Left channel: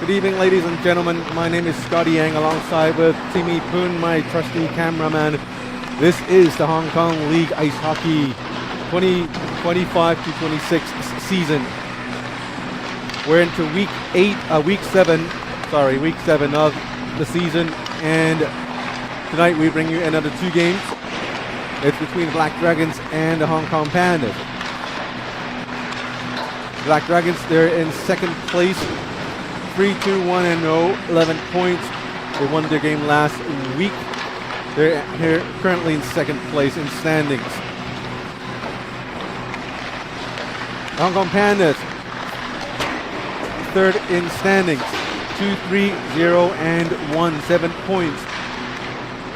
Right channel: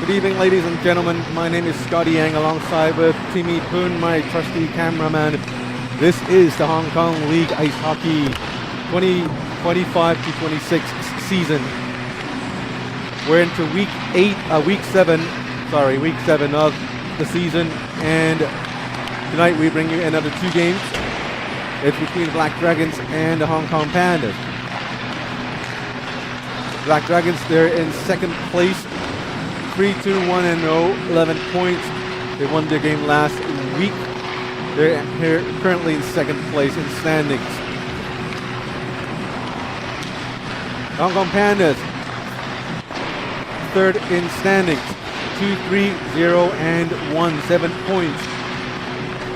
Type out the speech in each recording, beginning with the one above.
Good evening, ladies and gentlemen. My name is Scotty Yang alongside with Timmy Poon, my trusty cameraman. This is the Hong Kong League Ice Hockey 2025-26 season. We're into week 7 of the season, and tonight we bring you another two games. It's between the Black Dragons and the Hong Kong Pandas. Black Dragons, they're in second place, 3-2-1-0, 11 points. They won their game last week. They're here currently in second place in standings. The Hong Kong Pandas, third in standings, 2-3-0-1, 7 points.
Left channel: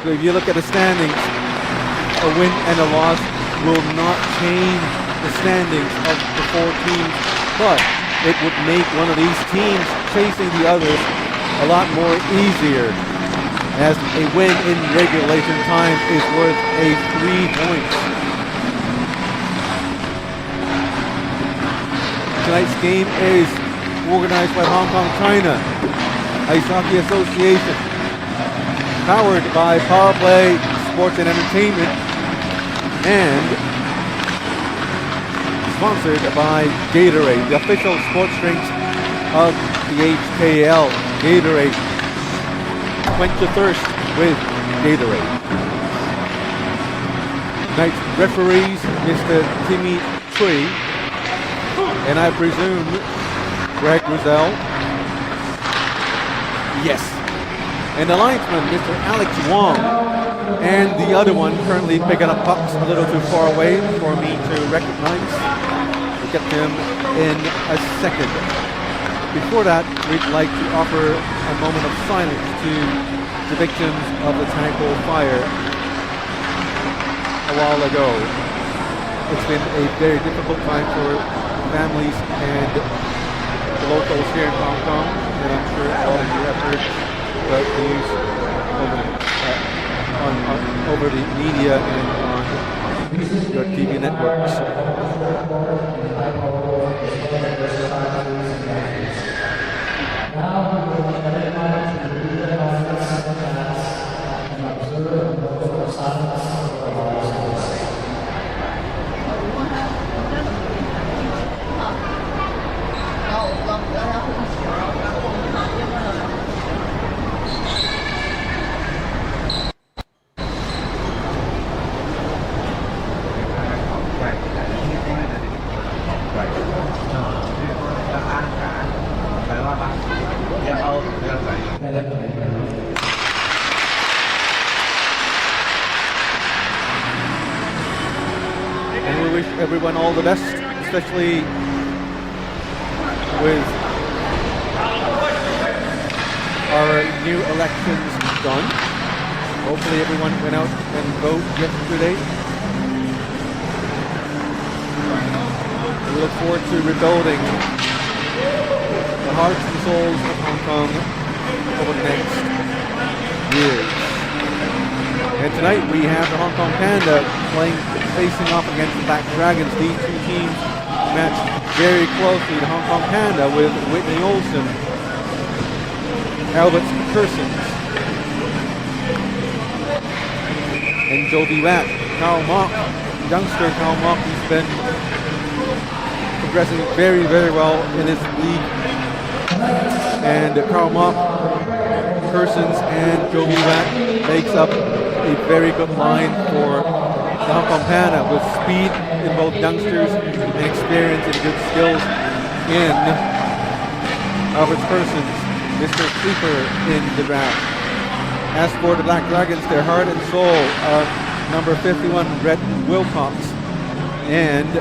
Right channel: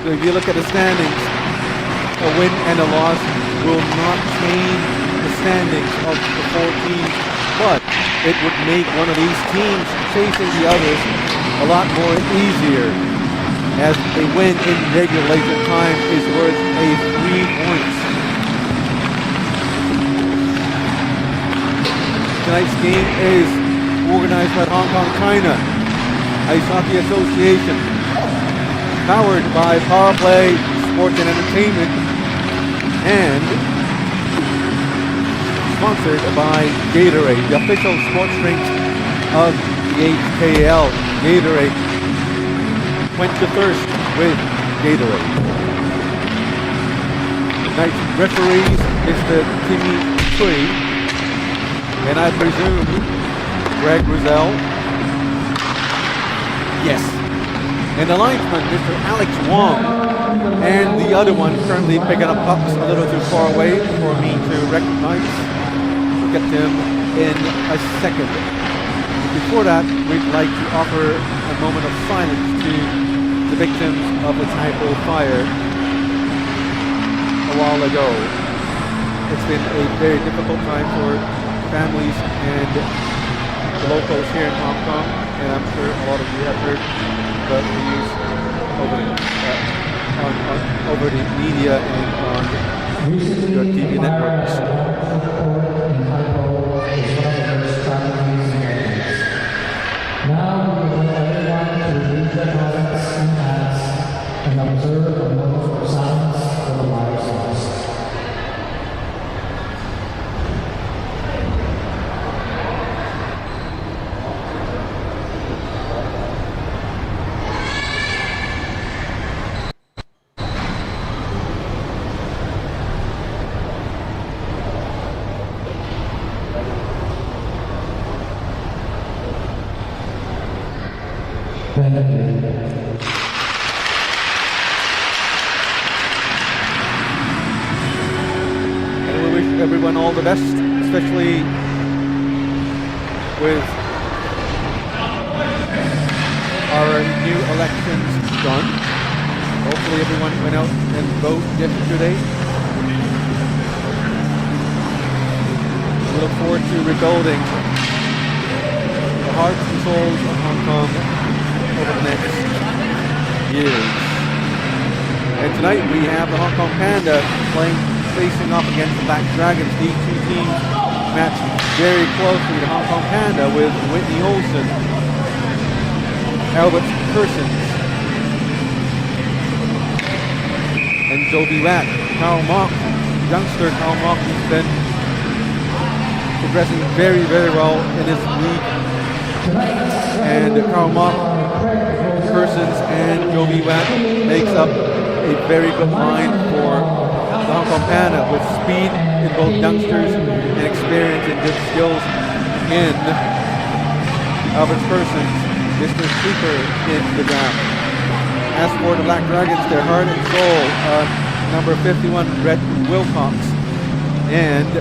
So if you look at the standings, a win and a loss will not change the standings of the four teams, but it would make one of these teams chasing the others a lot more easier, as a win in regulation time is worth 3 points. Tonight's game is organized by Hong Kong China Ice Hockey Association, powered by Power Play Sports and Entertainment, and sponsored by Gatorade, the official sports drink of the HKL. Gatorade, quench your thirst with Gatorade. Tonight's referees, Mr. Timmy Cui, and I presume Greg Rosell. Yes. And the linesman, Mr. Alex Wong, and the other one currently picking up pucks a little too far away for me to recognize. We'll get them in a second. But before that, we'd like to offer a moment of silence to the victims of the Taipo fire a while ago. It's been a very difficult time for families and the locals here in Hong Kong, and I'm sure a lot of you have heard about the news over the media and on your TV networks. And we wish everyone all the best, especially with our new elections done. Hopefully everyone went out and voted yesterday. And we look forward to rebuilding the hearts and souls of Hong Kong over the next years. And tonight we have the Hong Kong Panda facing off against the Black Dragons. These two teams match very closely. The Hong Kong Panda with Whitney Olsen, Albert Kersons, and Jovi Watt. Karl Mock, youngster Karl Mock, he's been progressing very, very well in his league. And Karl Mock, Kersons, and Jovi Watt makes up a very good line for the Hong Kong Panda, with speed in both youngsters and experience and good skills in Albert Kersons, Mr. Sleeper in the draft. As for the Black Dragons, their heart and soul, number 51, Rhett Wilcox, and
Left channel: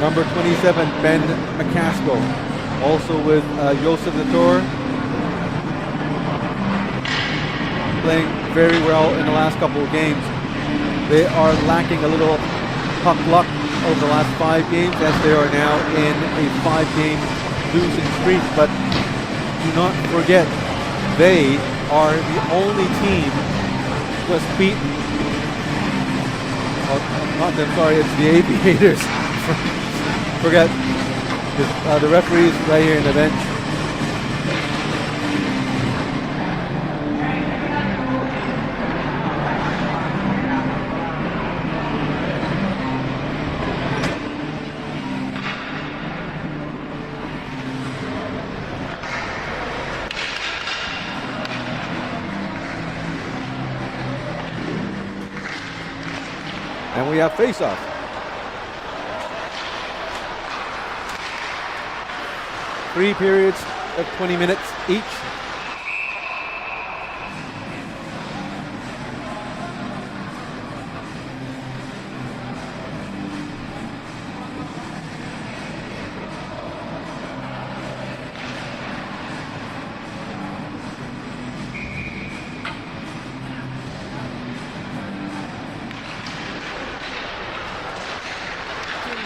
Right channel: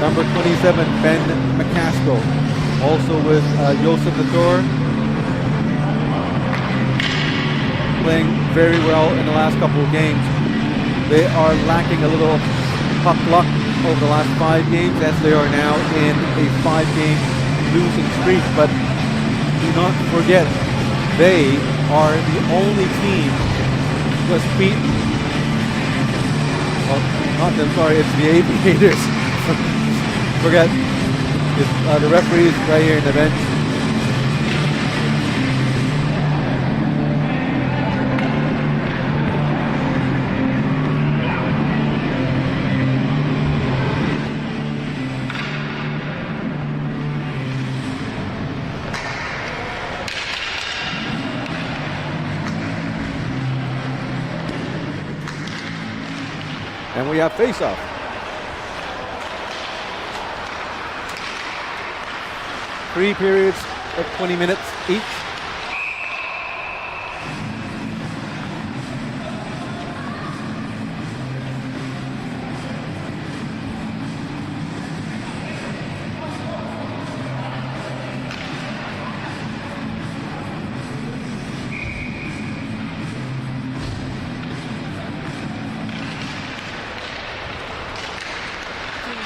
number 27, Ben McCaskill. Also with Joseph Latour, playing very well in the last couple of games. They are lacking a little puck luck over the last 5 games, as they are now in a 5-game losing streak. But do not forget, they are the only team who has beaten, well, not them, sorry, it's the Aviators. Forget, the referee is right here in the bench. And we have face-off. Three periods of 20 minutes each.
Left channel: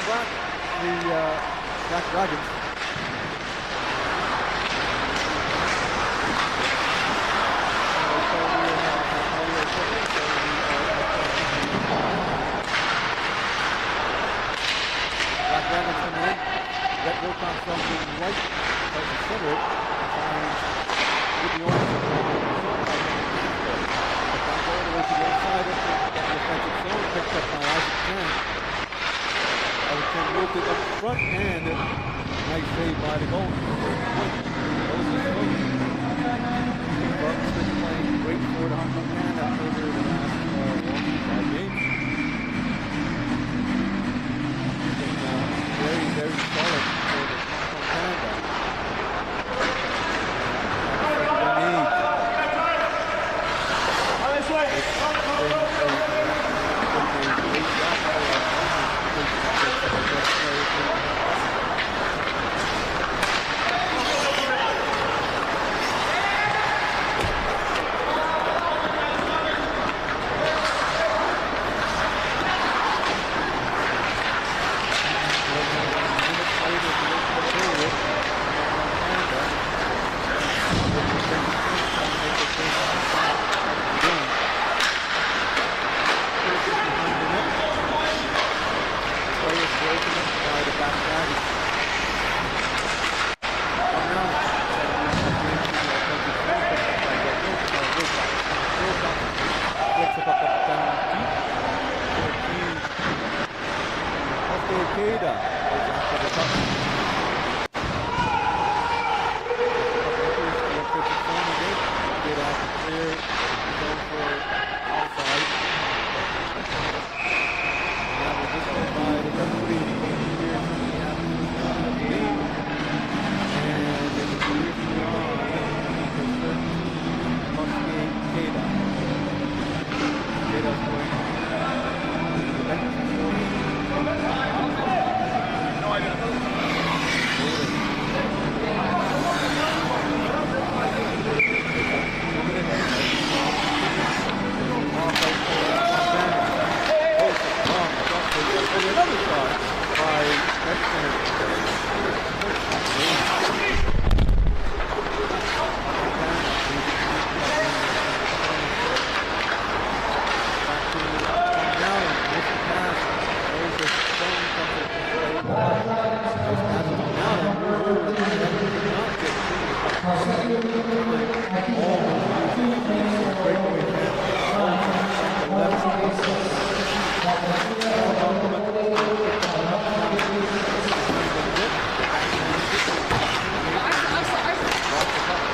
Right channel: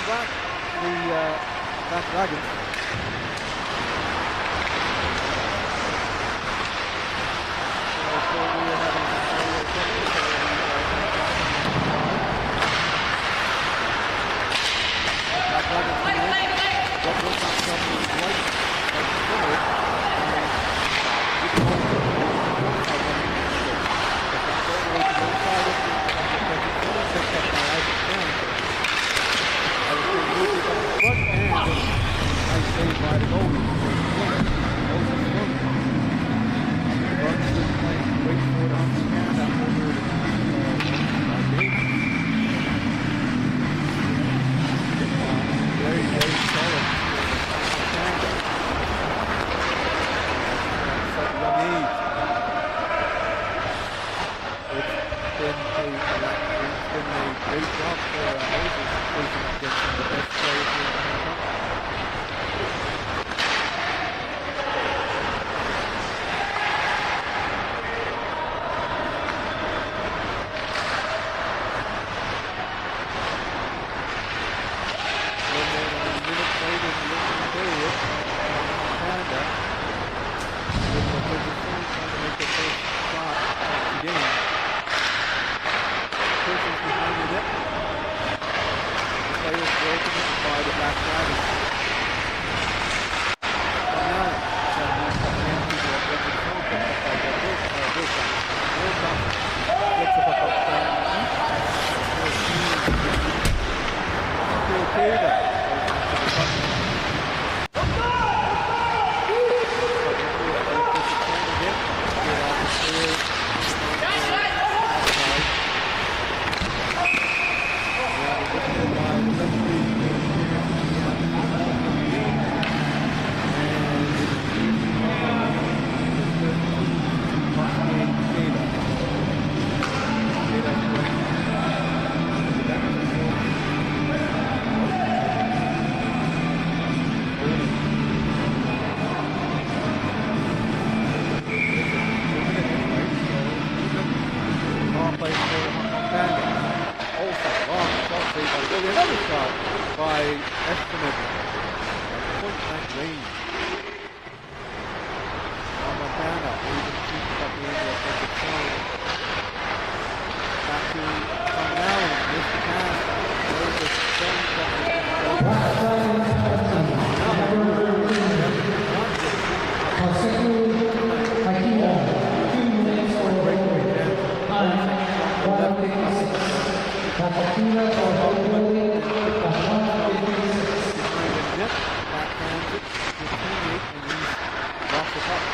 Back the Black Dragons. So we are having some audio trouble, so we are adjusting on the fly. Black Dragons coming in. Red Wilcox jumping right, tries to swim it, and getting on to the front side on the castle. The back all the way to the inside of the offensive zone, picked up by Isaac Chen. I was going to move it up front, and nice save by the goalie for the point. Moses Funk. The Bucks been playing great for the Hong Kong Panda over the last 5 games. Been very, very solid for the Hong Kong Panda. And at such a young age. It's been a great job for Moses facing against some of the best players in Hong Kong. A little more than a minute later in the opening period, Hong Kong Panda with the offensive zone trying to make their first stop of the game. Persons behind the net. The players broken up by the Black Dragons. From now, trying to move up into the offensive zone, picked up by Wilcox. Wilcox flicks the puck up down deep. 14. Keida goes after the puck. The puck enters the offensive zone again. Get out to clear the zone for offside. Now we're whistled by the referee here to the moment of the game. And it appears to be on number 13, Keida. Keida's going into the bench. Holding. It's a 2-minute anyway, so 2 minutes. Power play for Panda. Also, long shot play by the goalie. Another shot by Estimate. Point blank range. Montana able to keep that in the offensive zone. Back to Tom Allen. Missed the pass. Goes the zone comes to play. Nice pass to Tom Allen. I could not get through the puck. Almost using for a breakaway chance. Olsen from the left. Picked up the puck from behind the net, backhands it to his teammate, and he's lost the puck.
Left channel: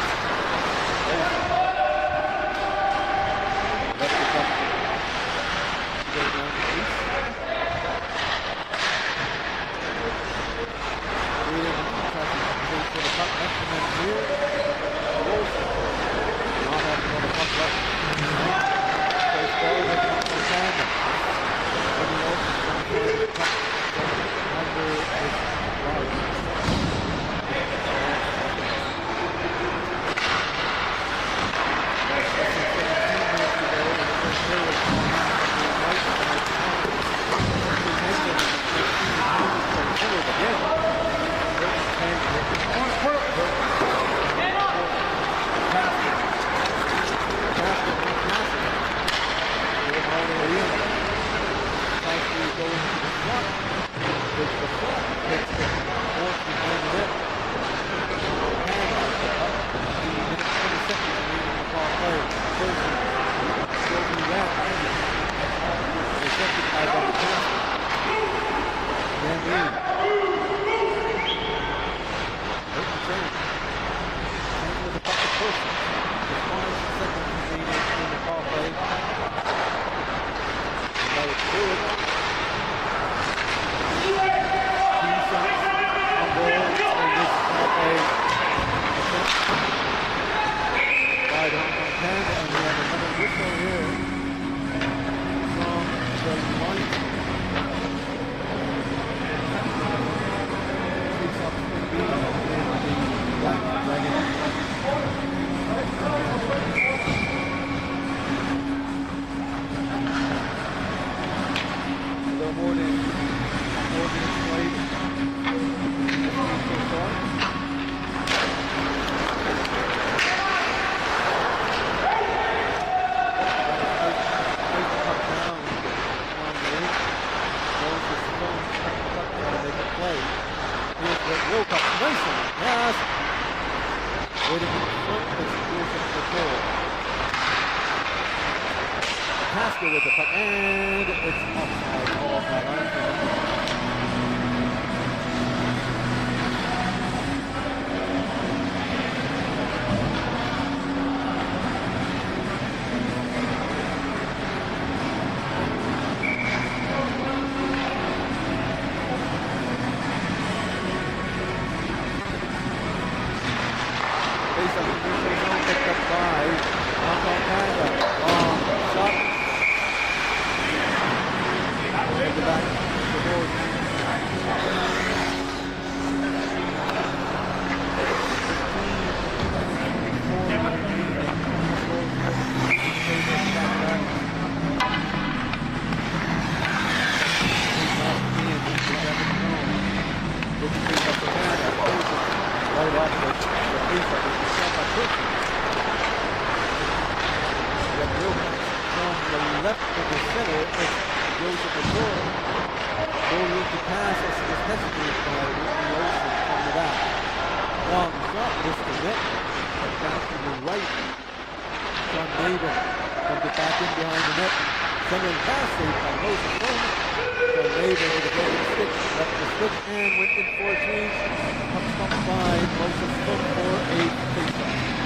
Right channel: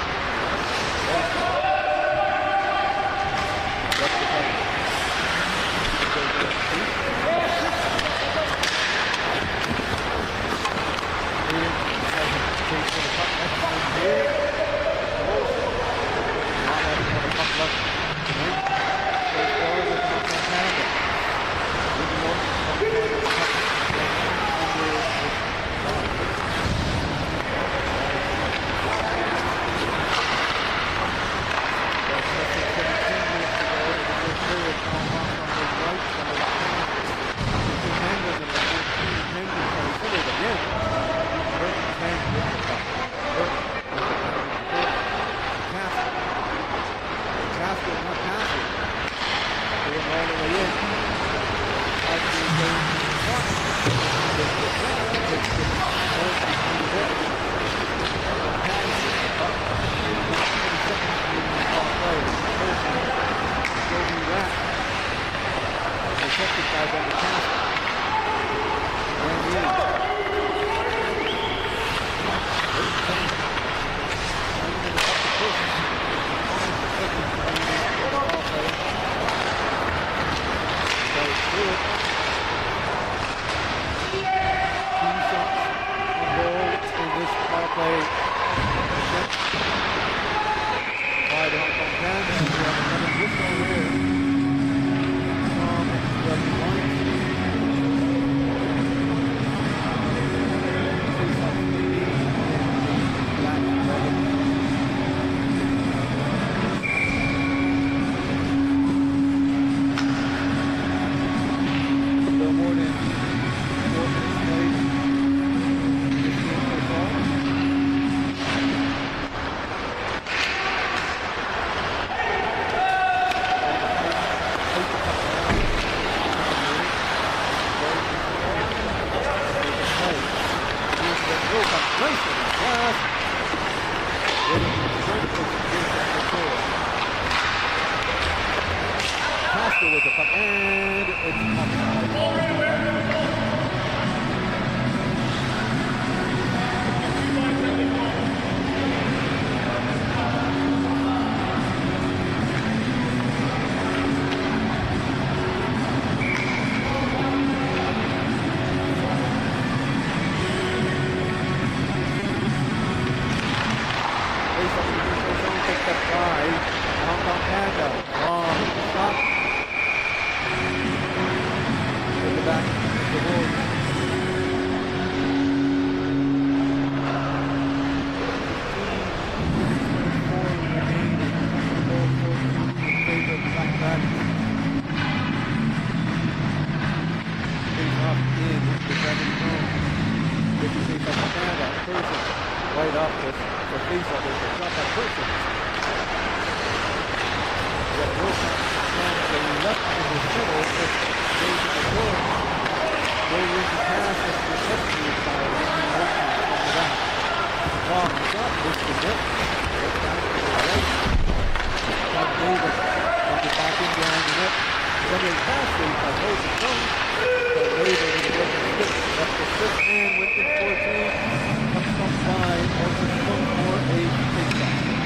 Left the puck and goes down the crease. Aiden tries to chase for the puck. Excellent here. Wilson not having another puck left tonight. Goes forward with the Hong Kong Panda. Willie Wilson trying to find the puck under his body. That's less than 17 minutes to go in the first period. Paul Knox on the right side pass to Hendon, and the 14 Hendon trying to pull it again. Burton Kang with the puck. Burton down the corner. Castle. Castle not passing. Going all the way in. Tries to go into the front. Takes the shot. Takes the force behind the net. Montana with the puck. 3 minutes, 20 seconds remaining in the power play. Person, Joby Watt. And accepted by Better Castle. Gambini. Burton Kang. Playing with the puck to Person. With 5 seconds remaining in the power play. And that was through it. 2 shots on goal in this power play attempt by the Hong Kong Panda, and we have another whistle here from the line. Face-off's going to be in the Black Dragons. A little more than 4 minutes played in this game so far. Ice the puck down on the rink. Goes to Stone, stuck the puck, trying to make a play. Here's the Wilcox, nice on his pass. Waiting in front is Joseph Couture. Pascal with the puck, and it's offside. All by line for Hamilton. Face up in the neutral zone, picked up by the Hong Kong Panda. Long shot. At the back of the board. 15 minutes 24 remain, and Hong Kong goal 14 in favor of the back. Face up in the Dragon zone. Gets the face up for Panda. Person right up the face up. It's a shot by Person. We have Wilcox from the left of the center. It's Joseph Couture. No room to pass as he was hesitated by Whitney Olsen from the back. Long shot, missed the net, but back to the right. John David comes it back in behind the net. Centering pass saved by Moses Stone. John David with a broken stick, left the stick and went in for a three. Puck stopped by Moses Stone for a face-off.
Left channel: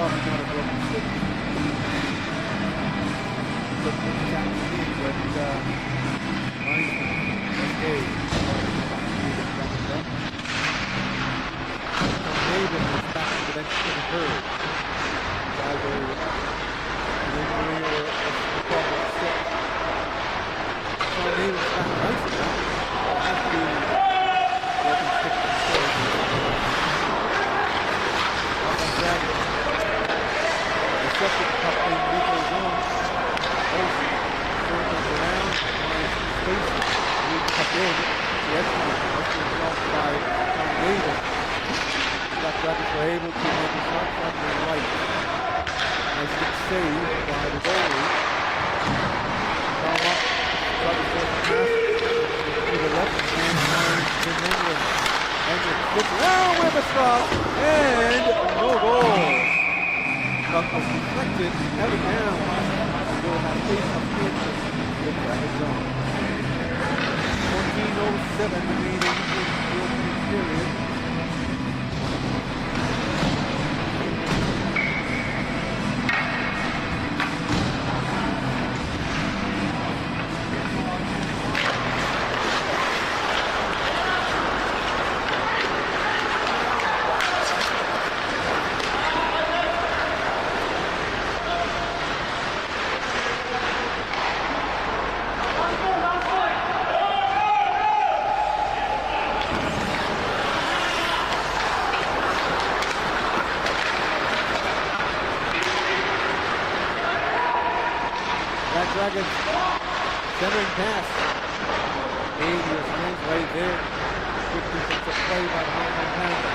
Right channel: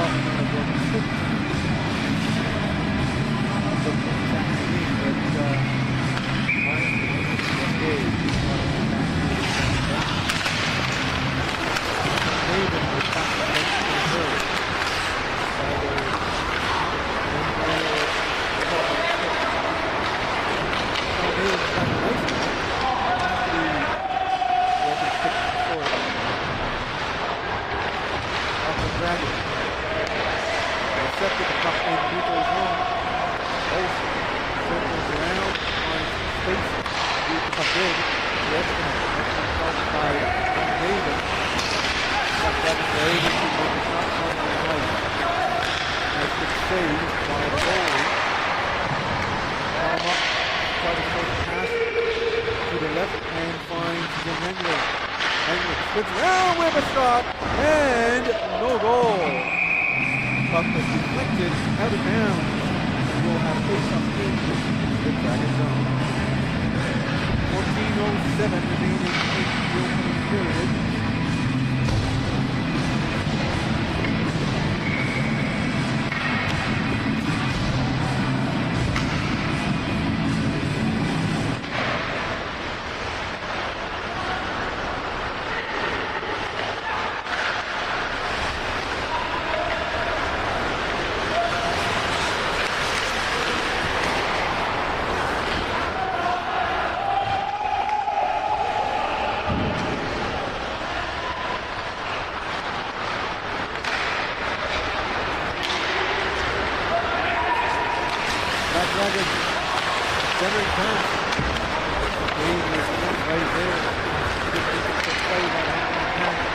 Walking on a broken stick. Looked exact to me, but linesman Cascade wanted to back to the second bench. John David was back to the bench for the third. Either an injury or a problem with stick. John David's back on ice now. It has to be broken stick and short. Off on Dragons. Intercepted the puck in neutral zone. Olsen circles around, finds space, moves the puck in. The excellent shot by John David. Black Dragons were able to make a shot from the right. Nice stick save by the goalie. Carl Muck tried to force a pass to the left and finds Jim England. England spins around with a shot and no goal. Puck was deflected out of bounds and will have face-off in the Dragon zone. 14:07 remaining in the opening period. Black Dragons centering pass. Dangerous play right there. Good defensive play by the Hong Kong Panda.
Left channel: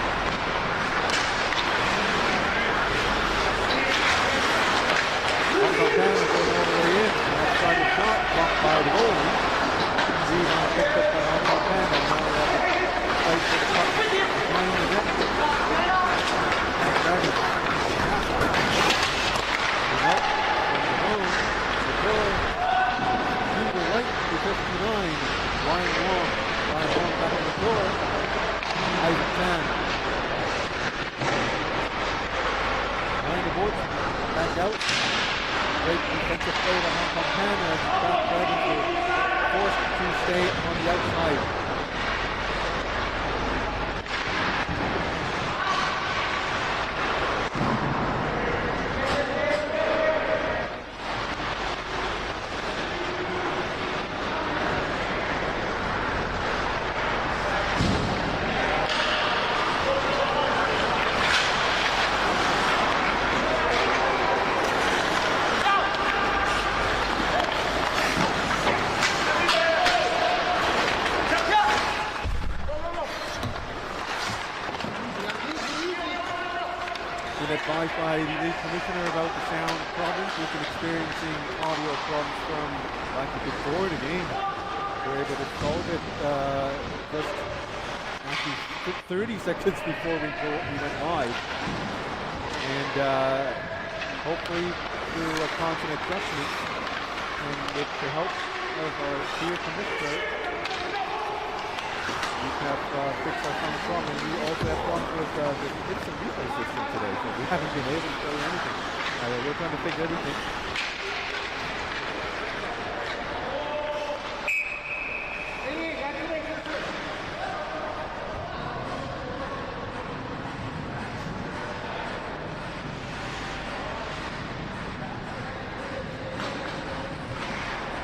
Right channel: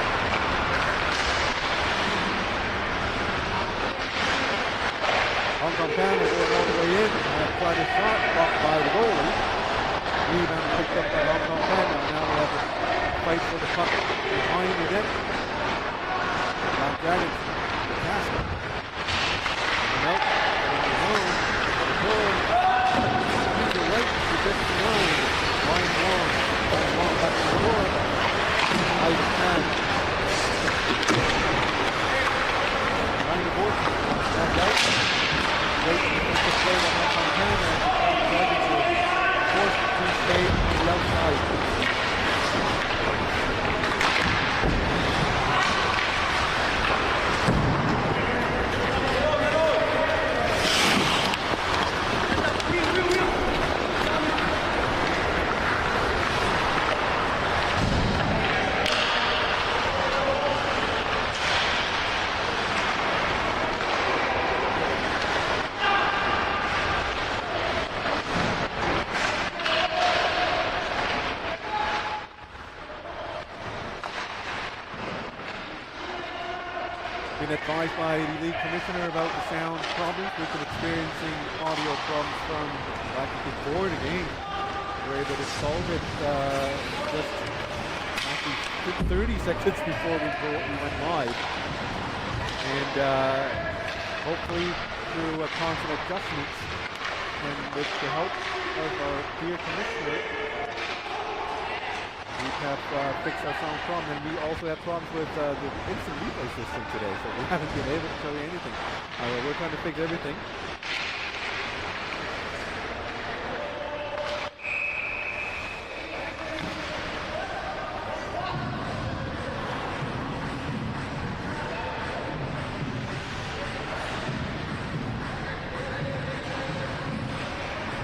Hong Kong Panda going all the way in. Tried a shot, blocked by the goalie. Rebound picked up by Hong Kong Panda. Now we have to fight for the puck behind the net. Black Dragons, the pass. Coming out from the zone. Couture, to the right to 59. Ryan Wong back to the door. Isaac Tan. Behind the board, back out. Great defensive play by Hong Kong Panda as the Black Dragons were forced to stay on the outside. Been advised by the league commissioner about the sound problems. We've been experiencing audio problems from actually before the game. We're able to solve it just actually 30 seconds before we went live. And hopefully through constant adjustments and with the help of our dear commissioner, we have fixed our sound problem, and we also have problems with the instant replay system today, so we haven't been able to show you anything. We're trying to fix everything.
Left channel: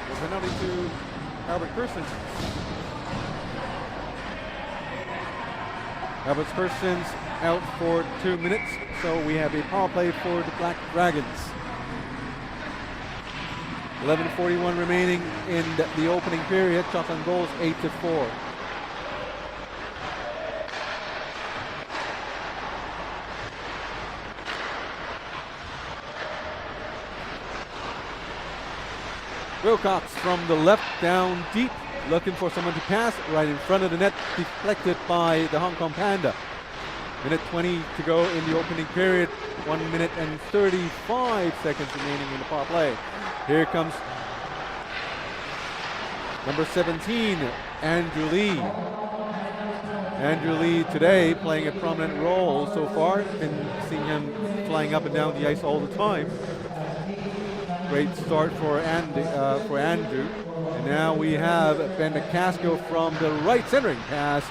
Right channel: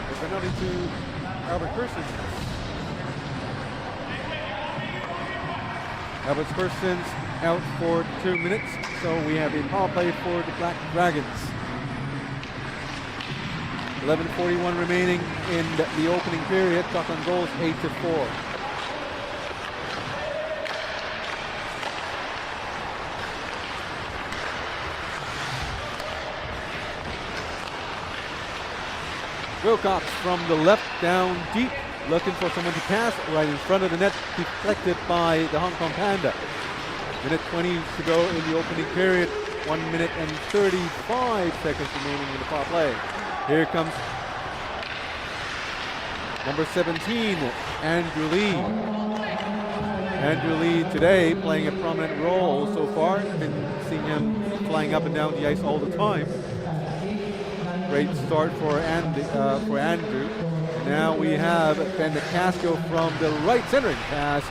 The penalty to Albert Kersons. Albert Kersons out for 2 minutes, so we have a power play for the Black Dragons. 11:41 remaining in the opening period. Shots on goals 8-4. Wilcox from the left down deep, looking for someone to pass right in front of the net, deflected by the Hong Kong Panda. Minute 20 to go in the opening period. 1 minute and 35 seconds remaining in the power play. Here comes number 17, Andrew Lee. Andrew Lee today playing a prominent role so far. Been seeing him flying up and down the ice all the time. Great start for Andrew. And now we have Ben McCaskill from the right centering pass,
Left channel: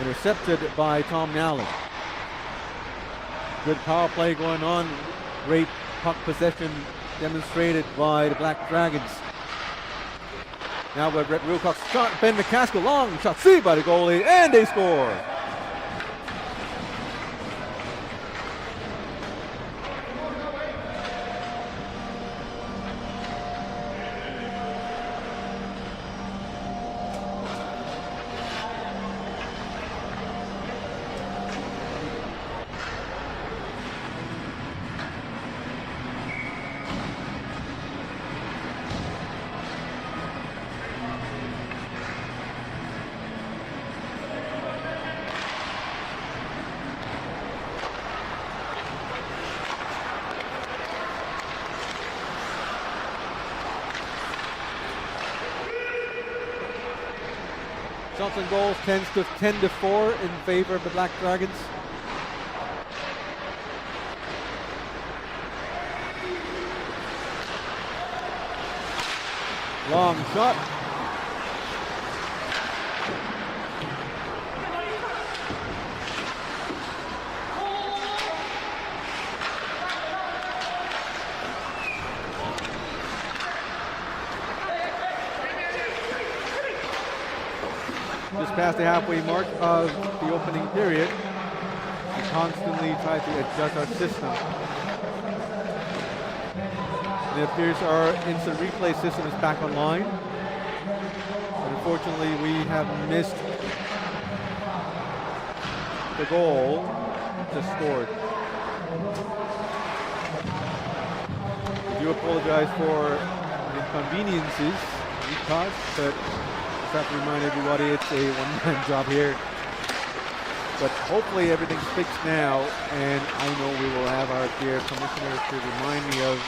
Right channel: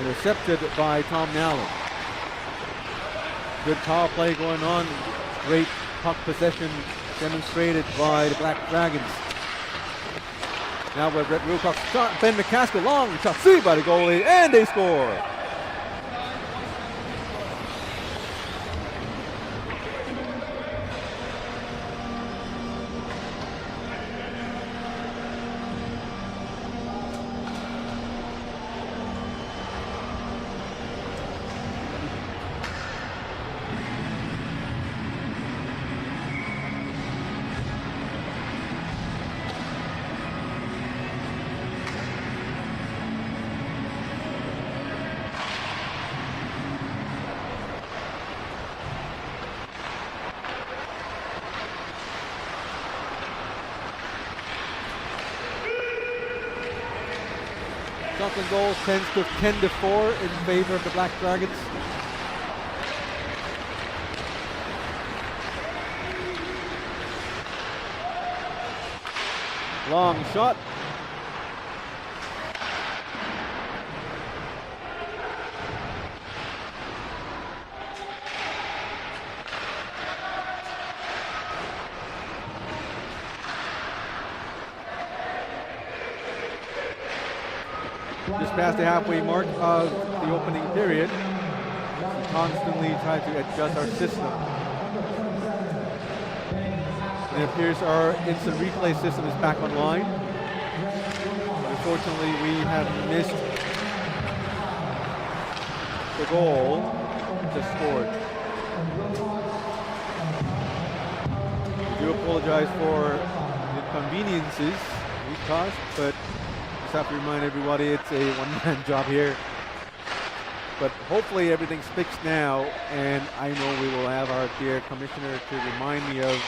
intercepted by Tom Nallen. Good power play going on. Great puck possession demonstrated by the Black Dragons. Now with Brett Wilcox shot, Ben McCaskill, long shot, saved by the goalie, and they score. Shots and goals 10-4 in favor of the Black Dragons. Long shot. Just past the halfway mark of the opening period. We constantly try to adjust our system. And it appears our instant replay system is back online. But unfortunately, we have missed the goal just scored. We do apologize for the inconveniences we caused, but just have to remind everybody it's a one-man job here. But hopefully everything's fixed now, and I know we will have our dear commissioner to remind me of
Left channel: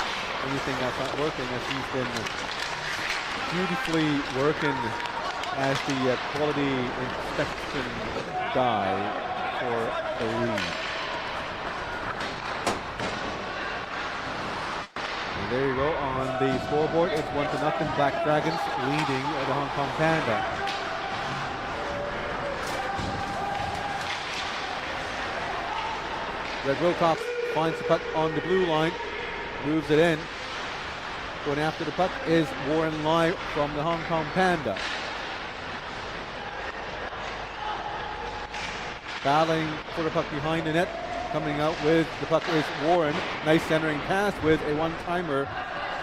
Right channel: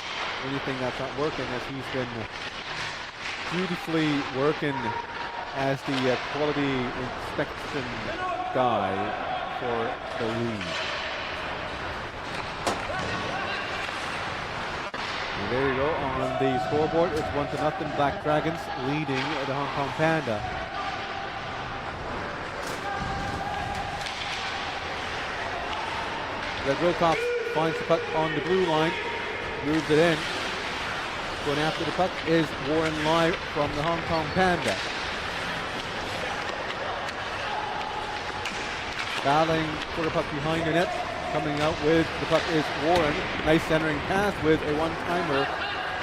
anything that's not working, as he's been beautifully working as the quality inspection guy for the league. And there you go on the scoreboard. It's 1-0. Black Dragons leading the Hong Kong Panda. Red Wilcox finds the puck on the blue line, moves it in. Going after the puck is Warren Lai from the Hong Kong Panda. Battling for the puck behind the net. Coming out with the puck is Warren. Nice centering pass with a one-timer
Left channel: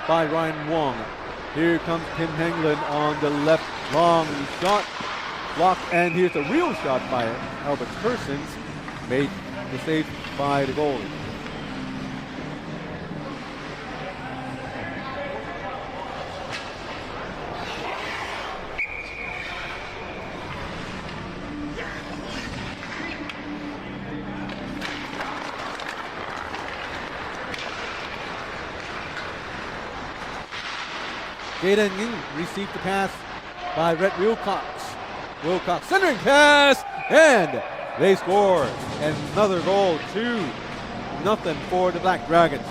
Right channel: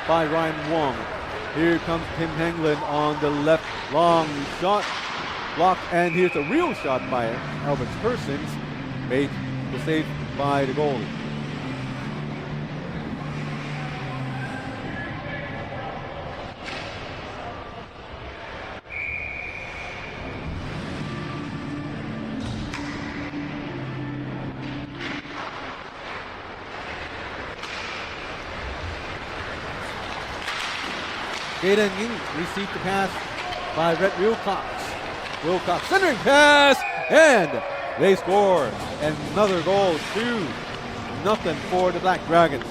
by Ryan Wong. Here comes Tim Hengland on the left. Long shot. Blocked, and here's a real shot by Albert Persons. Made the save by the goalie. Jaden Ying received the pass by Red Wilcox. Wilcox centering pass, and they score another goal, 2-0 for the Black Dragons.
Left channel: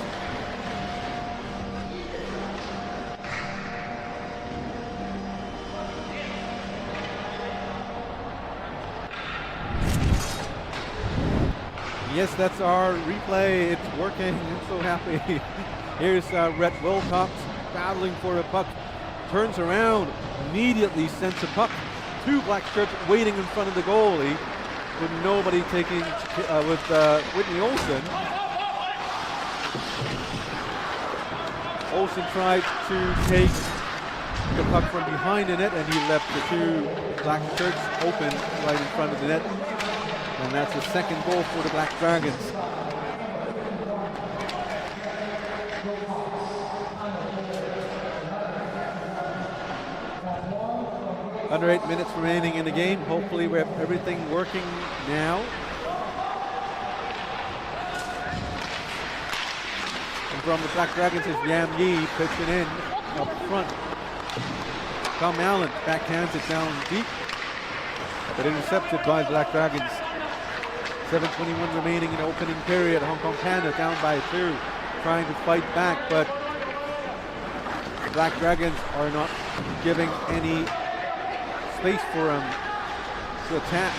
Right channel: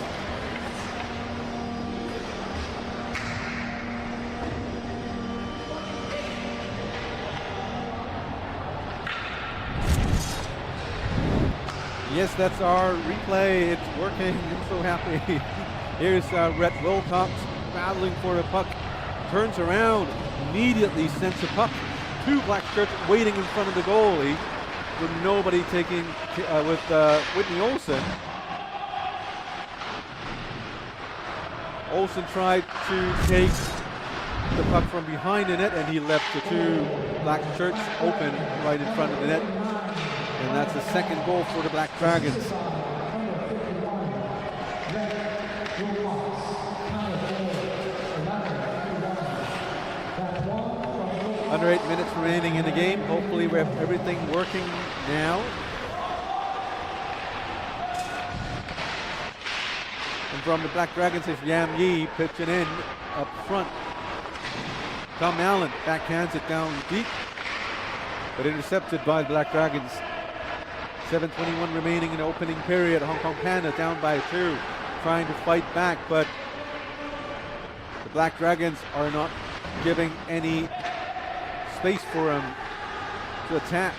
Yes, that's our replay. It's working. I'm so happy. Here's Red Wilcox battling for the puck. Turns around, immediately sends a puck to Black shirts waiting in front of the goalie, with nobody taking, with Whitney Olsen. Olsen tried to take the puck from behind the net, and he left the two Black shirts open right in front of the net. And that's the second goal for the Black Dragons. Under 8 minutes remaining in the game. Hopefully we have everything working now. And from the Black Dragons is Yam Yi pitching in up front. Tom Allen backhands it down deep, but intercepted by the Black Dragons. 7:21 remaining in the opening period. Hong Kong Panda down by 2, trying to fight back, but the Black Dragons are not giving any space for him to attack.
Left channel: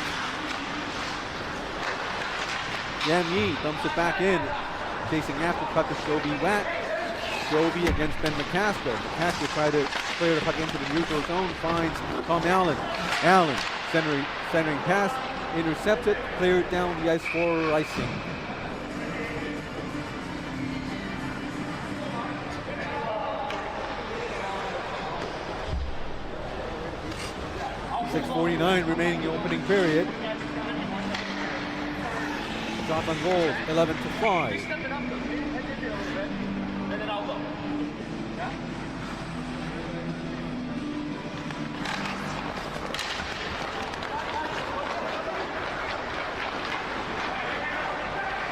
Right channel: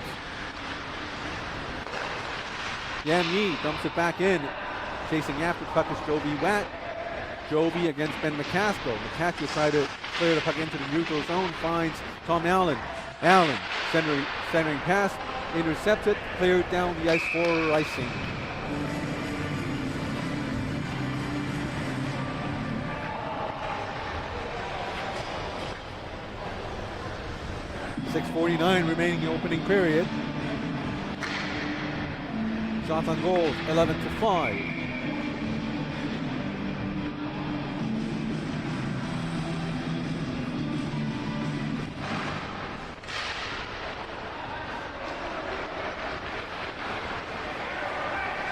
Yam Yi dumps it back in. Chasing after the puck is Joby Watt. Joby against Ben McCaskill. McCaskill tried to clear the puck into the neutral zone. Finds Tom Allen. Allen centering pass. Intercepted. Cleared down the ice for icing. .649 remaining in the opening period. Shots on goals, 11-5.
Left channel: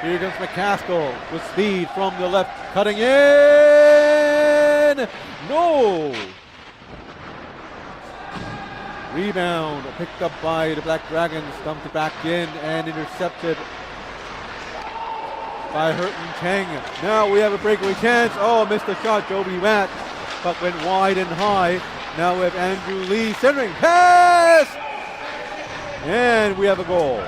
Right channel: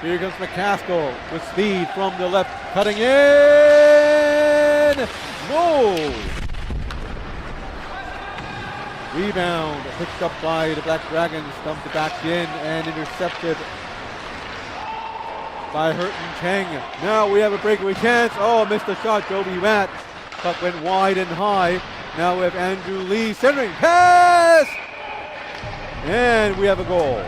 Here comes McCaskill with speed from the left, cutting in. No! Rebound picked up by the Black Dragons, dumped it back in and intercepted by Hurton Cheng. Now we have a breakaway chance. Oh, missed the shot, Joby Watt. Puck went wide and high. Now we have Andrew Lee centering pass, and we have a goal.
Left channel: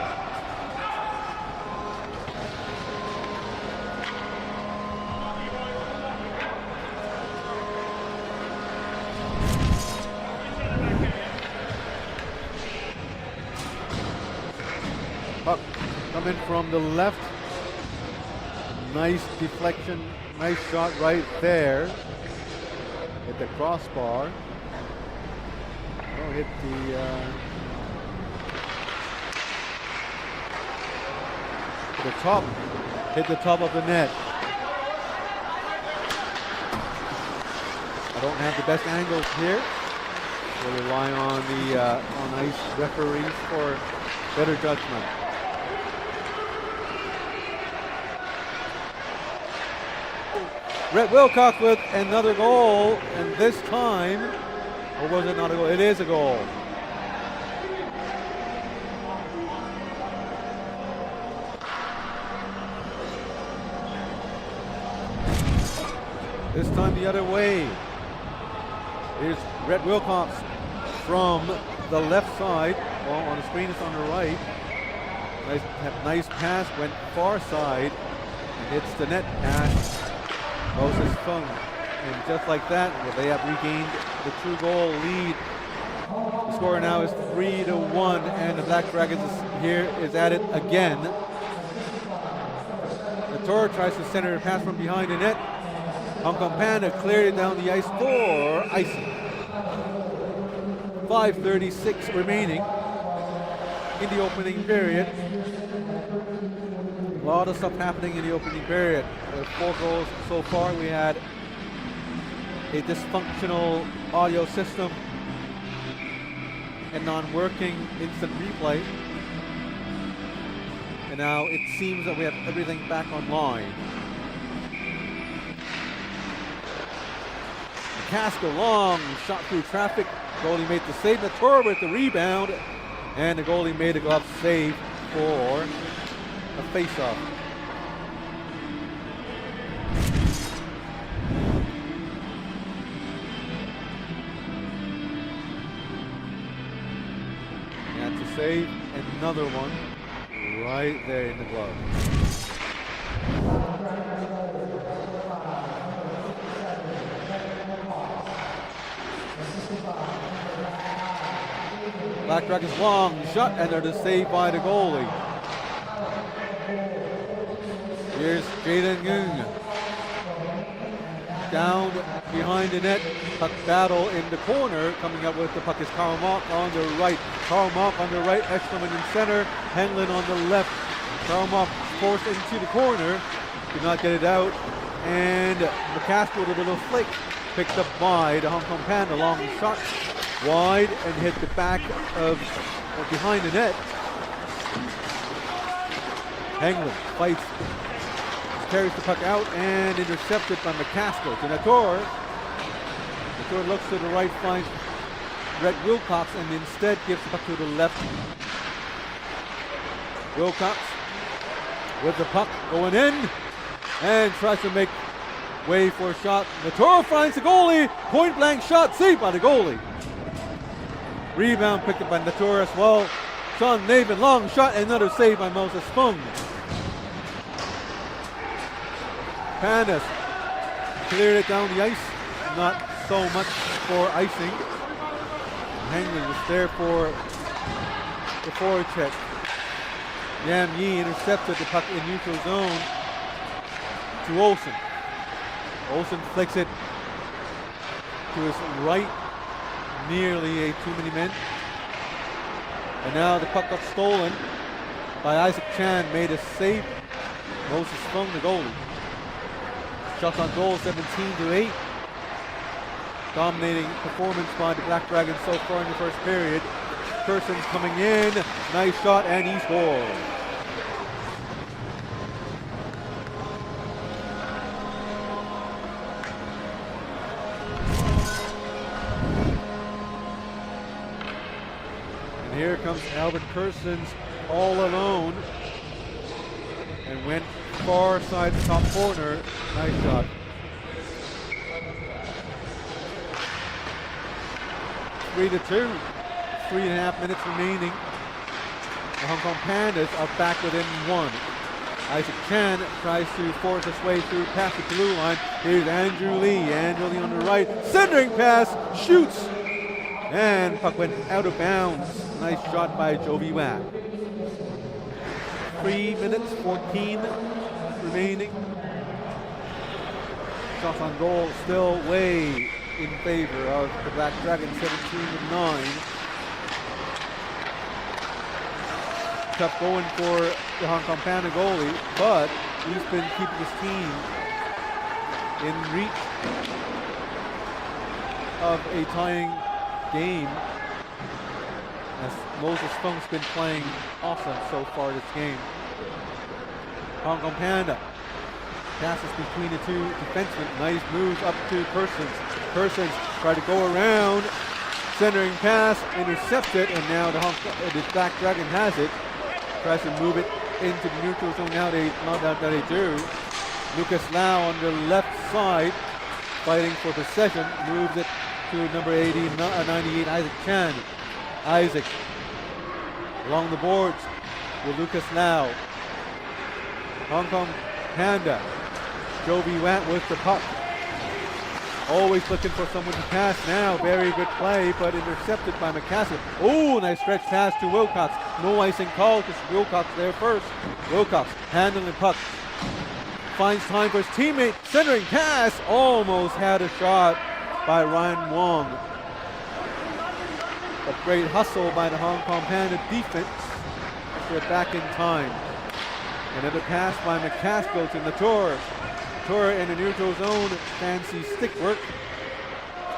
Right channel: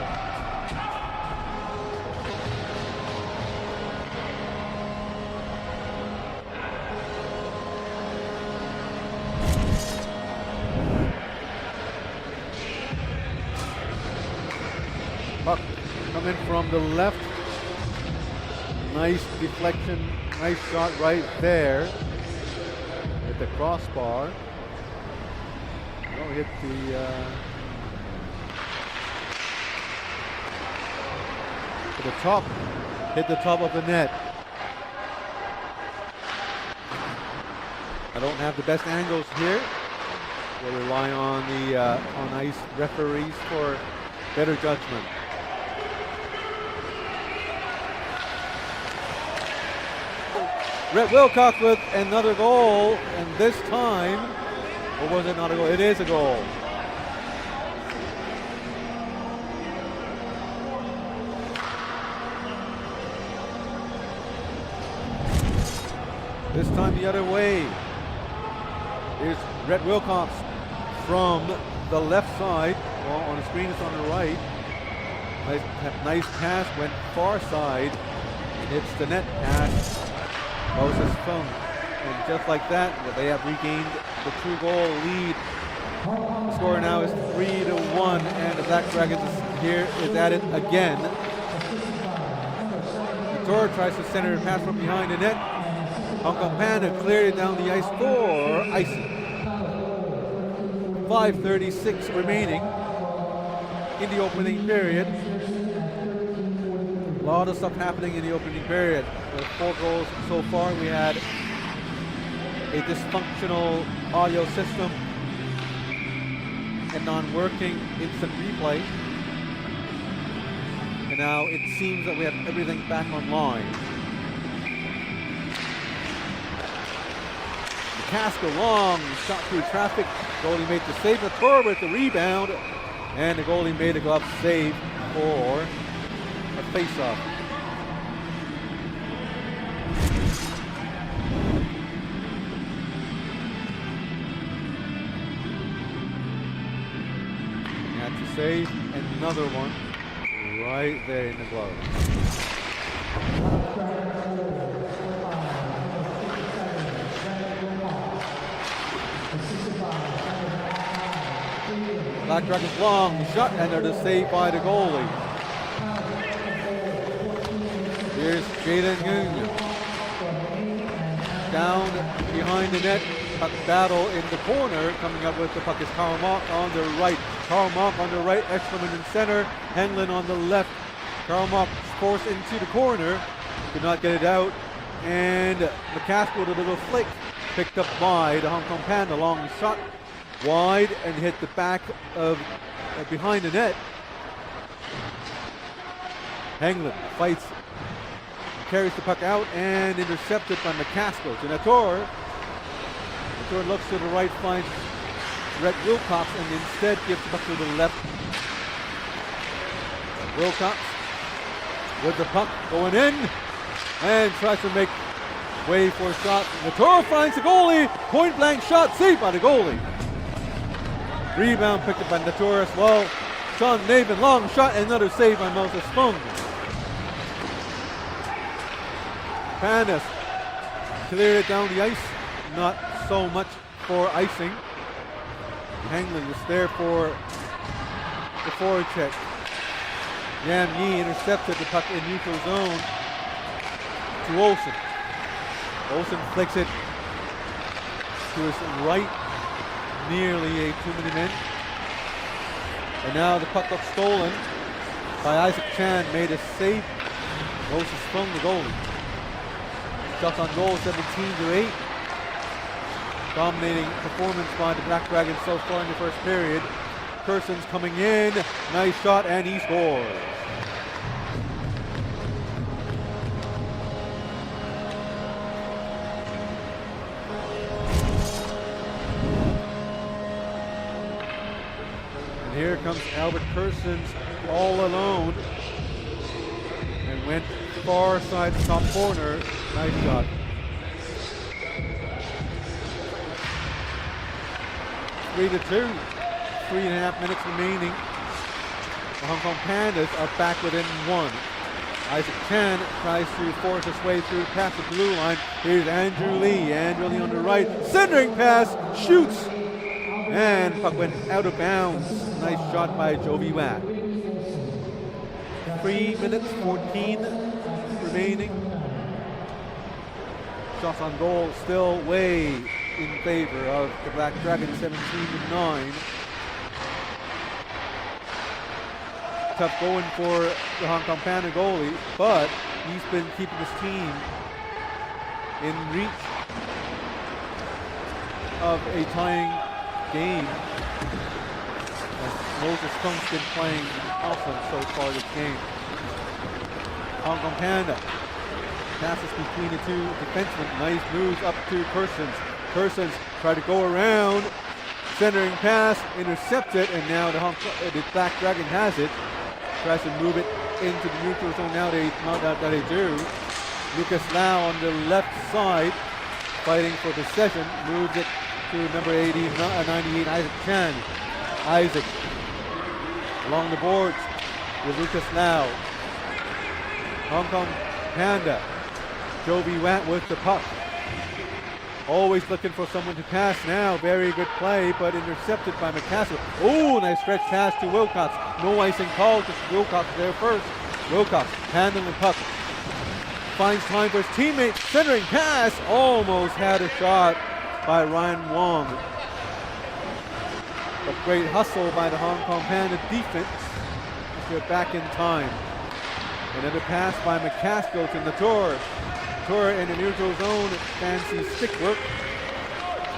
Puck coming from the left. Nice deflection, nice shot right there. Hit the crossbar. No, hit the top of the net. I don't have the best angles here. We'll rely on the on ice referees for better judgment. Red Wilcox with another goal, and this time, or was it not a goal? It is a goal. This time the other way. Here's Rhett Wilcox from the left side. Well, on the screen it's on the right. Nice pass, went far side and hits the net pass. Moses Fung. And just like that, well, they have regained the 2-goal lead. The score now is 3-1, and the Black Dragons is at it again. Nator tries to center a pass from behind the net. Hong Kong Panda cleared it down the ice for icing. 5:36 remaining in the opening period. A lot of stuff happening in the opening period. With 4 goals so far, we had a dysfunctional audio system and non-working instant replay. And now it seems that we have everything back online. McCaskill long shot through traffic. Goalie made the save. Nator with the rebound. And the goalie made a glove save for a face-off. Had to save another one right there in the glove. Black Dragons long shot and they're saved by the goalie. Here's Jaden Ng. Down behind the net. Puck battle in the corner. Coming up with the puck is Karl Mock on the right. Karl Mock on the right, Eschleman in center, Henlin on the left. Karl Mock forced into the corner, could not get it out, and McCaskill with a little flick, picked up by the Hong Kong Panda. Long shot wide and hit the back of behind the net. Henlin fights, carries the puck out and intercepted by McCaskill to Nator. Nator looks to the right, finds Rhett Wilcox and instead gives the puck to the left. Wilcox with the puck going in and tries to make way for a shot. Nator finds the goalie. Point blank shot saved by the goalie. Rebound picked up by Nator as well. Sean Navin long shot, another save by Moses Fung. Pandas cleared it down the ice. Not so much for icing. Hanglin was there for the forward check. Yam Yi intercepted the puck in neutral zone to Olsen. Olsen flicks it to his right, nearly a too many men. And now the puck got stolen by Isaac Chan, made a save. Moses Fung, the goalie. Shots on goal, 17-8. Dominating performance by the Black Dragons so far in the first period. Kerson's coming in, nice shot, and he scores. And here comes Albert Kersons all alone and went far side top corner. Nice shot. 3-2, 3.5 minutes remaining. The Hong Kong Pandas are back within 1. Isaac Chan tries to force his way through past the blue line. Here's Andrew Lee. Andrew Lee on the right, centering pass, shoots, and puck went out of bounds. Nice shot by Jovi Watt. 3 minutes 14 remaining. Shots on goal still way in favor of the Black Dragons, 17-9. Tough going for the Hong Kong Panda goalie, but he's been keeping his team in reach of a tying game, as Moses Fung's been playing awesome so far this game. Hong Kong Panda passes between the two defensemen. Nice moves up to Kersons. Kersons try to go around, centering pass, intercepted, and now the Black Dragon has it. Tries to move it into the neutral zone. Now they do. Lucas Lau on the left side fighting for possession, moves it to number 98, Isaac Chan. Isaac along the boards with Lucas Lau. Hong Kong Panda. Jovi Watt with the puck. Always looking for someone to pass now. Very good play, but intercepted by McCaskill. Oh, nice stretch pass to Wilcox. No icing call because Wilcox there first. Wilcox handling puck. Finds time for his teammate. Centering pass. Almost had a shot by Ryan Wong. But great hustle by the Hong Kong Panda defense as they're back in time. Another pass by McCaskill to Latour. Latour in the neutral zone, fancy stick work.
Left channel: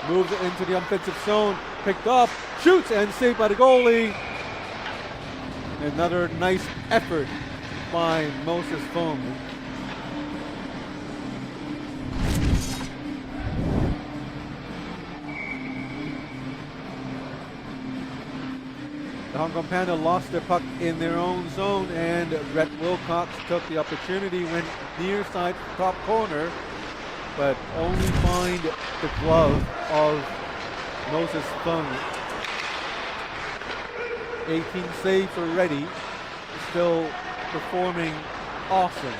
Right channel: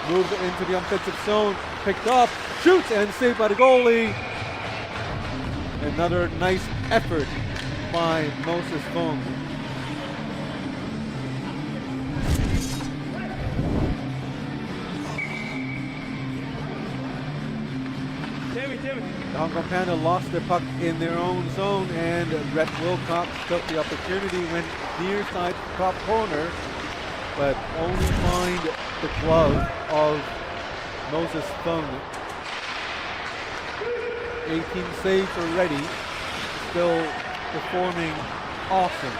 Moves it into the offensive zone, picked up, shoots and saved by the goalie. Another nice effort by Moses Fung. The Hong Kong Panda lost their puck in their own zone, and Rhett Wilcox took the opportunity, went near side top corner, but only find the glove of Moses Fung. 18 saves already, still performing awesome.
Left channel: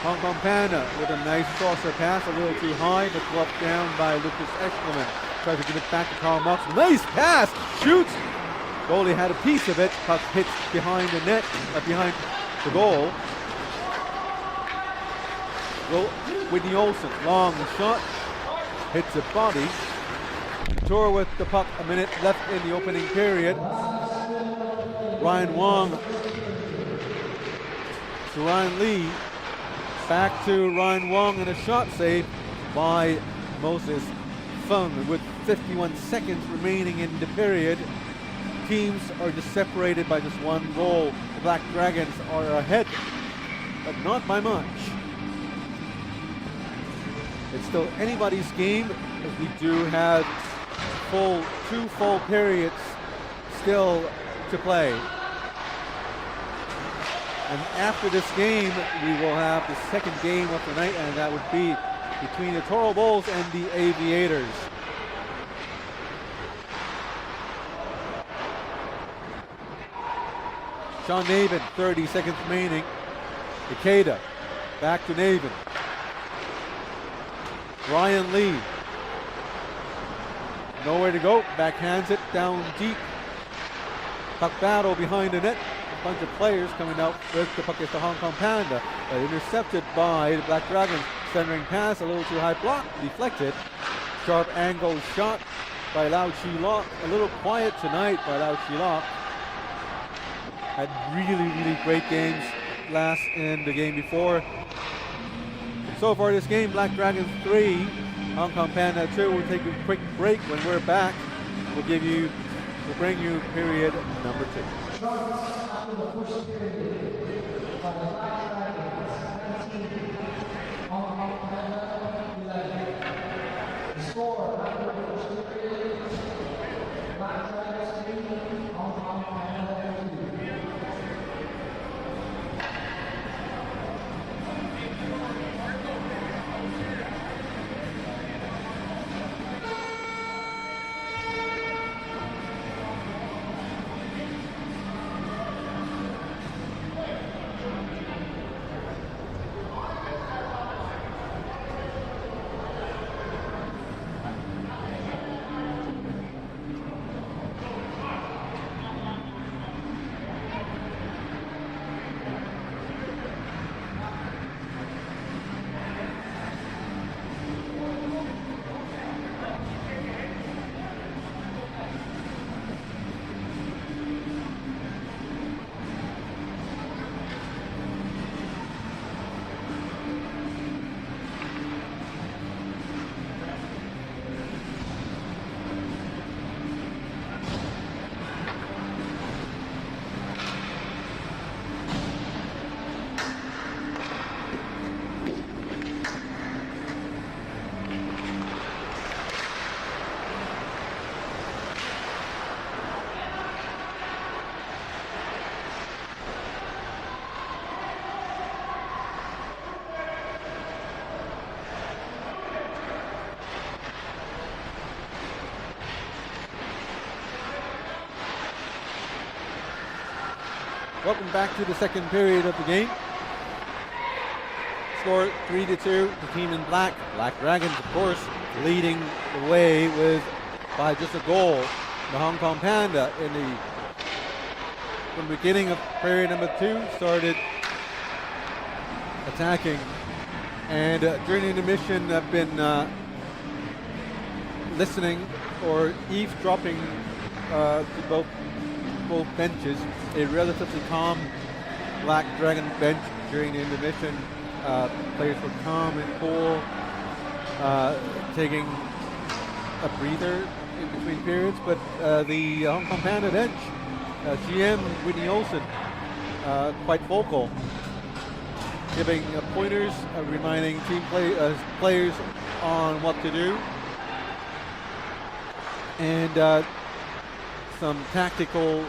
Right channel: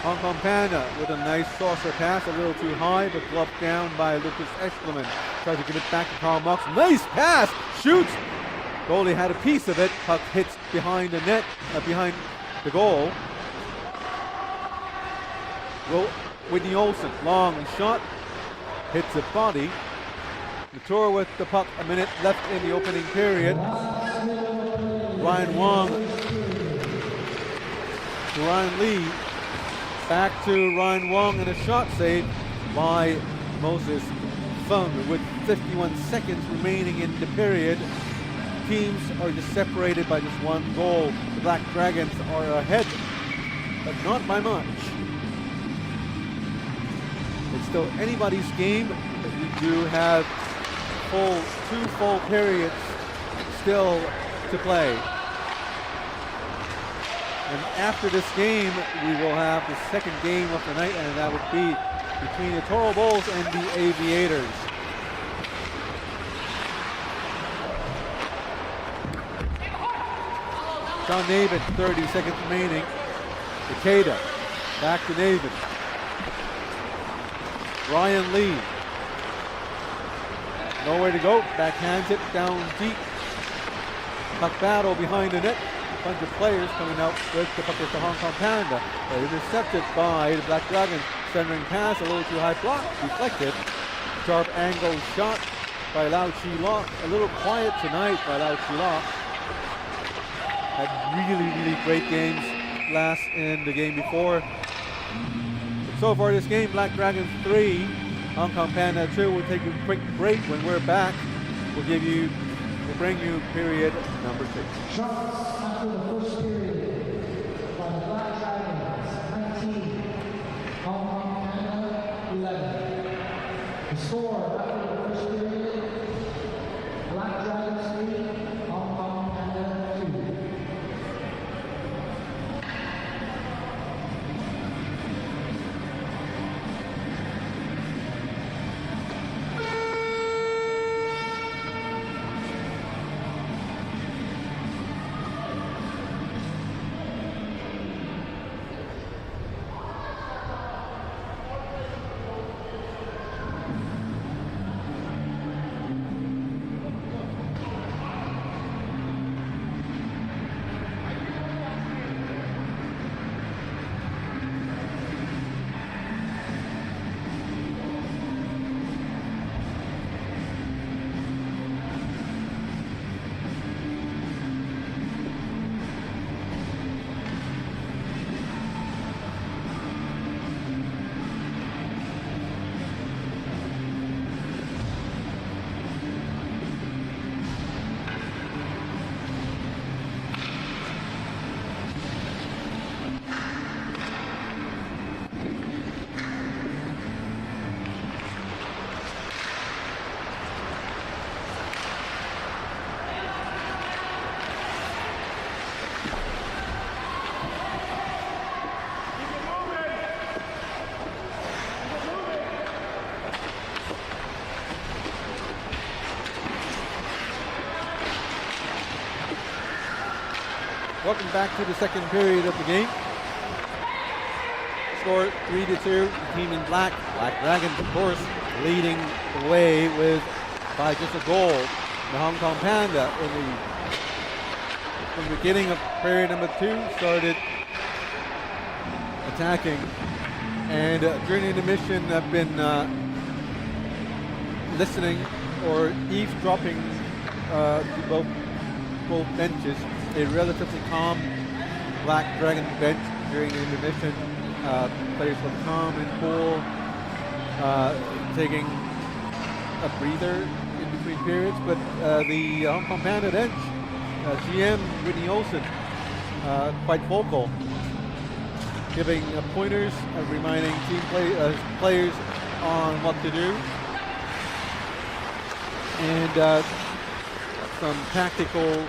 Hong Kong Panda with a nice saucer pass, a little too high, but gloved down by Lucas Eschleman. Tries to give it back to Karl Mox. Nice pass! Shoots! Goalie had a piece of it. Puck hits behind the net, behind the goal. Whitney Olsen, long shot. Hits the body. Latour with the puck, a minute left in the opening period. Ryan Wong to Ryan Lee. Back to Ryan Wong and a shot save by Moses Fung with 51 seconds remaining in the period. Teams are just separated by just one goal. The Black Dragons are ahead, but not by much. It's still anybody's game, as we do have two full periods still to play. And after this game, we will have the second game of the night, and that would be between the Toro Bulls and the Aviators. Sean Navin, 30 seconds remaining. Ikeda, back to Navin. Ryan Lee, nowhere to go, backhands it down deep. Puck battle behind the net. A bunch of players coming out with the puck as the Hong Kong Panda, but intercepted by the Black Dragons. Centering pass, a little too high block, deflected. Sharp angle shot by Lau Chi Lok. A little quiet tonight by Lau Chi Lok. Had really great games last in the game before. And so far this game, Black Dragons 3, Hong Kong Panda 2. We'll take a quick break. When we're back, we'll bring you period number 2. Welcome back to the second period of the game. Score 3-2. The team in black, Black Dragons, of course, leading the way by just a goal. The Hong Kong Panda from the beginning of period number 2 started attacking, and during the intermission I've been listening or eavesdropping to both benches. A relatively calm Black Dragon bench during the intermission. Players were calm and cool, taking a breather in between periods, but the Hong Kong Panda bench, GM Whitney Olsen, quite vocal, giving pointers, reminding team players on what to do, and some tactical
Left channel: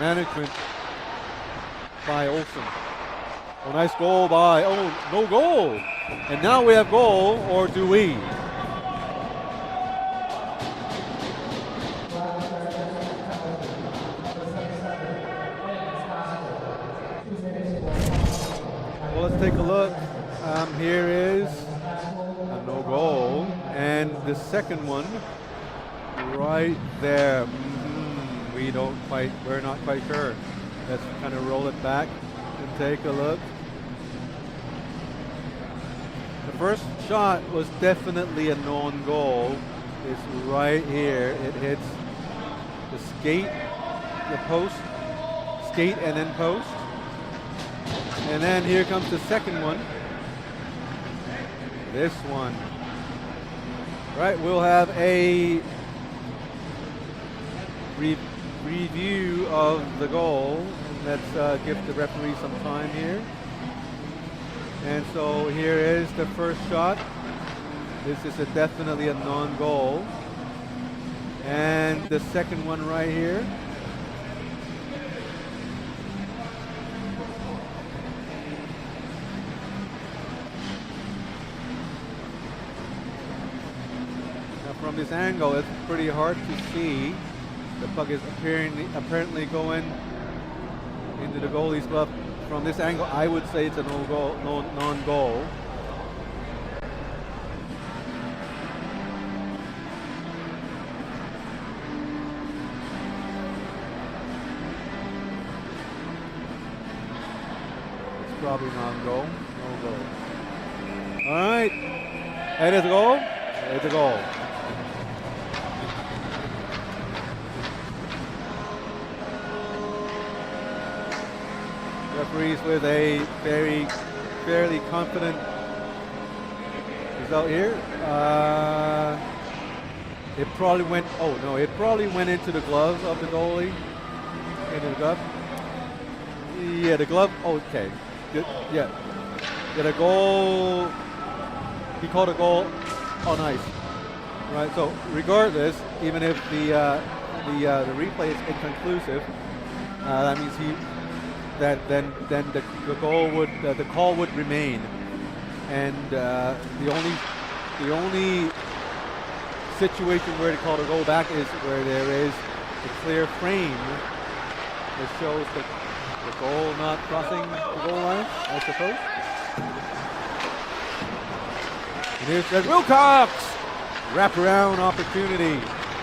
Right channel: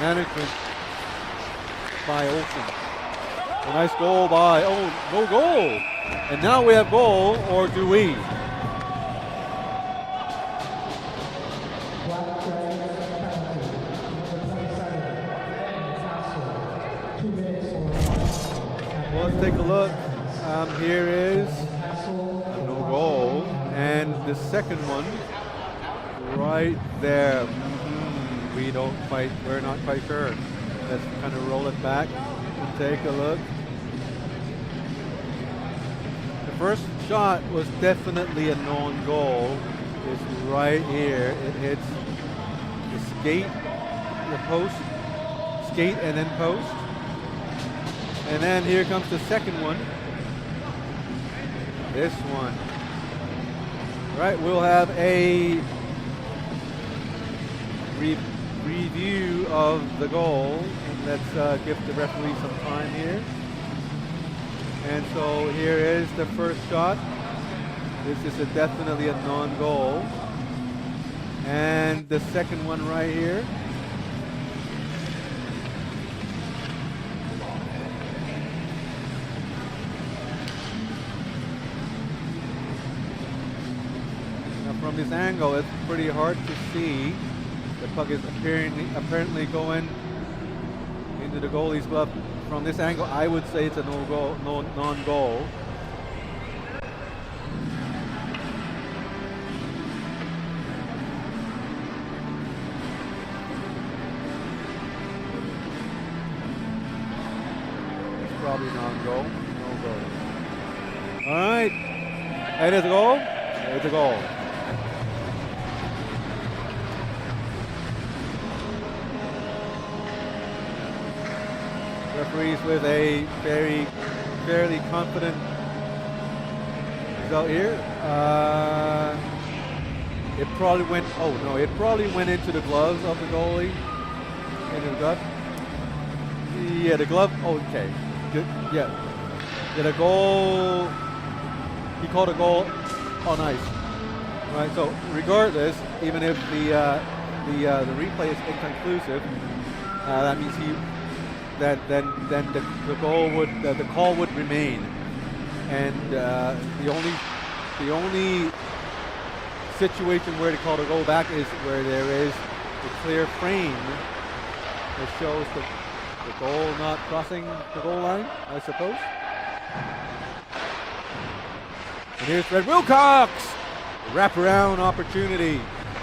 management by Olsen. A nice goal by, no goal! And now we have goal, or do we? Well, let's take a look. Here is a no goal, and the second one right there. We're not quite sure. Let's kind of roll it back and take a look. The first shot was definitely a non-goal. It's right here. It hits the skate, the post, skate and then post. And then here comes the second one. This one. Right, we'll have a review of the goal, and let's give the referee some time here. And so here is the first shot. This is definitely a non-goal. And the second one right here. Now from this angle, it's pretty hard to see. The puck is apparently going into the goalie's glove. From this angle, I would say it's a non-goal. It's probably non-goal. No goal. All right. It is a goal. It's a goal. Referees with a fairly confident result here. It probably went. Oh no! It probably went into the gloves of the goalie. Into the glove. Yeah, the glove. Oh, okay. Good. Yeah. The goal. He called a goal on ice. Right. So regardless, even if the replay is inconclusive, that means then the goal would the call would remain, and the only situation where to call the goal back is where there is a clear frame that shows the goal not crossing the goal line, I suppose. And here's Fred Wilcox, wraparound opportunity,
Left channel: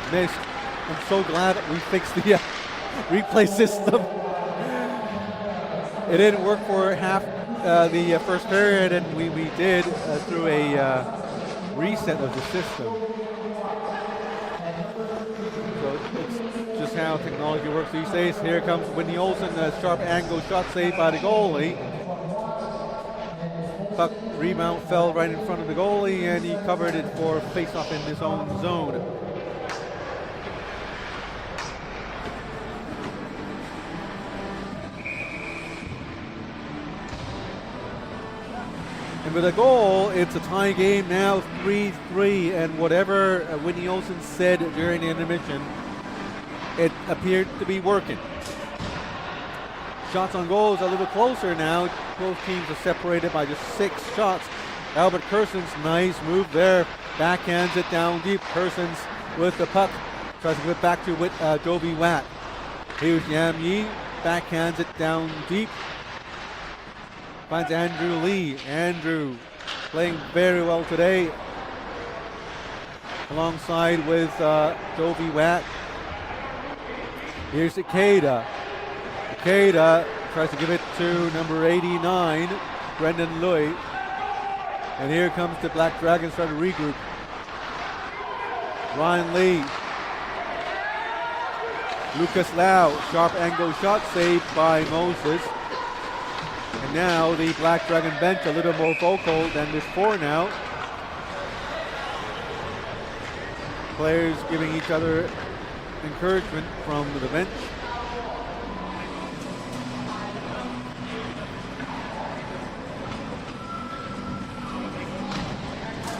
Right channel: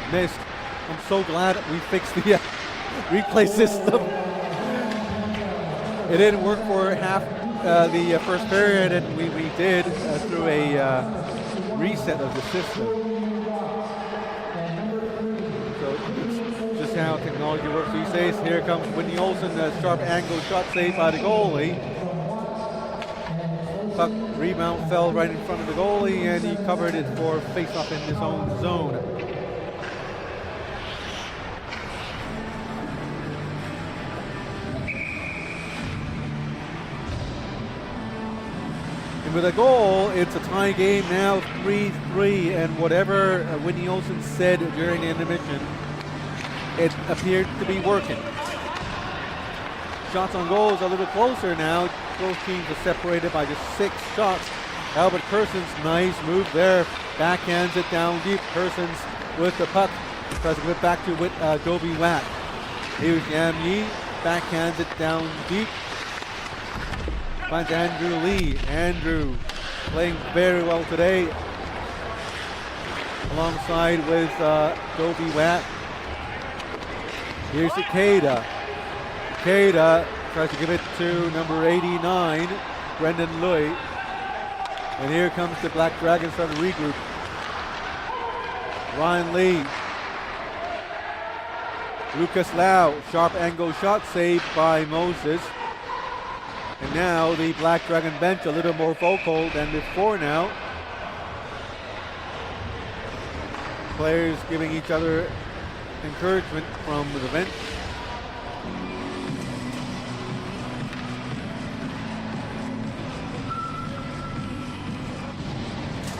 missed. I'm so glad that we fixed the replay system. It didn't work for half the first period, and we did through a reset of the system. So it's just how technology works these days. Here comes Whitney Olsen, a sharp angle shot saved by the goalie. Puck rebound fell right in front of the goalie, and he covered it for face-off in his own zone. And with a goal, it's a tie game now, 3-3, and whatever Whitney Olsen said during the intermission, it appeared to be working. Shots on goal is a little closer now. Both teams are separated by just 6 shots. Albert Kerson's nice move there, backhands it down deep. Kerson's with the puck, tries to give it back to Jovi Watt. Here's Yam Yi, backhands it down deep. Finds Andrew Lee. Andrew playing very well today, alongside with Dovey Watt. Here's Ikeda. Ikeda tries to give it to number 89, Brendan Lui. And here comes the Black Dragons trying to regroup. Ryan Lee. Lucas Lau, sharp angle shot saved by Moses. And now the Black Dragon bench a little more vocal than before now. Players giving each other encouragement from the bench.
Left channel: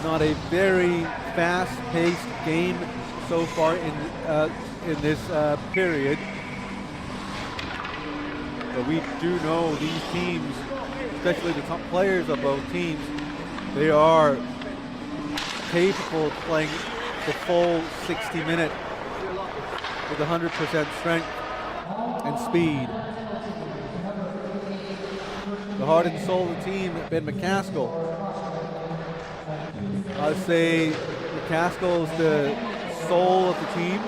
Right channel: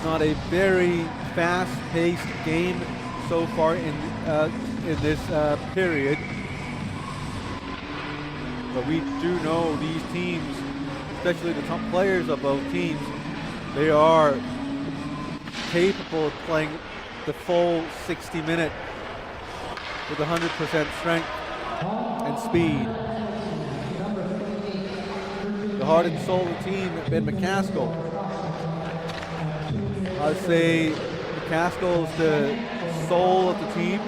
Not a very fast-paced game so far in this period, but we do know these teams, especially the top players of both teams, they are capable of playing the full 60-minute with 100% strength and speed. The heart and soul of the team, Ben McCaskill. I'd say McCaskill is the soul of the team.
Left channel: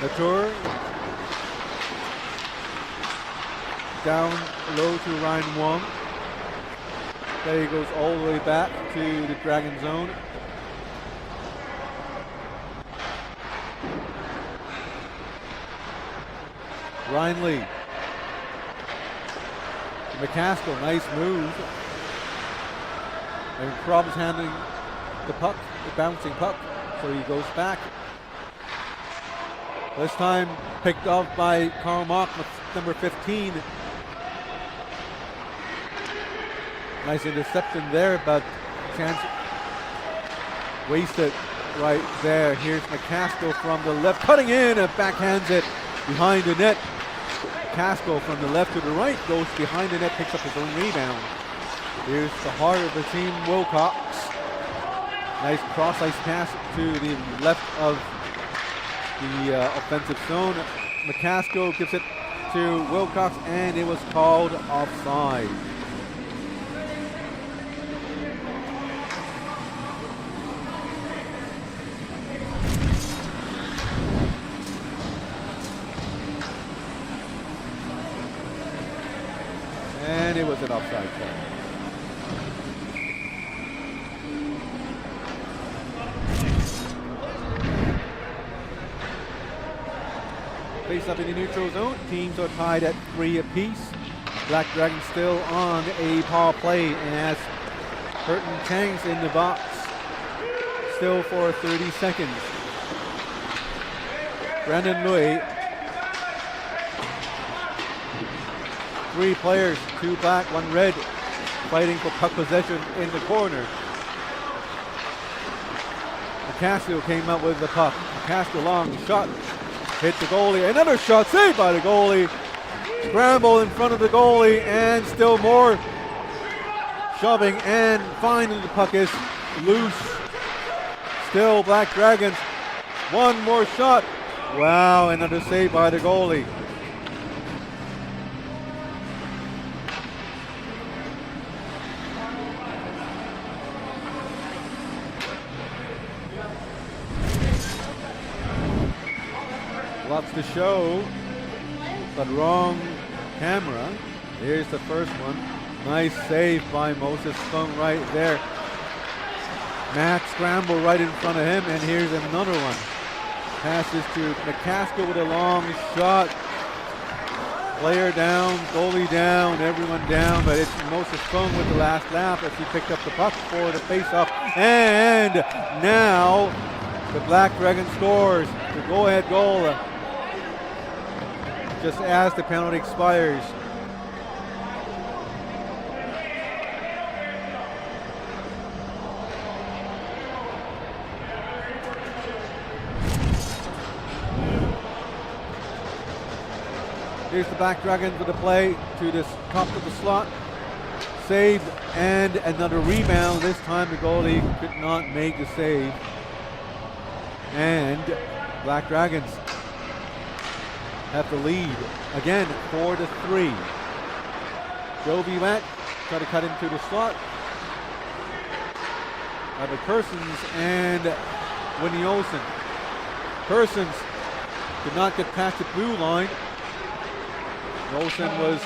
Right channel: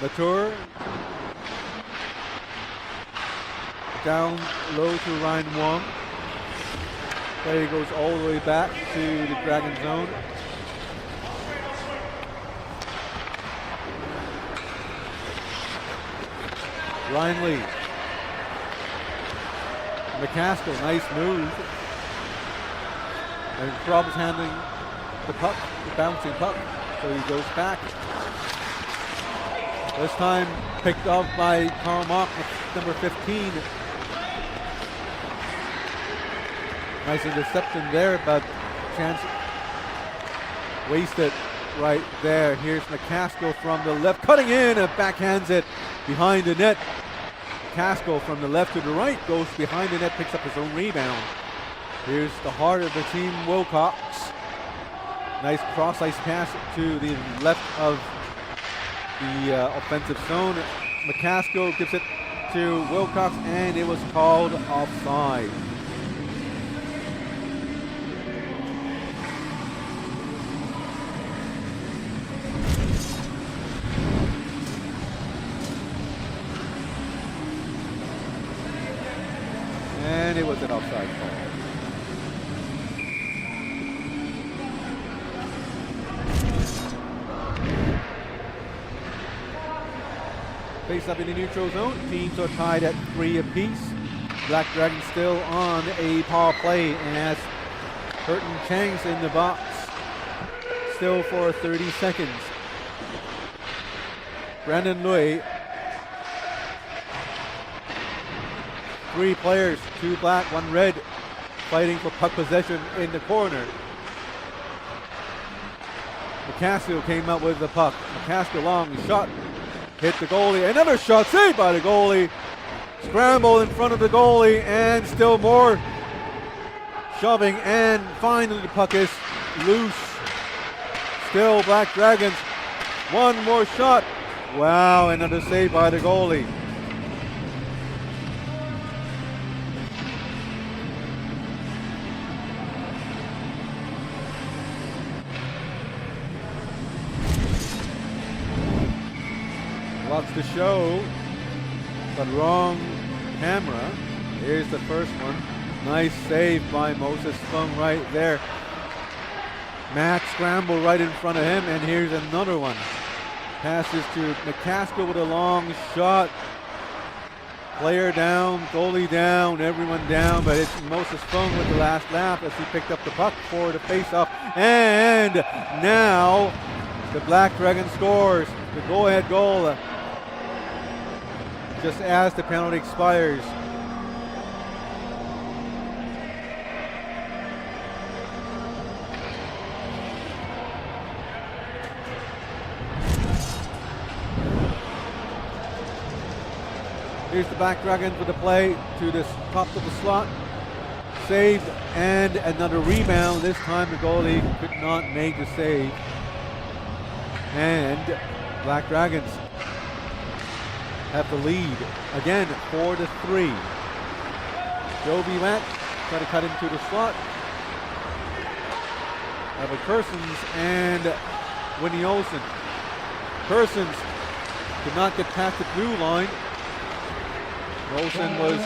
Latour down low to Ryan Wong. Play goes all the way back to the Dragon zone. Ryan Lee. McCaskill, nice move. And Crob's handling the puck, the bouncing puck, so he goes back. This time picked off by Karl Mock, number 15. Nice interception there, but chance wasted right there. Here's McCaskill from the left, cutting in and backhands it behind the net. McCaskill from the left to the right goes behind the net, picks up his own rebound. Here's the heart of the team, Wilcox. Nice cross-ice pass to the left of the offensive zone. McCaskill gives it to Wilcox, and it was called offside. And it was an offside call. Face up in the neutral zone. Teams are tied at 3 apiece. Black Dragon still on a power play, and as Hurton Chang's in the box, still for 30 seconds. Brandon Lui. 3 players, 2 black, 1 red, fighting for puck possession in the corner. McCaskill came out with the puck. McCaskill long shot, hit the goalie. Another shot saved by the goalie. Scramble in front of the goalie, and still more shoving, and finally the puck is loose. Still Black Dragons. 1 more shot. Wow, another save by the goalie. Lots to show, but wrong camera. Here's the first one. Nice save by Moses Fung right there. Matt scramble right in front of him, and here's another one. Passes to McCaskill with a long shot. Player down, goalie down, everyone down, but it's Moses Fung with the last lap as he picked up the puck for the face-off. And now the Black Dragon scores the go-ahead goal just as the penalty expires. Here's the Black Dragons with the play to the top of the slot. Saved, and another rebound. This time the goalie could not make the save. And Black Dragons have the lead again, 4-3. Jovi Watt try to cut into the slot. Have a Kersons and Whitney Olsen. Kersons could not get past the blue line. Olsen was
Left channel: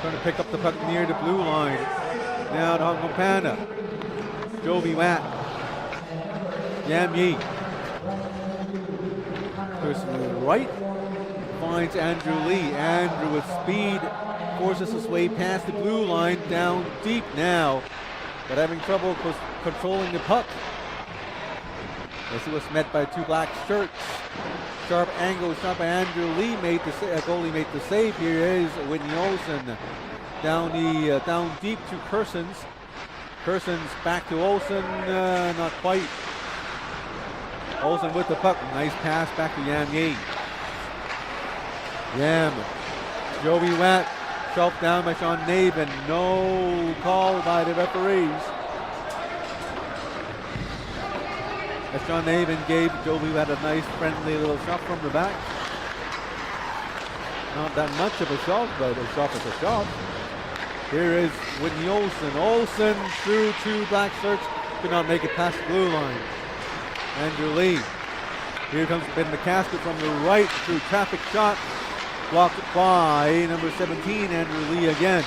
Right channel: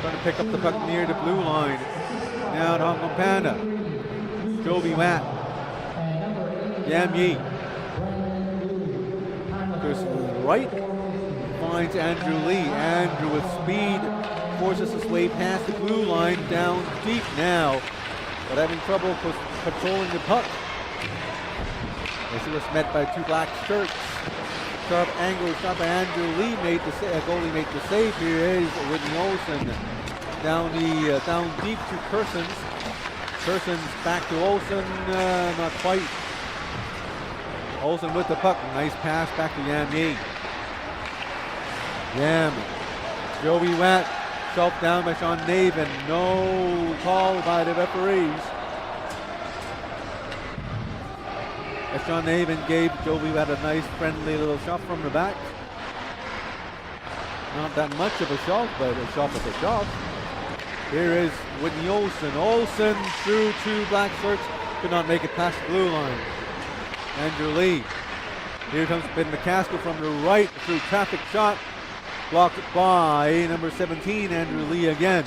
trying to pick up the puck near the blue line. Now to Hong Kong Panda. Jovi Watt. Yam Yi. Goes to the right. Finds Andrew Lee. Andrew with speed forces his way past the blue line, down deep now, but having trouble controlling the puck. As he was met by two black shirts. Sharp angle shot by Andrew Lee. Goalie made the save. Here is Whitney Olsen down deep to Kersons. Kersons back to Olsen, not quite. Olsen with the puck. Nice pass back to Yam Yi. Yam. Joey Watt. Shoved down by Sean Navin. No call by the referees. As Sean Navin gave Joey Watt a nice friendly little shot from the back. Not that much of a shot, but a shot is a shot. Here is Whitney Olsen. Olsen through two black shirts. Could not make it past the blue line. Andrew Lee. Here comes Ben McCaskill from the right through traffic shot. Blocked by number 17, Andrew Lee again.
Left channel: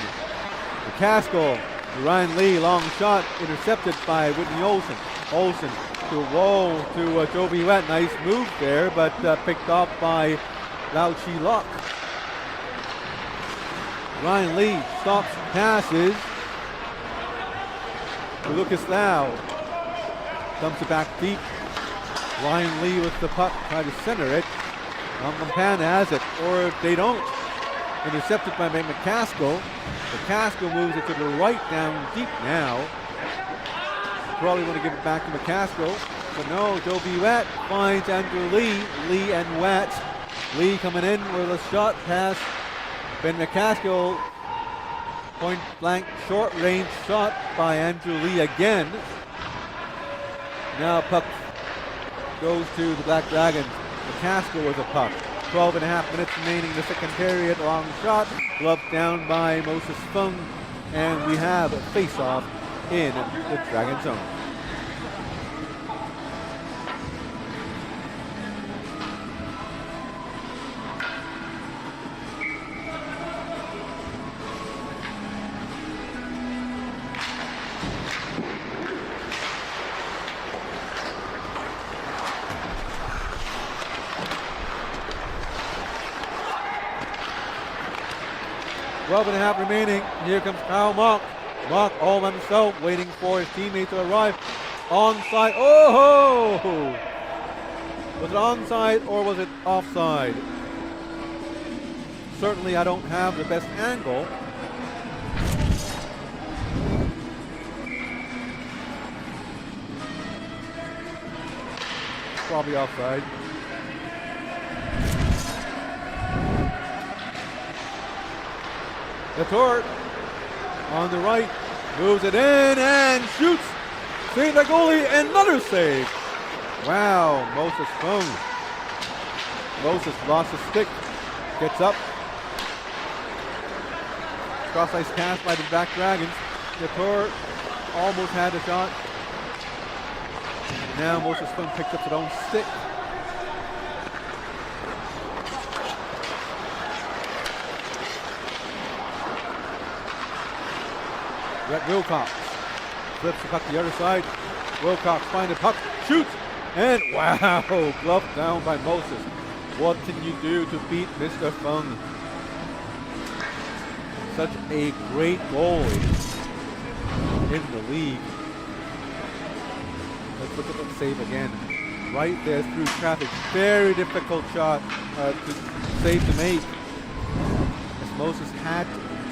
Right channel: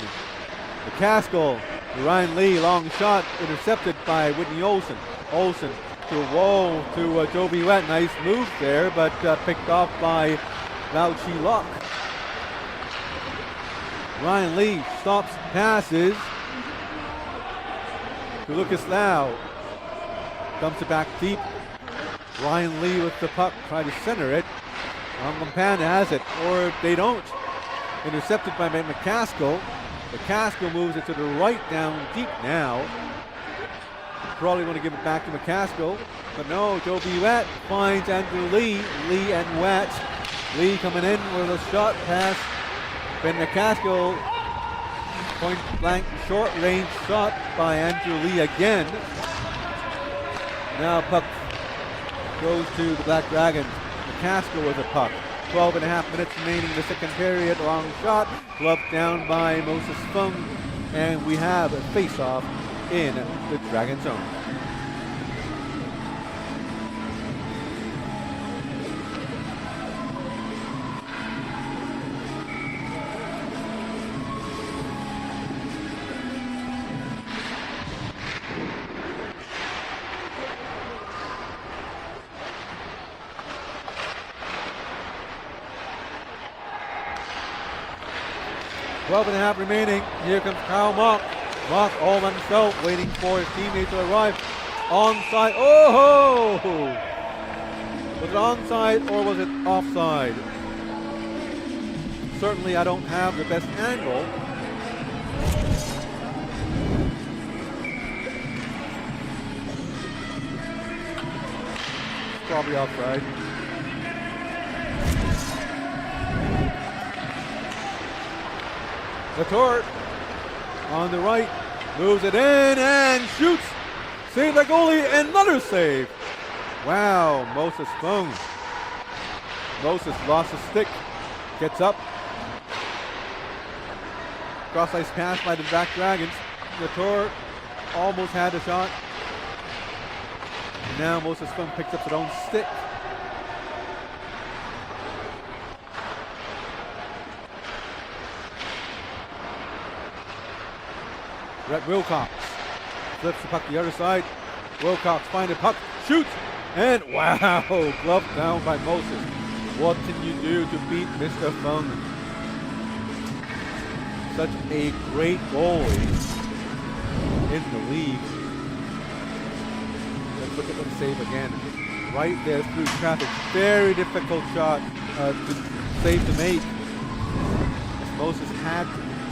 McCaskill, Ryan Lee, long shot, intercepted by Whitney Olsen. Olsen to Jovi Watt. Nice move there, but picked off by Lau Chi Lok. Ryan Lee stops, passes to Lucas Lau. Dumps it back deep. Ryan Lee with the puck, try to center it. Hong Kong Panda has it, or they don't. Intercepted by McCaskill. McCaskill moves it to the right, down deep now. Probably want to give it back to McCaskill, but no, Jovi Watt finds Andrew Lee. Lee and Watt. Lee coming in with a shot pass. Ben McCaskill, point blank, short range shot by Andrew Lee again. Now puck goes to the Black Dragons. McCaskill with a puck. 12.5 minutes remaining in the second period. Long shot, gloved down by Moses Fung, and we have a face-off in the Dragon zone. Twelve and a half remaining. Here comes Kyle Mock. Mock all by himself, waiting for his teammate to arrive. Onside. Oh! Was it onside or was it offside? Certainly I don't have the best angle. Probably offside. Latour on the right, moves it in and shoots. Save by goalie, another save. Wow, Moses Fung. Moses lost his stick, gets up. Cross-ice pass by the Black Dragons. Latour almost had a shot. And now Moses Fung picks up his own stick. Brett Wilcox flips the puck the other side. Wilcox finds the puck, shoots, and wow, gloved down by Moses. What can you do to beat Mr. Fung? Such a great goalie in the league. Let's look at that save again. Right there through traffic. Very difficult shot to save to make. As Moses had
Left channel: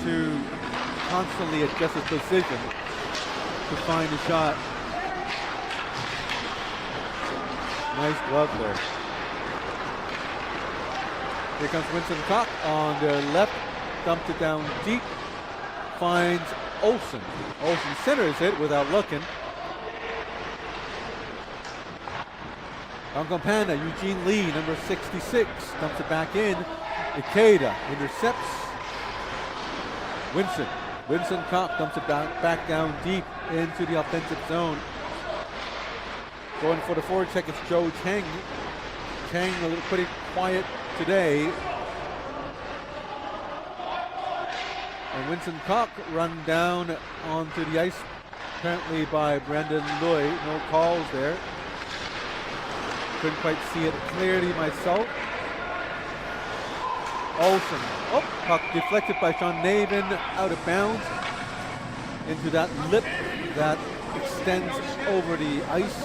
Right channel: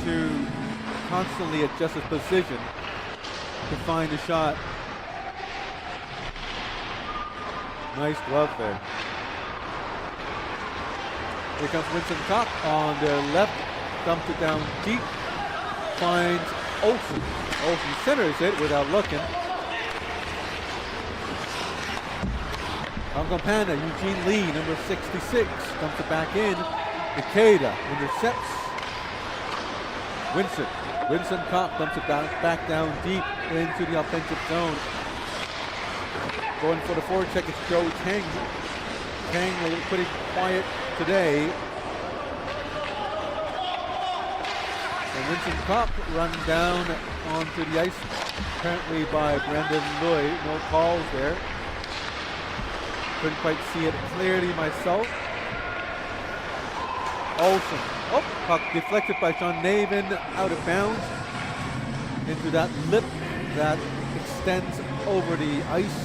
to constantly adjust his position to find a shot. Nice glove there. Here comes Winston Cock on their left, dumped it down deep, finds Olsen. Olsen centers it without looking. Hong Kong Panda, Eugene Lee, number 66, dumps it back in. Ikeda intercepts. Winston Koch dumps it back down deep into the offensive zone. Going for the forward check, it's Joe Cheng. Cheng a little pretty quiet today. And Winston Koch run down onto the ice, apparently by Brendan Lui. No calls there. Couldn't quite see it clearly myself. Olsen. Oh, puck deflected by Sean Navin, out of bounds into that lip that extends over the ice.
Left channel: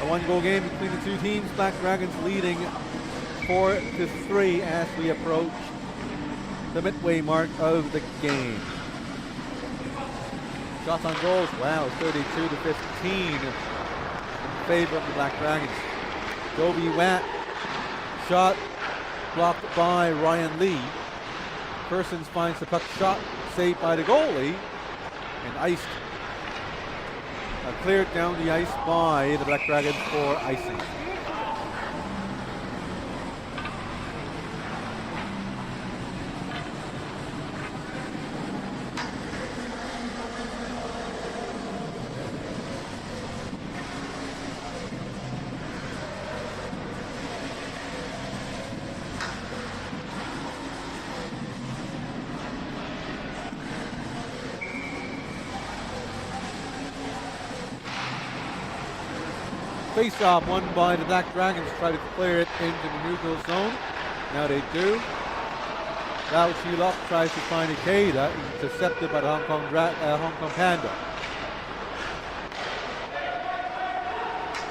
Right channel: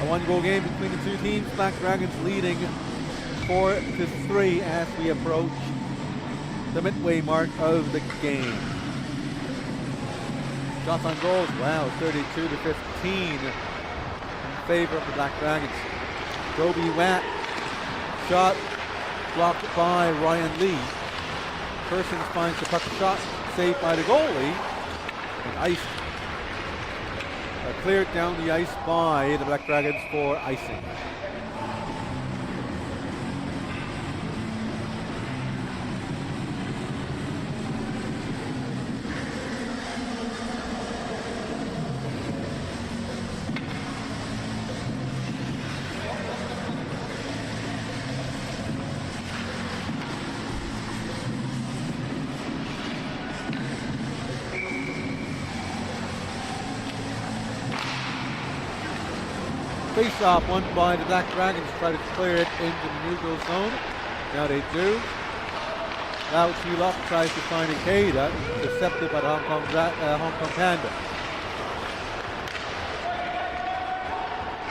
A one-goal game between the two teams. Black Dragons leading 4-3 as we approach the midway mark of the game. Shots on goals, wow, 32-15 in favor of the Black Dragons. Joby Watt, shot blocked by Ryan Lee. Persons finds the puck, shot saved by the goalie, and iced. Cleared down the ice by the Black Dragons for icing. Face-off won by the Black Dragons. Try to clear it into the neutral zone. Now they do. Lau Chi-Lok tries to find Ikeda, intercepted by the Hong Kong Panda.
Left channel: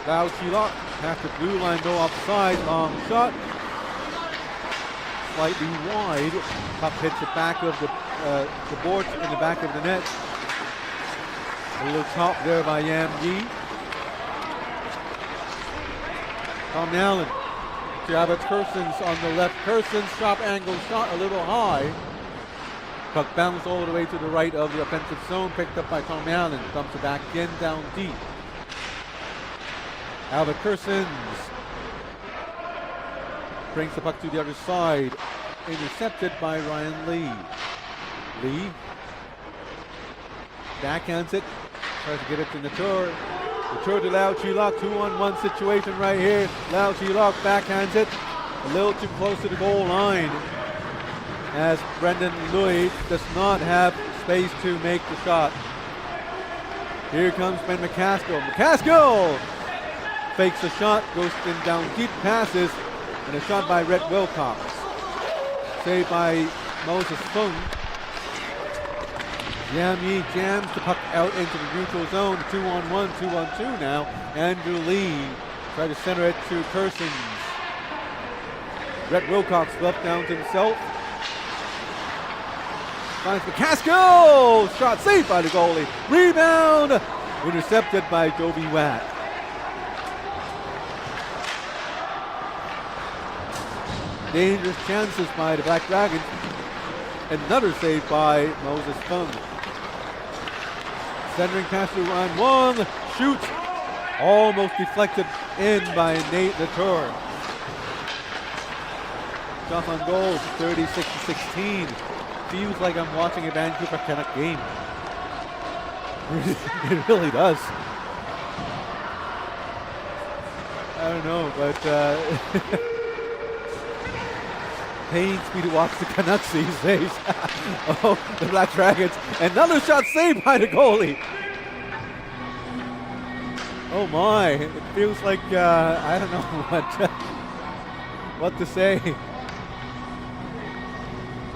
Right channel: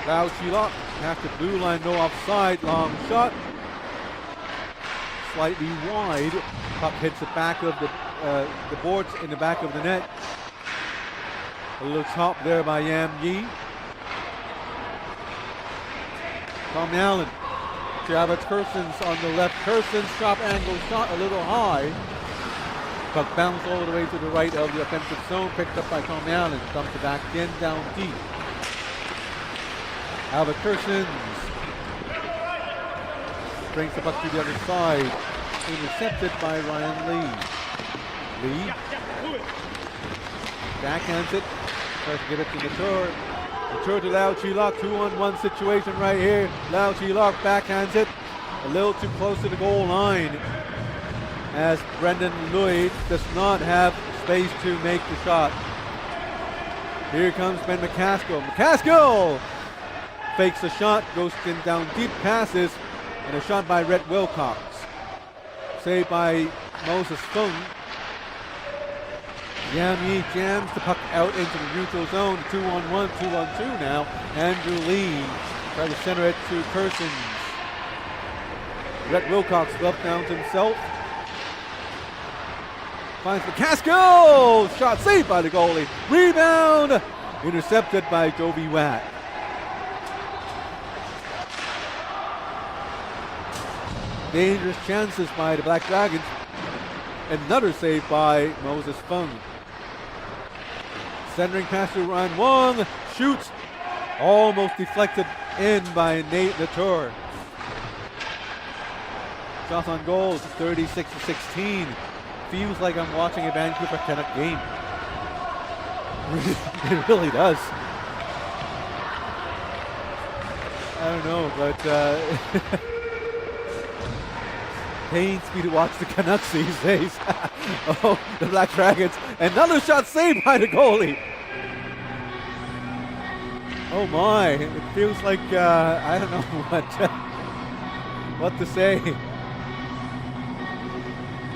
Lau Chi-Lok past the blue line, no offside, long shot. Slightly wide. Puck hits the back of the boards in the back of the net. A little top there by Yam Yi. Tom Allen to Abbott Kersons on the left. Kersons, sharp angle shot, a little high. Puck bounced all the way to the right of the offensive zone, picked up by Tom Allen. Dumps it back in, down deep. Abbott Kersons brings the puck to the other side. Intercepted by Ryan Lee. Lee backhands it, tries to get it to the tour. The tour to Lau Chi-Lok, 2-on-1 situation right here. Lau Chi-Lok backhands it a little too close to the goal line, as Brendan Lui does not have space to make the shot. Here comes Ben McCaskill. McCaskill fakes the shot, goes in down deep, passes, and a shot by Rhett Wilcox. Saved by Moses Fung. Yam Yi jams the puck out into the neutral zone. 2-on-1, 2-on-2 now. Andrew Lee tries to center it to Kersons. Rhett Wilcox left down to himself. Finds McCaskill! Shot saved by the goalie. Rebound! Intercepted by Joby Watt. Dangerous chances by the Black Dragons. Another save by Moses Fung. Centering pass to Ryan Wong. Shoots. Almost deflected in by Nate Latour. Shots on goals, 36-16. Feels like I'm watching a Vancouver Canuck game. It really does. I don't know, but pains me to watch the Canucks these days. Oh, the Black Dragons. Another shot saved by the goalie. Oh my, it feels like, I don't know what to say.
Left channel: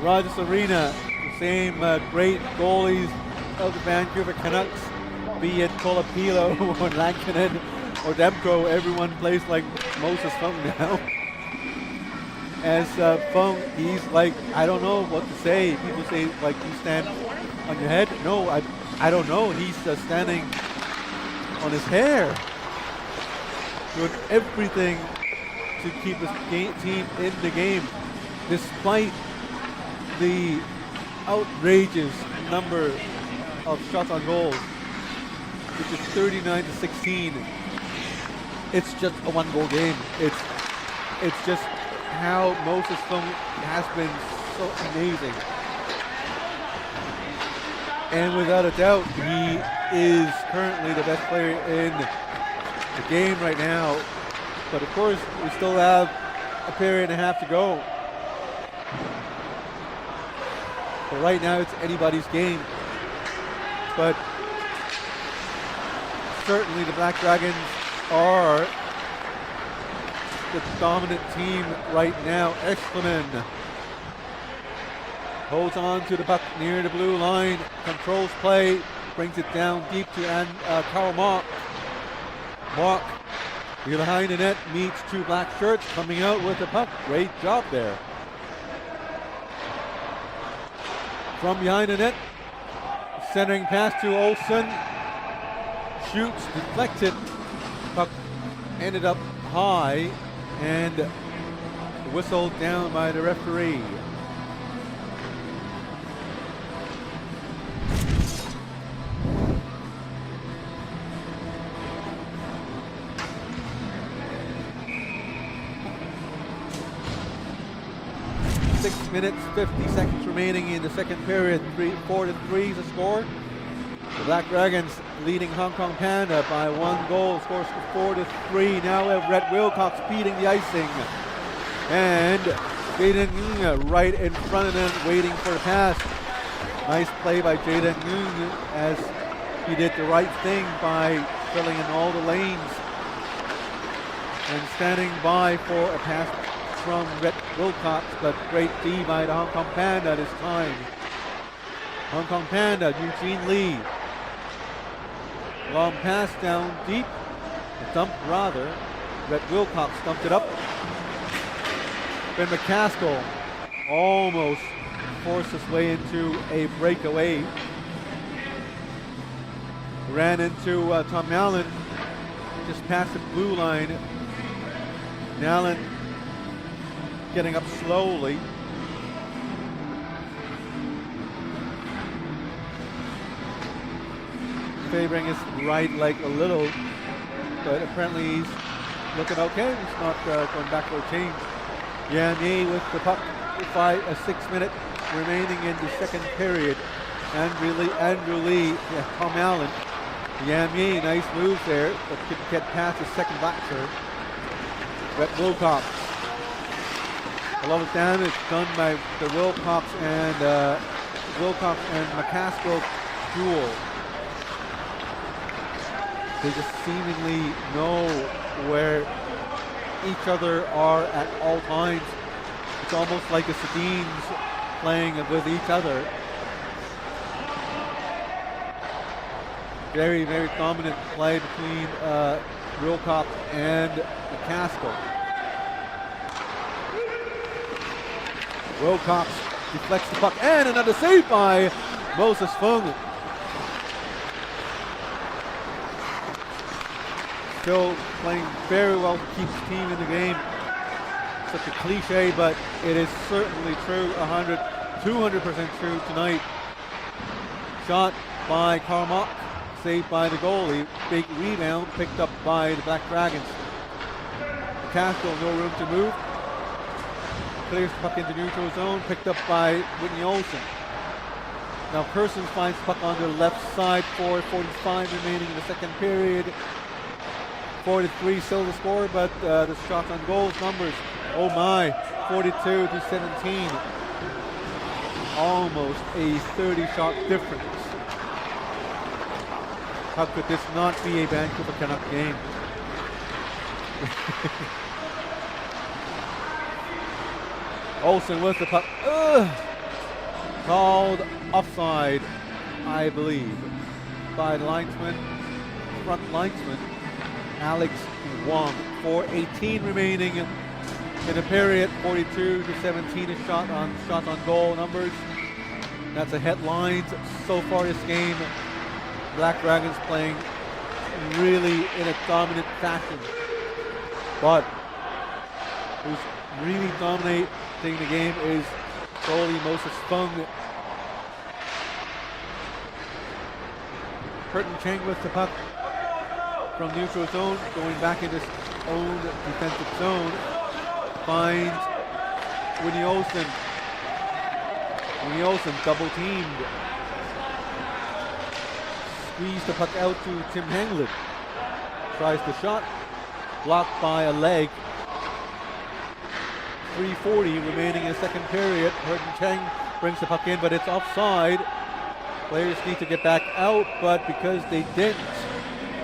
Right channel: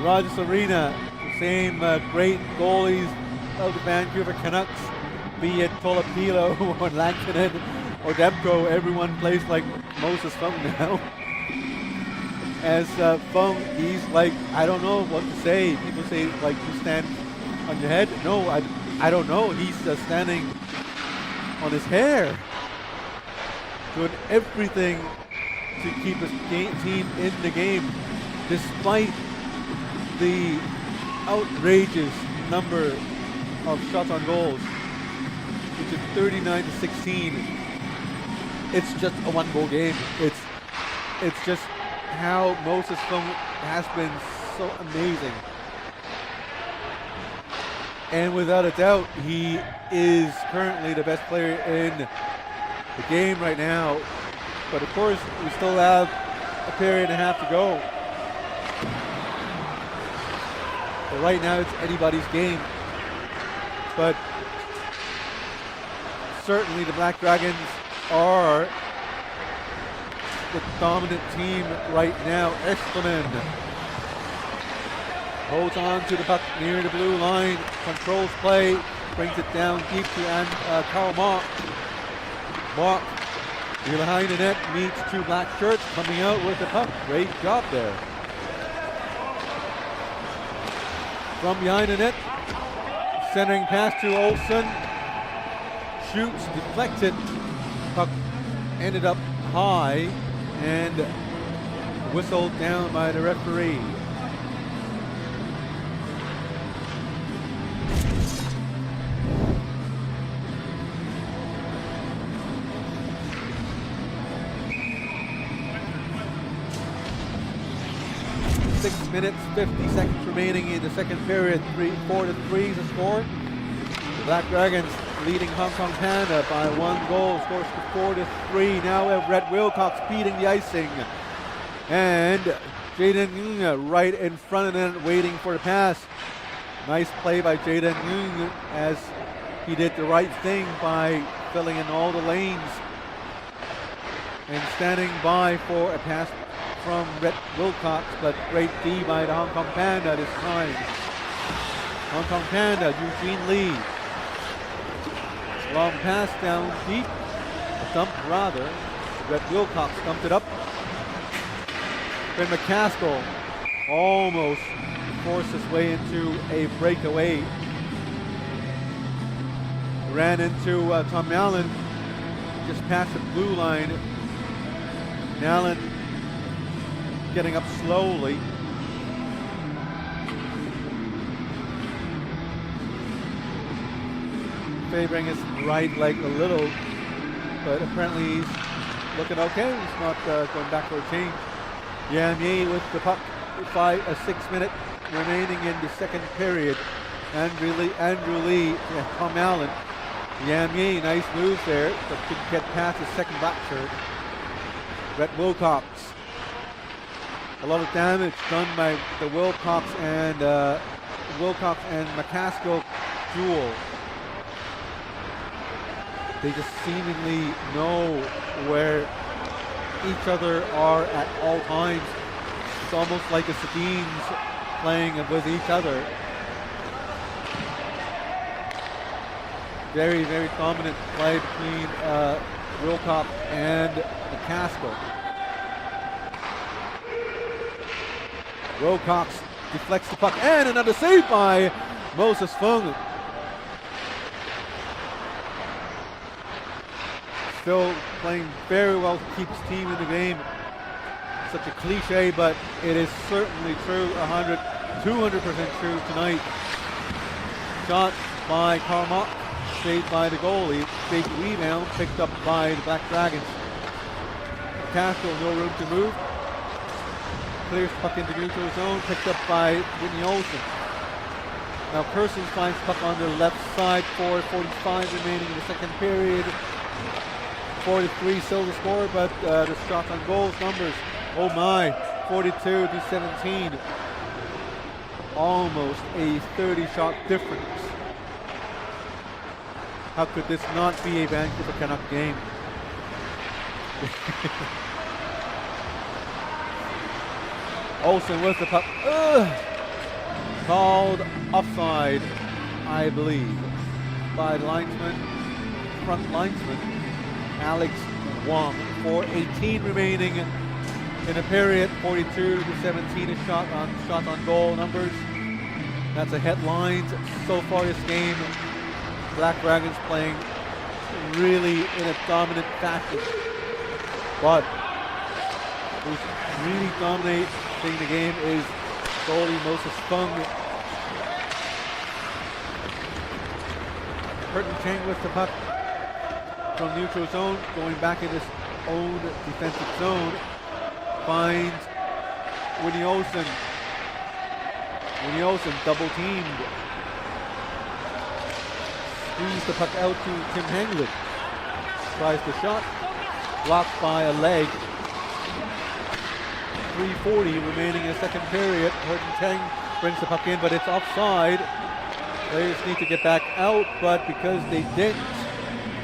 Rogers Arena, the same great goalies of the Vancouver Canucks, be it Colapilo or Lankinen or Demko, everyone plays like Moses Fung now. As Fung, he's like, I don't know what to say. People say, like, you stand on your head. No, I don't know. He's standing on his hair, doing everything to keep his team in the game, despite the outrageous number of shots on goals, which is 39-16. It's just a one-goal game. It's just how Moses Fung has been so amazing. And without a doubt, he is currently the best player in the game right now. But of course, we still have a period and a half to go. But right now, it's anybody's game. But certainly the Black Dragons are the dominant team right now. Eschleman holds on to the puck near the blue line, controls play, brings it down deep to Karl Mock. Mock behind the net meets two black shirts coming out with the puck. Great job there. From behind the net, centering pass to Olsen. Shoots, deflected. Puck ended up high and whistled down by the referee. Six minutes, 50 seconds remaining in the second period. 4-3 is the score. The Black Dragons leading Hong Kong Panda by 1 goal. Scores to 4-3. Now we have Rhett Wilcox beating the icing. And Jaden Ng right in front of them waiting for the pass. Nice play by Jaden Ng as he did the right thing by filling in all the lanes and standing by for a pass from Rhett Wilcox, but great D by the Hong Kong Panda this time. Hong Kong Panda, Eugene Lee. Long pass down deep, a dump rather. Rhett Wilcox dumped it up. Ben McCaskill almost forced his way into a breakaway. Ran into Tom Allen, just past the blue line. Allen getting up slowly. Favoring his right leg a little, but apparently he's looking okay. He's not going back for a change. Yam Ye with the puck, 6 minutes remaining in the second period. Andrew Lee, Tom Allen. Yam Ye, nice moves there, but couldn't get past the second back shirt. Rhett Wilcox. A lot of damage done by the Wilcox and McCaskill duel. They just seemingly know where each other are at all times. It's almost like the Sedins playing with each other. Very, very dominant play between Wilcox and McCaskill. Wilcox deflects the puck, and another save by Moses Fung. Still playing very well to keep his team in the game. Such a cliche, but it is certainly true, 200% true tonight. Shot by Carmack, saved by the goalie. Big rebound picked up by the Black Dragons. McCaskill, no room to move. Clears the puck into neutral zone, picked up by Whitney Olsen. Now Kersons finds the puck on the left side, 4:45 remaining in the second period. 4-3 still the score, but the shots on goals numbers, oh my, 42-17. Almost a 30-shot difference. How could this not be a Vancouver Canuck game? Olsen with the puck. Called offside, I believe, by the linesman, front linesman, Alex Wong. 4:18 remaining in the period. 42-17 is shots on goal numbers. That's the headlines so far this game. Black Dragons playing really in a dominant fashion. But who's really dominating the game is goalie Moses Fung. Curtin Cheng with the puck from neutral zone, going back in his own defensive zone. Finds Winnie Olsen. Winnie Olsen double teamed. Squeeze the puck out to Tim Hanglin. Tries the shot. Blocked by a leg. 3:40 remaining in the second period. Curtin Cheng brings the puck in, but it's offside. Players need to get back out, but because they didn't,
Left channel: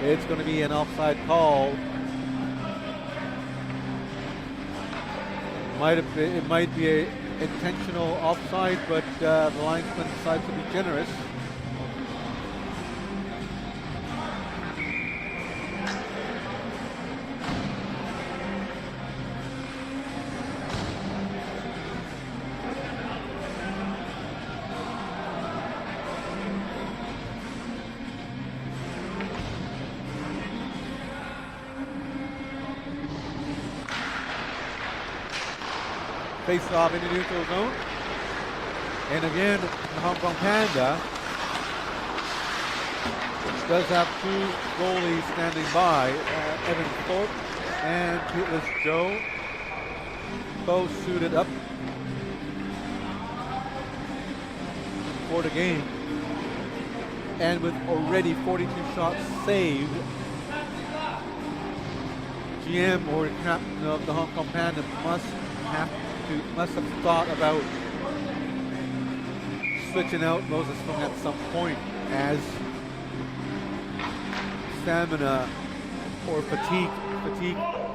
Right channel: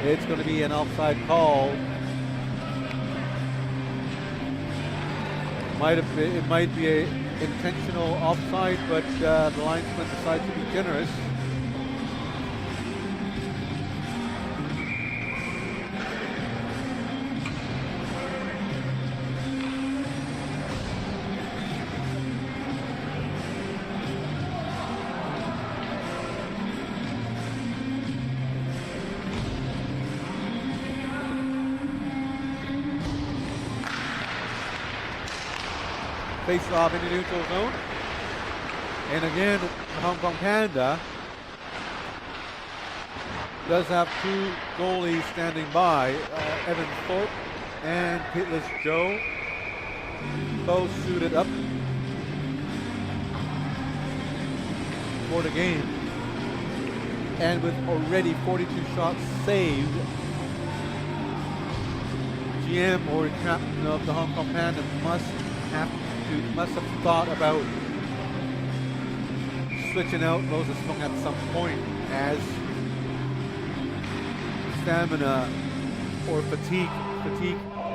it's going to be an offside call. It might be an intentional offside, but the linesman decides to be generous. Face off in the neutral zone. And again, the Hong Kong Panda does have two goalies standing by. Evan Thorpe and Pitless Joe, both suited up for the game. And with already 42 shots saved, GM or captain of the Hong Kong Panda must have thought about switching out Moses Fung at some point, as stamina or fatigue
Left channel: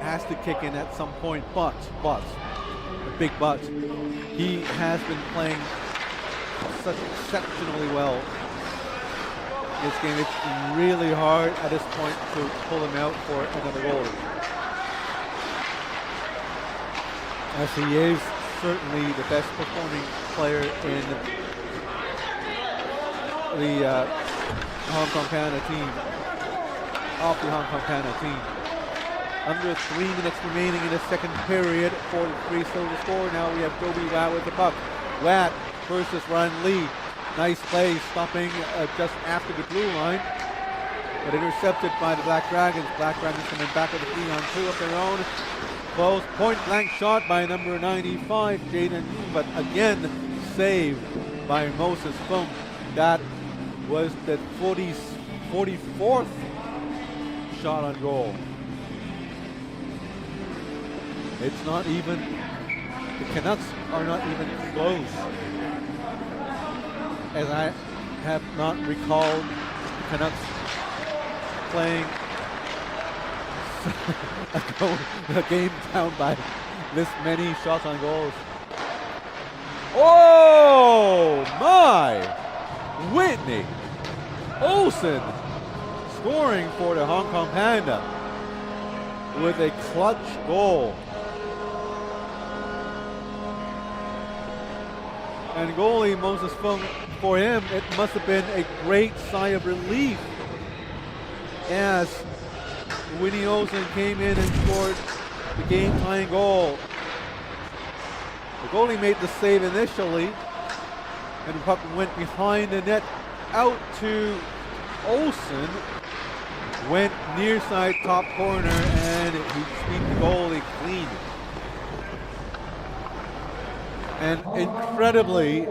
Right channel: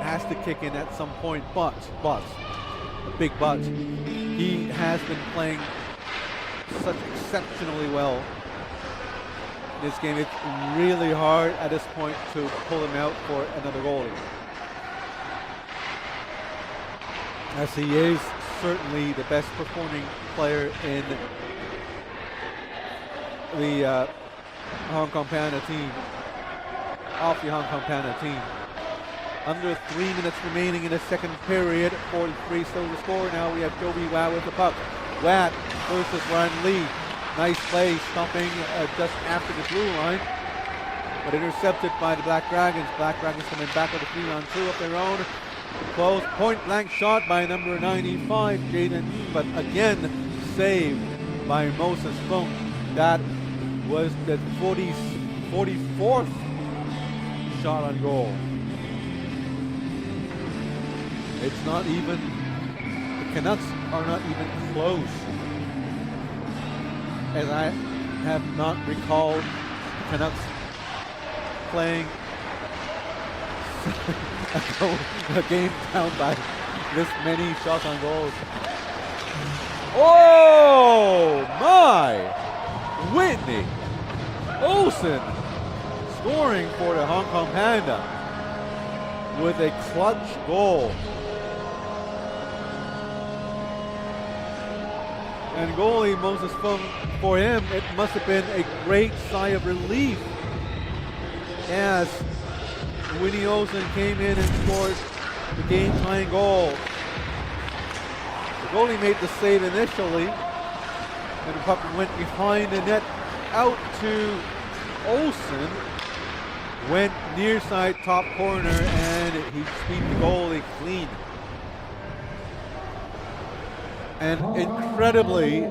has to kick in at some point. But a big but, he has been playing such exceptionally well in this game. It's really hard at this point to pull him out for another goalie, as he is certainly the best performing player in the Hong Kong Panda team, off the Hong Kong Panda team. Under 3 minutes remaining in the second period, 4-3 still to score. Now we have Joby Watt with the puck. Watt versus Ryan Lee. Nice play, stopping just after the blue line, but intercepted by the Black Dragons. Black Dragons coming back with a 3-on-2 of their own. Close point blank shot by number 95, Jaden Yee, but again saved by Moses Fung. That was the 44th shot on goal. It's not even, the Canucks are not even close, as I have not recalled the Canucks playing a game down by this many shots on goals. Oh my! Whitney Olsen scoring for the Hong Kong Panda with a clutch goal. And goalie Moses Fung, for him, it must have been a great sigh of relief as Winnie Olsen came in and scored the game-tying goal. The goalie made the save initially, and the puck went behind the net out to Olsen, went near side top corner, and he swept the goalie clean. And incredibly,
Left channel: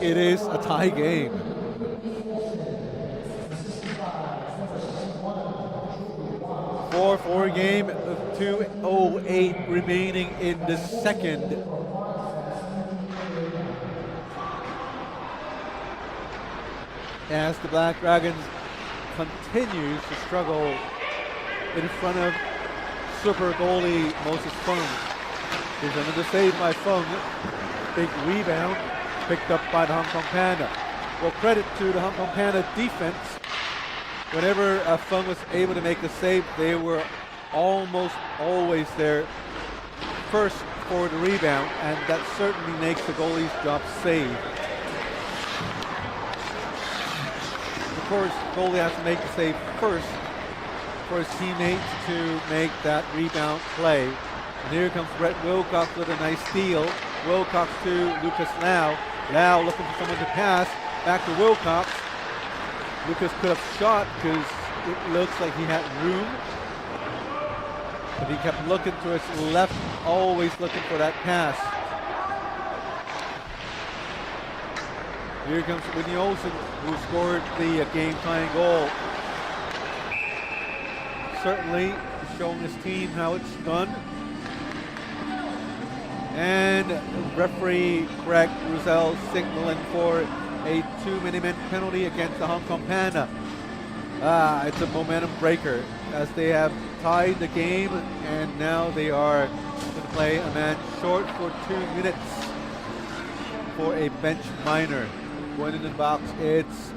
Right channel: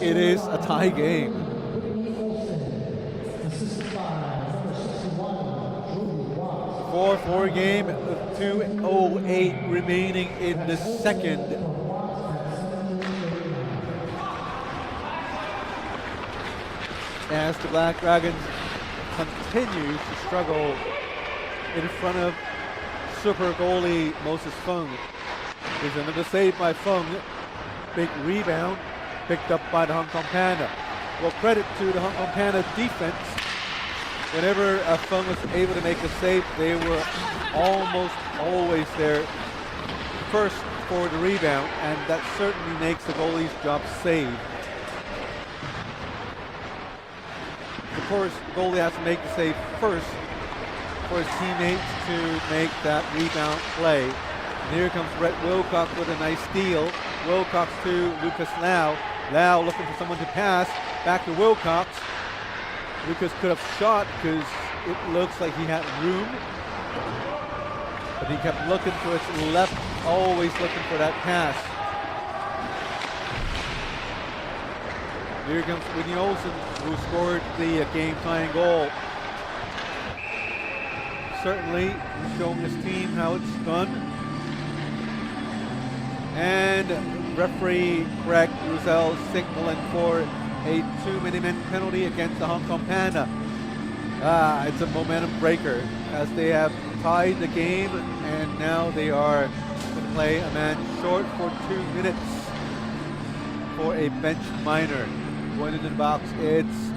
it is a tie game. 4-4 game, 2:08 remaining in the second. As the Black Dragons continues to struggle in front of super goalie Moses Fung. There's another save by Fung. Big rebound picked up by the Hong Kong Panda. Well, credit to the Hong Kong Panda defense. Whenever Fung was able to make a save, they were almost always there first for the rebound, and that certainly makes the goalie's job safe. Of course, the goalie has to make the save first for his teammates to make that rebound play. And here comes Brett Wilcox with a nice steal. Wilcox to Lucas Lau. Lau looking for someone to pass. Back to Wilcox. Lucas could have shot because it looks like he had room, but he kept looking to his left, always looking for that pass. Here comes Whitney Olsen, who scored the game-tying goal. Certainly showing his team how it's done. And referee Craig Roussel signaling for a 2-minute penalty against the Hong Kong Panda. It's a momentum breaker as they have tied the game, and now they are going to play a man short for 2 minutes for a bench minor. Going into the box, it's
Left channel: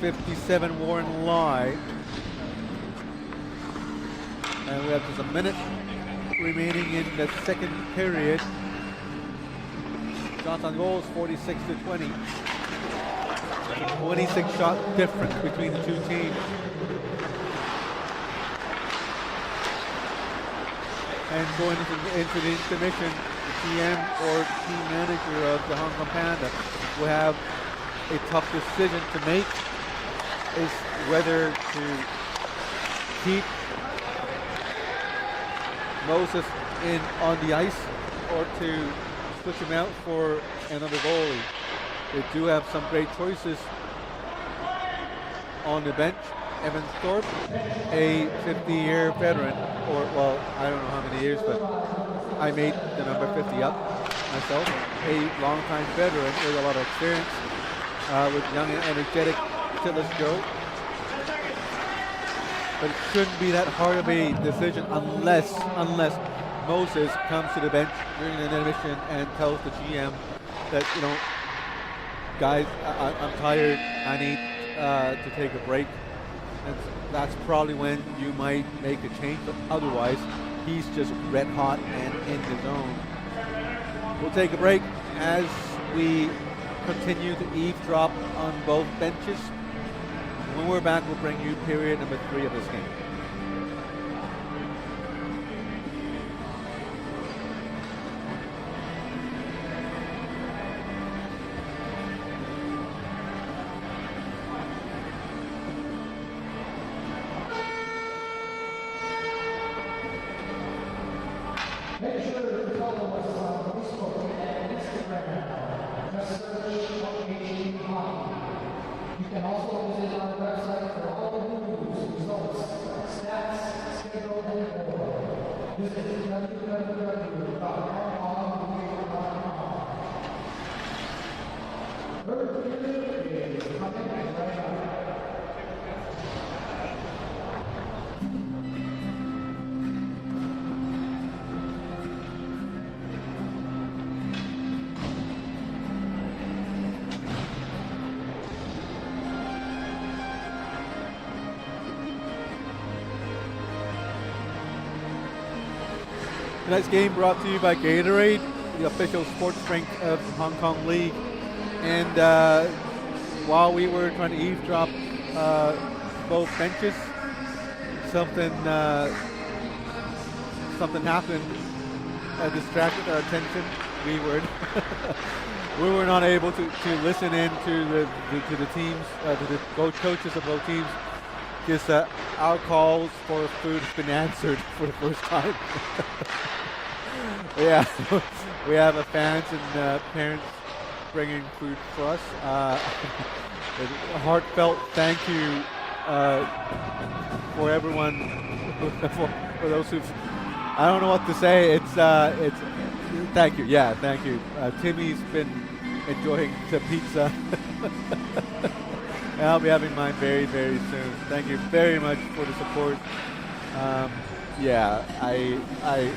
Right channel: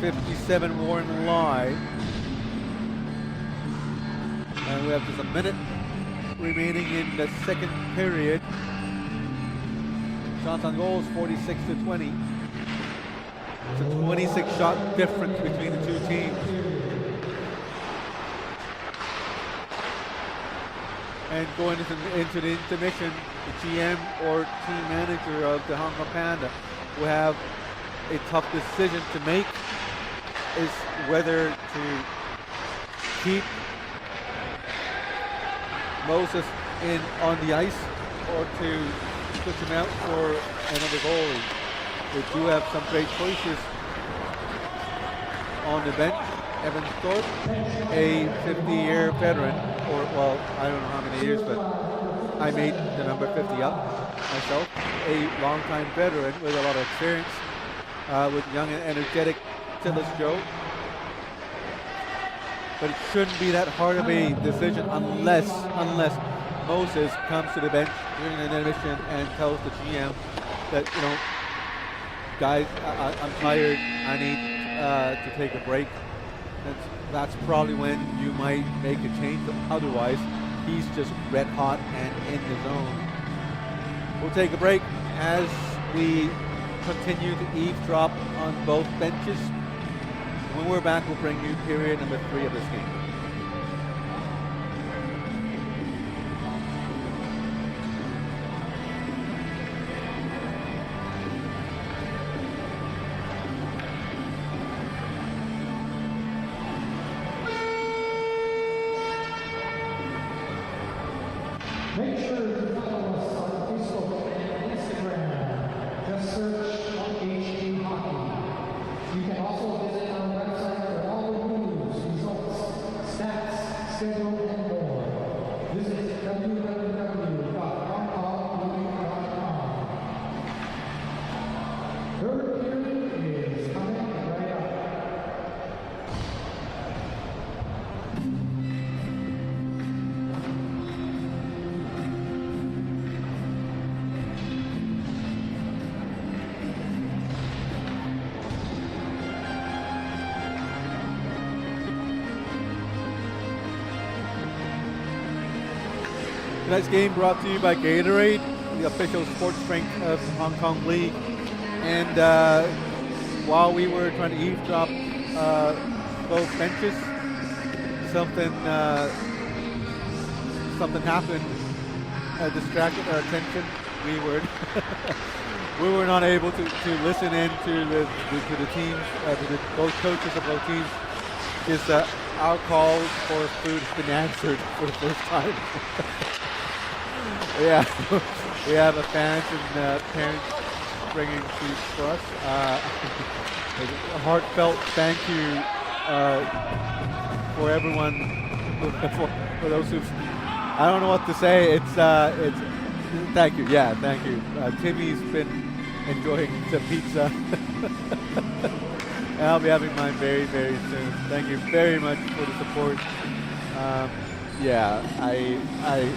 57 Warren Lai. And we have just a minute remaining in the second period. Shots on goals, 46-20. It's a 26 shot difference between the two teams. And going into the intermission, the GM or team manager of the Hong Kong Panda will have a tough decision to make, is whether to keep Moses on the ice or to switch him out for another goalie. They do have some great choices on the bench. Evan Thorpe, a 50-year veteran, or well, I don't know how many years, but I made the number 50 up myself. A longtime veteran with a lot of experience, with young and energetic Tillis Joe. But it shouldn't be that hard of a decision unless Moses comes to the bench during an intermission and tells the GM that, you know, guys, I'm tired, I need to take a break. That's probably when you might make a change, but otherwise he's just red hot and in the zone. We'll take a break as we continue to eavesdrop on both benches. When we're back, we'll bring you period number 3 of this game. Tonight's game brought to you by Gatorade, the official sports drink of the Hong Kong League. And while we were trying to eavesdrop both benches, something happened, distracted our attention. We were we were not able to listen in to the teams, to the both coaches of both teams, because our calls for food have been answered for the first time. Yeah, we have a fans and parents bringing food for us. A heartfelt thank you for everyone, for those who've. I don't know what to say. It's thank you. Yeah, thank you. Timmy's been enjoying the pizza, and I'll be having mine very, very soon. Thank you very much for the support. Yeah, I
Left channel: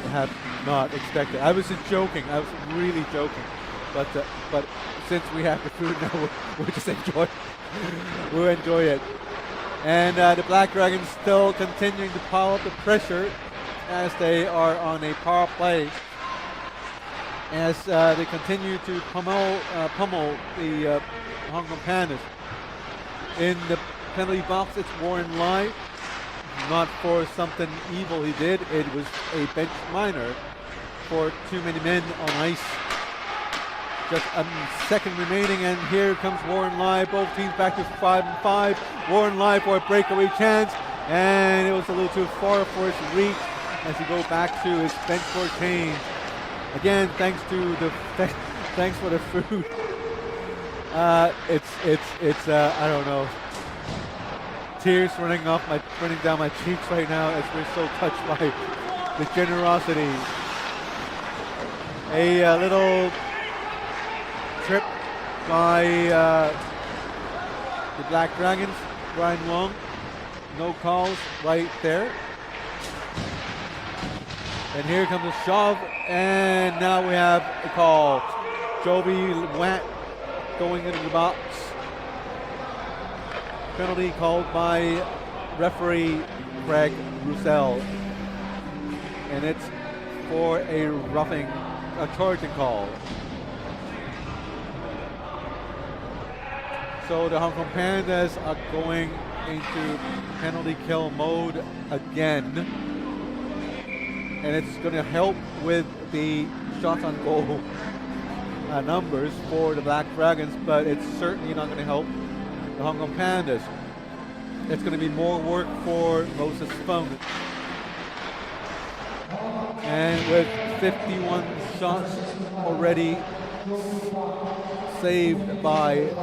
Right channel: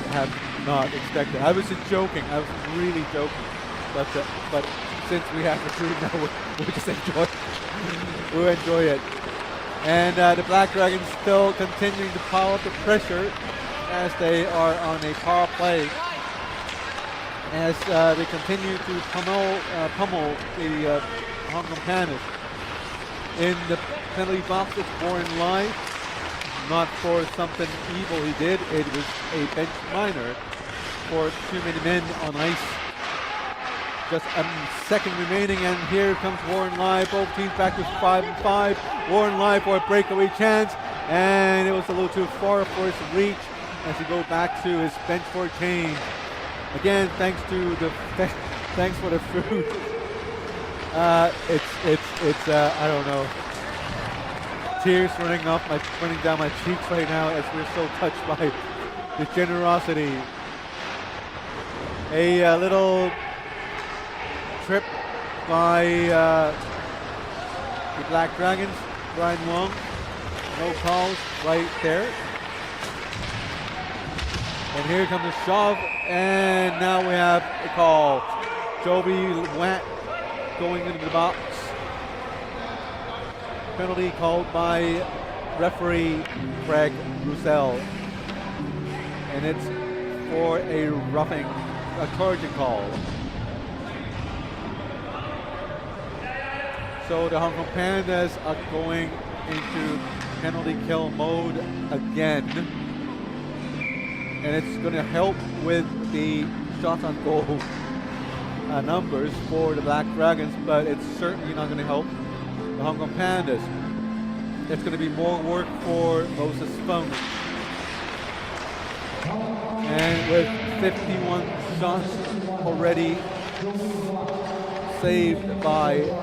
have not expected. I was just joking. I was really joking, but since we have the food now, we'll just enjoy. We'll enjoy it. And the Black Dragons still continuing to pile up the pressure as they are on a power play. As they continue to pummel the Hong Kong Pandas. In the penalty box, it's Warren Lai. Not for something evil he did. It was a bench minor for too many men on ice. Just a second remaining, and here comes Warren Lai. Both teams back to 5-5. Warren Lai for a breakaway chance, and it was a little too far for his reach as he go back to his bench for change. Again, thanks for the food. It's I don't know. Tears running down my cheeks right now as we're so touched by the generosity. A little trip by the Black Dragons. Brian Wong, no calls right there. And here comes a shove, and now we have a call. Joby Watt going into the box. Penalty called by referee Craig Roussel. And it's for a charging call. So the Hong Kong Pandas are going into penalty kill mode again. And it's going to help with the shots on goal numbers for the Black Dragons, but it's certainly not going to help the Hong Kong Pandas. It's going to be more work for Moses Fung. And with 51 shots already saved by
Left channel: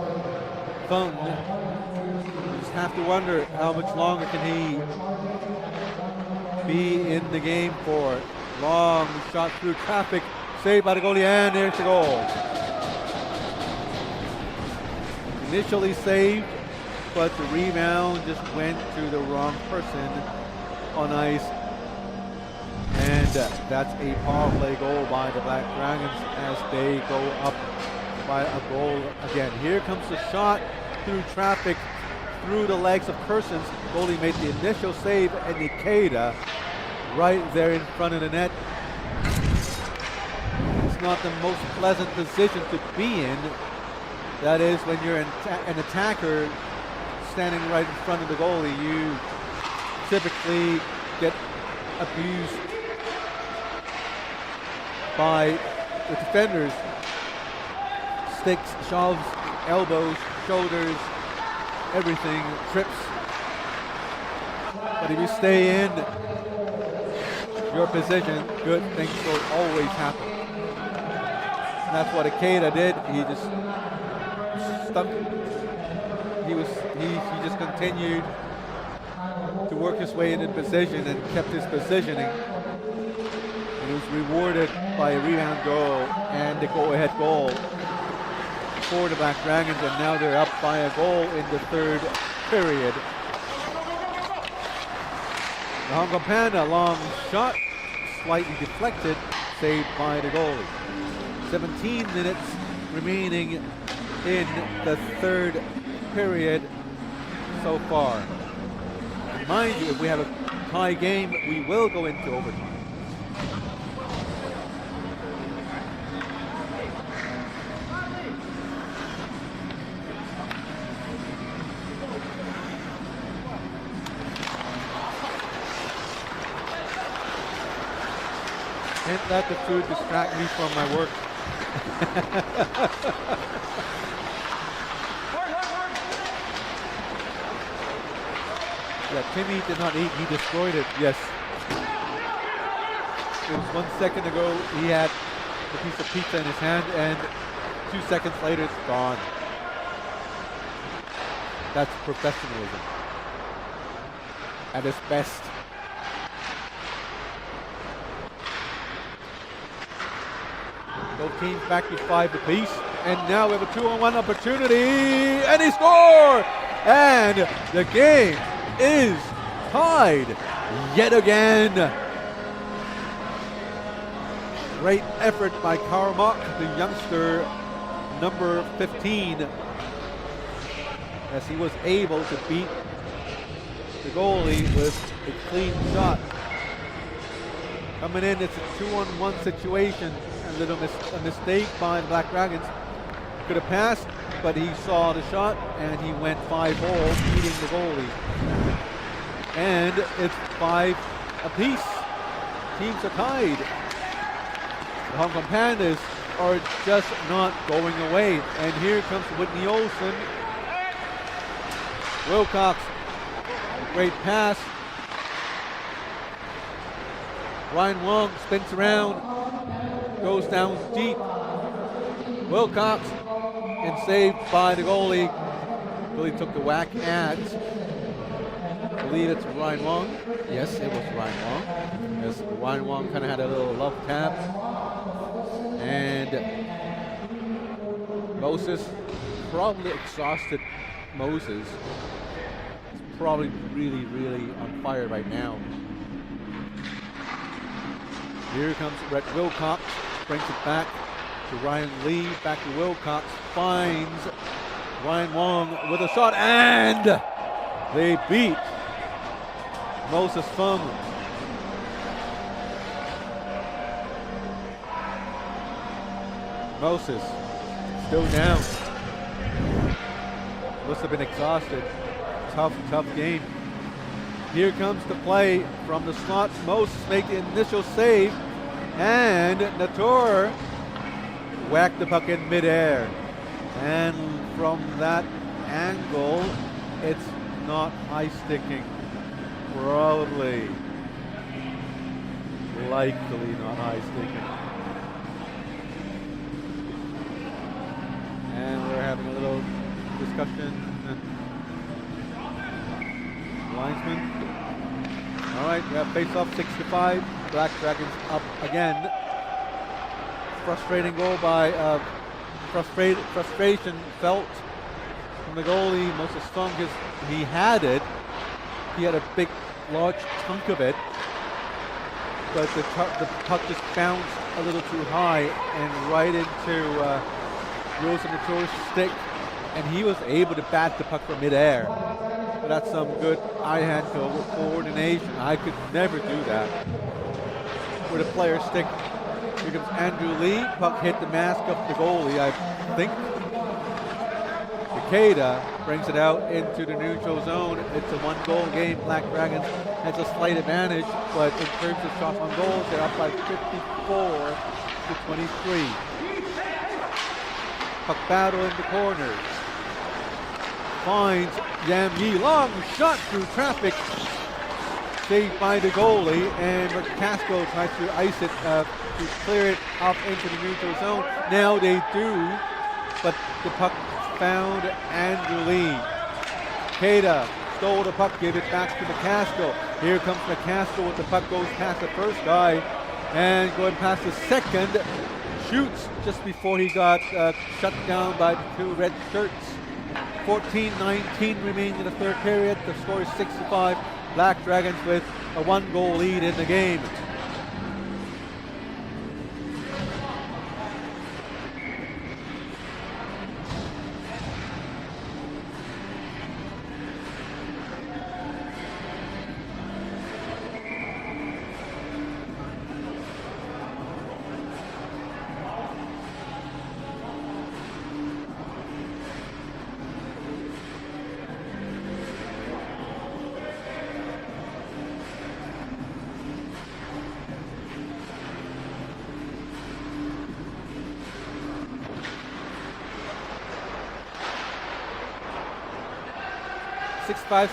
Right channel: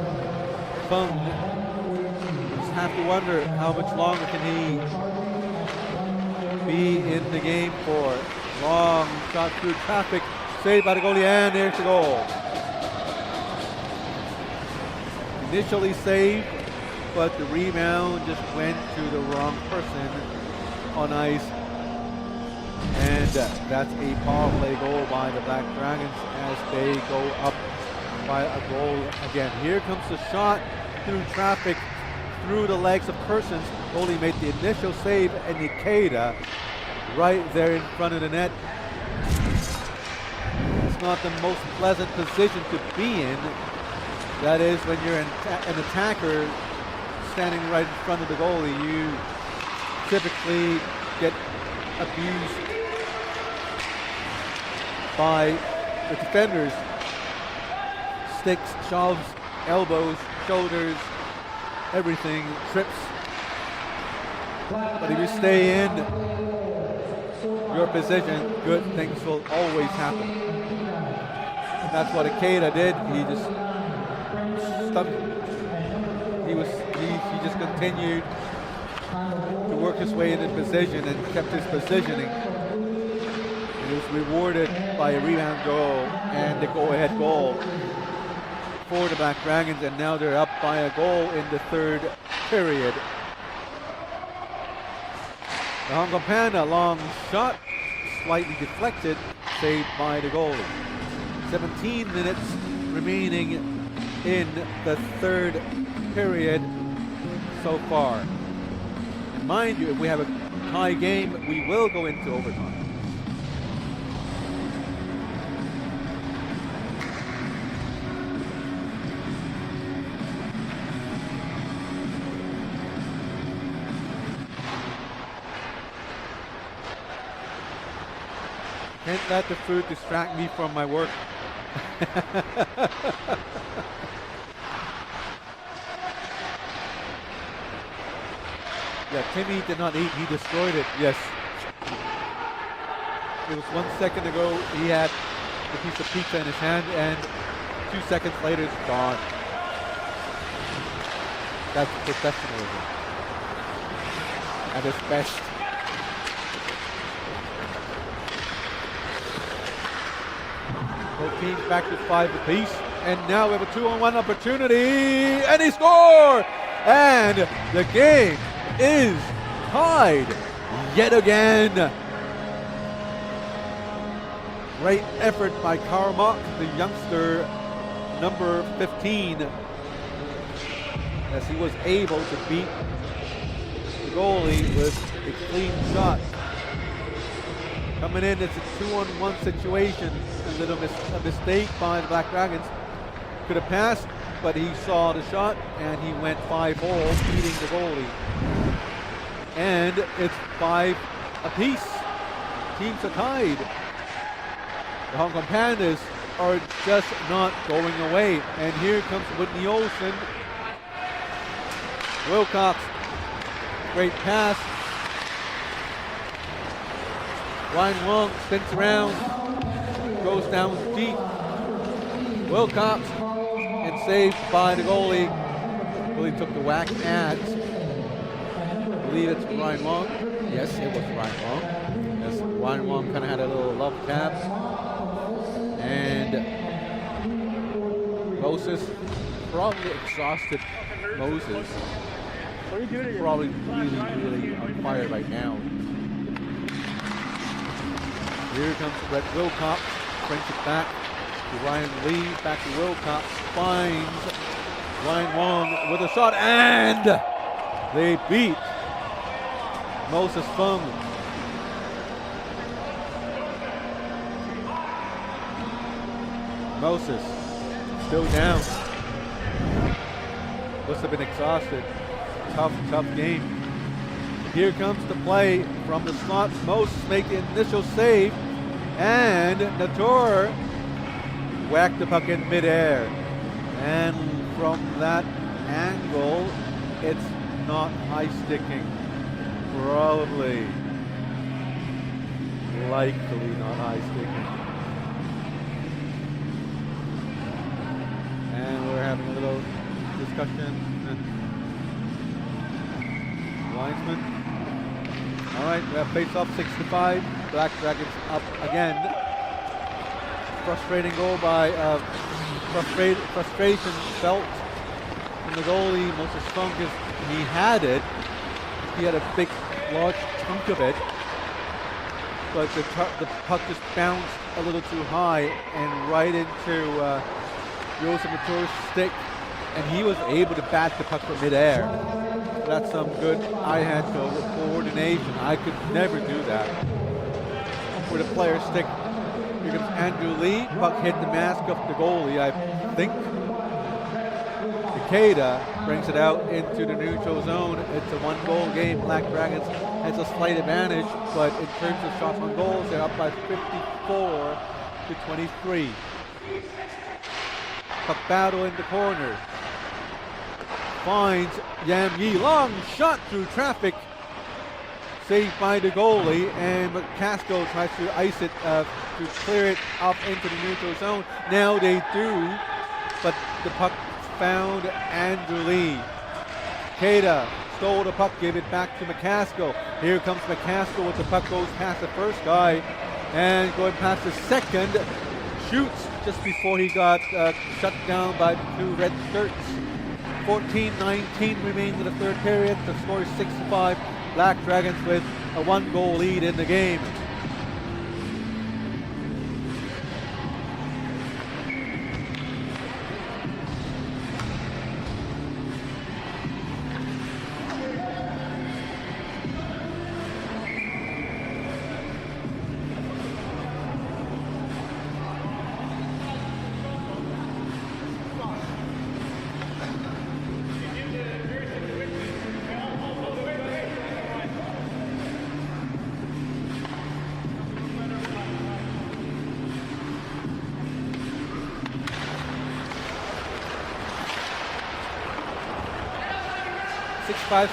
Fung, you just have to wonder how much longer can he be in the game for. Long shot through traffic, saved by the goalie, and there's the goal. Initially saved, but the rebound just went to the wrong person on ice. And that's a power play goal by the Black Dragons as they go up by a goal again. Here comes the shot through traffic, through the legs of Kersons. Goalie made the initial save, and Nikeda right there in front of the net. It's not the most pleasant position to be in. That is, when you're an attacker standing right in front of the goalie, you typically get abused by the defenders. Sticks, shoves, elbows, shoulders, everything, trips. But if you stay in your position, good things will always happen. And that's what Ikeda did. He just stuck. He just continued to work his way into position and kept his positioning. And he was rewarded by a rebound goal and the go-ahead goal for the Black Dragons, and now they're up by a goal in the third period. The Hong Kong Panda, long shot, slightly deflected, saved by the goalie. 17 minutes remaining in the third period so far. And mind you, if we have a tie game, we will go into overtime. Can't let the food distract me from my work. Yeah, Timmy did not eat, he destroyed it, yes. It was 1 second ago, he had a piece of pizza in his hand, and 2 seconds later it's gone. That's professionalism at its best. Both teams back to 5 apiece, and now we have a 2-on-1 opportunity, and he scored! And the game is tied yet again. Great effort by Karl Mock, the youngster, number 15, as he was able to beat the goalie with a clean shot. Coming in, it's a 2-on-1 situation. A mistake by the Black Dragons. Could have passed, but he saw the shot and he went 5-hole, beating the goalie. And it's 5 apiece. Teams are tied. The Hong Kong Pandas are just not going away. And here comes Whitney Olsen. Wilcox, great pass. Ryan Wong spins around, goes down deep. Wilcox, and saved by the goalie. Really took the whack at, I believe it's Ryan Wong. Yes, it was Ryan Wong. As Ryan Wong kind of had a little love tap. And Moses, probably exhausted Moses. He's probably really on fire right now. Here comes Brett Wilcox, brings it back to Ryan Lee, back to Wilcox, finds Ryan Wong with a shot, and they beat Moses Fung. Moses still down. Must have been exhausted. Tough game. Here comes the play from the slot. Moses make the initial save, and Natur whacked the puck in midair. And from that angle, it's not high sticking. Probably. Likely not high sticking. And we're having a little discussion. Linesman. All right, we have face-off 6-5. Black Dragons up again. Frustrating goal by frustration felt from the goalie. Moses Fung, he had it. He had a big, large chunk of it, but the puck just bounced a little too high and right into Joseph Natur's stick, and he was able to bat the puck from midair. That's some good eye-hand coordination. I could never do that. With a player's stick. Here comes Andrew Lee. Puck hit the mask of the goalie, I think. Takeda brings it out into the neutral zone. It's a one-goal game. Black Dragons has a slight advantage, but in terms of shots on goals, they're up by 54-23. Puck battle in the corner. Finds Yam Yi. Long shot through traffic. Saved by the goalie, and McCaskill tries to ice it to clear it up into the neutral zone. Now they do, but the puck found Andrew Lee. Takeda stole the puck, gave it back to McCaskill. Here comes McCaskill with the puck, goes past the first guy, and going past the second, shoots just before he got shut down by the two red shirts. 14-19 remaining in the third period. The score is 6-5. Black Dragons with a one-goal lead in the game.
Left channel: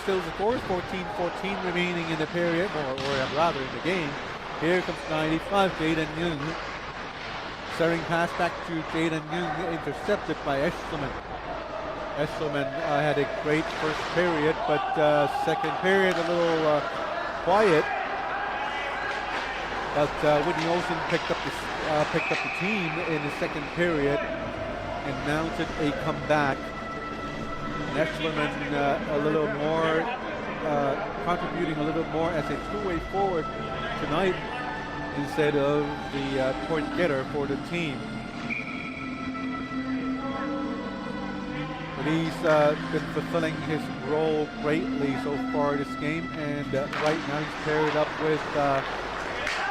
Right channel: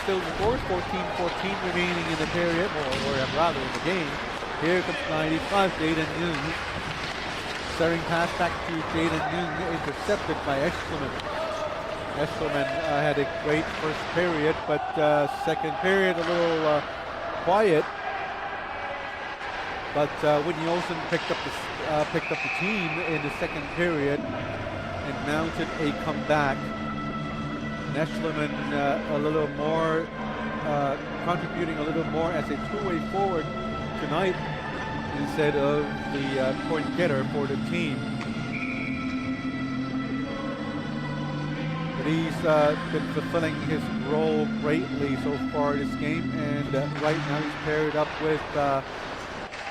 Still the course, 14-14 remaining in the period, or rather in the game. Here comes 95, Jaden Young. Staring pass back to Jaden Young, intercepted by Eschleman. Eschleman had a great first period, but second period a little quiet. But Whitney Olsen picked up the team in the second period and mounted a comeback. Eschleman a little more, contributing a little more as a two-way forward tonight instead of the point getter for the team. But he's been fulfilling his role greatly so far this game, and right now he's paired up with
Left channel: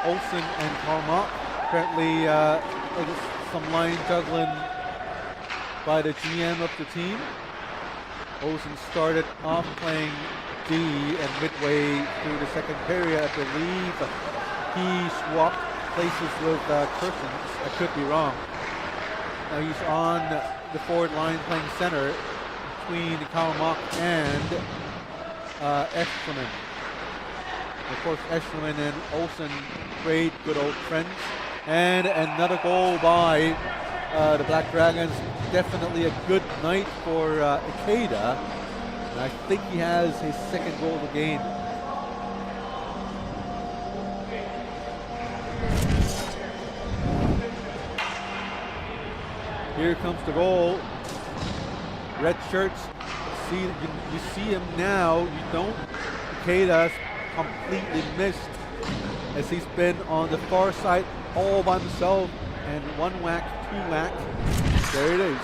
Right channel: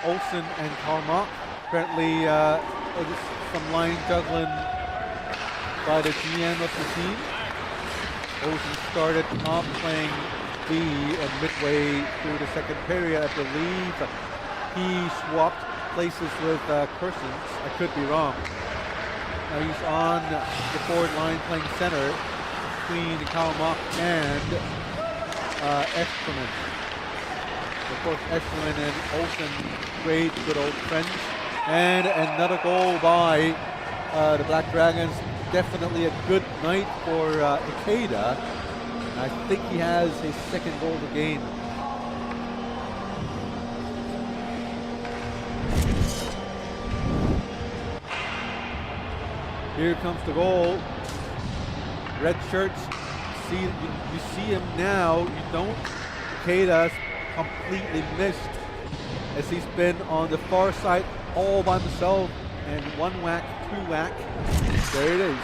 Olsen and Carmont. Apparently some line juggling by the GM of the team. Olsen started off playing D, and midway through the second period, I believe he swapped places with Kersons. I could be wrong. Now he's on the forward line playing center between Karl Mock and Eschleman. Of course, Eschleman and Olsen, great, good old friends. And another goal by the Black Dragons. Definitely a good night for Ikeda. And I think he has his second goal of the game. Here comes the goal. Red shirts. You see him now. You don't. Ikeda's completely missed as he's been on the far side all by himself, and one whack, two whack. There it is.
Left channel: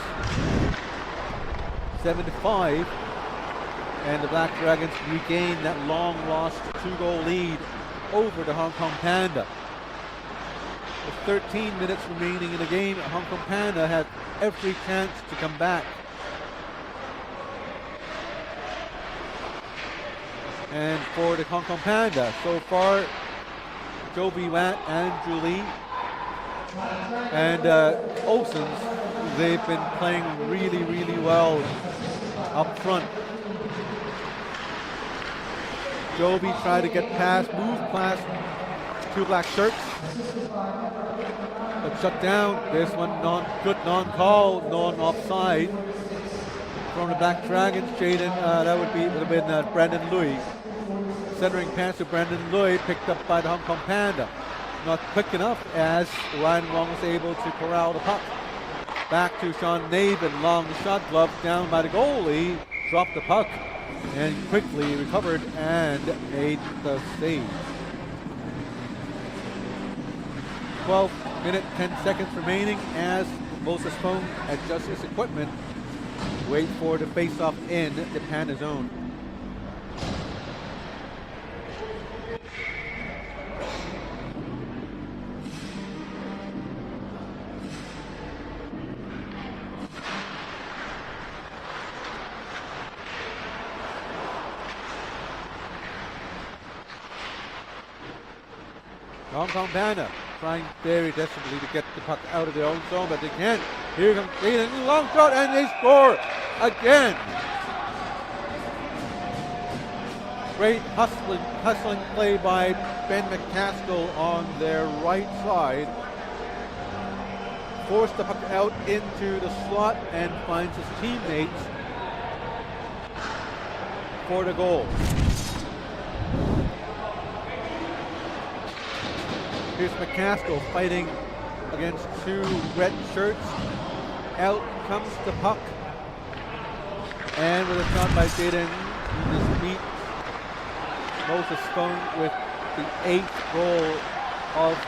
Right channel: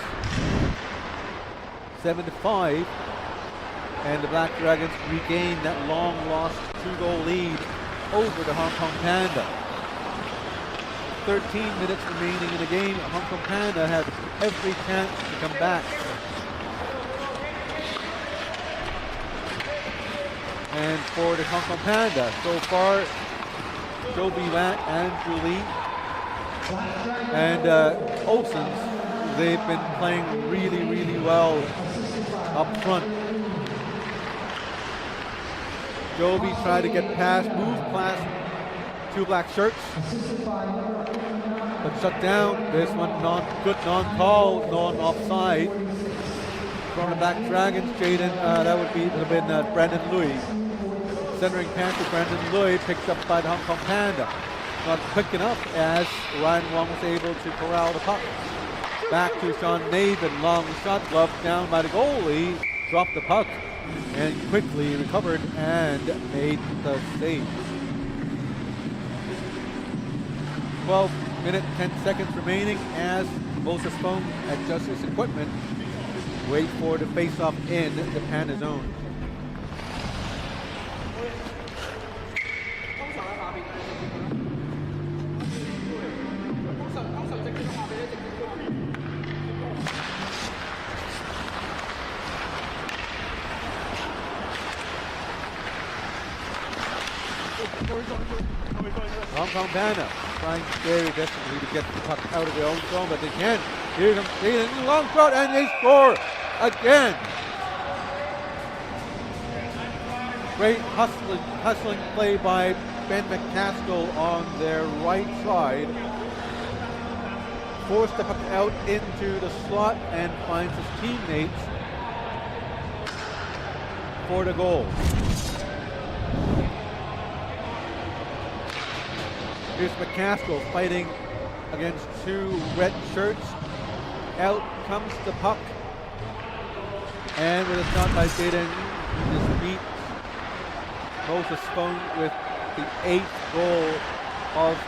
7-5, and the Black Dragons regain that long lost 2-goal lead over the Hong Kong Panda. With 13 minutes remaining in the game, Hong Kong Panda had every chance to come back. And for the Hong Kong Panda, so far, Joe Biwat, Andrew Lee, and Olsen's, they've been playing really, really well up front. Joby tried to get past, move past two black shirts, but shut down. This one good non-call, non-offside from the Black Dragons. Jaden, that would have been Brandon Lui. Centering pass to Brandon Lui, picked up by the Hong Kong Panda. Not quick enough as Ryan Wong was able to corral the puck. Back to Sean Navin, long shot, gloved down by the goalie, dropped the puck, and quickly recovered and made the save. 12 minutes, 10 seconds remaining as Moses Fong adjusts his equipment. Wait for the face-off in the Panda zone. Hong Kong Panda trying very desperately to get the puck out of their own zone, but they can't. Here comes Jaden, long shot, and they score again. Great hustling play by Ben McCaskill on their right side. Forced the puck out into the slot and finds his teammates for the goal. Here's McCaskill fighting against two red shirts. Out comes the puck. And with a shot by Jaden, he just beats Moses Fong with the 8th goal of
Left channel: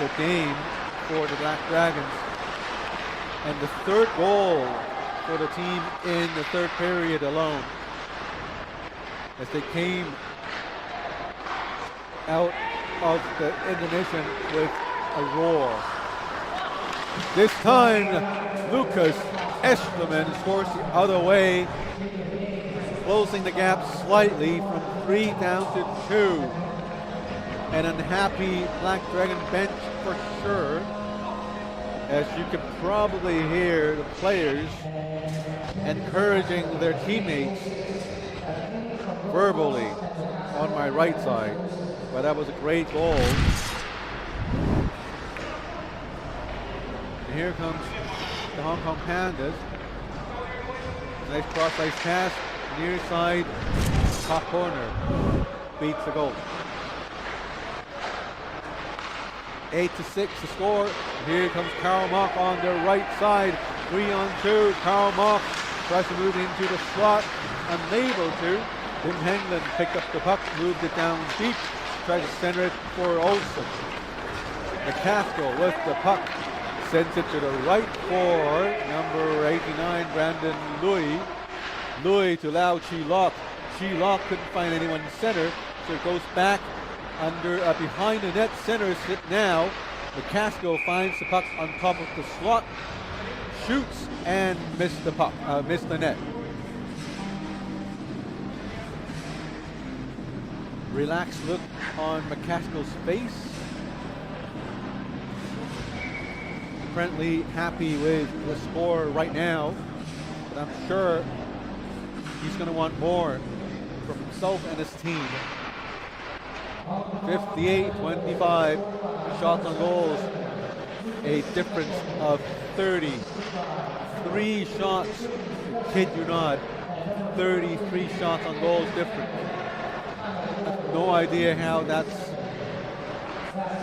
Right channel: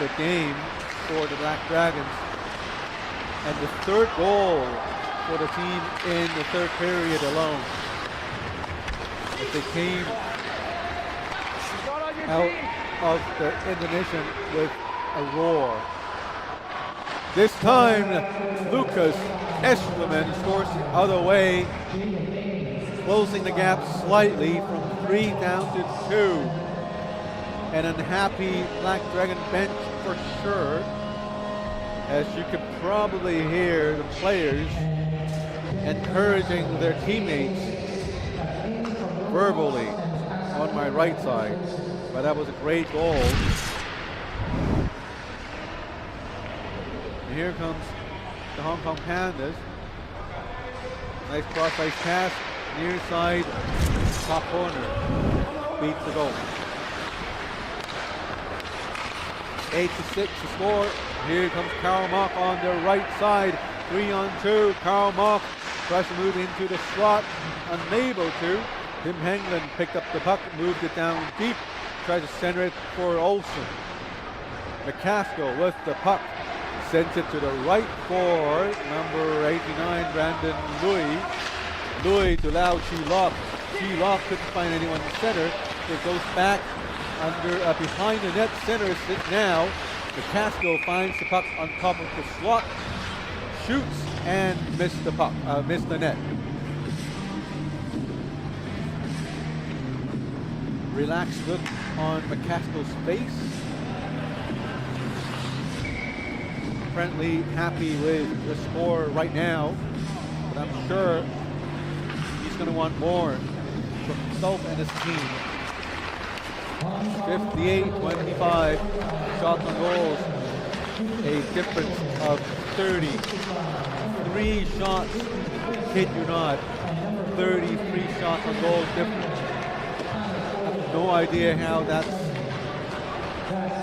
the game for the Black Dragons. And the 3rd goal for the team in the 3rd period alone. As they came out of the intermission with a roar. This time, Lucas Eschleman scores the other way, closing the gap slightly from 3 down to 2. An unhappy Black Dragon bench for sure, as you can probably hear the players encouraging their teammates verbally on my right side. But that was a great goal. And here comes the Hong Kong Pandas. Nice cross-ice pass, near side, top corner. Beats the goal. 8-6 to score. Here comes Karl Mock on the right side. 3-on-2. Karl Mock tries to move into the slot. Unable to. Tim Hengland picked up the puck, moved it down deep. Tries to center it for Olsen. McCaskill with the puck. Sends it to the right for number 89, Brandon Lui. Lui to Lau Chi Lok. Chi Lok couldn't find anyone in center, so it goes back under behind the net. Centers it now. McCaskill finds the puck on top of the slot, shoots and missed the puck, missed the net. Relaxed look on McCaskill's face. apparently happy with the score right now, but I'm sure he's going to want more from himself and his team. 58-25 shots on goals, a difference of 30. 3 shots, I kid you not, 33 shots on goals difference. I have no idea how that's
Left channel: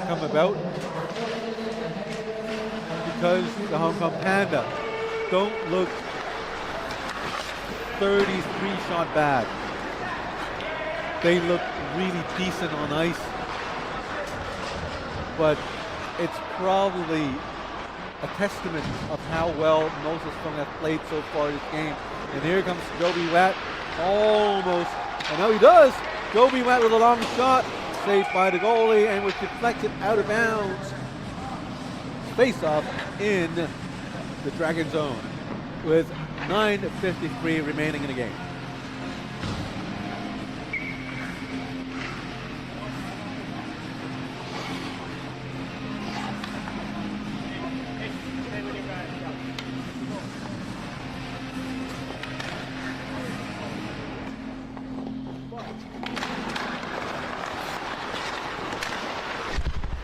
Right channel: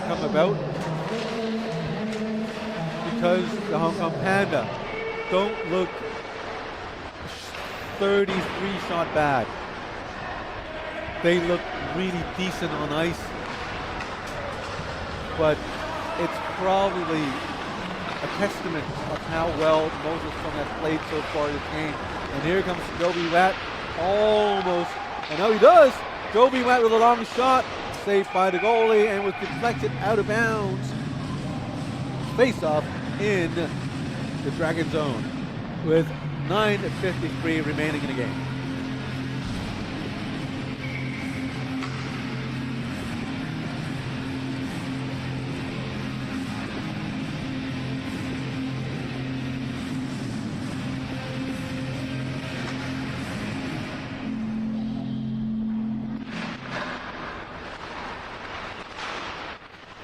come about, because the Hong Kong Panda don't look 33 shot bad. They look really decent on ice, but it's probably a testament of how well Moses Fung has played so far this game. And here comes Joby Watt, almost, and now he does. Joby Watt with a long shot, saved by the goalie, and was deflected out of bounds. Face-off in the Dragon zone with 9:53 remaining in the game.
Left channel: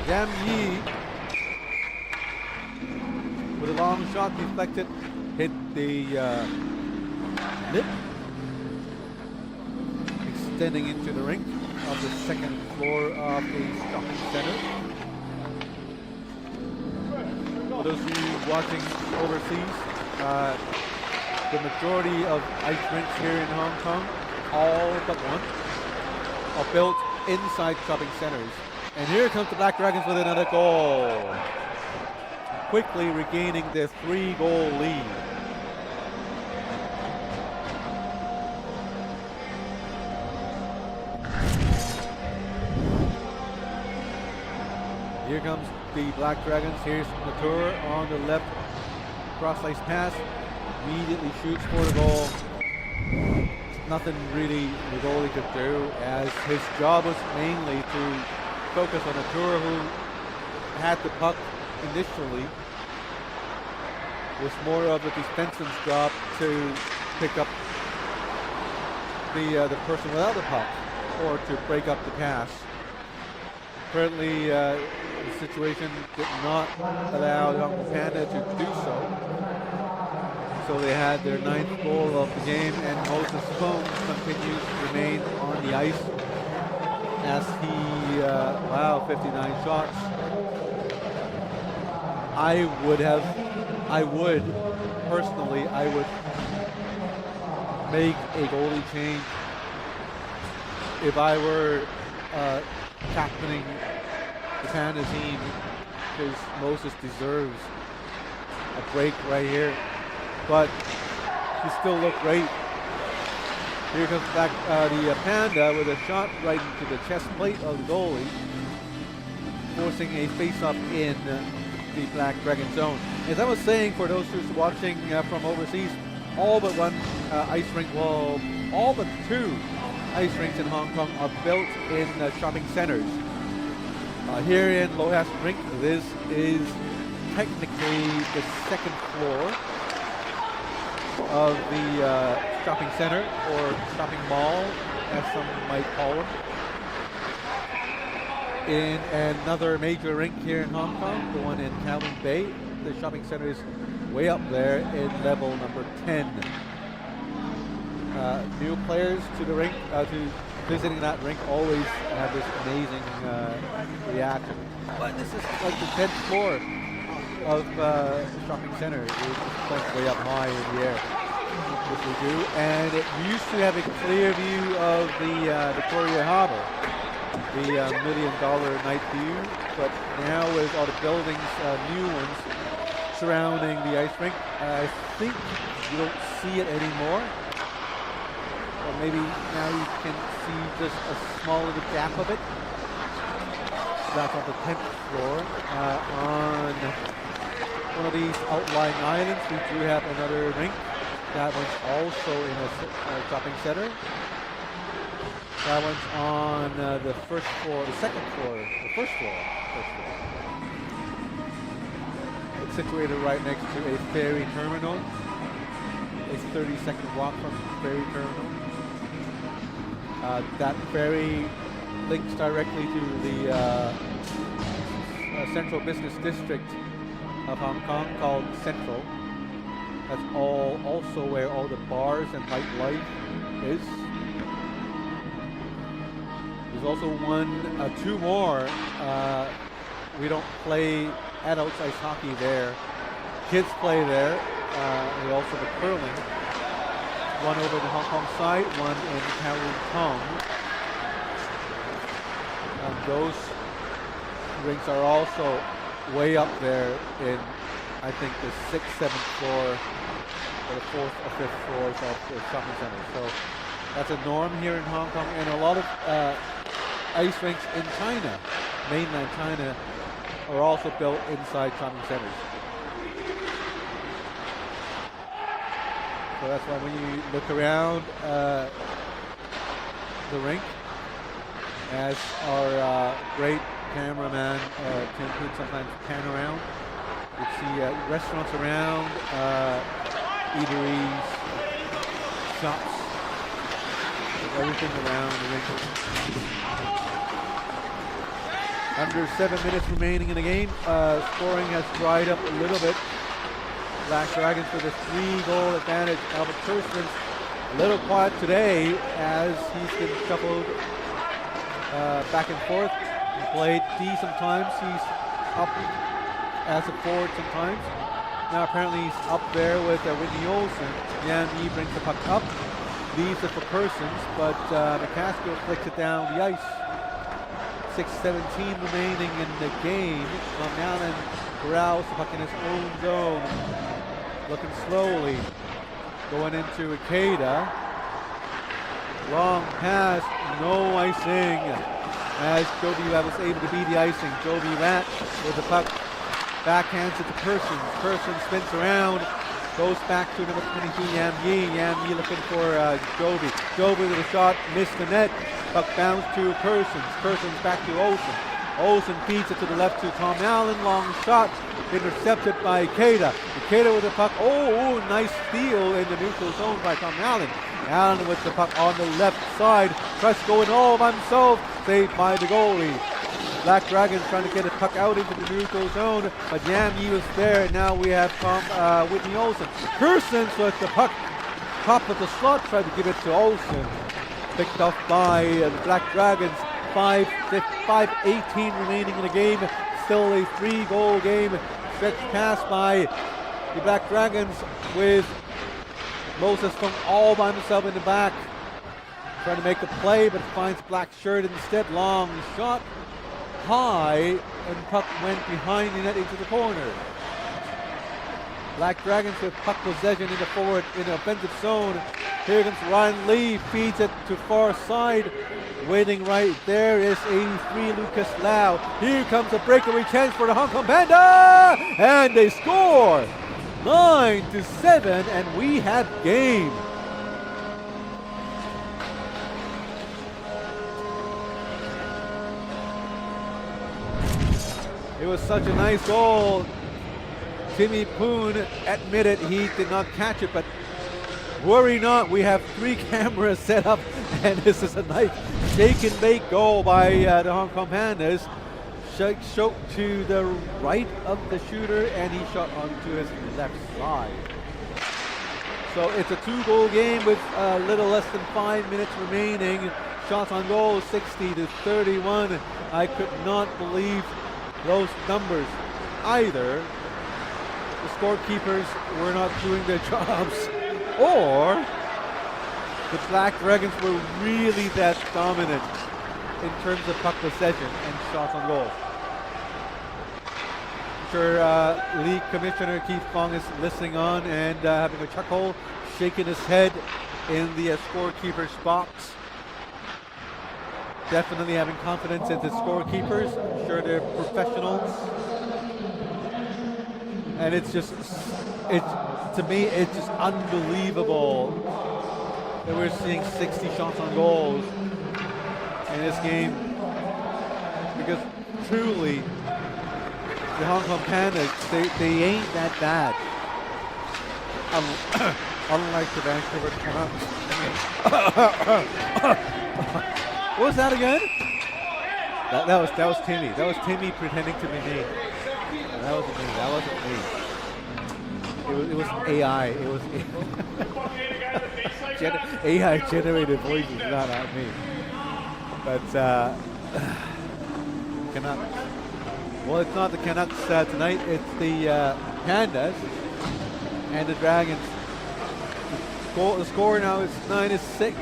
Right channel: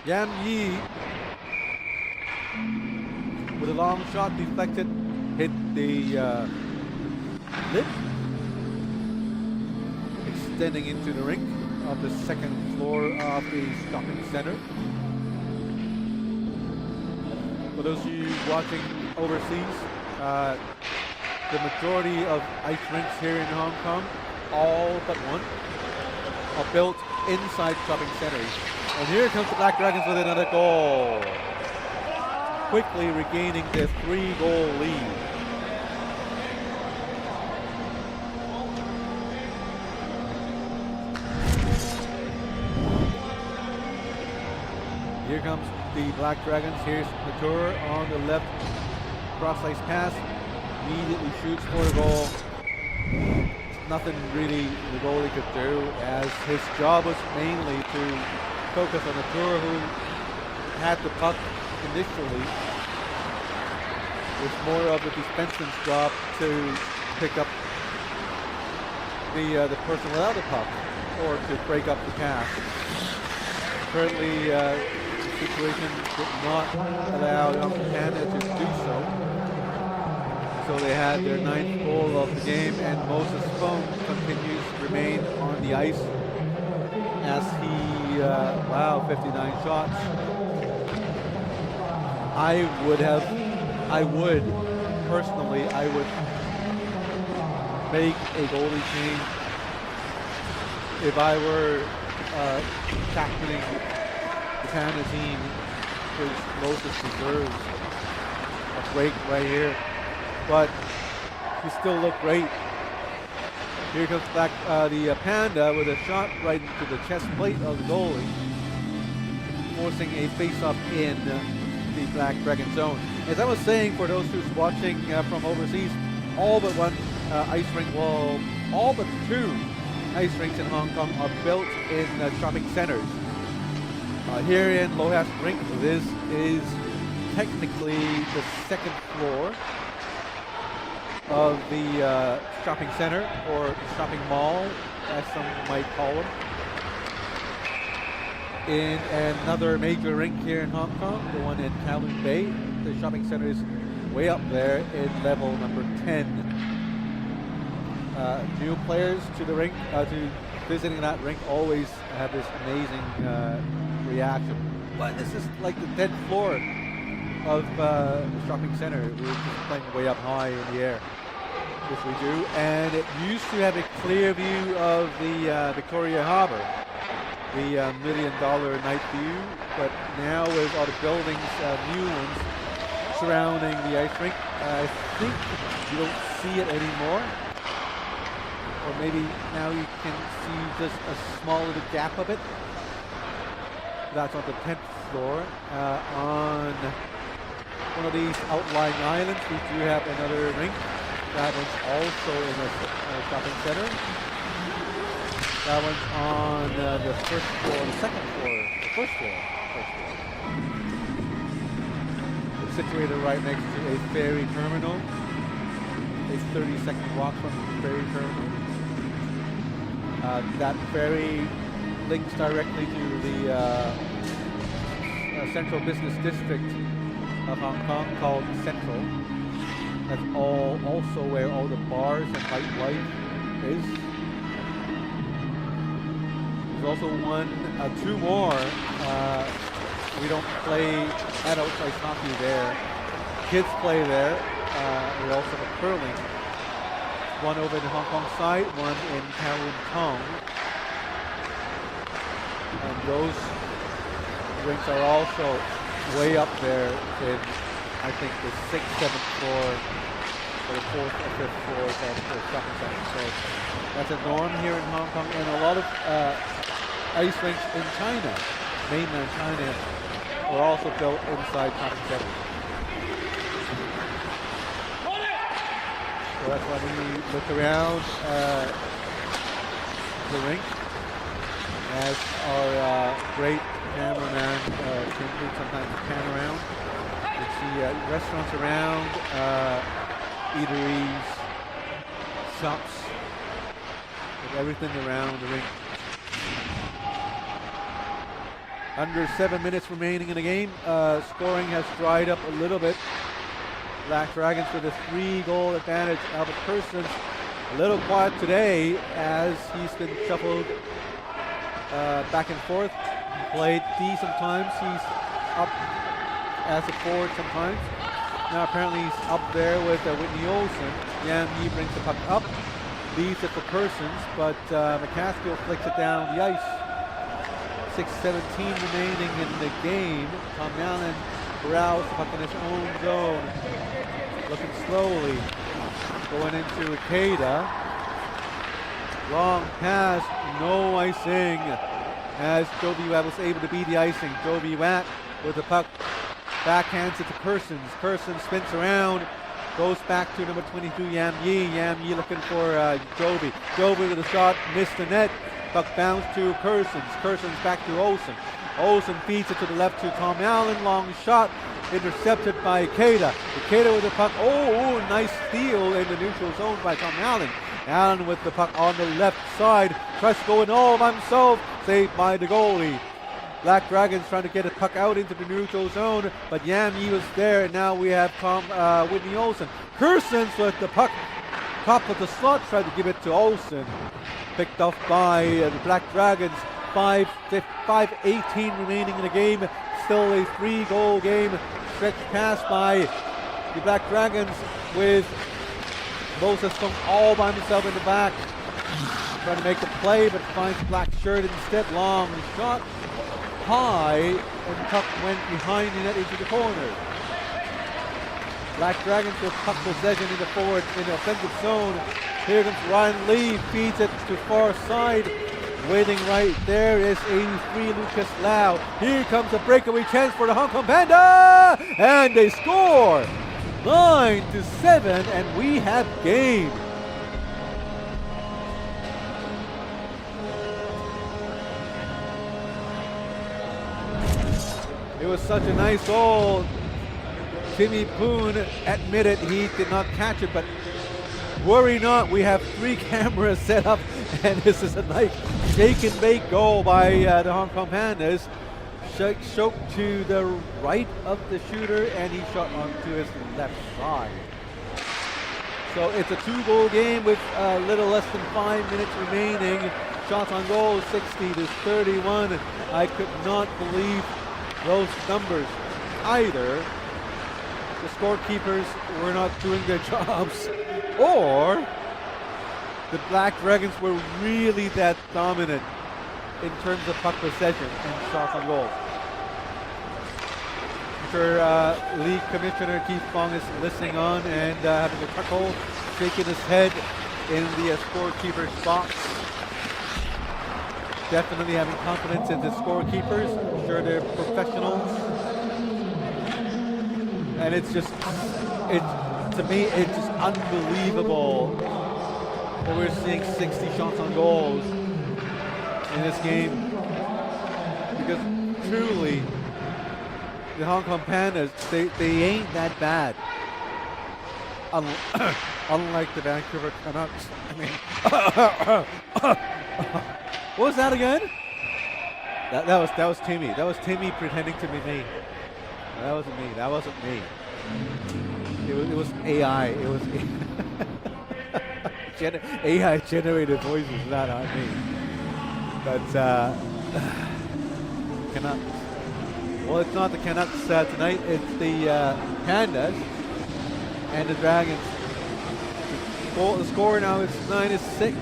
Yam Yi with a long shot deflected, hit the lip, extending into the rink of the second floor of the shopping center. For those of you watching overseas, the majority of ice rinks here in Hong Kong, all but one, are built inside shopping centers. And here comes the Black Dragons with another goal, quickly regaining their 3-goal lead. Here comes the Black Dragons. Here's Natur on the left, cross-ice pass, immediately shoots for the goal. Nothing really the goalie could do, as his job was mainly to focus on Natur, who had the puck initially. It was more of a defenseman's job to pick up the person without the puck, or to break up the pass. Currently, the situation did not allow the Hong Kong Panda to do so. So they had their 9th goal of the game, and Moses Fung continues to remain on the ice as he, 59 shots. I would personally make a goalie change if I were captaining the Panda team, because Moses deserves a break right here. But he still looked great. Here comes back the Panda with a shot right into the chest plate of the goalie, forcing a face-off in the Black Dragon zone. As I was saying, for those who's watching from overseas, all but one ice rink, well, all but 2 ice rinks in Hong Kong are built in shopping centers. Here in Lohas Rink, this is technically the 2nd floor of the shopping center, or shopping mall, as some might call them. In another major rink here in Hong Kong, the one in Kowloon Bay, the shopping center is way up there in level number 10. New players to the rink, to visiting that rink, always have this amazing reaction. But this is like the 10th floor of the shopping center. We're just playing way up high in the air. Yes, we do. And it used to have a clear view of the Victoria Harbour, the $1 million night view. But now with all the buildings, new ones, surrounding the ice rink, I think you don't see it anymore. Or maybe now you can see just a small little gap of it. That's on the 10th floor. On one of these outlying islands, we do have another rink. That one's also in a shopping center. That one's on the 1st floor, the 2nd floor, the 1st floor. It's situated right next to a ferry terminal, a 30-second walk from the ferry terminal. That ferry links directly to the central business district of Hong Kong called Central. That's also where all the bars and nightlife is. There's also two more. We don't play adults ice hockey there. Kids play there. We also have curling. One over the Hong Kong side, one in Kowloon Tong. And those rinks are also way up there in, I think, the 6th, 7th floor, or the 4th or 5th floors of the shopping center. So that's a norm here in Hong Kong, and a lot of ice rinks in China, mainland China, are also built inside shopping centers. So that's why when you look around the rink, as our great cameraman Tim Poon sometimes pan around, you see restaurants around, eateries, shops, everything around the rink. Under 7 minutes remaining in the game. Scoring has dried up a little bit. Black Dragons with a 3-goal advantage. Albert Kirsten's a little quiet today as he's been shuffled back and forth. He played D sometimes. He's up as a forward sometimes. Now apparently he's up there with Whitney Olsen. Yan Yi brings the puck up, leaves it for Kersons, but McCaskill flicks it down the ice. 6:17 remaining in the game. Tom Allen corrals the puck in his own zone. Looking slowly. Going into Ikeda. Long pass, no icing. As Joby Watt was able to beat the icing. Joby Watt with the puck. Backhands it to Kersons. Kersons spins around. Goes back to number 22, Yam Yi. Yam Yi looking for Joby. Joby with a shot, missed the net. Puck bounced to Kersons. Kersons back to Olsen. Olsen feeds it to the left to Tom Allen. Long shot intercepted by Ikeda. Ikeda with the puck. Oh, nice steal in the neutral zone by Tom Allen. Allen with the puck on the left side. Tries to go in all by himself. Saved by the goalie. Black Dragons trying to get a puck out into the neutral zone, but Yam Yi was there. And now we have Whitney Olsen. Kersons with the puck. Top of the slot. Tried to give it to Olsen. Picked off by the Black Dragons. 5:18 remaining in the game. Still a 3-goal game. Stretched pass by the Black Dragons with Moses Fung all by himself in the back. Trying to make the play, but finds Black Shirt instead. Long shot. High, and puck went behind the net into the corner. Black Dragons with puck possession in the offensive zone. Here comes Ryan Lee, feeds it to far side. Waiting right there is 83 Lucas Lau. Here comes a breakaway chance for the Hong Kong Panda, and they score 9-7, and we have game. It was such a nice goal. Timmy Poon admitted he did not catch it, but worry not, we have 3 cameras set up, and this is a nice shake and bake goal by the Hong Kong Pandas. Shook to the right of the shooter, and he shot onto his left side. So it's a 2-goal game with a little less than 5 minutes remaining. Shots on goal, 60-31. I could not believe those numbers either. The scorekeepers were not doing their jobs, or the Black Dragons were really that dominant in terms of puck possession and shots on goal. I'm sure League Commissioner Keith Fong is listening on and having a chuckle, shaking his head in the scorekeeper's box. Definitely having confidence in the scorekeepers. I'm sure they're professionals. And to me, it's just unbelievable that we're seeing 60 shots on goals in this game. Because truly, the Hong Kong Pandas, they ain't that bad. Unlike the Vancouver Canucks. What was that again? That was Timmy. That was Timmy pretending to be me. No, that wasn't me. That wasn't me. It was AI. It was AI generated voices, not me. But Canucks. Well, it's not the Canucks tonight. It's the Pandas and the Dragons. The score now is 9-6.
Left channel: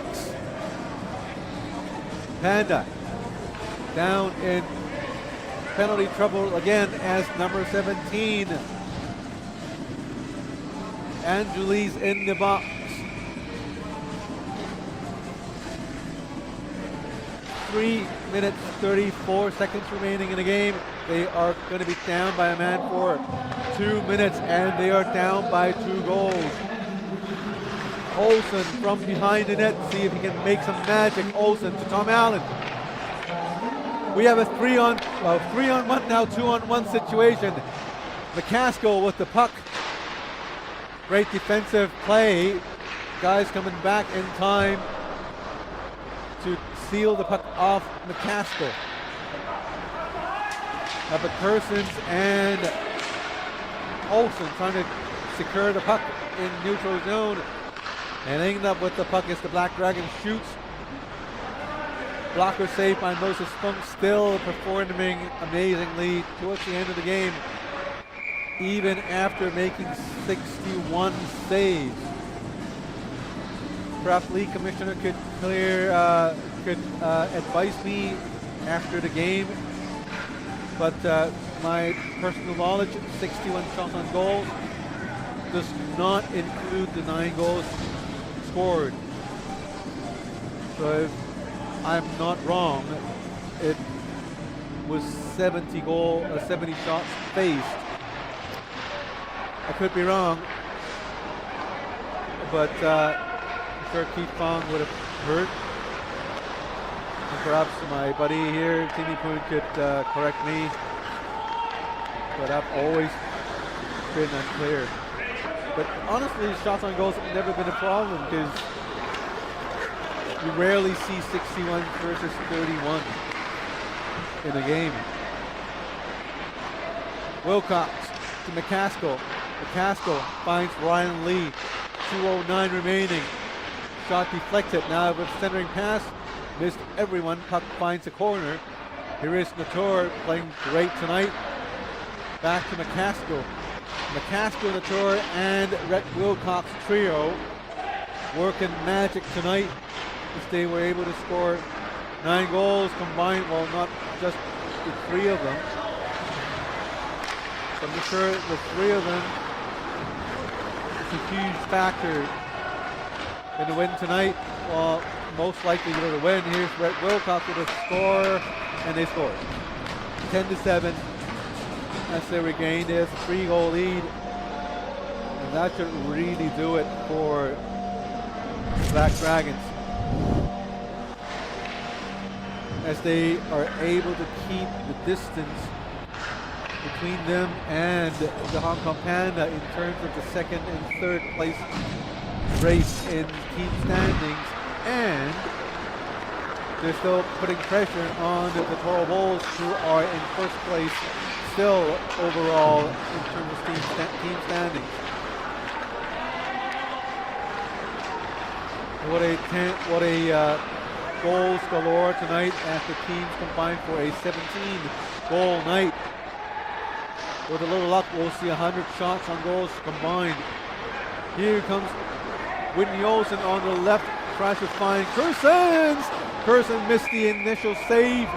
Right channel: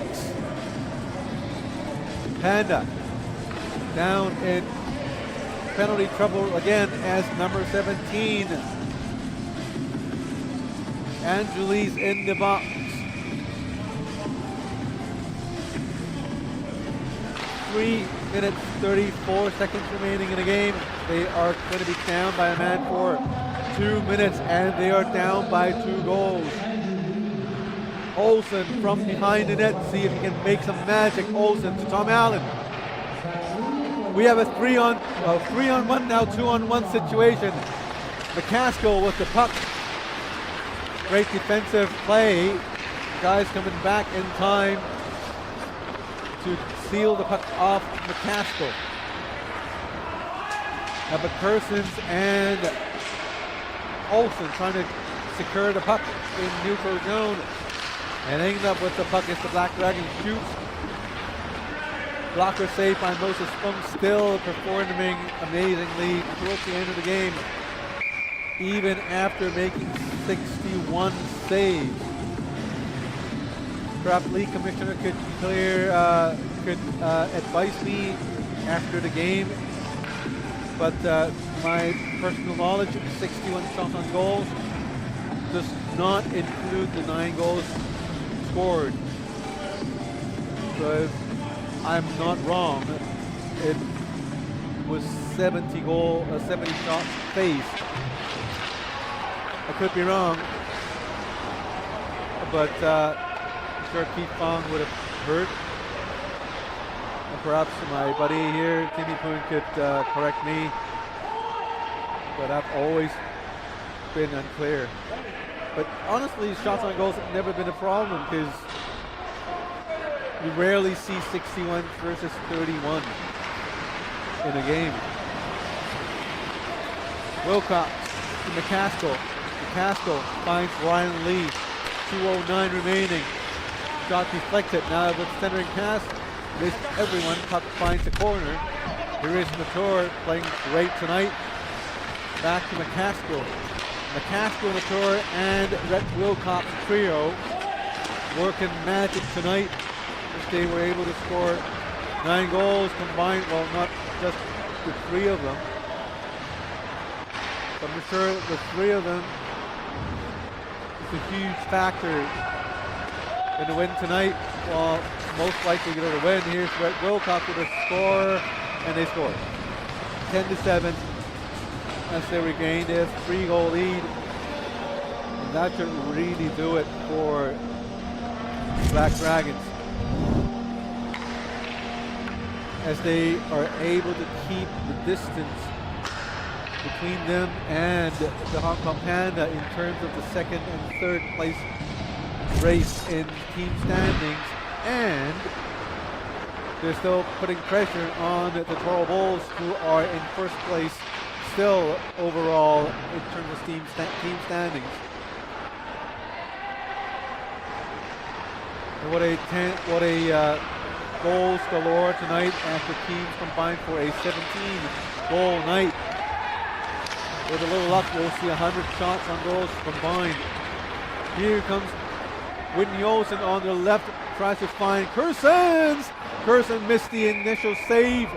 Panda down in penalty trouble again as number 17. Angelis in the box. 3 minutes 34 seconds remaining in the game. They are going to be down by a man for 2 minutes, and they are down by 2 goals. Olsen from behind the net, see if he can make some magic. Olsen to Tom Allen. We have a 3-on-1 now, 2-on-1 situation. McCaskill with the puck. Great defensive play. Guys coming back in time to seal the puck off McCaskill. But Kersons and Olsen trying to secure the puck in neutral zone. And ending up with the puck as the Black Dragon shoots. Blocker save by Moses Funk, still performing amazingly towards the end of the game, even after making 61 saves. Perhaps league commissioner could advise me after the game, but my personal knowledge, 61 shots on goals does not include the 9 goals scored. So if I'm not wrong, it was 70 shots faced. I could be wrong, but I'm sure Keith Fong would have heard. And perhaps my buddy here, Timmy Poon, could correct me. But I've always been unclear. But honestly, shots on goals have never been a problem because you rarely see 61 versus 31 in a game. Wilcox to McCaskill. McCaskill finds Ryan Lee. 2:09 remaining. Shot deflected. Now with centering pass. Missed everyone. Puck finds the corner. Here is Latour playing great tonight. Back to McCaskill. McCaskill, Latour, and Rhett Wilcox trio working magic tonight. As they were able to score 9 goals combined. Well, not just the 3 of them. So I'm sure the 3 of them is a huge factor in the win tonight. Well, most likely going to win. Here's Rhett Wilcox with a score, and they scored. 10-7 as they regained their 3-goal lead. And that should really do it for Black Dragons, as they are able to keep the distance between them and the Hong Kong Panda in terms of the 2nd and 3rd place race in team standings, and they're still putting pressure on the Toro Bulls, who are in 1st place still overall in terms of team standings. And what a goals galore tonight as the teams combined for a 17-goal night. With a little luck, we'll see 100 shots on goals combined. Here comes Whitney Olsen on the left, tries to find Kersons. Kerson missed the initial save.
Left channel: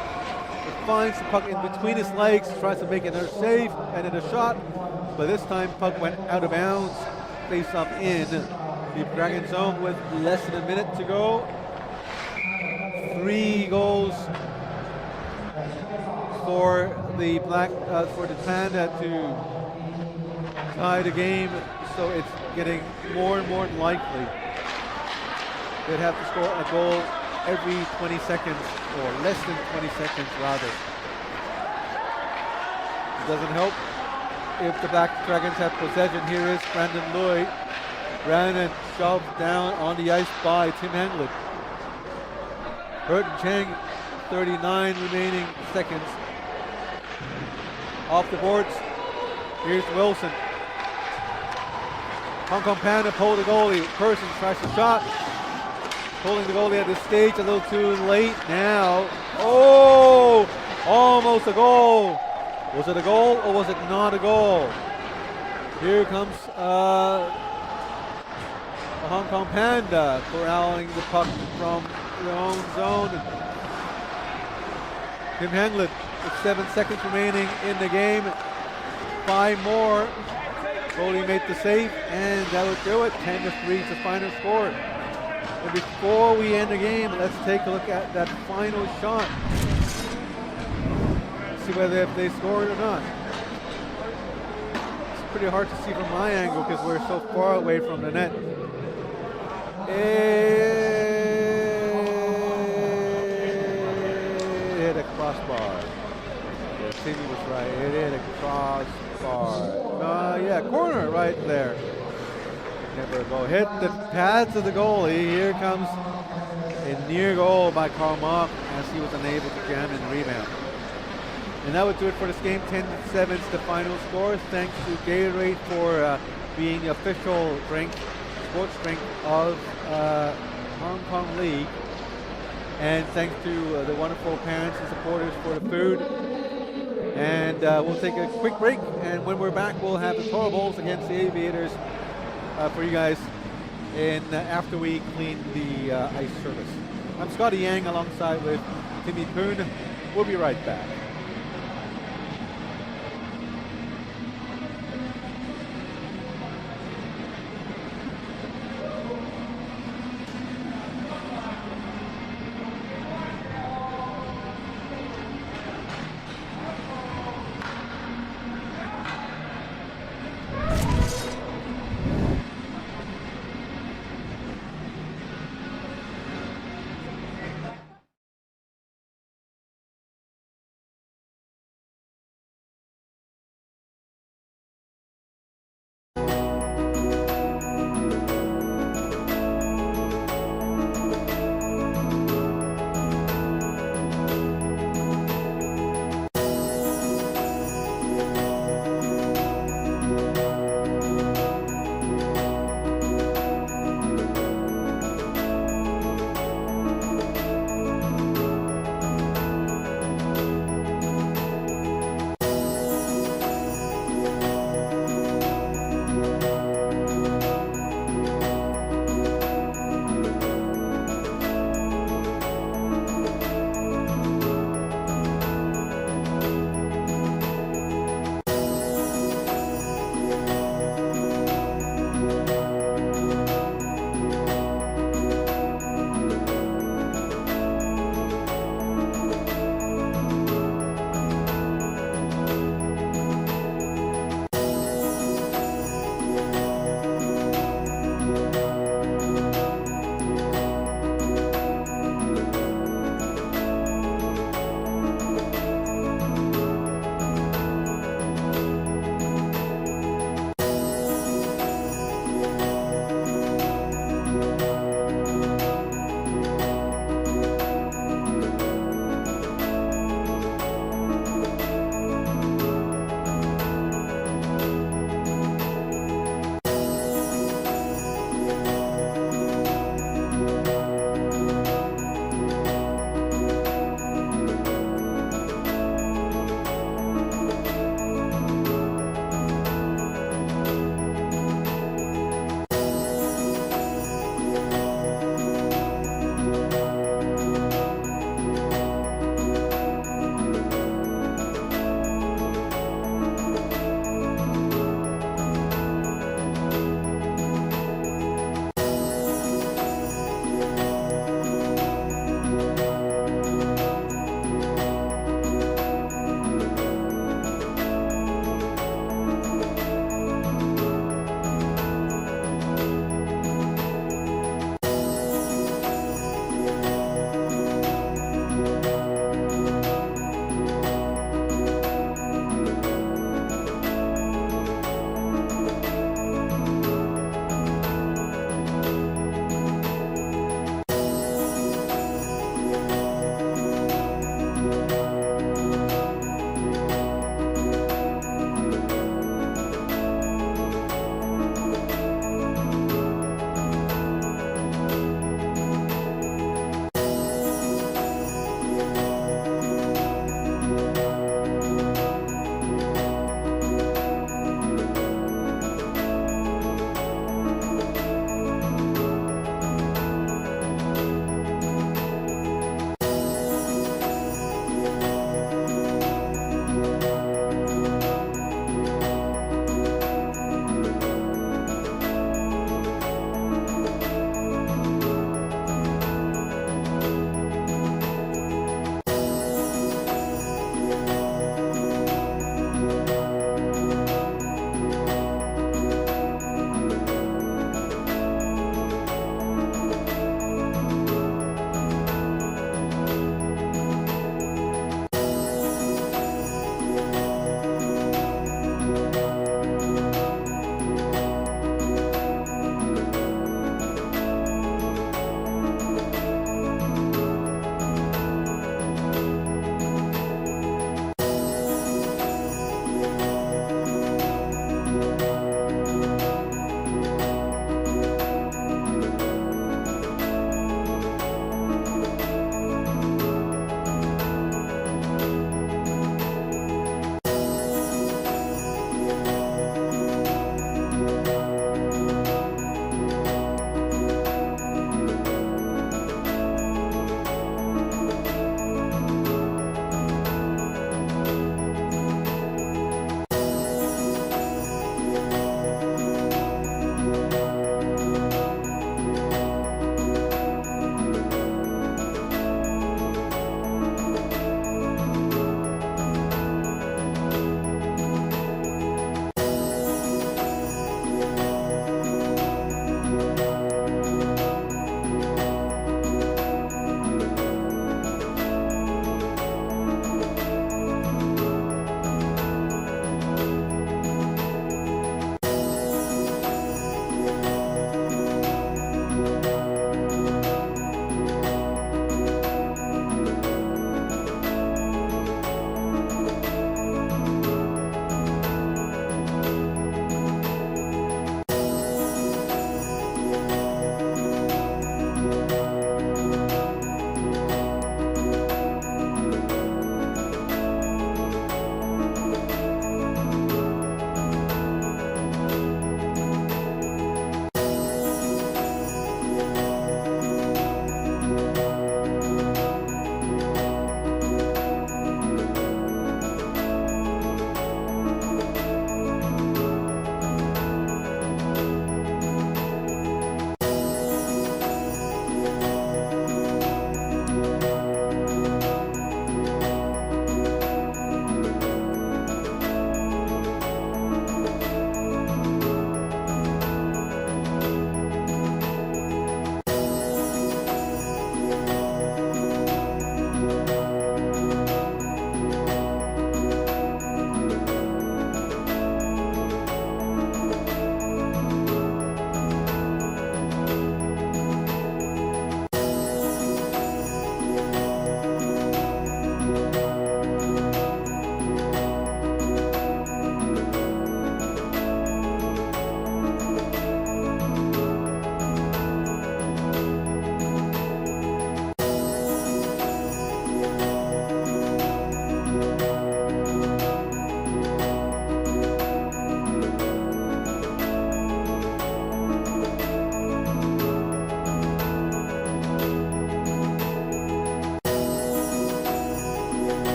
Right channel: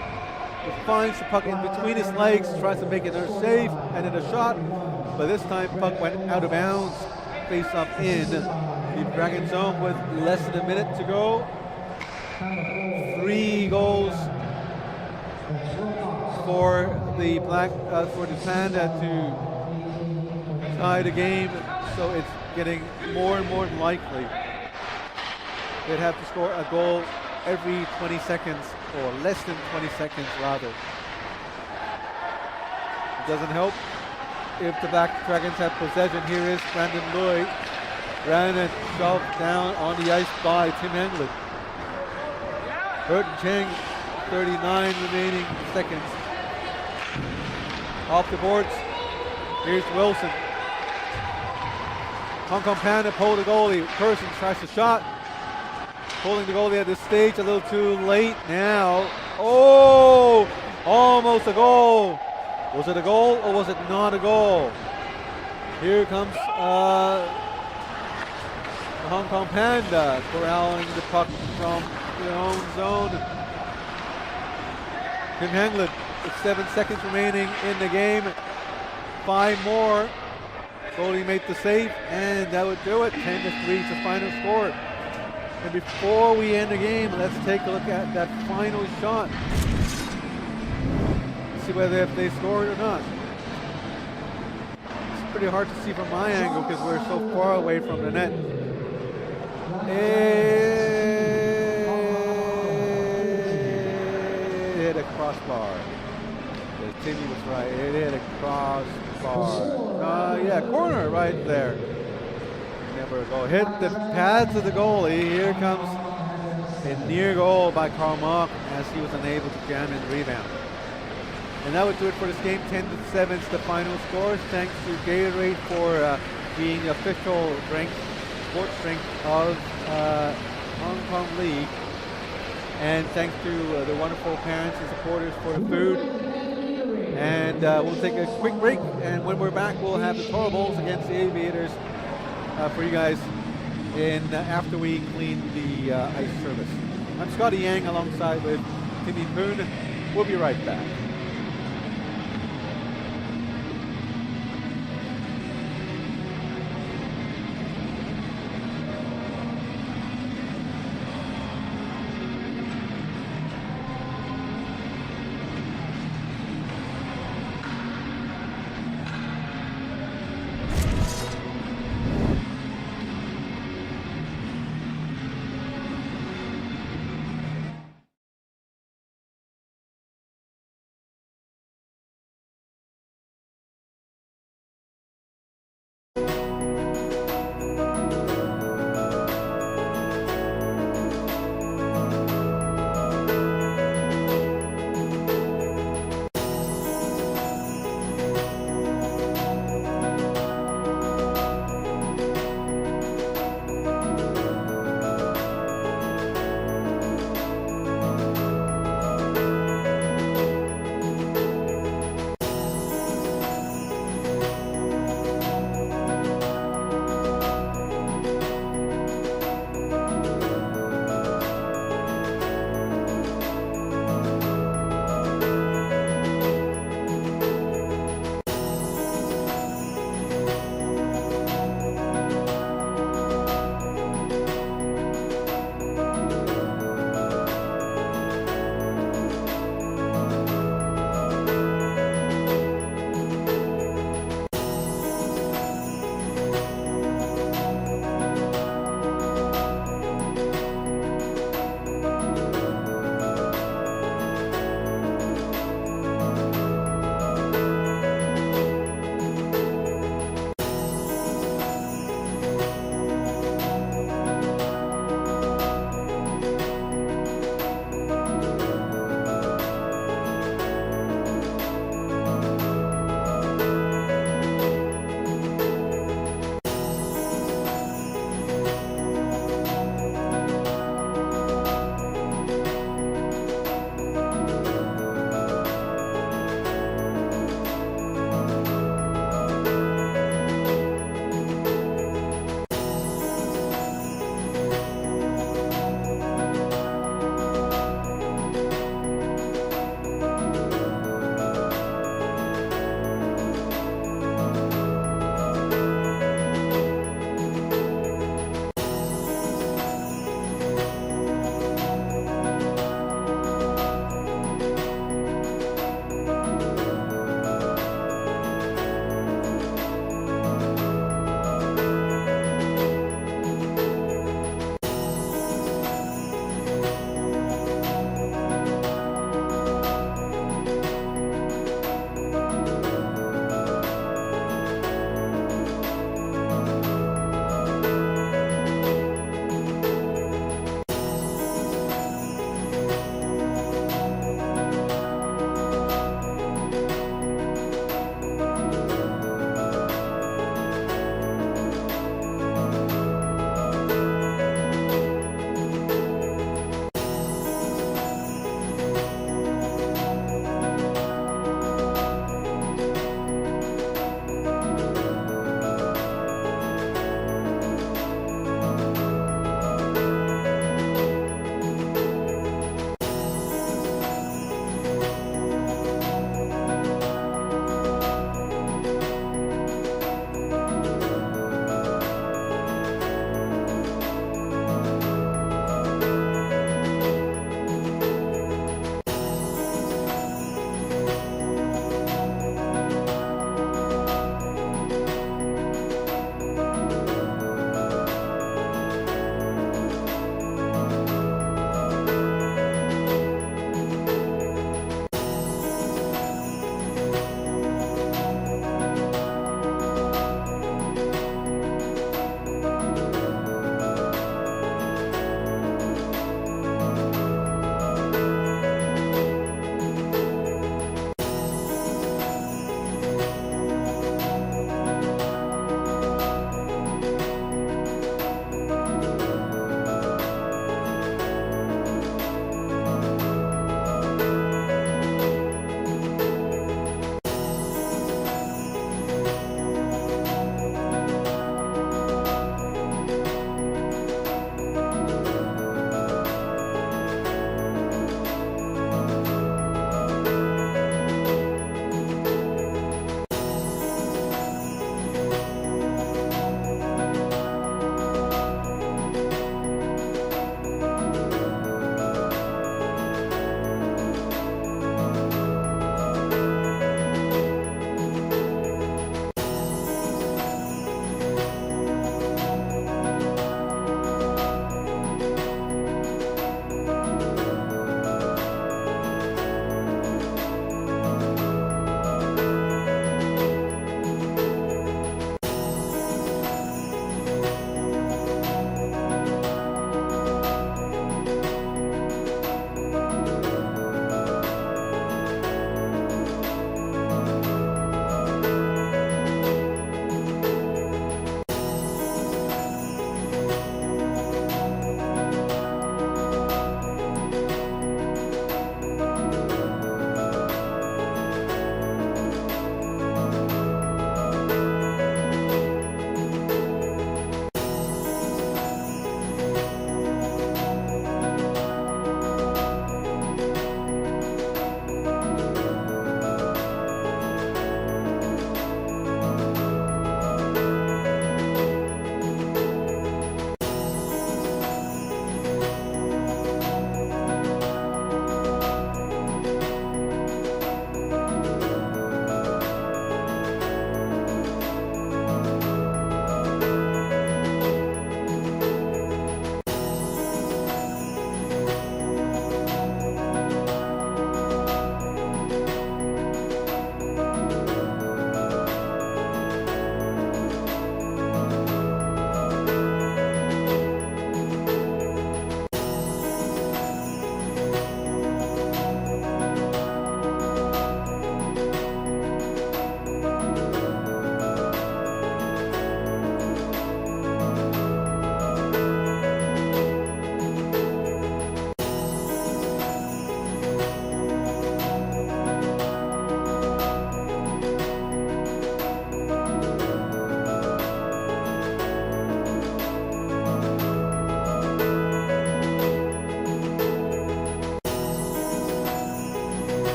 It finds the puck in between his legs, tries to make another save, and then a shot. But this time, puck went out of bounds. Face off in the Dragon zone with less than a minute to go. 3 goals for the Panda to tie the game, so it's getting more and more likely they'd have to score a goal every 20 seconds, or less than 20 seconds rather. Doesn't help if the Black Dragons have possession. Here is Brandon Lloyd. Brandon shoved down on the ice by Tim Henglin. Burton Chang, 39 remaining seconds. Off the boards. Here's Wilson. Hong Kong Panda pull the goalie. Persons tries the shot. Pulling the goalie at this stage a little too late now. Oh! Almost a goal. Was it a goal or was it not a goal? Here comes the Hong Kong Panda corralling the puck from their own zone. Tim Henglin with 7 seconds remaining in the game. 5 more. Goalie made the save, and that would do it. 10-3 is the final score. And before we end the game, let's take a look at that final shot. See whether if they scored or not. It's pretty hard to see from my angle because we're so far away from the net. It hit a crossbar. Yeah, Timmy was right. It hit a crossbar. Yeah, corner right there. Never a goal. Hit the pads of the goalie. Here comes a near goal by Karl Mock as he was unable to jam in the rebound. And that would do it for this game. 10-7 is the final score. Thanks to Gatorade for being the official drink, sports drink of Hong Kong League. And thanks to the wonderful parents and supporters for the food. And we'll take a quick break. And when we're back, we'll have the Toro Bowls against the Aviators for you guys after we clean the ice service. I'm Scotty Yang alongside with Timmy Poon. We'll be right back.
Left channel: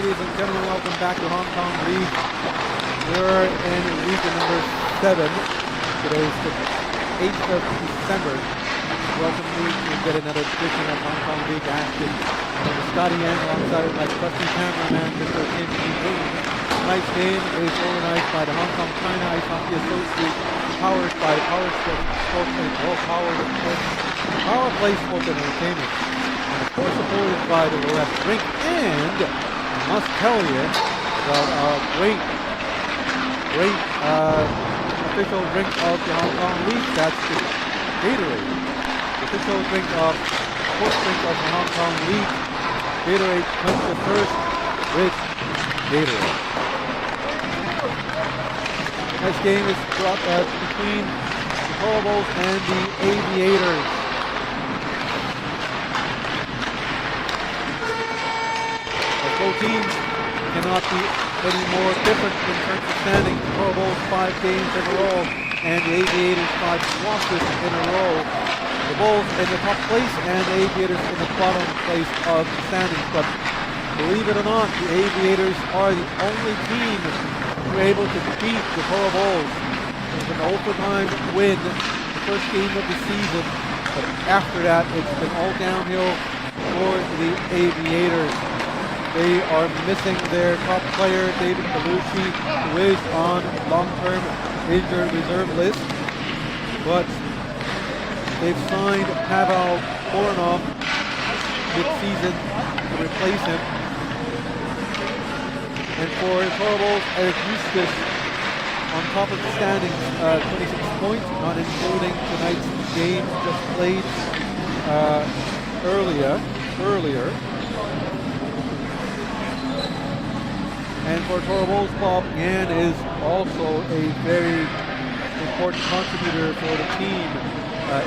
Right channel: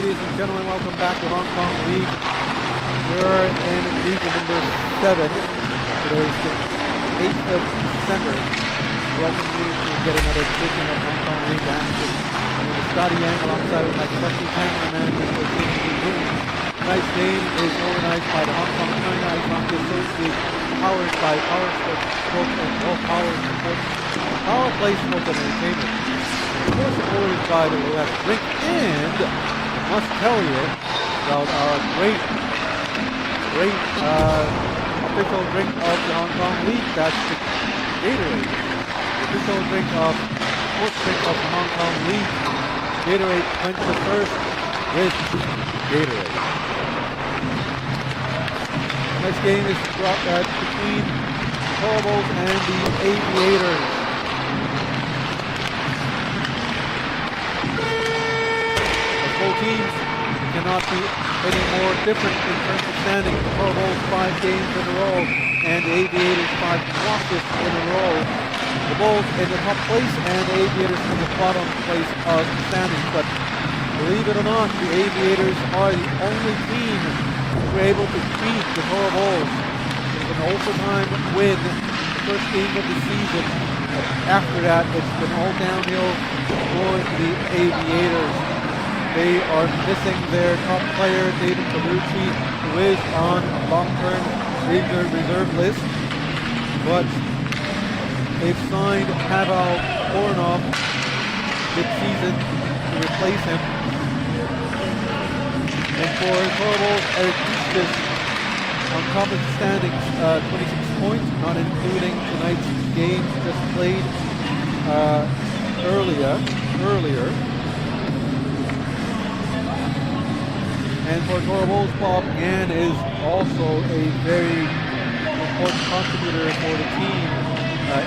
ladies and gentlemen, welcome back to Hong Kong League. We're in League number 7. Today is the 8th of December. Welcome you to get another edition of Hong Kong League action. And I'm Scotty Yang alongside my trusty cameraman, Mr. Kim Ji-Boon. Tonight's game is organized by the Hong Kong China Ice Hockey Association, powered by Power Sports and well-powered sports, Power Play Sports and Entertainment. And of course supported by the Loess Drink, and I must tell you about our great official drink of the Hong Kong League. That's the Gatorade. The official drink of sports drink of the Hong Kong League. Gatorade quench the thirst with Gatorade. Tonight's game is brought between the Toro and the Aviators. As both teams cannot be any more different in terms of standing. The Toro 5 games in a row, and the Aviators 5 losses in a row. The Bulls in the top place, and the Aviators in the bottom place of the standings. But believe it or not, the Aviators are the only team who were able to beat the Toro Bulls. It was an overtime win, the first game of the season. But after that, it's been all downhill for the Aviators. They are missing their top player, David Bellucci, who is on long-term injured reserve list. But they've signed Pavel Voronov mid-season to replace him. And for the Toro Bulls, Eric Eustace on top of the standings, 26 points, not including tonight's games just played earlier. And for Toro Bulls, Bob Yan is also a very important contributor for the team.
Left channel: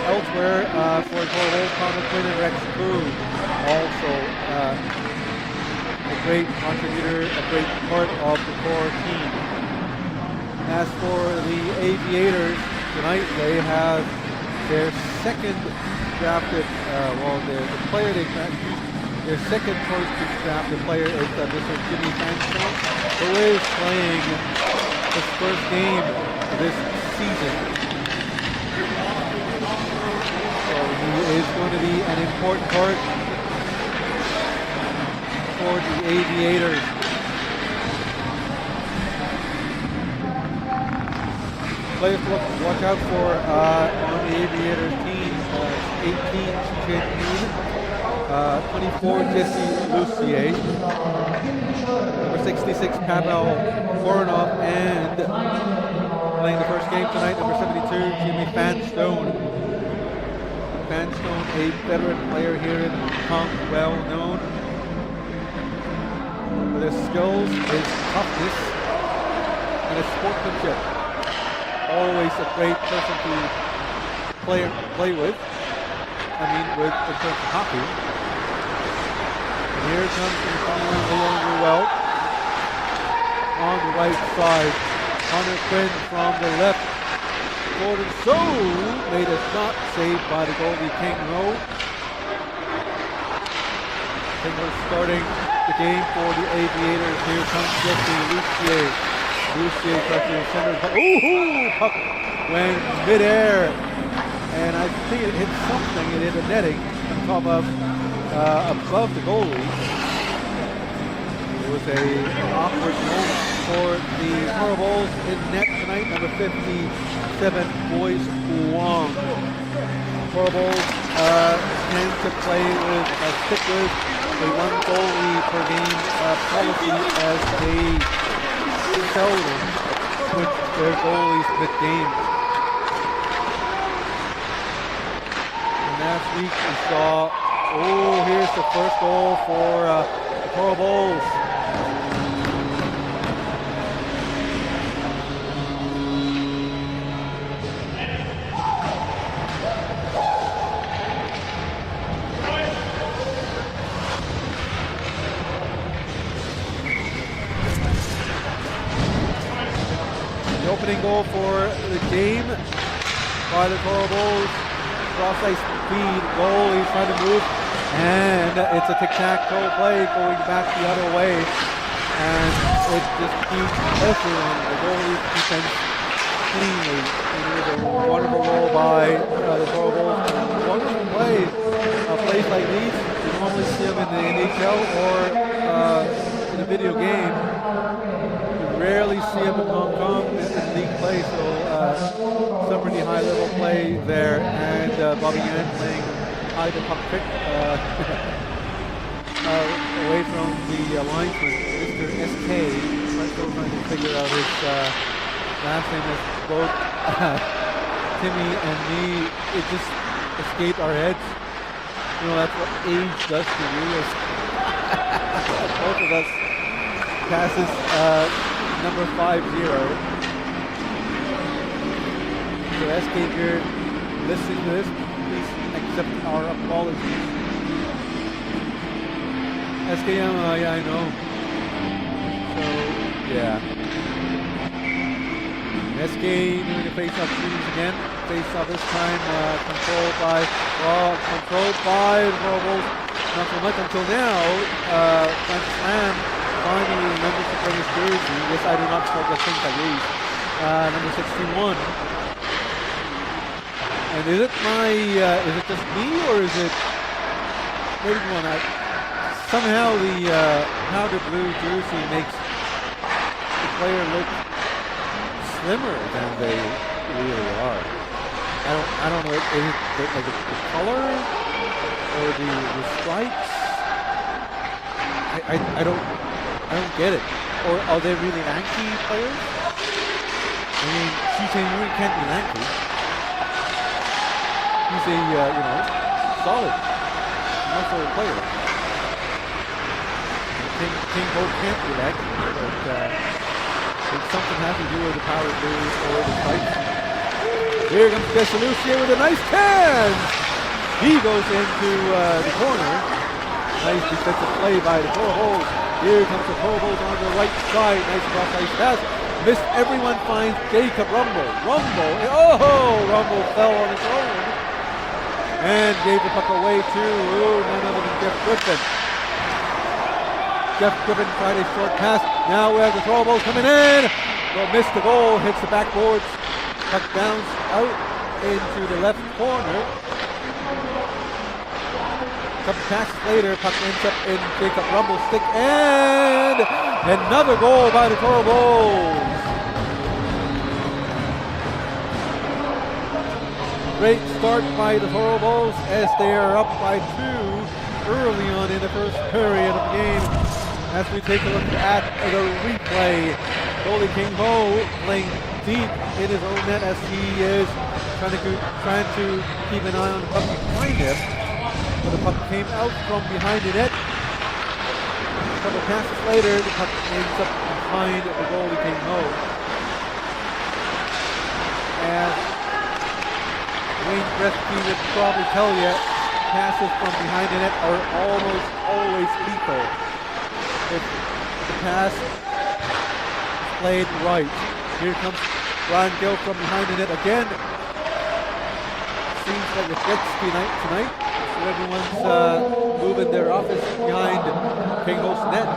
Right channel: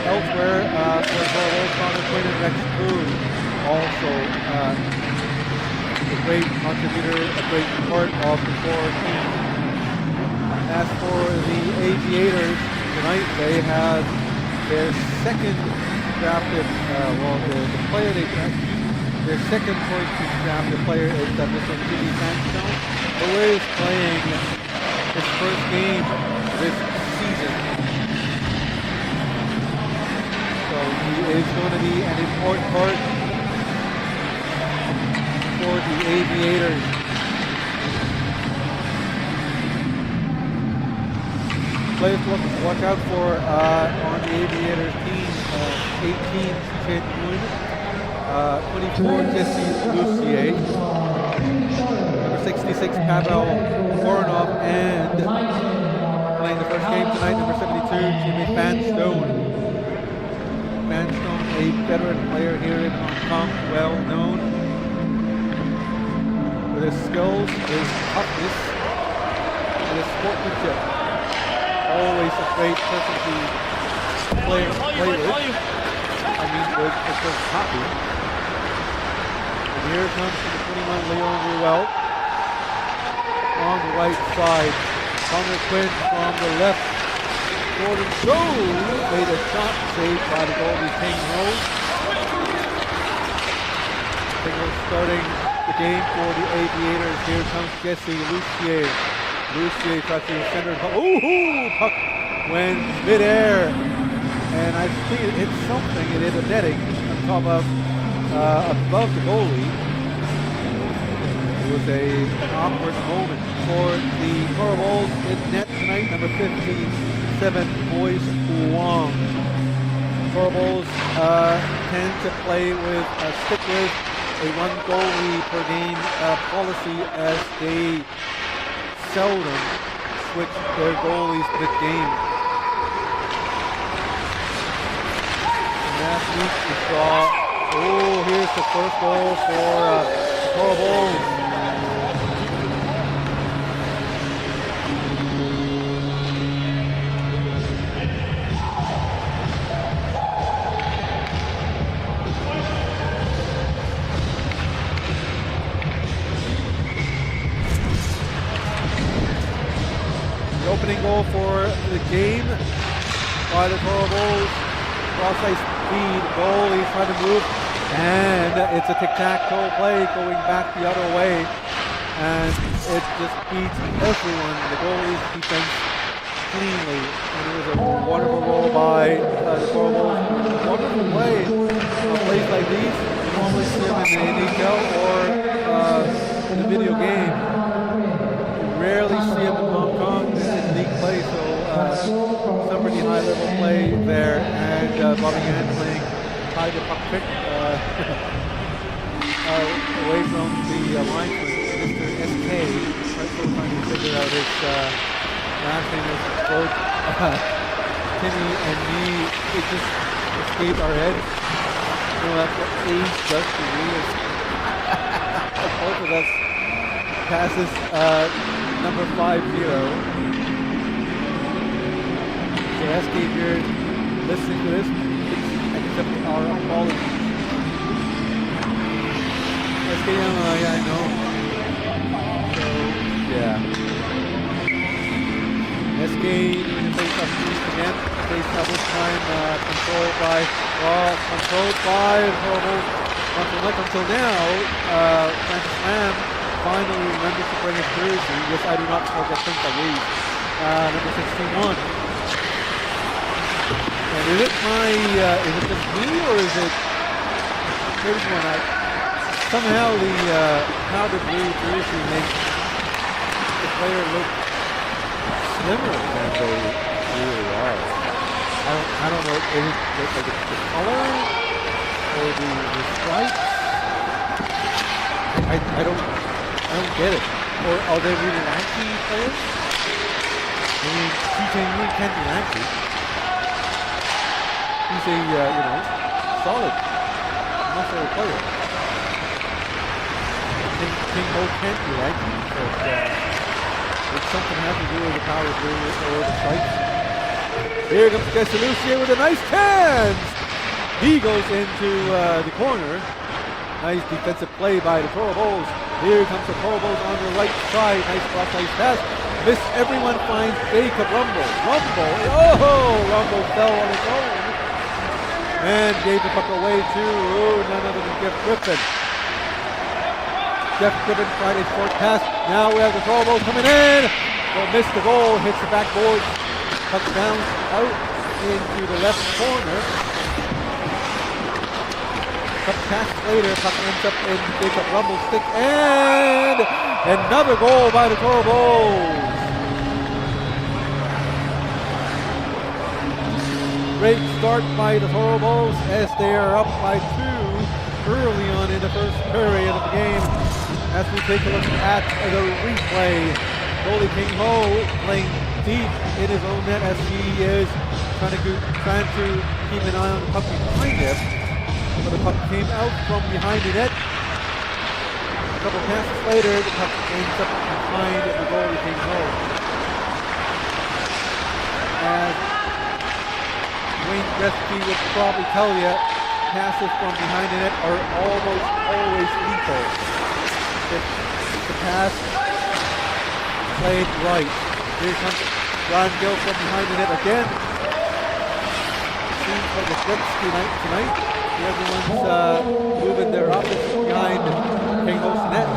Elsewhere, for Toro Bulls, Connor Quinn and Rex Koo, also a great contributor, a great part of the core team. As for the Aviators, tonight they have their second drafted, the player they drafted, their second choice to draft the player is Mr. Jimmy Fanstone, who is playing his first game this season. So he is going to be an important part for the Aviators. Players to watch out for on the Aviators team, 18, Shishen Yoon. 24, Jesse Lucier. Number 66, Pavel Voronov. And playing the first game tonight, number 72, Jimmy Fanstone. Fanstone, a veteran player here in Hong Kong, well known with his skills, his toughness, and his sportsmanship. Always a great person to play with. I mean, in terms of hockey. And here comes number 21, Leon Ruel. On the right side, Connor Quinn from the left. Jordan Soe made a shot saved by the goalie Ting Ho. Ting Ho starting the game for the Aviators. Here comes Jesse Lucier. Lucier tries to center the puck. Ooh, puck went midair. And I think it hit something. It hit a netting on top of, above the goalie. It was an awkward moment for the Toro Bulls in net tonight. Number 57, Boyce Wong. Toro Bulls tend to stick with a one goalie per game policy, as they seldom switch their goalies mid-game. Last week we saw, here's the first goal for the Toro Bulls. The opening goal for the game by the Toro Bulls. Cross-ice feed, goal, he's trying to move, and it's a tic-tac-toe play going back the other way. and it just beats everyone. The goalie's defense cleanly. And it was a wonderful goal by the Toro Bulls. A wonderful play. Plays like these, you normally see them in the NHL or in a video game. You rarely see them in Hong Kong in league play, so some pretty high level play there. And Bobby Yan playing high to puck trick away from the linesman, Mr. SK. Still trying to figure out his last name. As both Timmy and me, it just escaped our heads. You know, that's what age does to you. Is both of us passes number 50. So SK, if you're listening to this, please accept our apologies. SK, yeah, I know. So, yeah. SK doing a face-off series again. Face-off this time controlled by the Toro Bulls. Not so much until now. Francis Lam finally remembers to bring his jersey. Yes, I do not forget things like these. Number 61. And is it just me, or is it? Here's one. Somehow the powder blue jersey makes the player look slimmer than they really are. I don't know. Is it the color or the stripes? I don't get it. Or are they really lanky players? I mean, Chi-Chen Yui can't be lanky. He's a solid muscle player. King Ho can't be lanky, but it's something has to do with the power blue or the stripes. Here comes Desalucier with a nice chance. He goes into the corner. Nice defensive play by the Toro Bulls. Here comes the Toro Bulls on the right side. Nice cross-ice pass. Missed everyone, finds Jacob Rumble. Rumble fell on his own. And gave the puck away to none other than Jeff Griffin. Jeff Griffin tried a short pass. Now we have the Toro Bulls coming in. Missed the goal, hits the backboard. Puck bounce out into the left corner. A couple passes later, puck ends up in Jacob Rumble's stick, and another goal by the Toro Bulls. Great start by the Toro Bulls as they are up by 2 early on in the first period of the game. As we take a look at the replay, goalie King Ho playing deep in his own net as he is trying to keep an eye on the puck behind him. But the puck came out from behind the net. A couple passes later, the puck ends up behind the goalie King Ho. As Wayne Gretzky would probably tell you, passes from behind the net are almost always lethal. If the pass played right. Here comes Brian Gill from behind the net again. Seems like a Gretzky night tonight. Everyone's moving their office behind King Ho's net.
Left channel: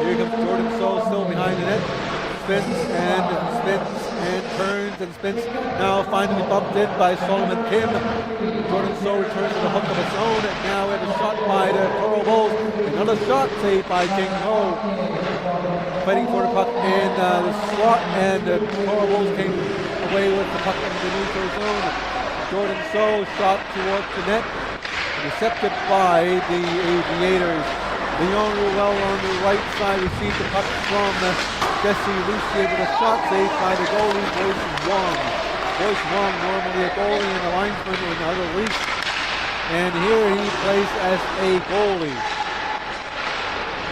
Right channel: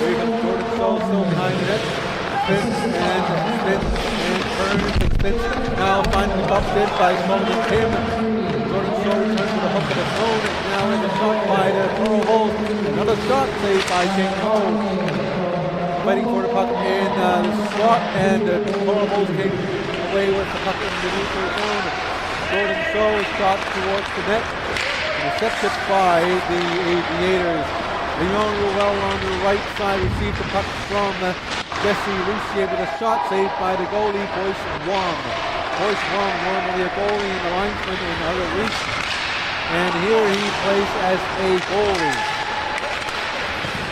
Here comes Jordan So, still behind the net. Spins and turns and spins. Now finally bumped in by Solomon Kim. Jordan So returns with a hook of its own. Now we have a shot by the Toro Bulls. Another shot saved by King Ho. Fighting for the puck in the slot, and the Toro Bulls came away with the puck in the neutral zone. Jordan So shot towards the net. Intercepted by the Aviators. Leon Ruel on the right side received the puck from Jesse Lucier with a shot saved by the goalie, Boyce Wong. Boyce Wong, normally a goalie and a linesman in other leagues. And here he plays as a goalie.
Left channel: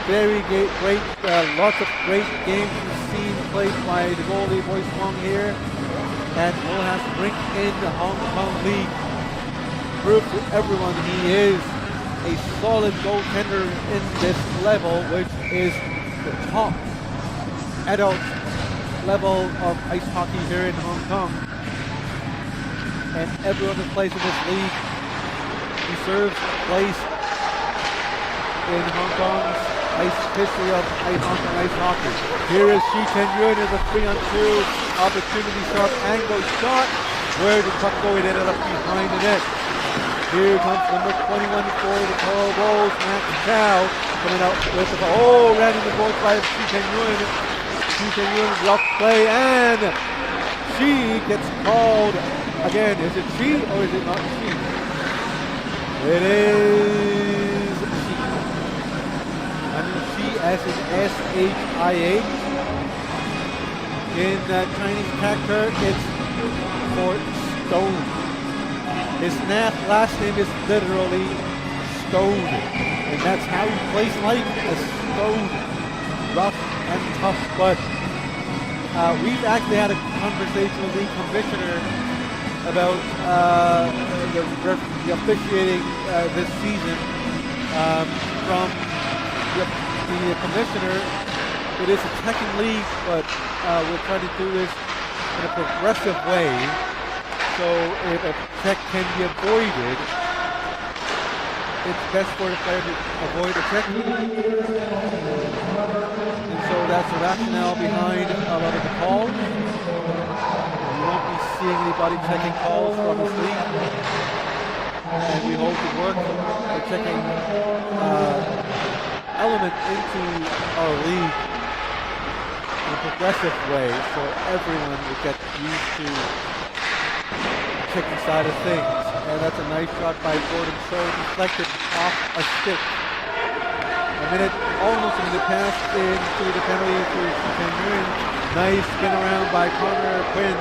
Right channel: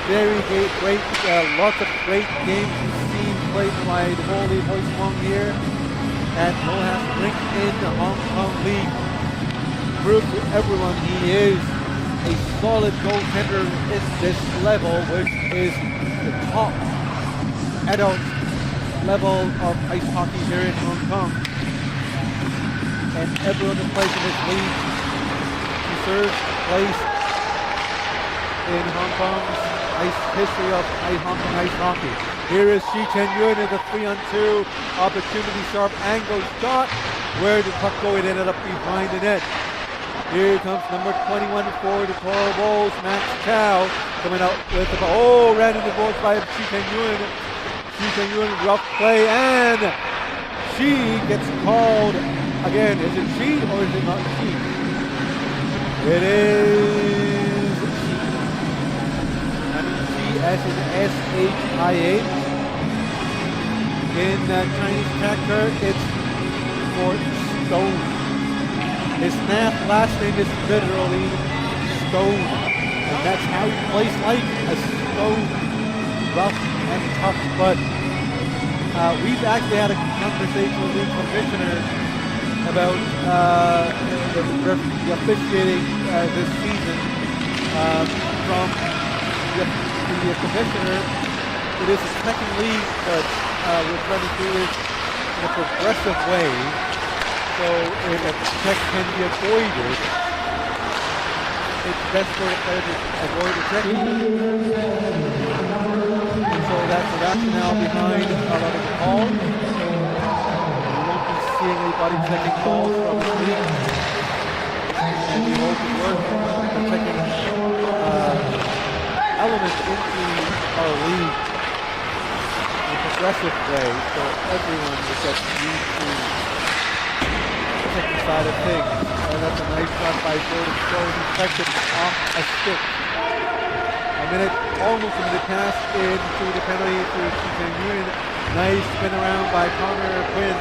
Very great, lots of great games we've seen played by the goalie, Boyce Wong here at Rojas Rink in the Hong Kong League. Proves to everyone he is a solid goaltender in this level, which is the top adult level of ice hockey here in Hong Kong. And everyone that plays in this league deserves a place in Hong Kong's history of Hong Kong ice hockey. Here is Shi Chen-yun in the 3-on-2 opportunity, sharp angle shot. Where did the puck go? It ended up behind the net. Here comes number 21 for the Toro Bulls, Max Chow, coming out with the ball. Oh, ran into the boards by Shi Chen-yun. Shi Chen-yun, rough play, and she gets called again. Is it she or is it not she? It is she. I mean she as in S-H-I-H. In Chinese character, it's for stone. His last name is literally Stone, and that's how he plays, like a stone, rough and tough. But we've actually had a conversation with the commissioner about the officiating this season. From the commissioner, it is a second league, but we're trying to do this in a progressive way. So if a check can be avoided, it's best for the player to avoid a check. And so that's the rationale behind a lot of the calls. We won't be seeing anybody checking calls from this league. And we hope to work the checking element into our league in a progressive way, so everyone would get used to checking side of things. And that's a nice shot by Gordon Cho, deflected off a stick. Almost a minute passed into the penalty through Shi Chen-yun. Nice spin around by Connor Quinn.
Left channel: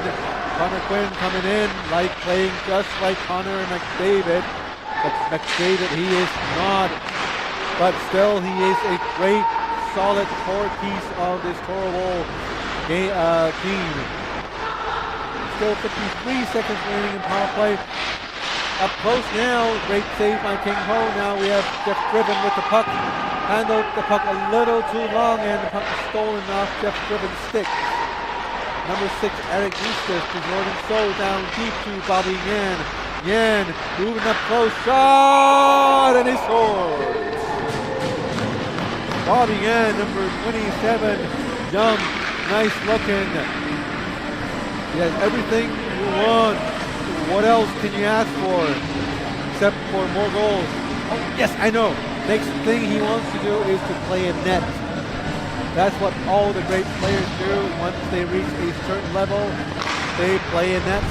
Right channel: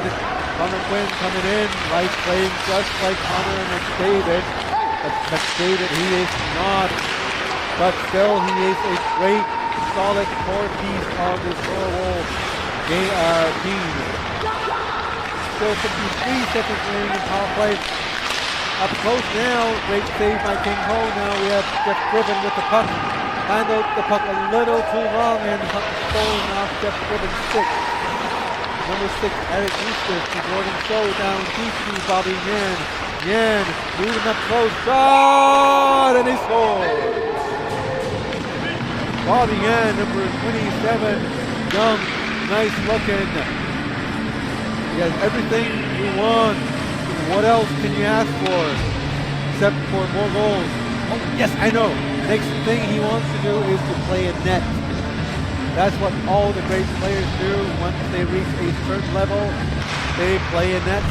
Connor Quinn coming in, playing just like Connor McDavid. But McDavid, he is not. But still, he is a great, solid core piece of this horrible team. Still 53 seconds remaining in power play. Up close now, great save by King Ho. Now we have Jeff Driven with the puck. Handled the puck a little too long, and the puck was stolen off Jeff Driven's stick. Number 6, Eric Eustace to Jordan Cho, down deep to Bobby Yan. Yan moving up close, shot, and he scores. Bobby Yan, number 27, young, nice looking. He has everything you want. What else can you ask for except for more goals? Oh, yes, I know. Next thing he wants to do is to play a net. That's what all the great players do. Once they reach a certain level, they play a net.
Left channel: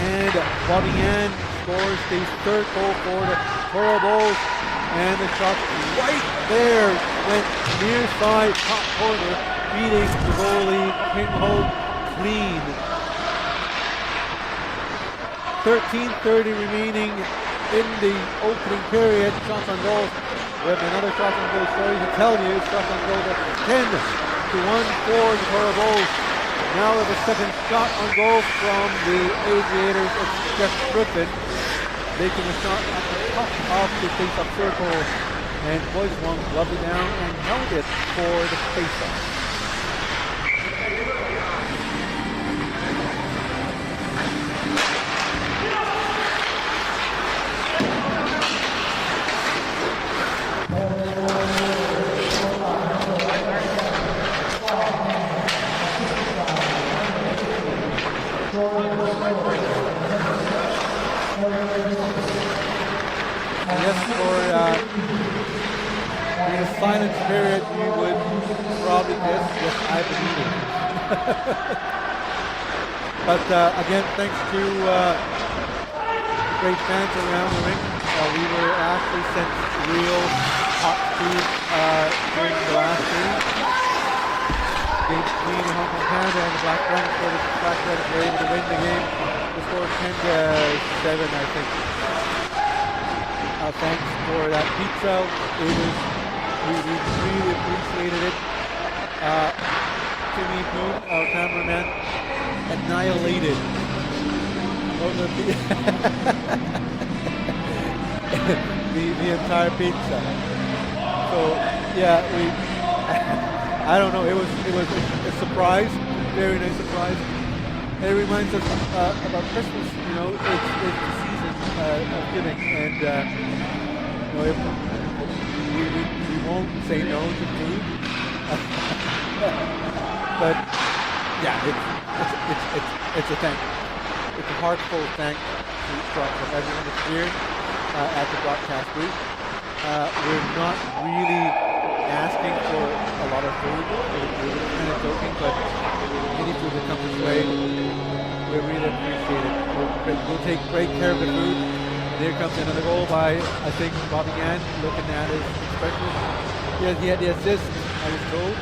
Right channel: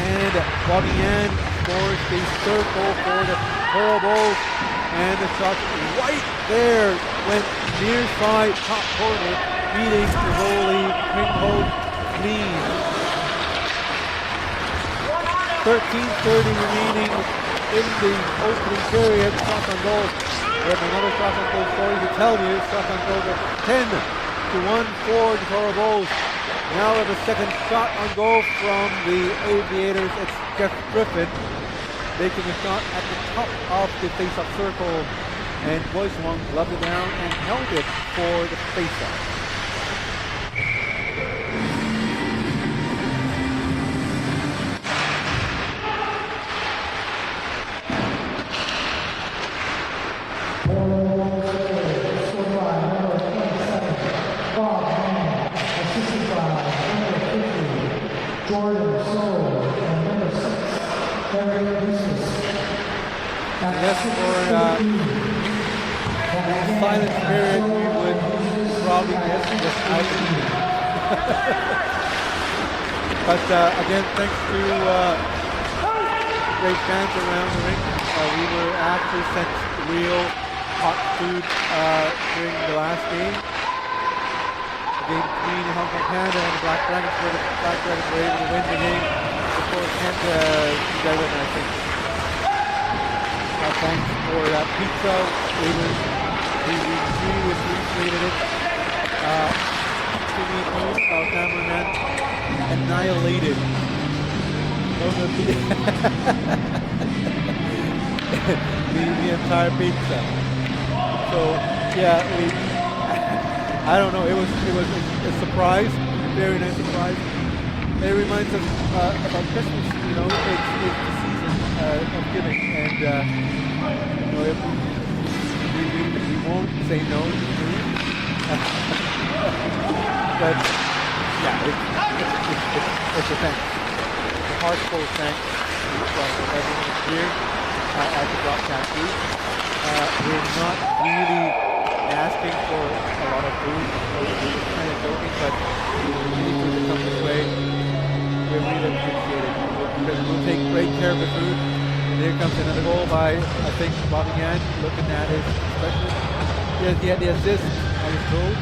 And Bobby Yan scores the third goal for the Toro Bulls. And the shot right there went near side, top corner, beating the goalie King Ho clean. 13:30 remaining in the opening period. Shots on goal. We have another shot on goal story to tell you. Shots on goal, 10-1 for the Toro Bulls. Now we have a second shot on goal from the Aviators. It's Jeff Griffin making a shot at the top of the face-off circle. And Boyce Wong gloved it down and held it for the face-off. Silent period, you would probably guess, yes, I've been eating. But again, thanks to the great fans around the rink, we were actually sent real hot food during the last game. The game between the Hong Kong Panda and the Black Dragons, where the Black Dragons were able to win the game before 10-7, I think. Thanks for that pizza. We really appreciated it. Timmy Poon, our cameraman, annihilated both of the entire pizza. So yeah, I don't know. It was a surprise, very nice surprise. It reminds us about Christmas. You know, it's the season of giving, and you know, we won't say no to food. But yeah, it's a thanks. It's a heartfelt thanks from everyone here at the broadcast booth. We're not really asking for a lot of food. We were kind of joking, but any food that comes this way, we really appreciate it. We'll take great care of the food. And here comes another goal by, I think, Bobby Yan. Looking at his expression. Yeah, he had the assist, I was told.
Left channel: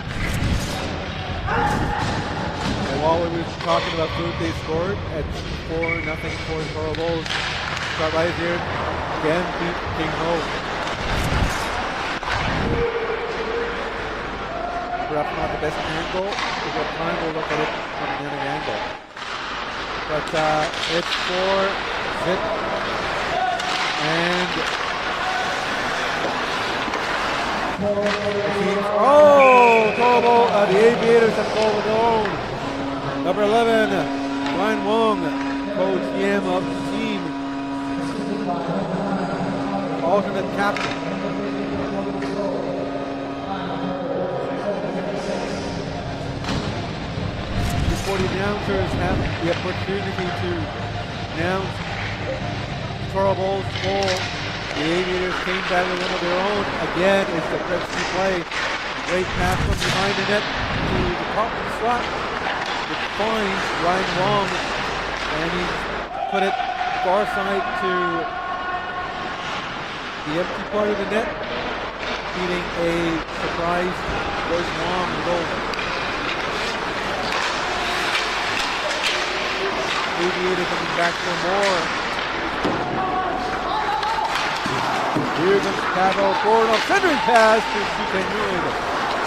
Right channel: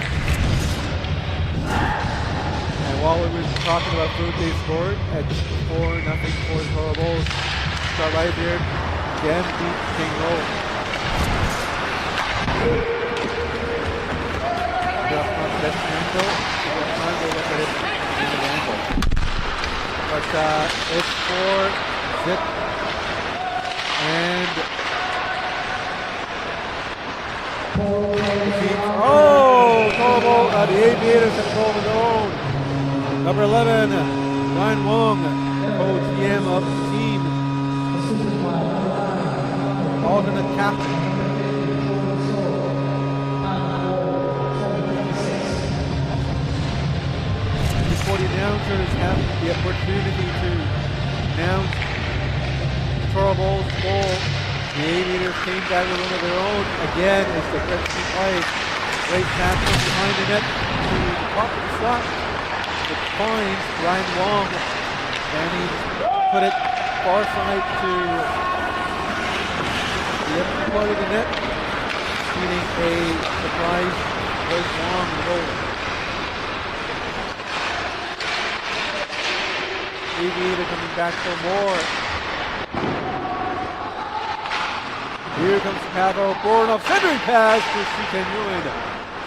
And while we were talking about food, they scored at 4-0 for the Toro Bulls. Start right there. Again, beat King Ho. Perhaps not the best angle. If we have time, we'll look at it from another angle. But it's for Zip. And the teams, Toro, the Aviators have a goal of their own. Number 11, Ryan Wong, co-GM of the team. Alternate captain. Before the announcers have the opportunity to announce Toro Bulls goal, the Aviators came back with one of their own. Again, it's the Gretzky play. Great pass from behind the net to the top of the slot. It finds Ryan Wong, and he put it far side to the empty part of the net, feeding a surprise Royce Wong the goal. Aviator coming back for more. Here comes Pavel Boronov, centering pass to Shi Nguyen.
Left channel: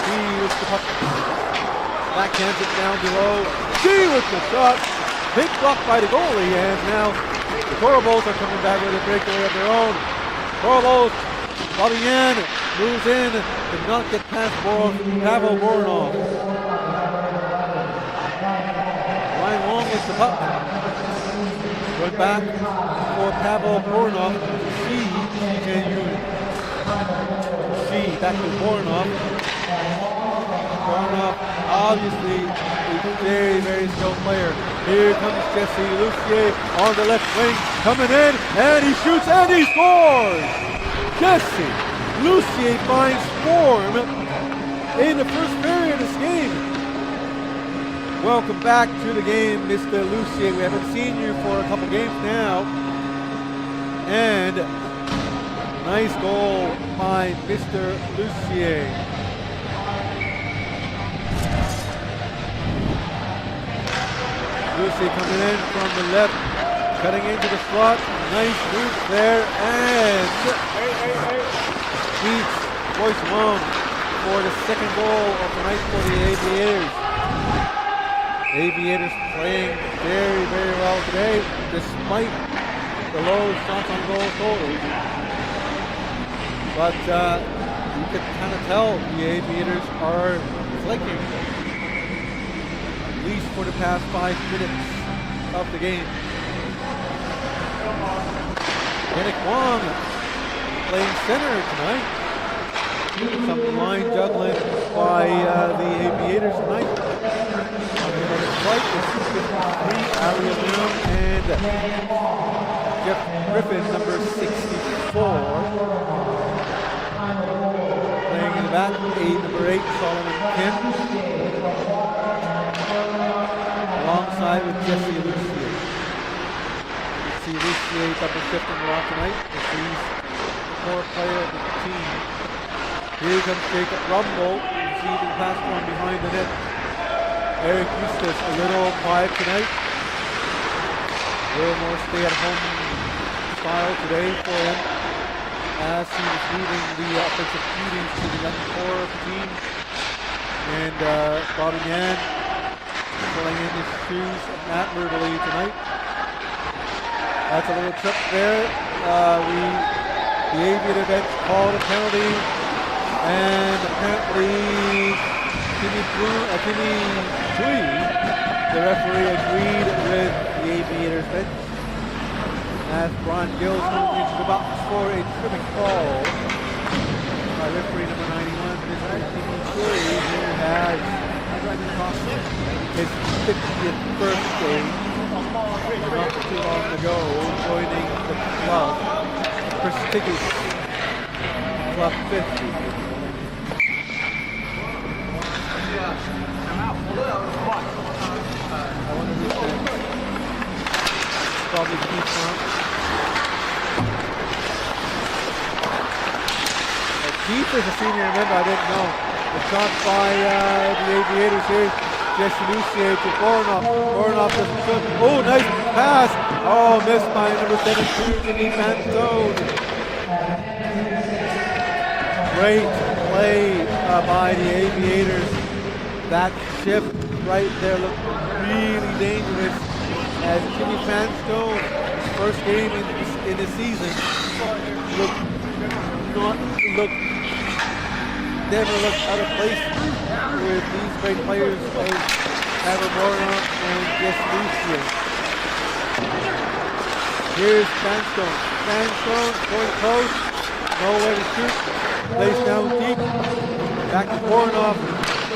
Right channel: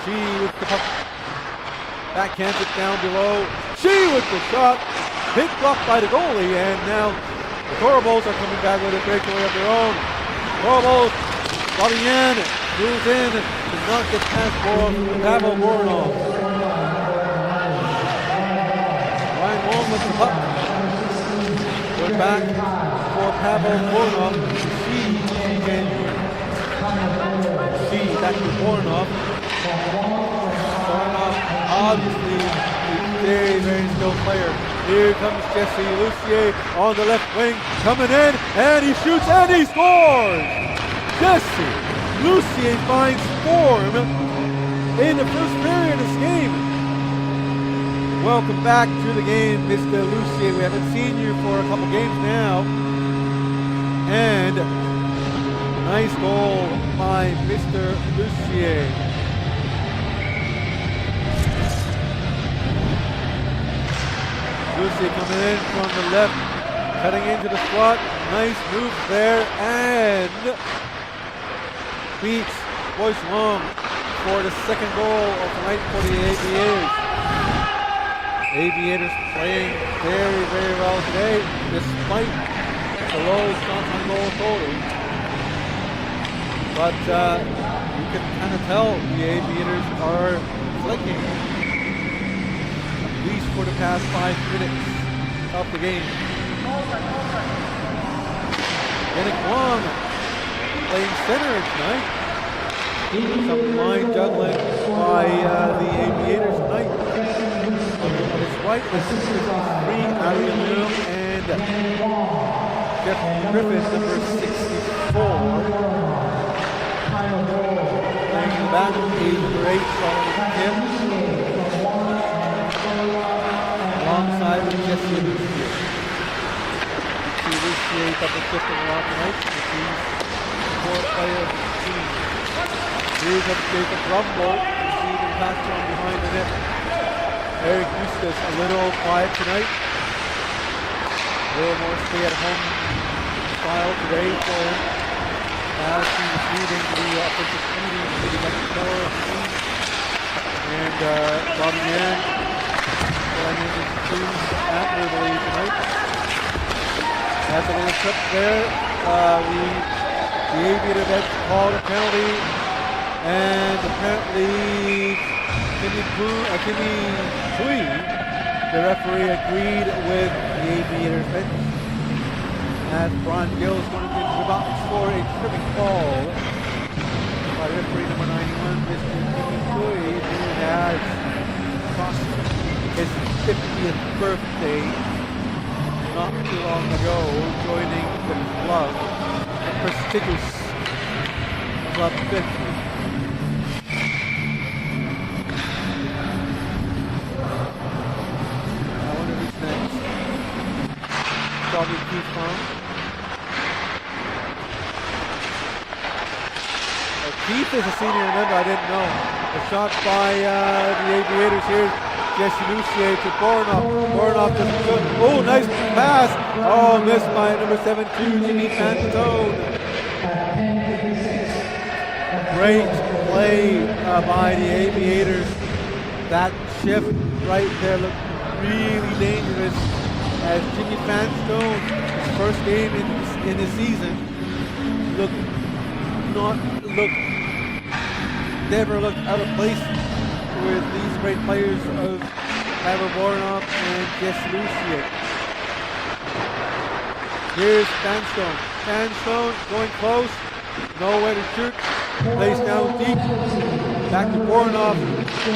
She with the puck, backhands it down below. She with the shot, big block by the goalie, and now the Toro Bulls are coming back with a breakaway of their own. Toro Bulls, Bobby Yan moves in, does not get past Pavel Boronov. Ryan Wong with the puck. Going back for Pavel Boronov to Shi Nguyen. Shi back to Boronov. Boronov, obviously a very, very skilled player. Here comes Jesse Lucier on the left wing, coming in, and he shoots and he scores! Jesse Lucier finds form in the first period of this game. Welcome back to the game, Mr. Lucier. We haven't seen you for a couple games now. And nice goal by Mr. Lucier. Lucier coming in from the left, cutting into the slot. Nice move there, and beats Royce Wong for the second goal of the night for the Aviators. Aviators playing very, very well today, despite the low shots on goal total. But you can kind of tell the Aviators are clicking, at least for the past 5 minutes of the game. Yannick Wong playing center tonight. Some line juggling by the Aviators tonight. On his right is 53, Ari Aluminum, and Jeff Griffin, number 64. Playing in the back, number 8, Solomon Kim. Alongside with Jesse Lucier. You see Lucier double shifting a lot tonight, as he's the core player of the team. Here comes Jacob Rumble, receiving pass from behind the net. Eric Eustace a little quiet tonight. A little more stay-at-home style today for him, as he was leading the offensive duties to the young core of the team. And Bobby Yan filling in his shoes admirably tonight. That's a little trip there. The Aviator bench called a penalty, and apparently Timmy Tui, the referee, agreed with the Aviators bench, as Brian Gill's going into the box for a tripping call. by referee number 91, Mr. Jimmy Choi, who has crossed his 50th birthday not too long ago, joining the club, the prestigious Club 50. I wonder who's next. Probably Keith Fong. Oh, Keith is a senior, remember, I didn't know. The shot by the Aviators here. Jesse Lucier to Bornoff. Bornoff doesn't shoot. Oh, nice pass. Oh, missed by number 7-2, Jimmy Fantone. Great play by the Aviators. That shift right there looked really dangerous as Jimmy Fantone, his first game in the season, never looked out of place with these great players of Trevor Bornoff and Jesse Lucier. Here's Fantone. Fantone going close, nowhere to shoot. Plays down deep. Back to Bornoff.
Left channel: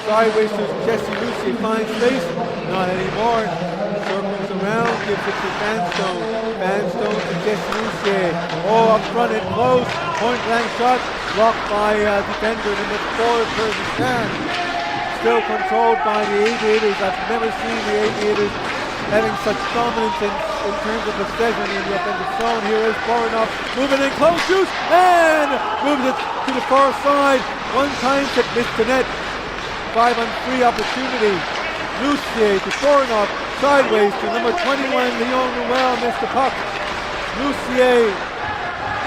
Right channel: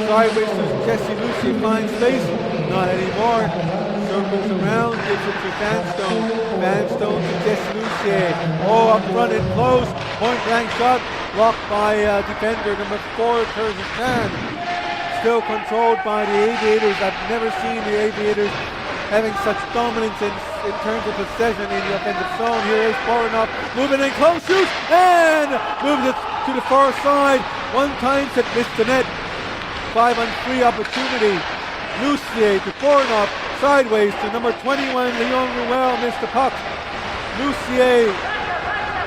Sideways to Jesse Lucier. Finds space. Not anymore. Circles around. Gives it to Fantone. Fantone to Jesse Lucier. Oh, up front and close. Point blank shot. Blocked by defender number 4, Curtis Chan. Still controlled by the Aviators. I've never seen the Aviators having such dominance in terms of possession in the offensive zone. Here is Bornoff moving in close, shoots, and moves it to the far side. One time it missed the net. 5-on-3 opportunity. Lucier to Bornoff, sideways to number 21, Leon Ruel, missed the puck. Lucier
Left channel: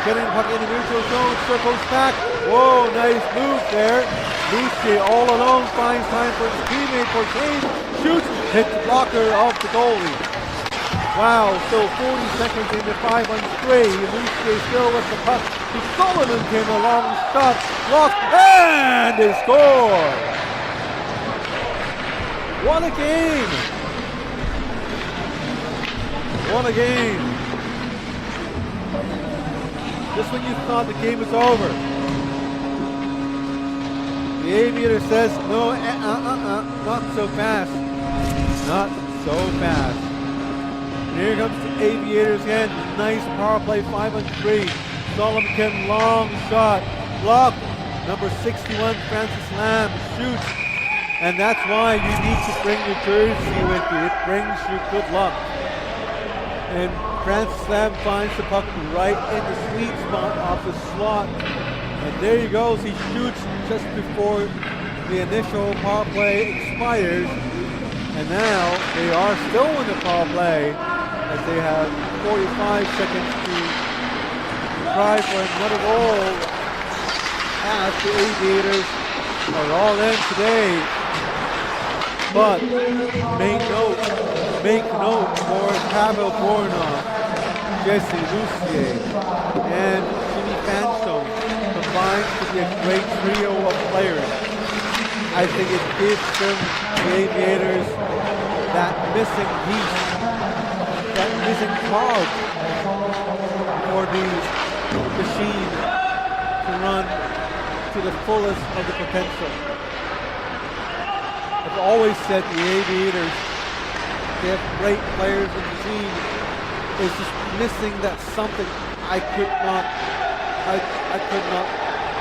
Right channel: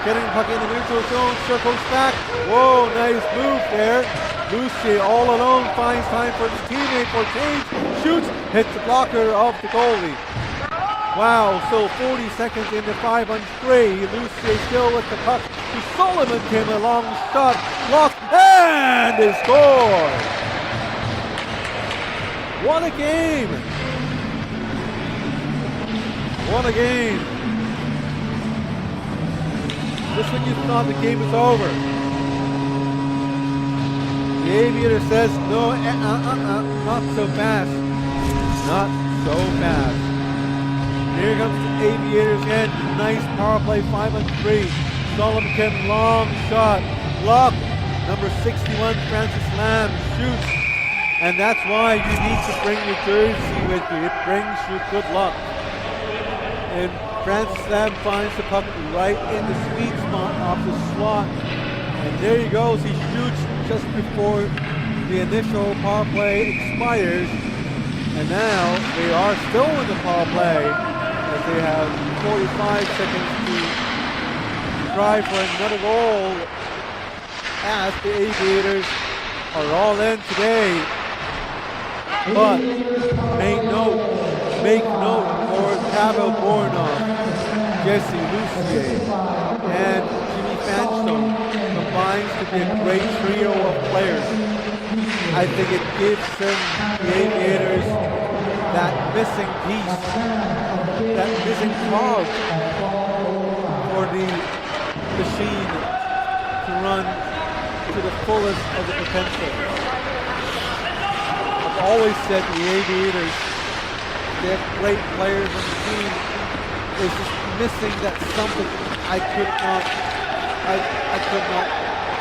getting the puck in the neutral zone, circles back. Whoa, nice move there. Lucier all alone finds time for his teammate for change, shoots, hits the blocker of the goalie. Wow, so 40 seconds into 5-on-3. Lucier still with the puck to Solomon, came a long shot, blocked, and they score! What a game! What a game! Just when you thought the game was over, the Aviator says, no, not so fast. Not so fast. And here comes the Aviators again. Nice power play, 5-on-3. Solomon Kim, long shot. Blocked. Number 61, Francis Lamb, shoots. And that's why you need to bring your jersey with you. It brings you good luck. And Francis Lamb finds the puck right in the sweet spot of the slot. And there he goes. He shoots just before the initial power play expires. And now they are still in the power play as they have 45 seconds to try for another goal as the Aviators are all in today. But make note for Pavel Bornoff, Jesse Lucier, and Jimmy Fantone combines to be a great trio of players. I think it gives them, the Aviators, that missing piece, that missing cog for the machine to run to the fullest of the potential. I've always said the Aviators, they have great players in the team. It's just missing that something I could not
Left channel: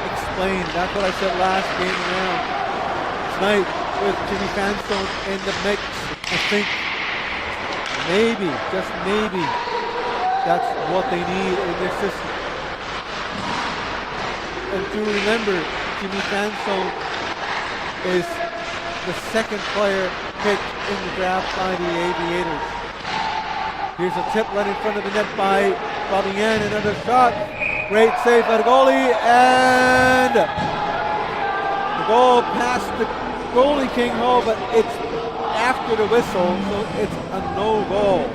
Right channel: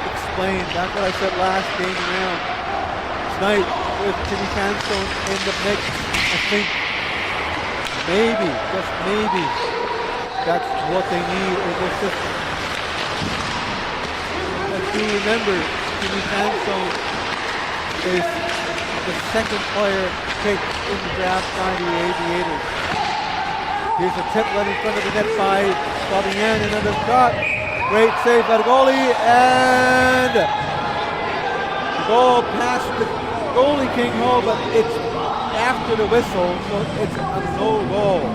explain. That's what I said last game around. Tonight, with Jimmy Fantone in the mix, I think maybe, just maybe, that's what they need in their system. And do remember, Jimmy Fantone is the second player picked in the draft by the Aviators. Here's a tip right in front of the net by Bobby Yan, another shot. Great save by the goalie, and the goal past the goalie King Ho, but it's after the whistle, so it's a no goal.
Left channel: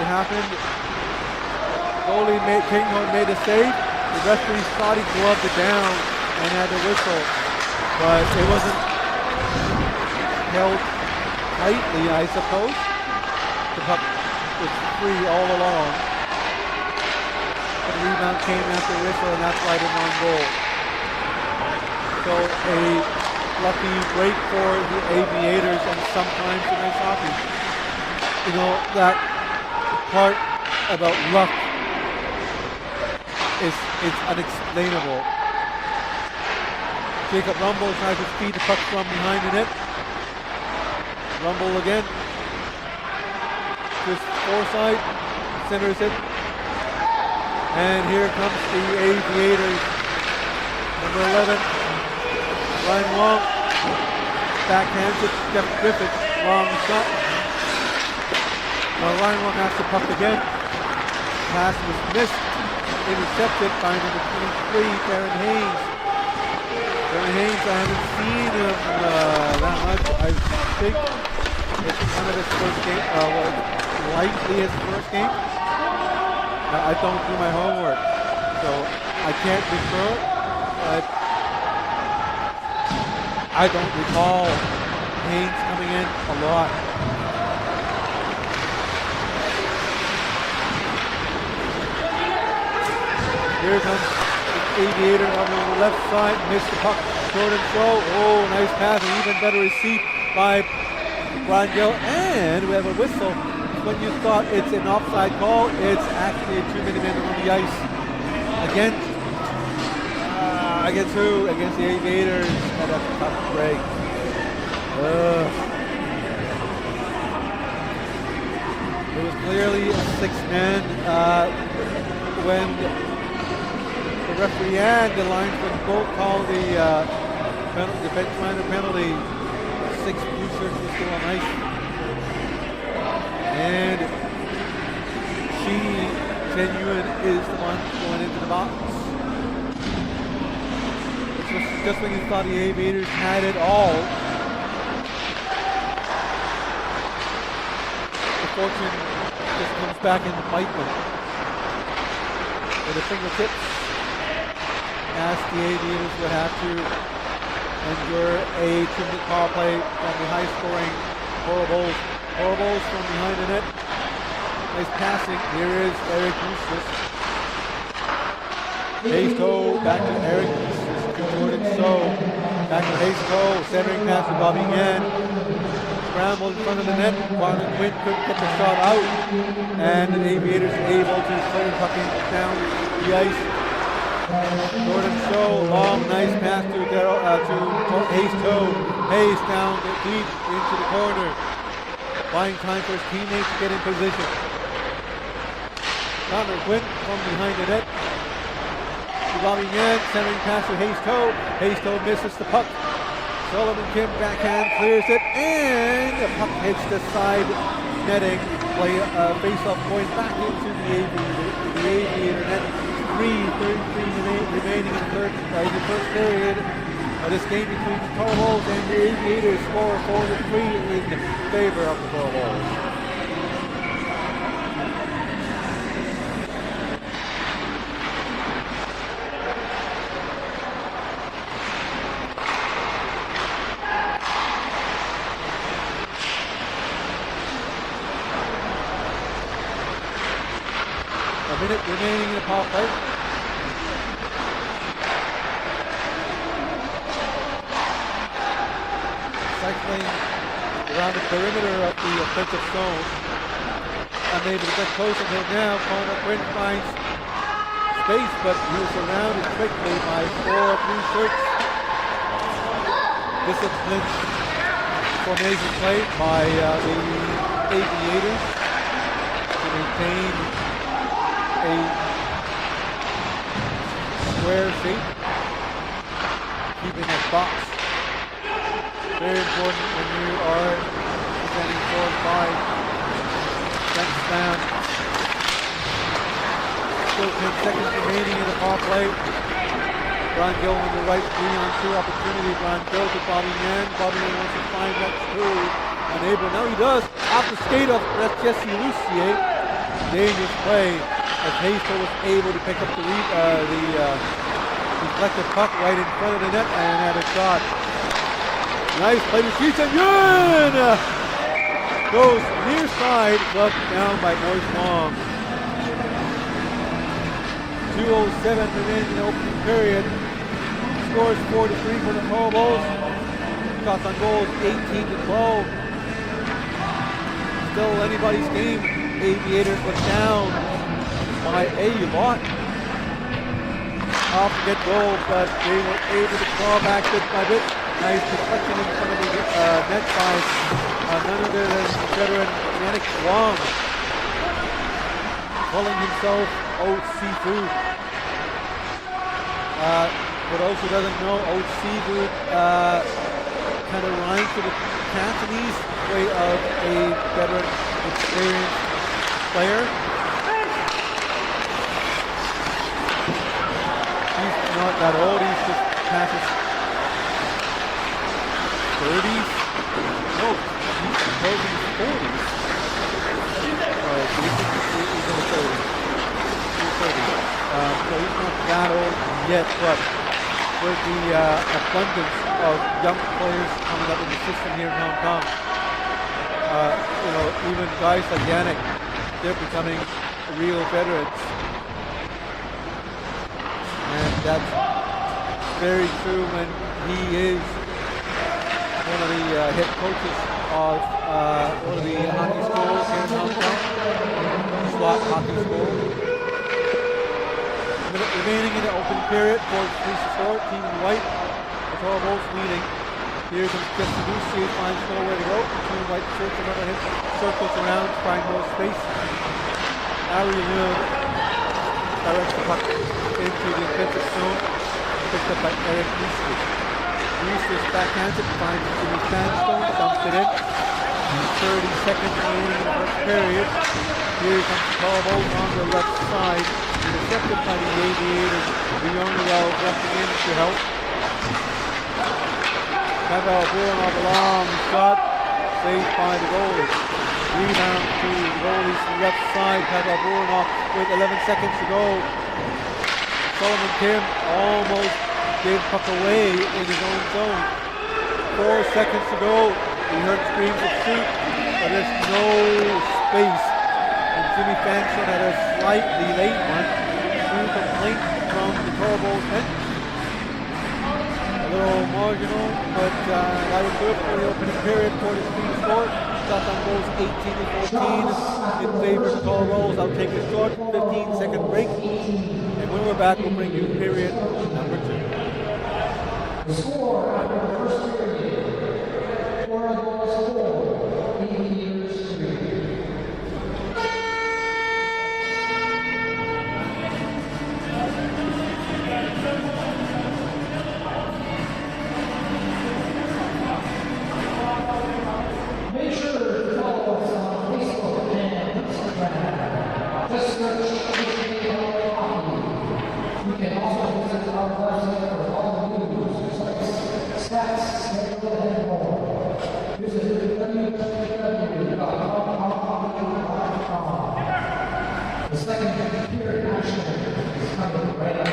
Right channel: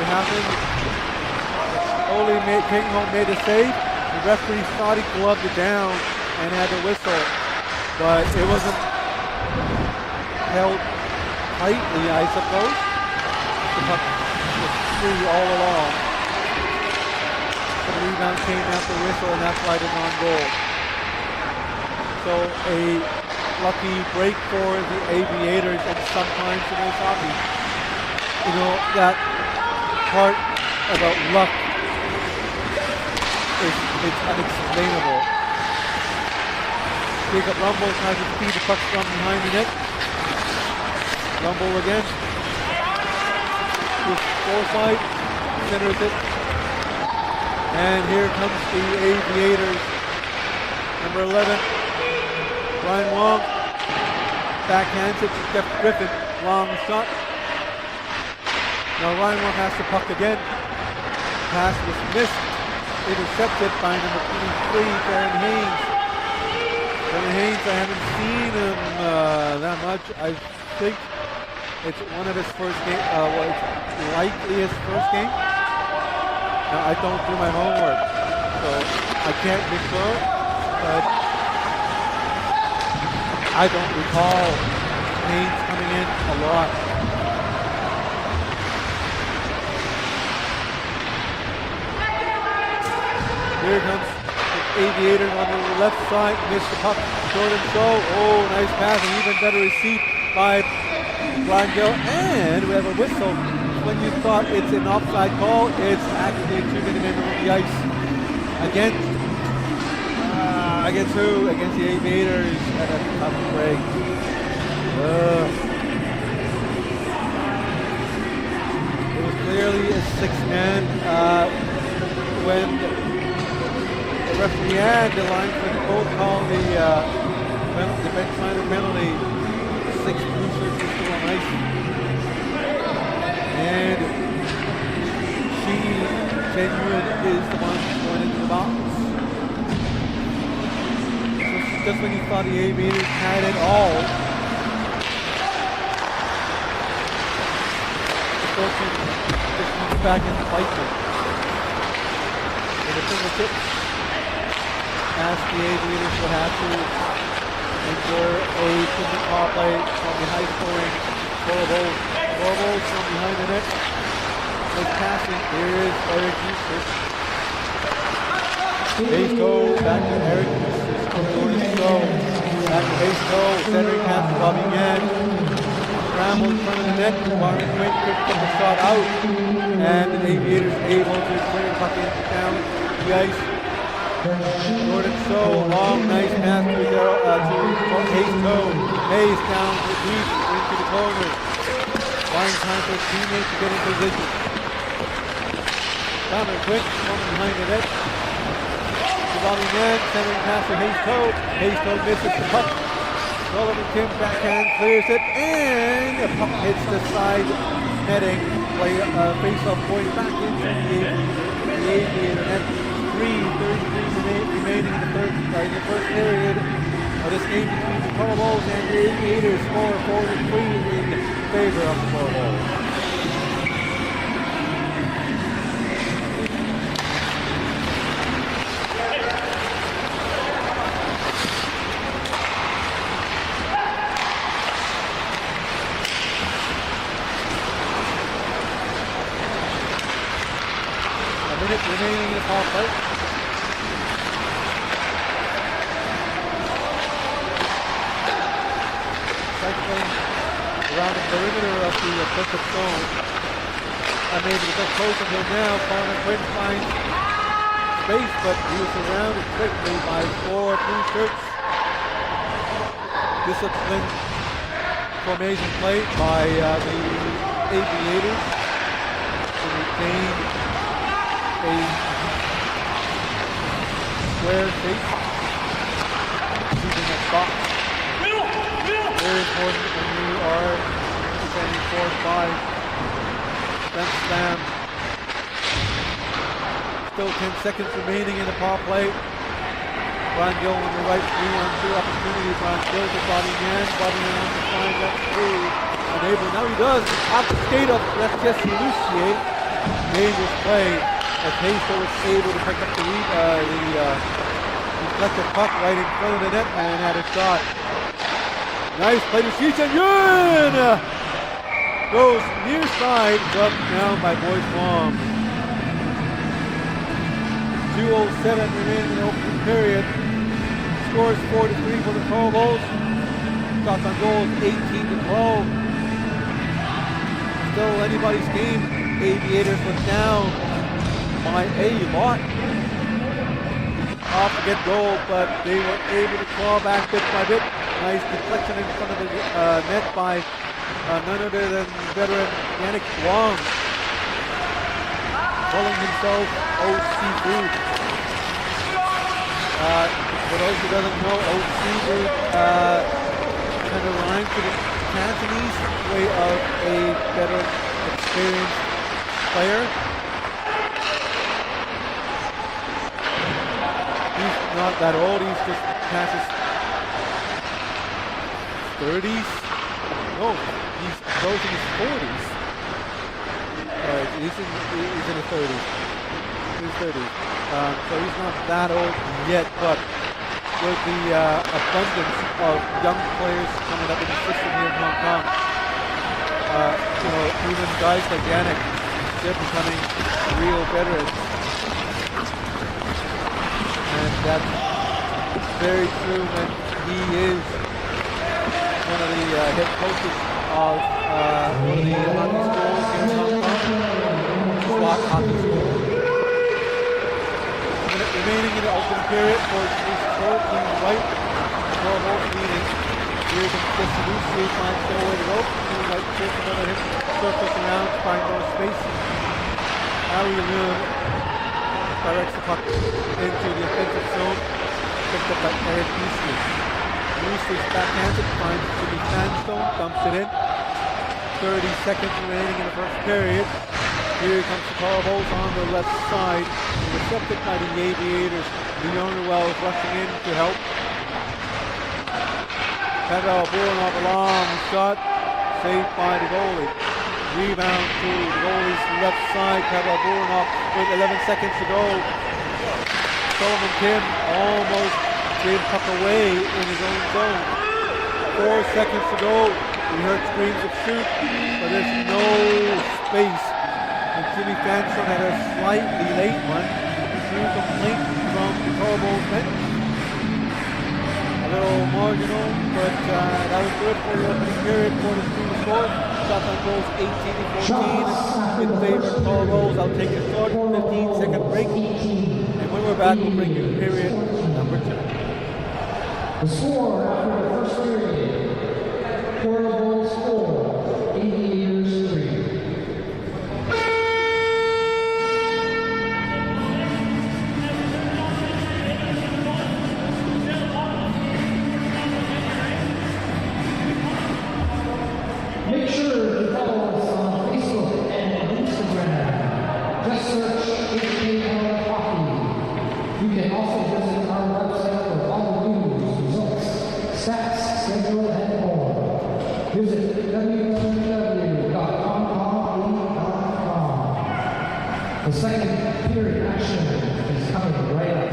it happened. Goalie King Ho made a save. The referee thought he gloved it down and had to whistle, but it wasn't held tightly, I suppose. The puck was free all along. But the rebound came after whistle, and that's why they're non-goal. So a lucky break for the Aviators, and sometimes in ice hockey. You know, that part about luck it's unexplainable. Jacob Rumble tries to feed the puck from behind the net. Rumble again. With foresight, centers it. And here comes the Aviators. Number 11, Ryan Wong. Backhands it to Jeff Griffin. Long shot. Now Ryan Wong has the puck again. Pass was missed. Intercepted by number 23, Darren Haynes. Darren Haynes, I haven't seen him that much. I think it's one of his first game, it's likely his first game. Now, I don't do my homework, so I can't be sure, but I don't recall Haynes coming in a lot. Here comes the Aviators on the left side, missed the puck, Jordan Show, oh, nice pass, and even better receipt by Brian Gill, and we have a whistle. When you thought it's an offside call, it's actually a 2-minute man on the ice. Against who? Against the Aviators at a tough break. It was clearly a 6-man when the referee and the linesman both called the bench minor penalty. 6 blue shirts were still on ice. And Chen Yuan is the one going into the box. So just when you thought the Aviators had it all, the fortune just comes back and bites them. With a fingertips, as the Aviators would have to endure a 2-minute power play from the high-scoring Coral Bulls. Corbels from behind the net. Nice passing. Here is Eric Eustace. Hayes-Toe back to Eric Eustace to Jordan Stowe. Back to Hayes-Toe. Centering pass to Bobby Yan. Scramble in front of the net. Marvin Quinn could get the shot out. And the Aviators able to clear the puck in down the ice. Jordan Stowe. Long, nice pass to Hayes-Toe. Hayes down deep into the corner. Buying time for his teammate to get in position. Connor Quick from behind the net. To Bobby Yan, centering pass to Hayes-Toe. Hayes-Toe misses the puck. Sullivan Kim backhand clears it, and the puck hits the side netting. Face-off going back into the Aviator net. 3:33 remaining in the first period. This game between the Coral Bulls and the Aviators score 4-3 in favor of the Coral Bulls. A minute remaining in the power play. Cycling around the perimeter of the offensive zone. Unable to get close until now. Connor Quinn finds space, but he was surrounded quickly by 4 blue shirts. Disciplined formation play by the Aviators to maintain a square shape, keeping that box. Very important when you are defending 4 and 5. Fence slam. Still 10 seconds remaining in the power play. Brian Gill on the right, 3-on-2 opportunity. Brian Gill to Bobby Yan. Bobby Yan wants to find that through. Unable. Now he does. Off the skate of Jesse Lucier. dangerous play as Hasto was able to pick up the deflected puck right in front of the net and had a shot. Nice play to Shi Chen-yun! Goes near side, gloved down by Boyce Wong. 2:07 remains in the opening period. Scores 4-3 for the Tall Bulls. Shots on goals 18-12. Still anybody's game. Aviators was down by a lot off the get goal, but they were able to claw back bit by bit. Nice deflection in front of the net by none other than veteran Yannick Wong, calling himself Oat Seafood. For those who doesn't know, Oat Seafood kind of rhymes to the Cantonese way of a veteran, experienced player. He's not that old, he's just past his 30s. No, he's approaching his 40s. Right, he's in his 30s. He's 30. So he's not that old yet, but with the abundance of young players coming up in the system here in Hong Kong, even guys like Yannick, they're becoming real veterans. And that's very true when he is one of the head coaches of one of the hockey schools here in Hong Kong, SWAT Hockey School. A minute remaining in the opening period for the score. Team White, the Tall Bulls leading. Here comes Jesse Lucy, finds nowhere to go. Team White circles under him, circles around to find more space. Ari Leung directs the puck into the offensive zone, picked up by Eric Eustace. Eustace backhands it, finds Jimmy Sandstone, dumps it in. 30 seconds remaining in the first period. Here comes the Tall Bulls on the left side, intercepted by the Aviators. Leon Wells rushing in to help. Pavel Buranov, a long shot, saved by the goalie. Rebound to the goalie's left side. Pavel Buranov with 11 seconds to go. Solomon Kim almost gave the puck away in his own zone. 4 seconds to go. We heard screams of shoot, but there's no space. And Jimmy Fanstone had a slightly late one through complaint from the Tall Bulls bench. A little marginal, but that was good for the opening period for the team to score. Shots on goals 18-14 in favor of the Tall Bulls. I'll take a short 15-second break. And when we're back, we'll bring you period number 2. The score after the first period, Tall Bulls 4, Aviators 3. Make sure to follow us on Facebook and Instagram. Just search HKL Hockey. You can also visit our website for all news, results, stats, schedule, and more. Visit www.hongkongleague.com. The second period action is coming right up.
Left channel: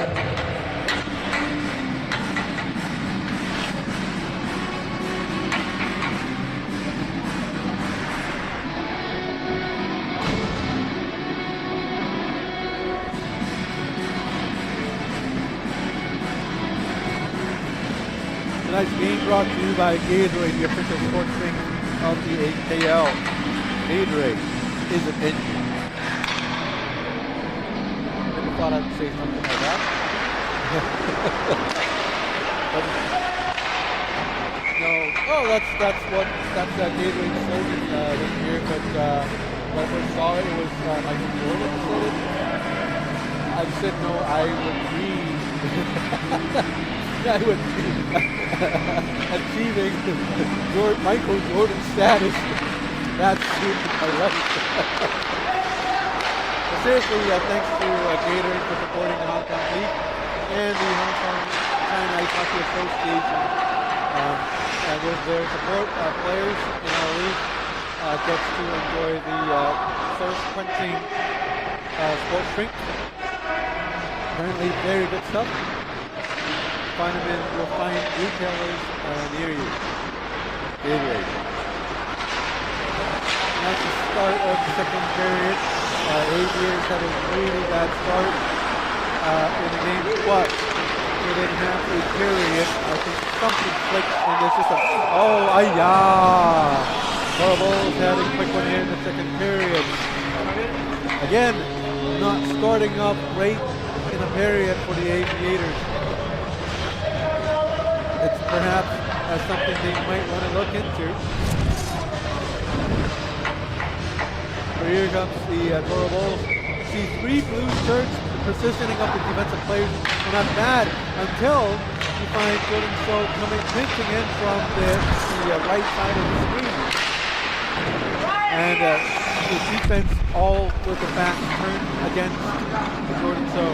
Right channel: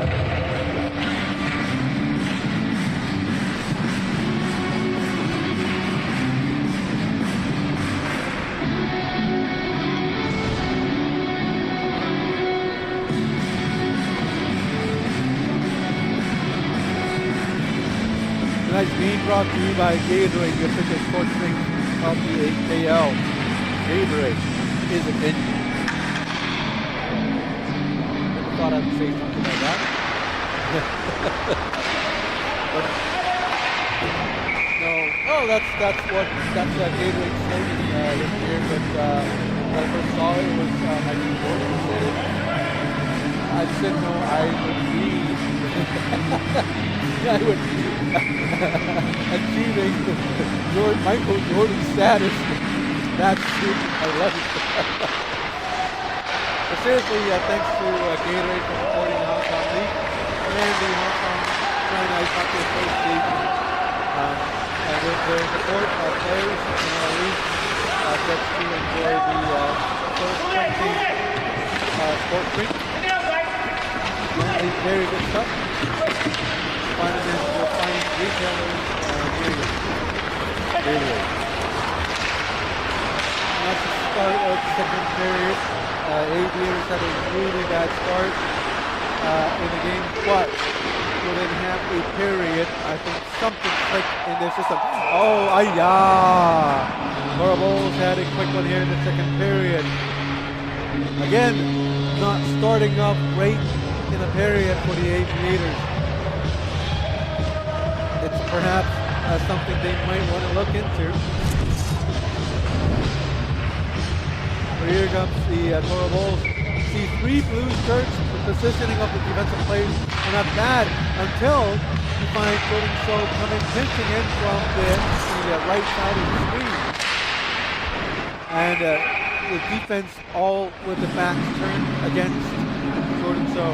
Tonight's game brought to you by Gatorade, the official sports drink of the HKL. Gatorade is an engine. Never thought I'd say something like that. But no, oh, that's Gatorade's slogan this year. But when I first saw it, it was Michael Jordan who said it. I said no, I would read. I would be achieving Michael Jordan status. That's my life. But seriously, thanks to Gatorade for supporting the Hong Kong League and the Hong Kong China Ice Hockey Association. And with their support, players in our league gets to enjoy the thirst-quenching sports drink. Apparently very good stuff. Find them in your fine retailers near you. Anyway. And that's the start of the second period. Aviators had a really bad start in the game, but within half a period, I think something clicked in their system. Oh, Toro Bulls had a quick one here in the second period. Again, not starting off great in a period for the Aviators. It's perhaps something they might want to look into. So here comes the Toro Bulls. See 3 blue shirts. The positioning of the defensive players are not bad until you find Jordan So coming pinching in from the right side of the screen. And the defense all with the back turned against Jordan So.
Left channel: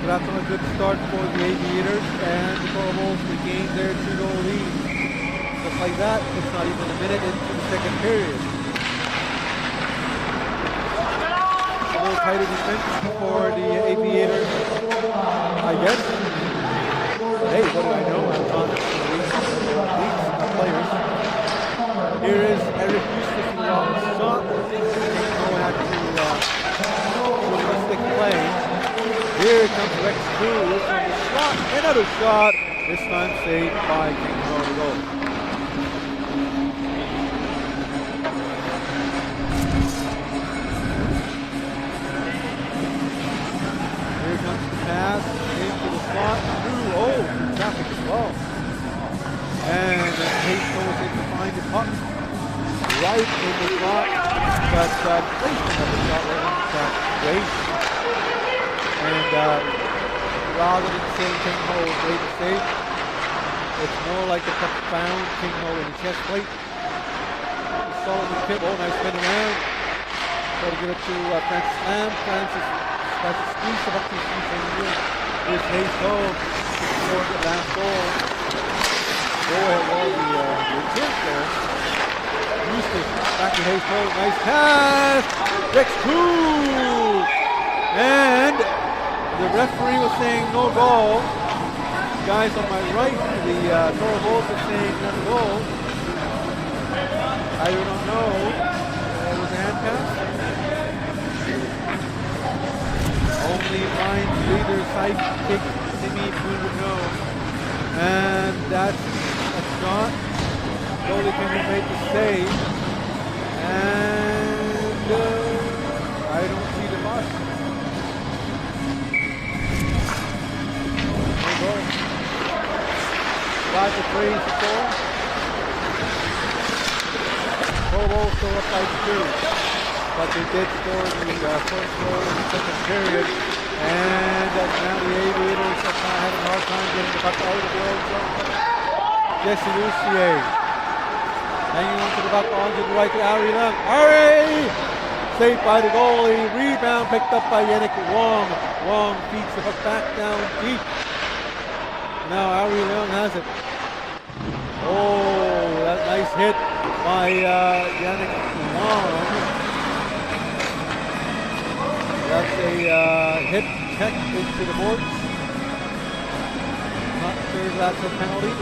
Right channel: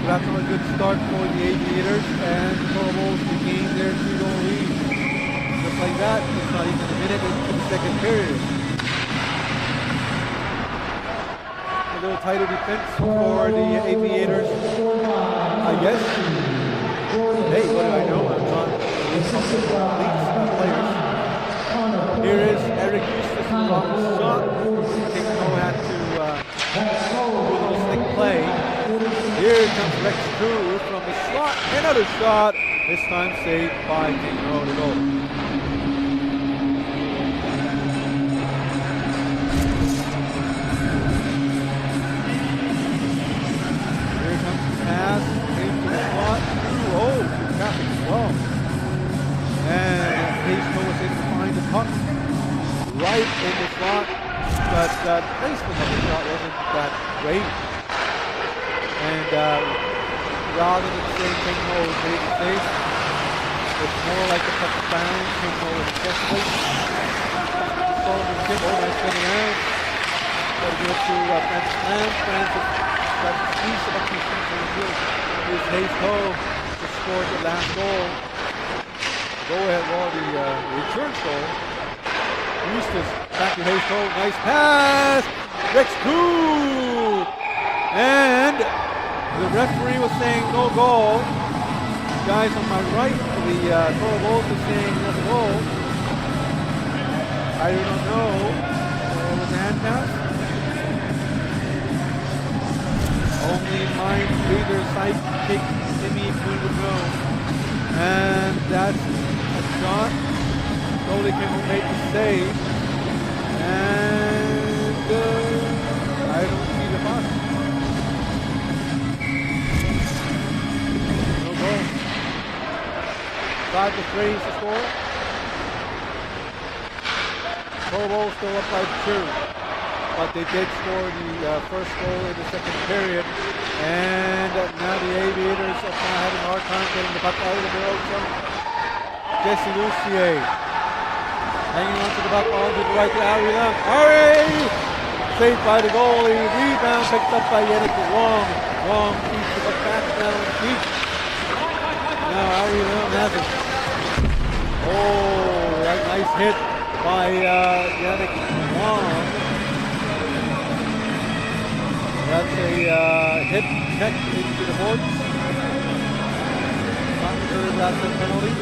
So that's not a good start for the Aviators, and the Toro Bulls regain their 2-goal lead. Just like that, it's not even a minute into the second period. A little tighter defense for the Aviators, I guess. Hey, what do I know? I'm not these players. Here is Eric Eustace with a long shot. King Ho had to go to the stick play. Here comes Rex Koo from the slot. Another shot. This time saved by King Ho to goal. Here comes the pass into the slot, through traffic as well. And Hayes was able to find the puck right in the slot, but the placement of the shot wasn't that great. And rather than saying King Ho made the save, it's more like the puck found King Ho in the chest plate. Solomon Kim, nice spin around. Got to give it to Francis Lamb. Francis tries to squeeze the puck, here's Hayes Ho to score the last goal. Go ahead, the return goal. Eustace back to Hayes Ho, nice pass. Rex Koo! And the referee was saying no goal. Guys on my right, the Toro Bulls was saying that's a goal. I do not know. It was a hand pass. Only mind reader sidekick Timmy Poon would know. And that's a shot. Goalie can make the save. And I don't see the bus. No goal. 5-3 to score. Toro Bulls still up by 2. But they did score the first goal in the second period. And now the Aviators are kind of having a hard time getting the puck out of their own zone. Jesse Lucier hanging on to the puck, on to the right to Ari Leung. Ari! Saved by the goalie. Rebound picked up by Yannick Wong. Wong feeds the puck back down deep. Now Ari Leung has it. Oh, that nice hit by Yannick Wong. That's a hit check into the boards. Not sure if that's a penalty.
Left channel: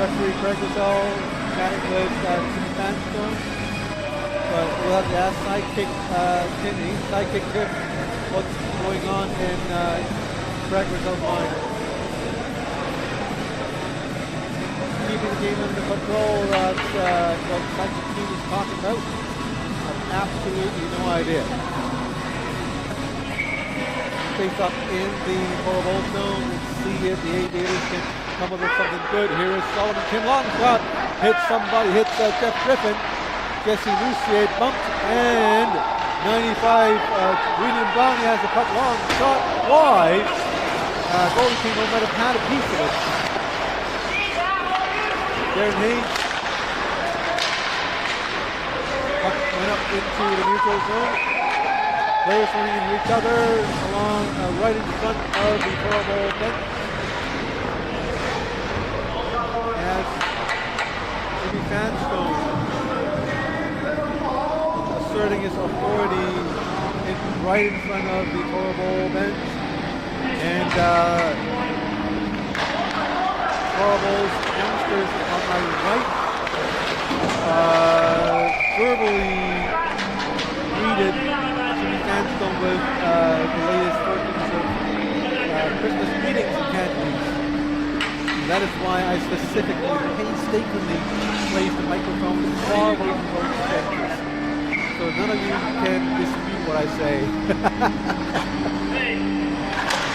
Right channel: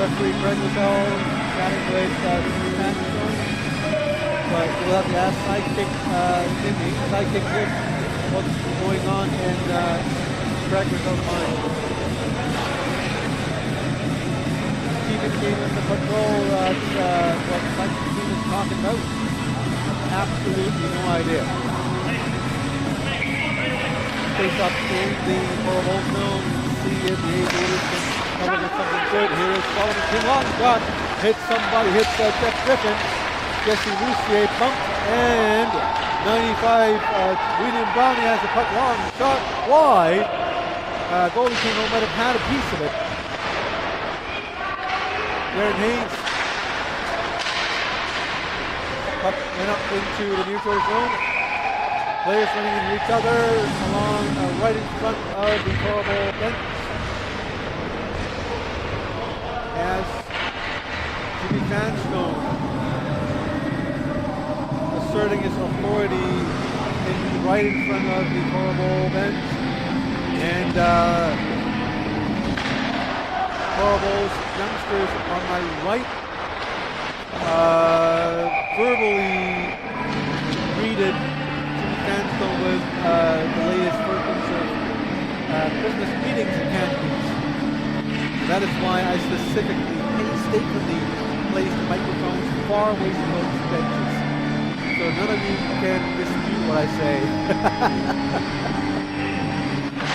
Referee Craig Lascelles chatting with Timmy Vanstone. But we'll have to ask sidekick Tim, what's going on in Craig Lascelles' mind. Keeping the game under control, that's what the sidekick team is talking about. I have absolutely no idea. Face up in the Toro Bulls zone and see if the Aviators can come up with something good. Here is Solomon Kim, long shot, hits somebody, hits Jeff Griffin. Jesse Lucier bumped, and 95, William Downey has the puck, long shot, wide. Goalie King Ho might have had a piece of it. Darren Hayes. Puck went up into the neutral zone. Players running into each other along right in front of the Toro Bull bench. As Jimmy Vanstone asserting his authority right in front of the Toro Bowl bench. And Toro Bowl's youngsters on my right verbally greeted Jimmy Sandstone with the latest versions of Christmas greetings in Cantonese. And that is why I specifically, painstakingly placed the microphones far away from those benches, so none of you can dispute what I say.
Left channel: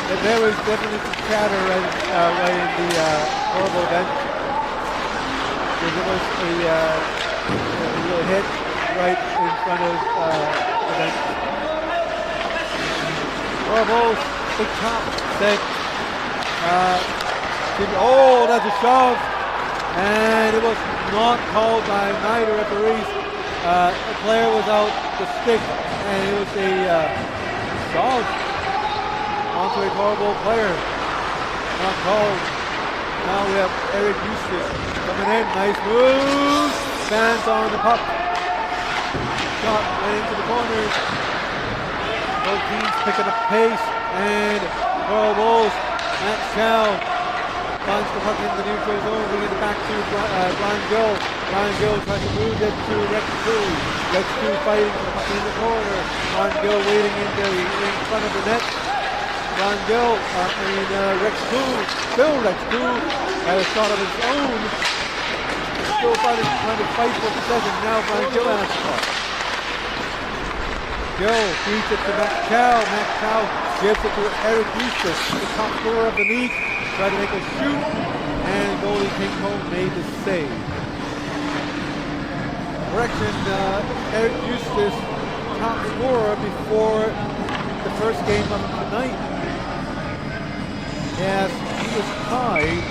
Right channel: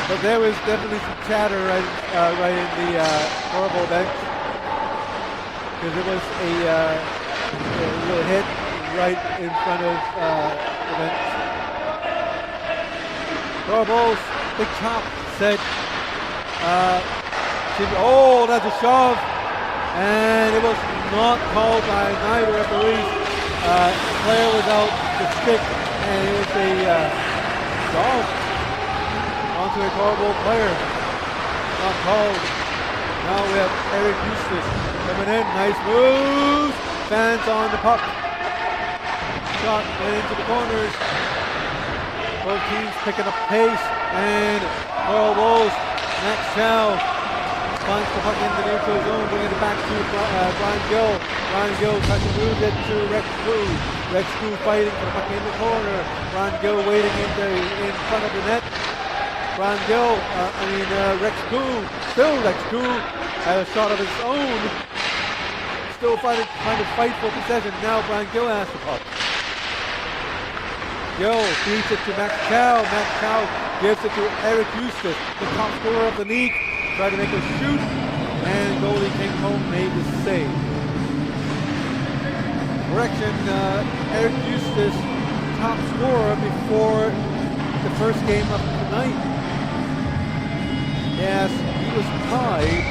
But there was definitely some chatter right in the Toro Bowl bench, because it was a little hit right in front of the bench. Toro Bowl's big top said, oh, that's a shove, and it was not called by neither referees. The player was out the stick, and it was a shove onto a Toro Bowl player. Not called. Now we have Eric Eustace coming in. Nice move. Fans on the puck. Shot went into the corners. Both teams picking up pace, and Toro Bowls, Max Chow finds the puck in the neutral zone, bringing it back to Brian Gill. Brian Gill tries to move it to Rex Crew. Rex Crew fighting for the puck in the corner. Brian Gill waiting in front of the net. Brian Gill, Rex Crew, still Rex Crew had a shot of his own. Still trying to fight for possession. Now Brian Gill has the puck. Gill feeds it to Max Chow. Max Chow gives it to Eric Eustace, the top scorer of the league. Tried to make a shoot, and goalie King Home made the save. Correction, Eric Eustace, top scorer before the first game of tonight. Yes, he was tied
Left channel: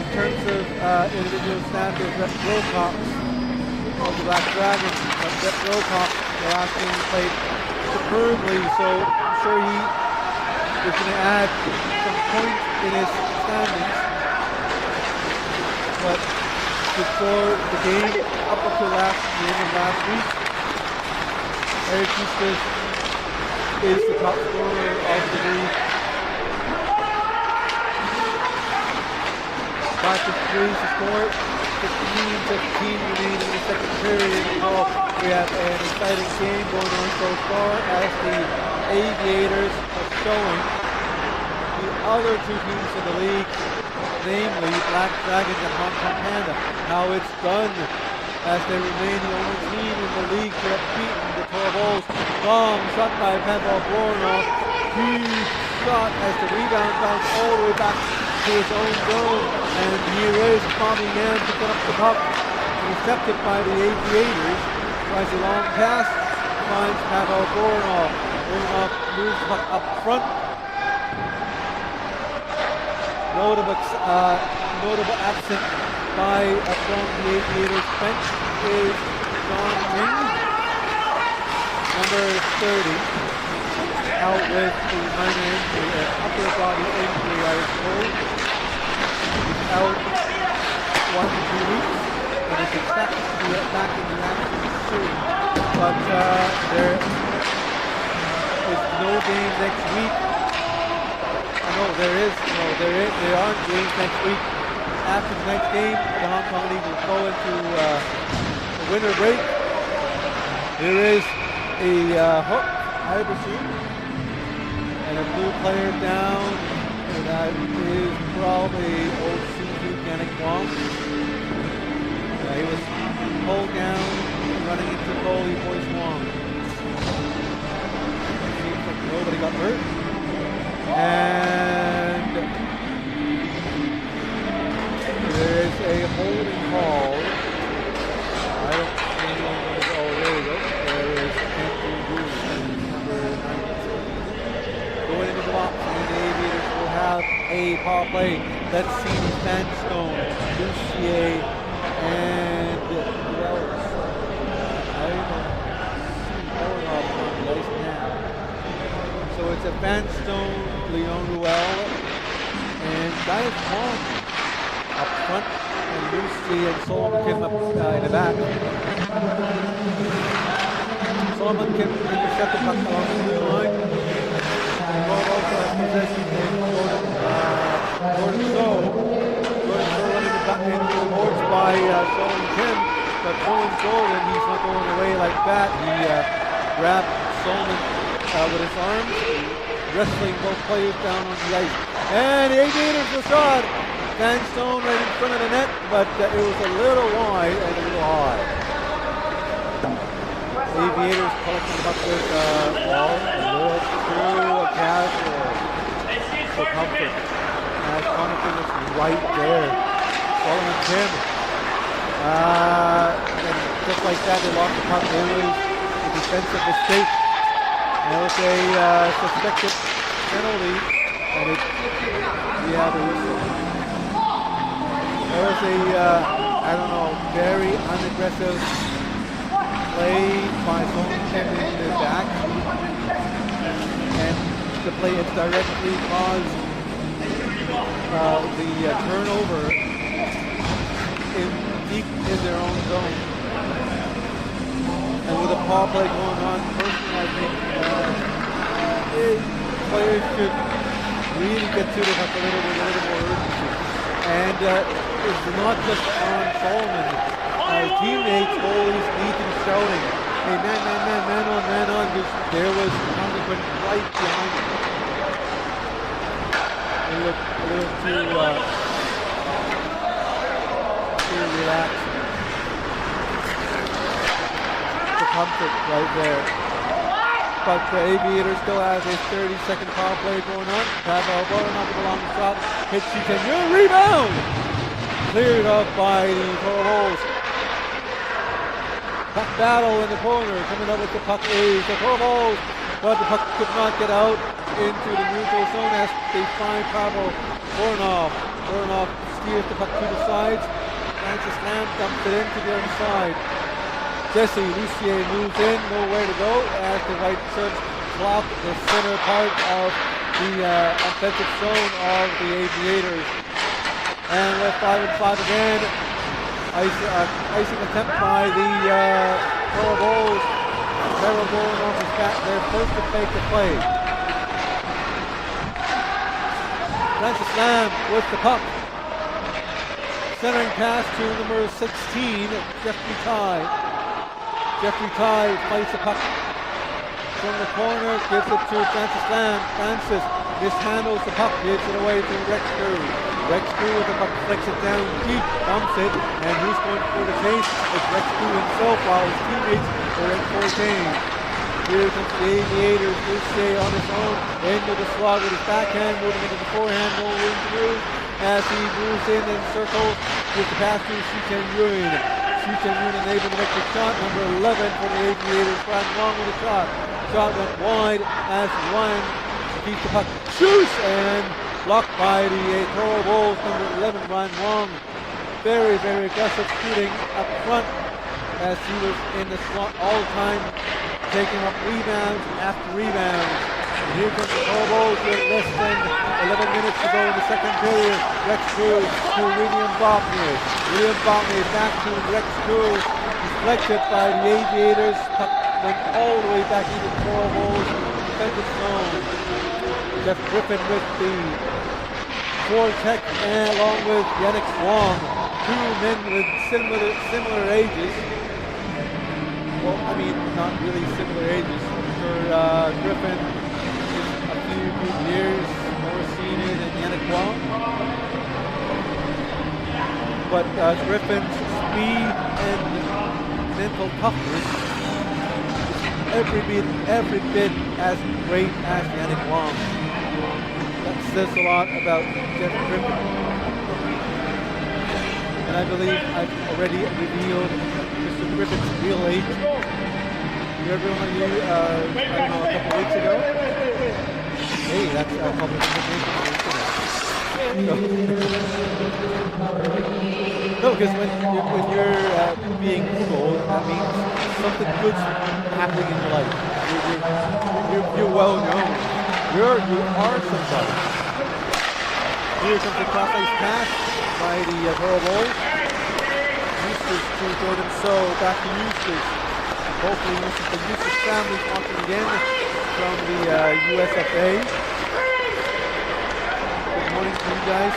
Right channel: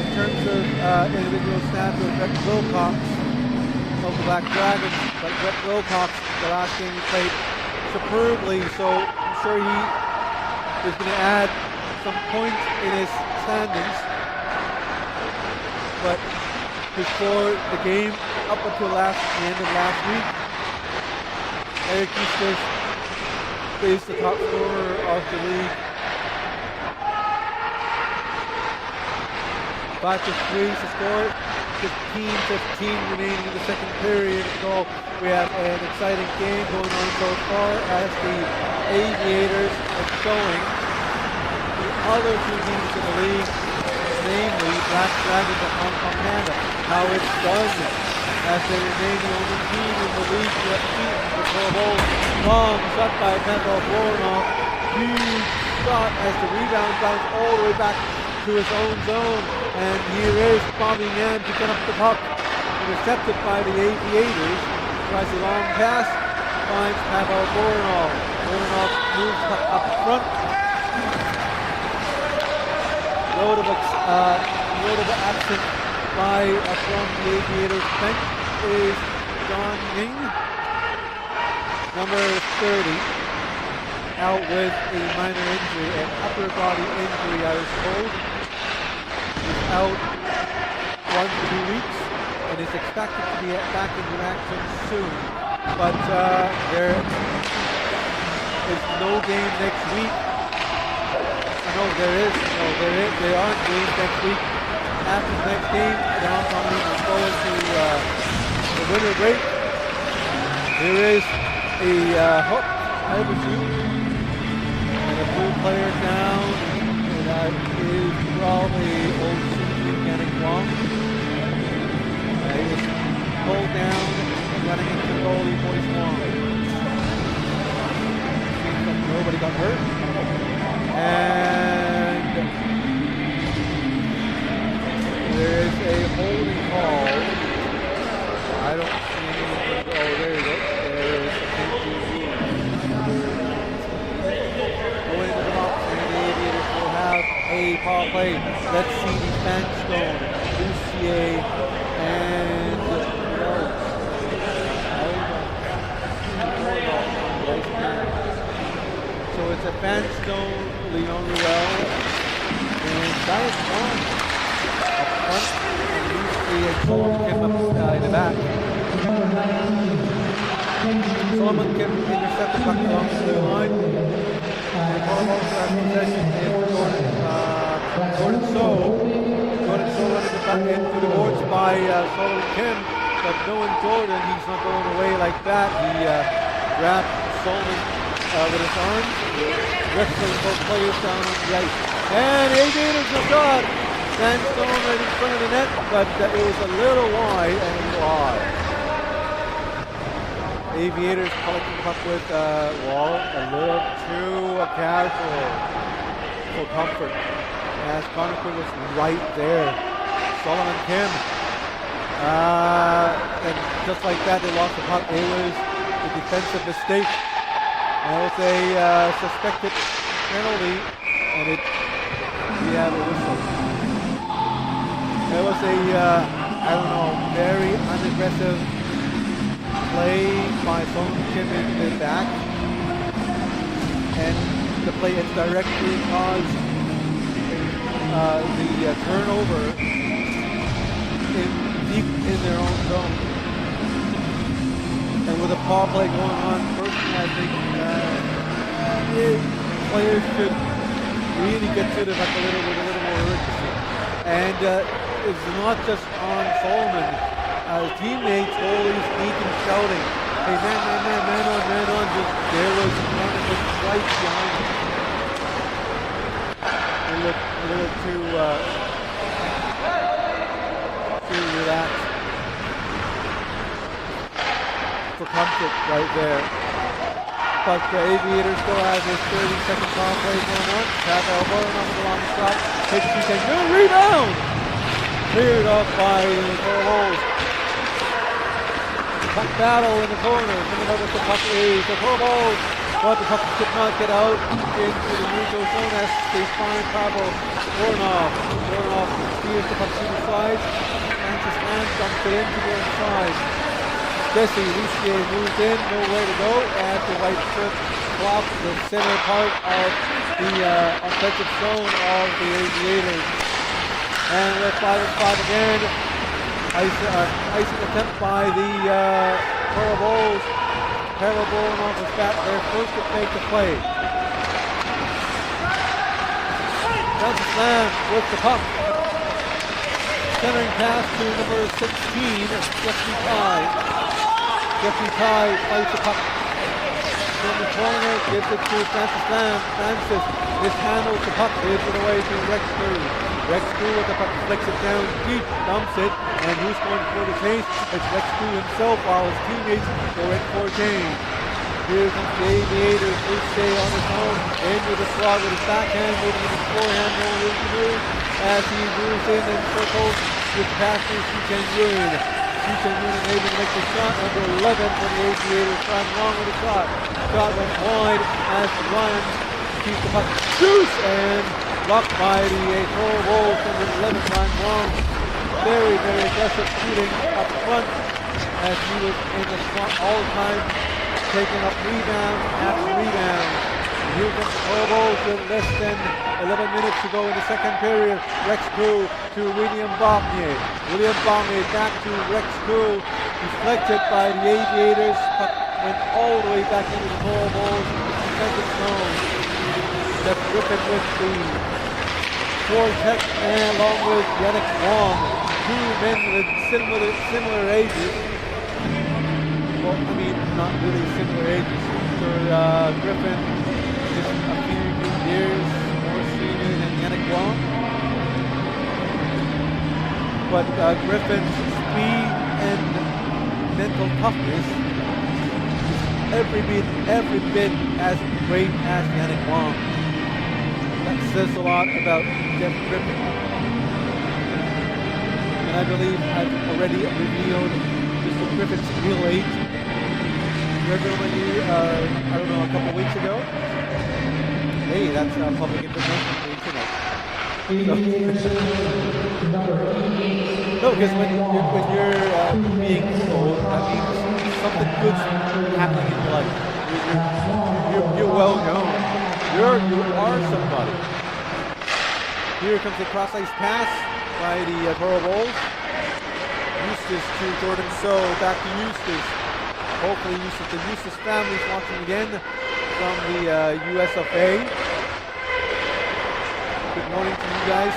in terms of individual stats with Rhett Wilcox of the Black Dragons, but Rhett Wilcox, the last game he played superbly, so I'm sure he is going to add some points in his standings. But before the game, up until the end of last week, Eric Eustace is the top scorer of the league. 5-3 to score. 15-15 remaining in the second period. So we have an exciting game going on so far, as the Aviators are showing the other two teams in the league, namely Black Dragons and Hong Kong Panda, how it's done, as they remain the only team in the league to have beaten the Toro Bowl. Long shot by Pavel Voronov. Huge shot as the rebound bounced all the way back to his own zone. And here is Bobby Yan picking up the puck. Intercepted by the Aviators. Tries a long pass. Finds Pavel Voronov. Voronov moves the puck up front. Notable absent from the Aviators bench is John Ying, number 30, out with a minor injury, an upper body injury, I was told. He's out 1 to 2 weeks and is expected to be back in action soon. But there is no game next week. There aren't games next week. After the next game, the Hong Kong League will go into the winter break. Here is a hook, I presume, and a blue player down. And that is probably old Suzu Ganek Wong. He was pulled down and running into the goalie, Boyce Wong. Seems like nobody got hurt. And there is a holding call. I don't see anyone going to go. Oh, there we go. There is Kenji Wu, number 19, going into the box, and the Aviators will have a power play. Let's see the Sandstone, Lucier, and who else? I don't see Voronov on the ice now. So it's a Sandstone, Leon Ruel, and Dias Wong up front, and Lucy and Solomon Kim up in the back. Solomon Kim intercepted puck along the blue line. The Toronto also has possession in Jordan So. Jordan So running back into the boards by Solomon Kim, but knowing Jordan, he's not going away like that. He grabbed Solomon with his arms, wrestling both players down on the ice. And the Aviators a shot. Sandstone right in front of the net, but it was a little wide and a little high. Aviators collecting the puck with Wall, a little too casual for comfort. As Conacher was right there. Solomon Kim. And just like that, they lost the puck. It was a defensive mistake. And it was a suspected penalty, and we have a whistle. It was a, very unaggressive play by Solomon Kim in the back. And the play had directly caused the turnover deep in their own zone. And with a power play going on, personally I think players should really get to the puck with a little more urgency. And it's not just on Solomon. Teammates always need to be shouting, hey, man on. There was Conacher right behind him. They look a little too relaxed. For comfort right there. But the Aviators still has a 30-second power play going on. Pavel Voronov with a long shot. Hits Chichen, rebound! Cleared off by the Toro Bulls. Puck battle in the corner. Coming up with the puck is the Toro Bulls. But the puck could not get out into the neutral zone as they find Pavel Voronov. Voronov steers the puck to the sides. Francis Lamb dumps it into the other side. Jesse Lucier moves in, nowhere to go, as the white shirts block the center part of the offensive zone of the Aviators. And with 5-on-5 again, icing attempt by the Toro Bulls. Pavel Voronov is back there first to fake the play. Francis Lamb with the puck. Centering pass to number 16, Jeffrey Ty. Jeffrey Ty fights the puck from the corner, gives it to Francis Lamb. Francis mishandles the puck, gives it away to Rex Crew. Rex Crew with the puck, flicks it down deep, dumps it, and who's going for the chase? It's Rex Crew himself, while his teammates go in for a change. Here comes the Aviators, Lucier on his own, into the slot with his backhand, moving into the forehand, no room to move, as he moves in and circles with the pass to Chichen Yun. Chichen Yun unable to make the shot, number 11 for the Aviators, trying long with the shot. Shot went wide as Ryan keeps the puck, shoots, and blocked by the Toro Bulls, number 11, Ryan Wong. Very, very aggressive shooting up front as he was in the slot all the time, taking up rebounds after rebounds. And here comes the Toro Bulls with less than 11 minutes to go in the second period. Rex Crew to William Bognier. William Bognier back to Rex Crew. Deflected by the Aviators. Puck went all the way back into the Toro Bulls defensive zone. Jeff Griffin with the forecheck, and along with Yannick Wong. Two men with similar ages. Well, I mean, not really similar ages. For Griffin is a few years more senior than Yannick Wong. But Griffin's speed and mental toughness is every bit as great as Yannick Wong. That says a lot about Jeff Griffin. And I believe I've already revealed Mr. Griffin's real age. Everyone on you, I don't know, a couple weeks ago. Hey, that's public information on the internet. No, because when you're being Googled, that means something good's happening in your life. You're well known. You are somebody. Here comes the cross-ice pass by the Toro Bulls. Eustace to Jordan So, back to Eustace. Hopefully Eustace, the Eustace family is watching again from the USFA. Good morning to you guys.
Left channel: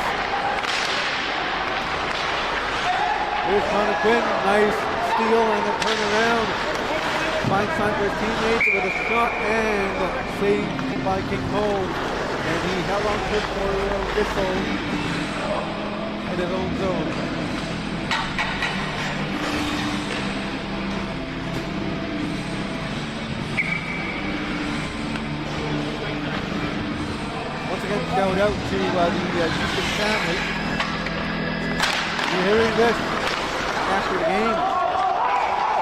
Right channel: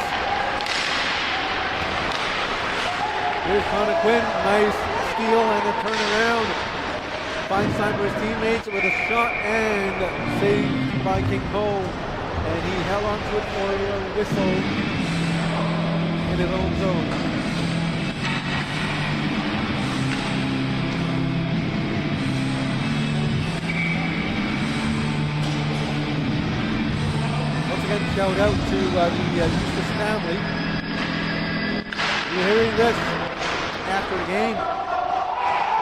Here's Connor Quinn, nice steal and a turnaround. Finds time for his teammates with a shot and saved by King Ho. And he held on to it for a whistle in his own zone. Once again, shout out to the Eustace family. You're hearing this after the game.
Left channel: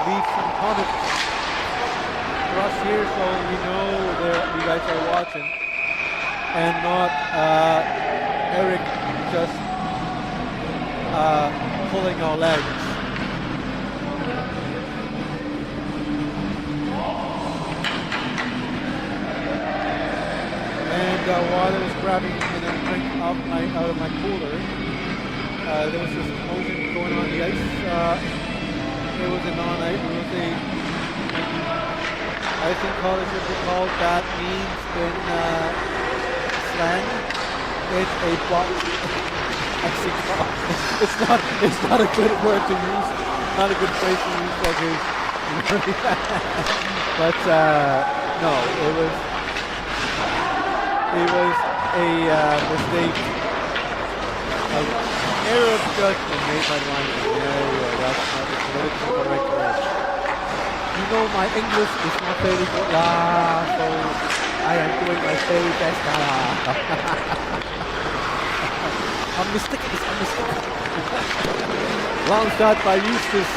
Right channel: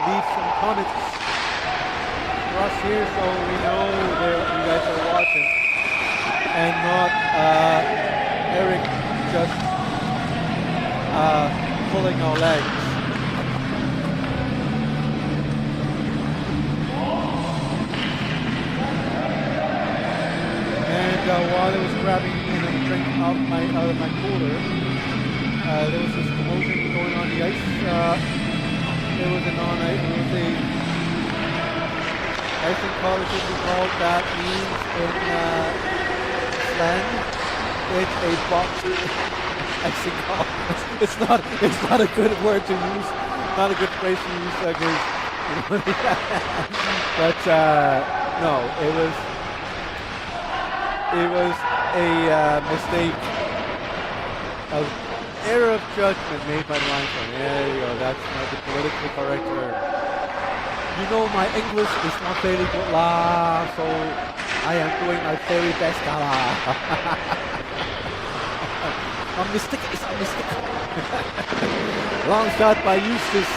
Leave some comments for us here so we know you guys are watching. And not Eric just pulling our legs. And while I was grabbing a drink out of my cooler, there was this commotion going on the ice. It was a icing call, it should be called. That means in slang, it's a box icing call. It's not a good word to use, not a good phrase to use, because but no, it was a mistake, an error of judgment made by the linesman. There you go. That's not the politically correct term. You know my English is not very good lah, so I am doing my very best lah. A mistake is a mistake. Long shot by Eustace.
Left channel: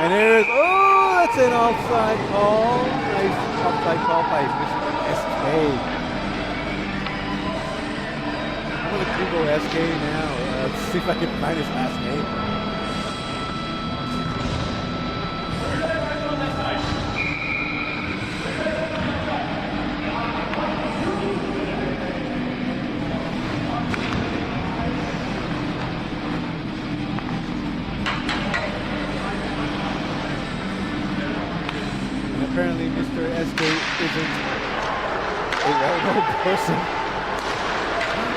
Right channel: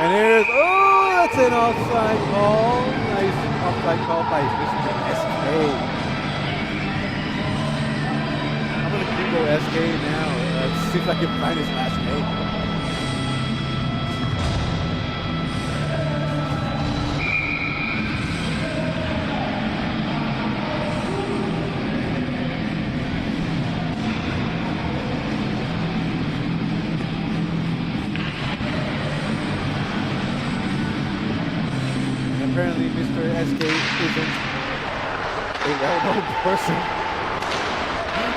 And here's, that's an offside call. Nice offside call by Mr. SK. I'm going to Google SK now. See if I can find his last name. Apparently Mr. SK isn't a well-known person,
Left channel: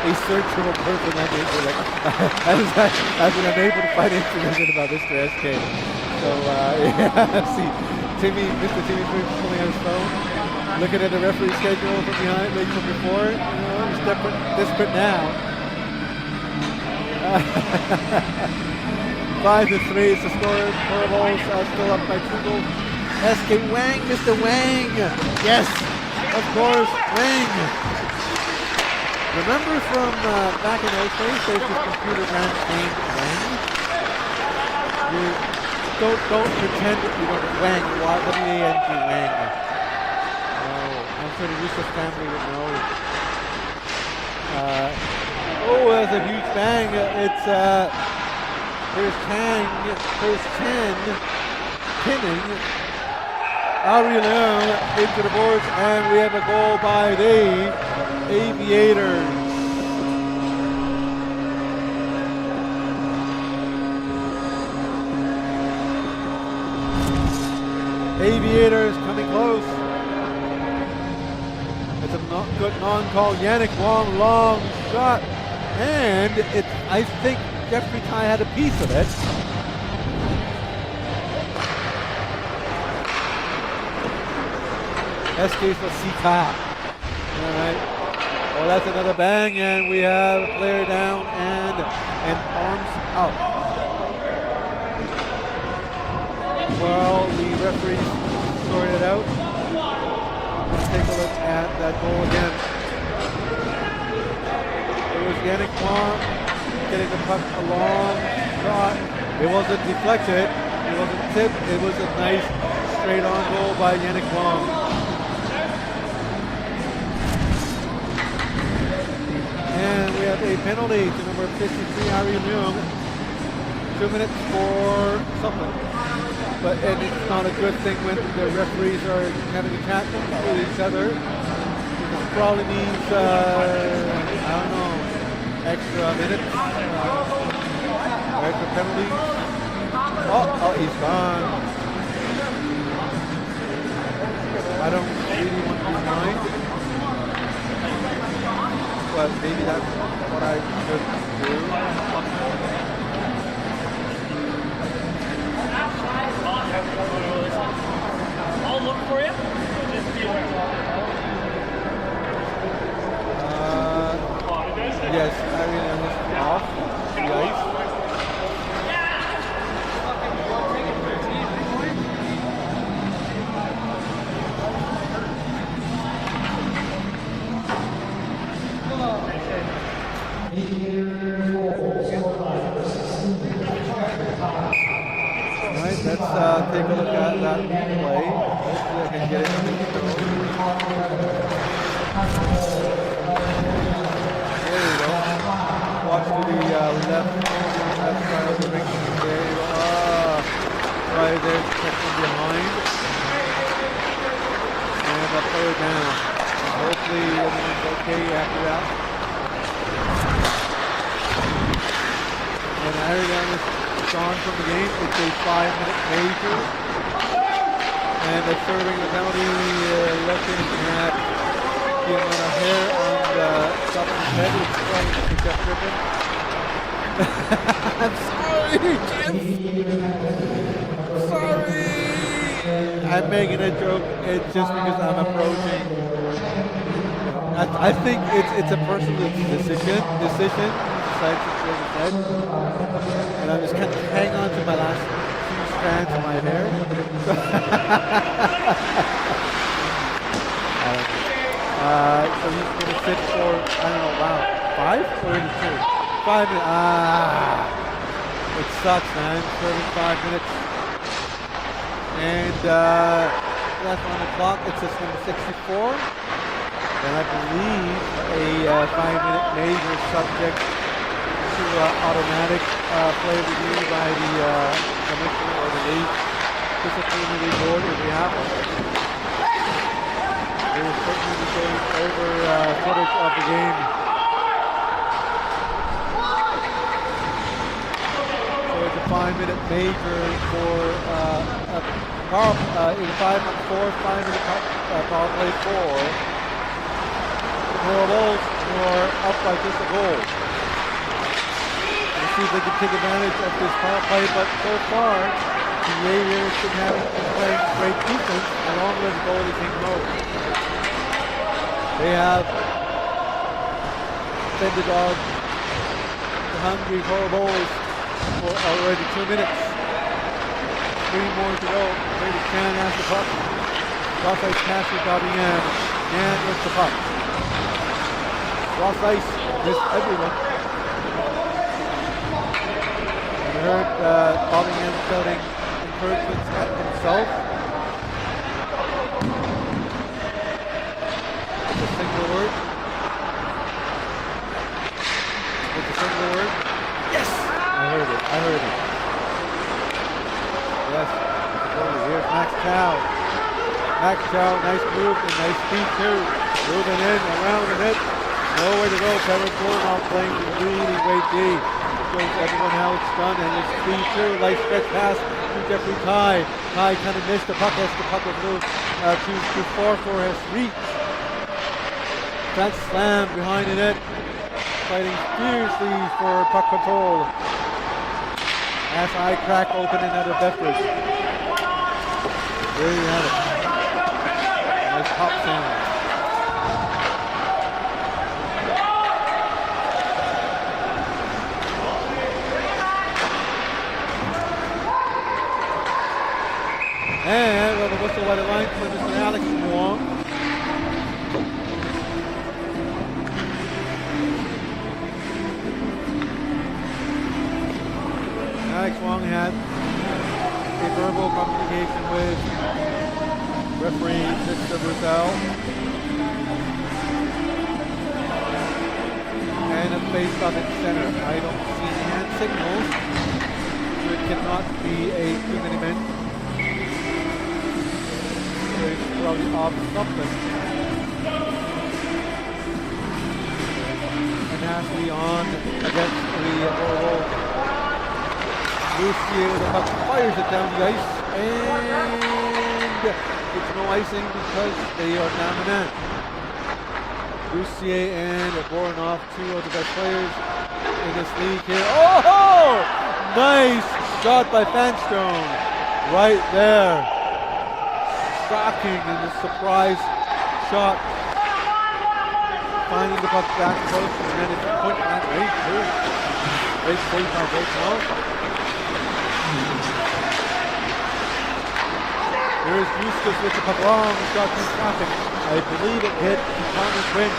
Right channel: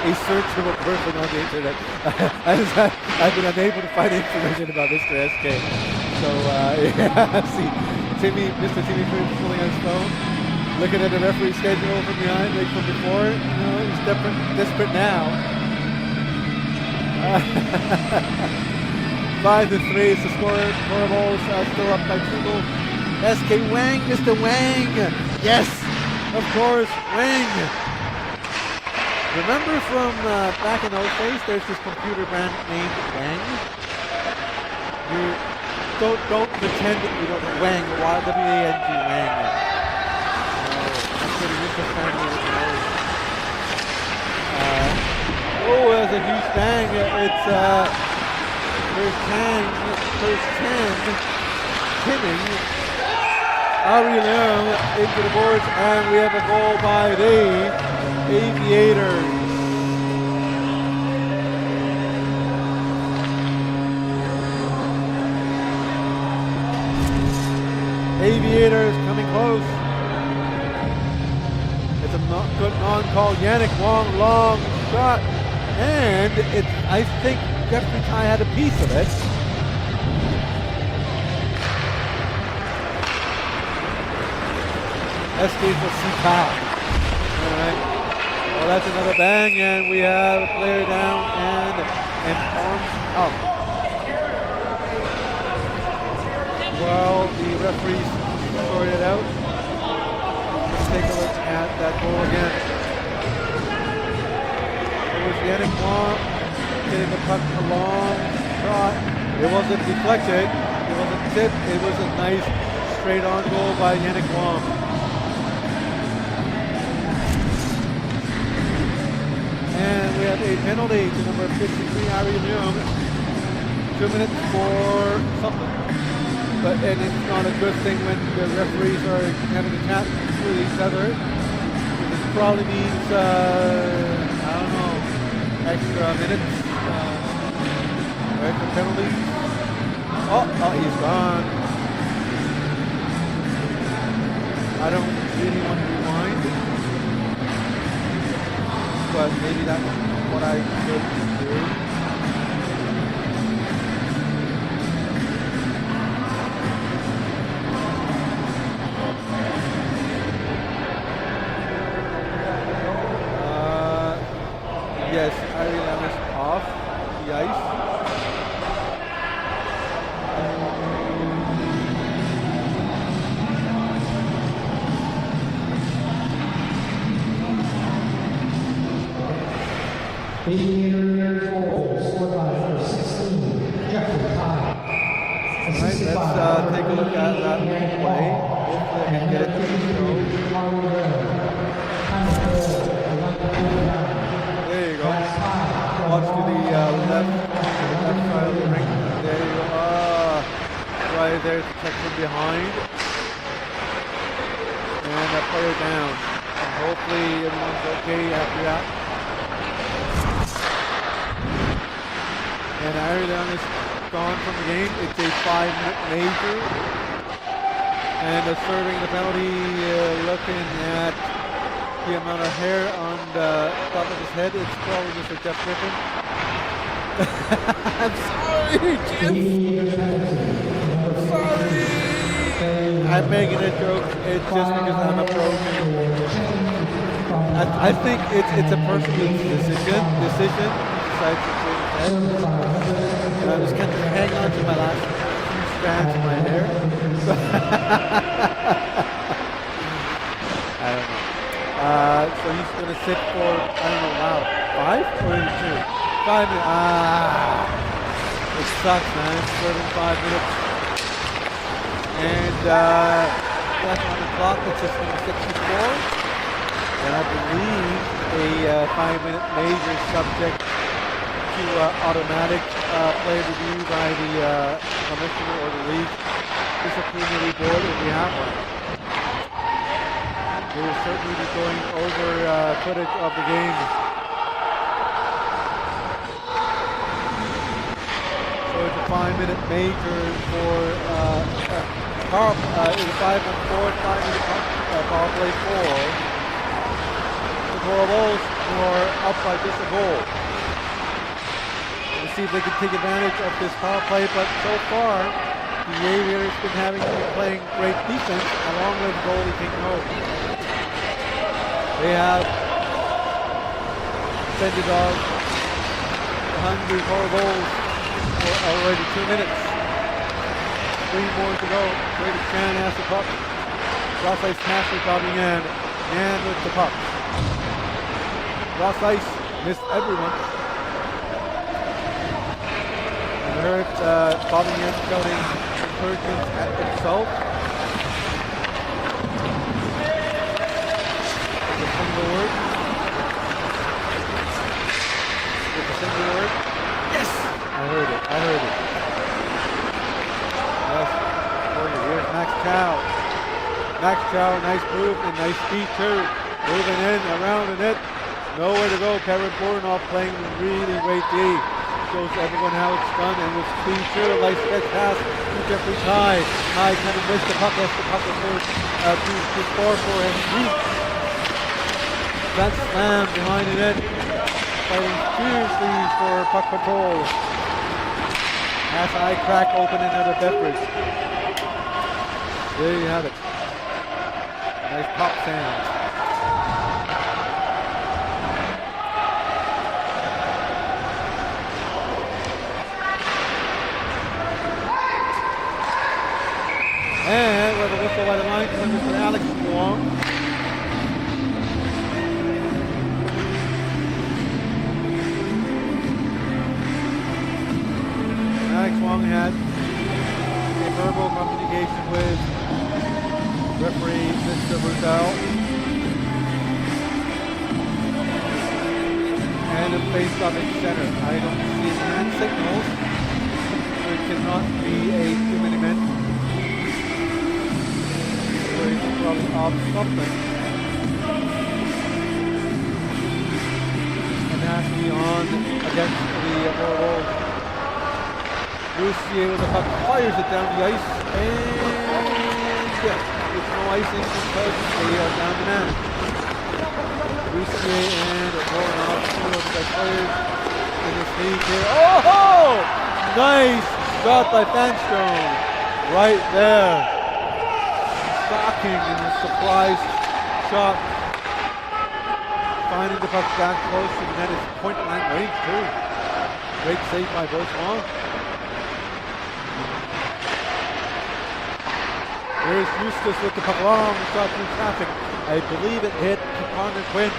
a searchable person on the internet. I've been unable to find information about Mr. SK. So yeah, see, Mr. Timmy pulling out his phone, looking at the referee schedule from behind, like from before. You know, he's desperate now. 5-3 is the score. Toro Bulls still up by 2 goals. SK Wang, Mr. Wang. Yes, of course, Wang. Remember from back in those days, there's this computer brand named Wang. You don't pretend that you don't know Wang, W-A-N-G, Wang. No, I'm sure the Eustace family would know. That's a huge bang. It's there's Chan pinning Ari Leung into the boards, and we have a goal by the Aviators. Aviators coming close. It's a good non-call. Yannick Wong, long shot, and I think Jeffrey Tai had a piece of it. SK for Sika. All right. Well, that's another bang, and we have a player down and arms out. Well, the referees sort it out. Let's take a look at that goal again. It was Yannick Wong getting the puck, a long shot. It wasn't deflected. It wasn't tipped. It was a nice straight-on goal by Yannick Wong. And we have a penalty to number 53, Ari Leung. 2 minutes for something. And it's not a good thing when the referees are having a chat with each other. Because it probably means, I don't know, extra minutes. Where's the penalties? Oh, he's gone. I don't really want to rewind, but maybe that's what I should do. Yes, Ireland is off the ice. All right, let's take a look at that replay. Hopefully I can get it to show. There you go. Watch to the left corner, left side of the rink. There you go. Right there to check from behind. And a player down. And hopefully everyone's okay after that. And Ireland is gone from the game. It's a 5-minute major. And serving the penalty, looking at the amount of hair on the top of his head. It's probably just a Jeff Griffin. I'm sorry, Jeff. I'm sorry. I'm making a joke. It's just because I'm approaching. I think it's a personal decision. He decides to shave his head, and I'm just kind of hang on to my last few strands of my hair. So I don't know. So he's going to sit for, I don't know, wow, 5 or is it 2? 5 minutes. It sucks, man. Serving 5 minutes. And that's on the clock. It's just number 64. And I believe a 5-minute major is subject to automatic play review by the commissioner or the league disciplinary board if we have one. They will certainly be going over footage of the game. So it's a 5-minute major for it's a 5-on-4, 5-minute power play for the Toro Bulls, who are up by just a goal. And we'll see if they can take advantage of this power play, but so far the Aviators been playing great defense along with goalie King Rowe. They have fed the dog, the hungry Toro Bulls, for already 2 minutes. 3 more to go. Brady Chan has the puck. Cross ice pass to Bobby Yan. Yan with the puck. Cross ice missed everyone. And I heard Bobby Yan shouting encouragement at himself. With a single word. With a single word. Yes! I heard it. Yes, for you. Here's Max Chow. Max Chow, nice move and nice speed too. Moving in, around the net. Nowhere to go. Kevin Bornoff playing really great D. Shows everyone how it's done, and with speed too. Nice stretch pass to Jeffrey Ty. Ty kind of missed the puck as the puck was moved too far for his reach. That slam behind the net. Fighting fiercely for puck control. As I crack open another beverage. There you have it. Nice pop sound. And we have a whistle by the line for Mr. Alex Wong. Alex Wong had a verbal communication with referee Mr. Brutal and a face-off in center. I don't see any hand signals, so it cannot be a 2-minute men. So it's probably off something. And has to be on against the Toro Bulls. Lucier with the puck fires it down the ice, and it's no icing because they are down the net. Lucier and Voronov, two of the best players in this league here. Oh! Nice shot by Fanstone. Right there. Shocking in a surprise shot. Finding the puck back close to the net. It's point blank range too. Great save by Beauchamp. Here's Eustace with the puck, long shot through traffic. I believe it hit Connor Quinn.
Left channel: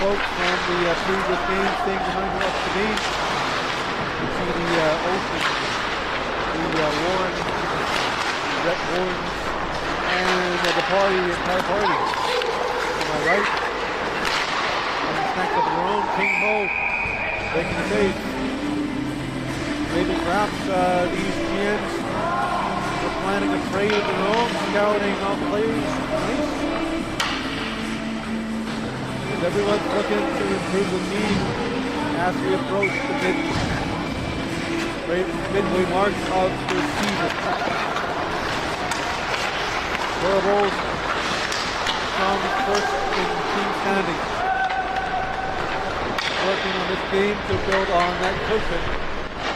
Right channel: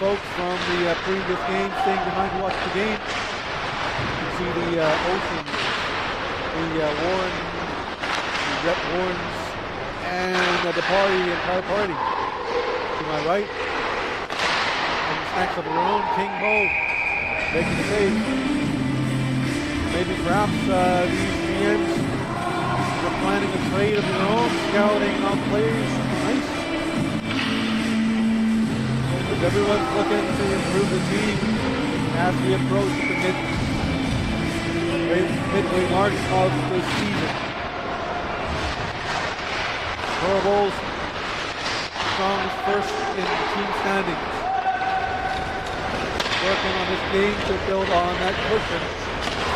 Folks from the previous game staying behind to watch the game. You can see the Ocean, the Warren, the Rep Warrens, and the entire party. To my right, having snacks of their own, King Ho making the save. Maybe perhaps these GMs were planning a trade of their own, scouting out players on ice. Because everyone's looking to improve the team as we approach the midway mark of the season. Torvalds comes first in team standings. Working on this game to build on that cushion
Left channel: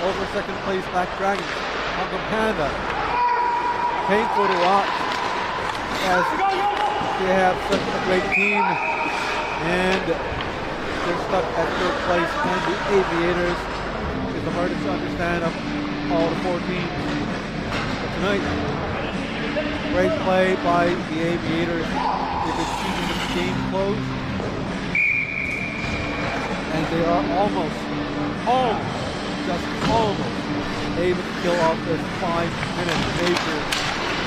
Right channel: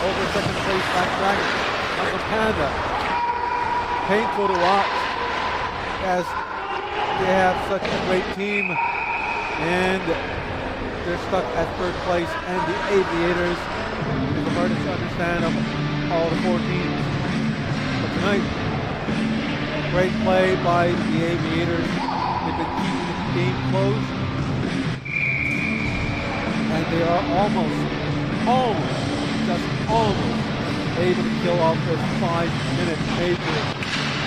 over second place Black Dragons. Hong Panda. Painful to watch as they have such a great team and they're stuck at third place, and the Aviators is the hardest to understand of all the four teams. But tonight, great play by the Aviators. They've been keeping the game close, and they are almost able to kill off this 5-minute major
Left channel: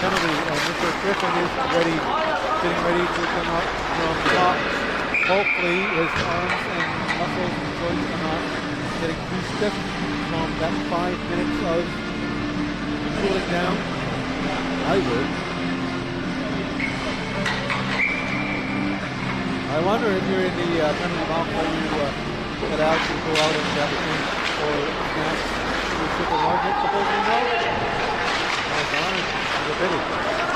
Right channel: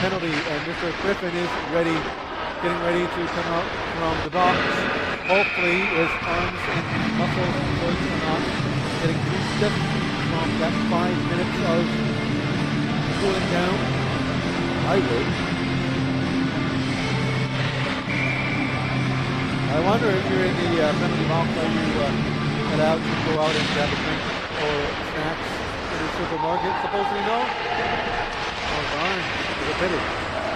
penalty. And Mr. Griffin is getting ready to come out from the box. Hopefully his arms and muscles and joints are not getting too stiff from that 5 minutes of cooling down. I would. I wonder if you're in the penalty box, are you allowed to go out and grab a drink or snacks in the supermarket? Supposedly no? Oh darn, it's a pity.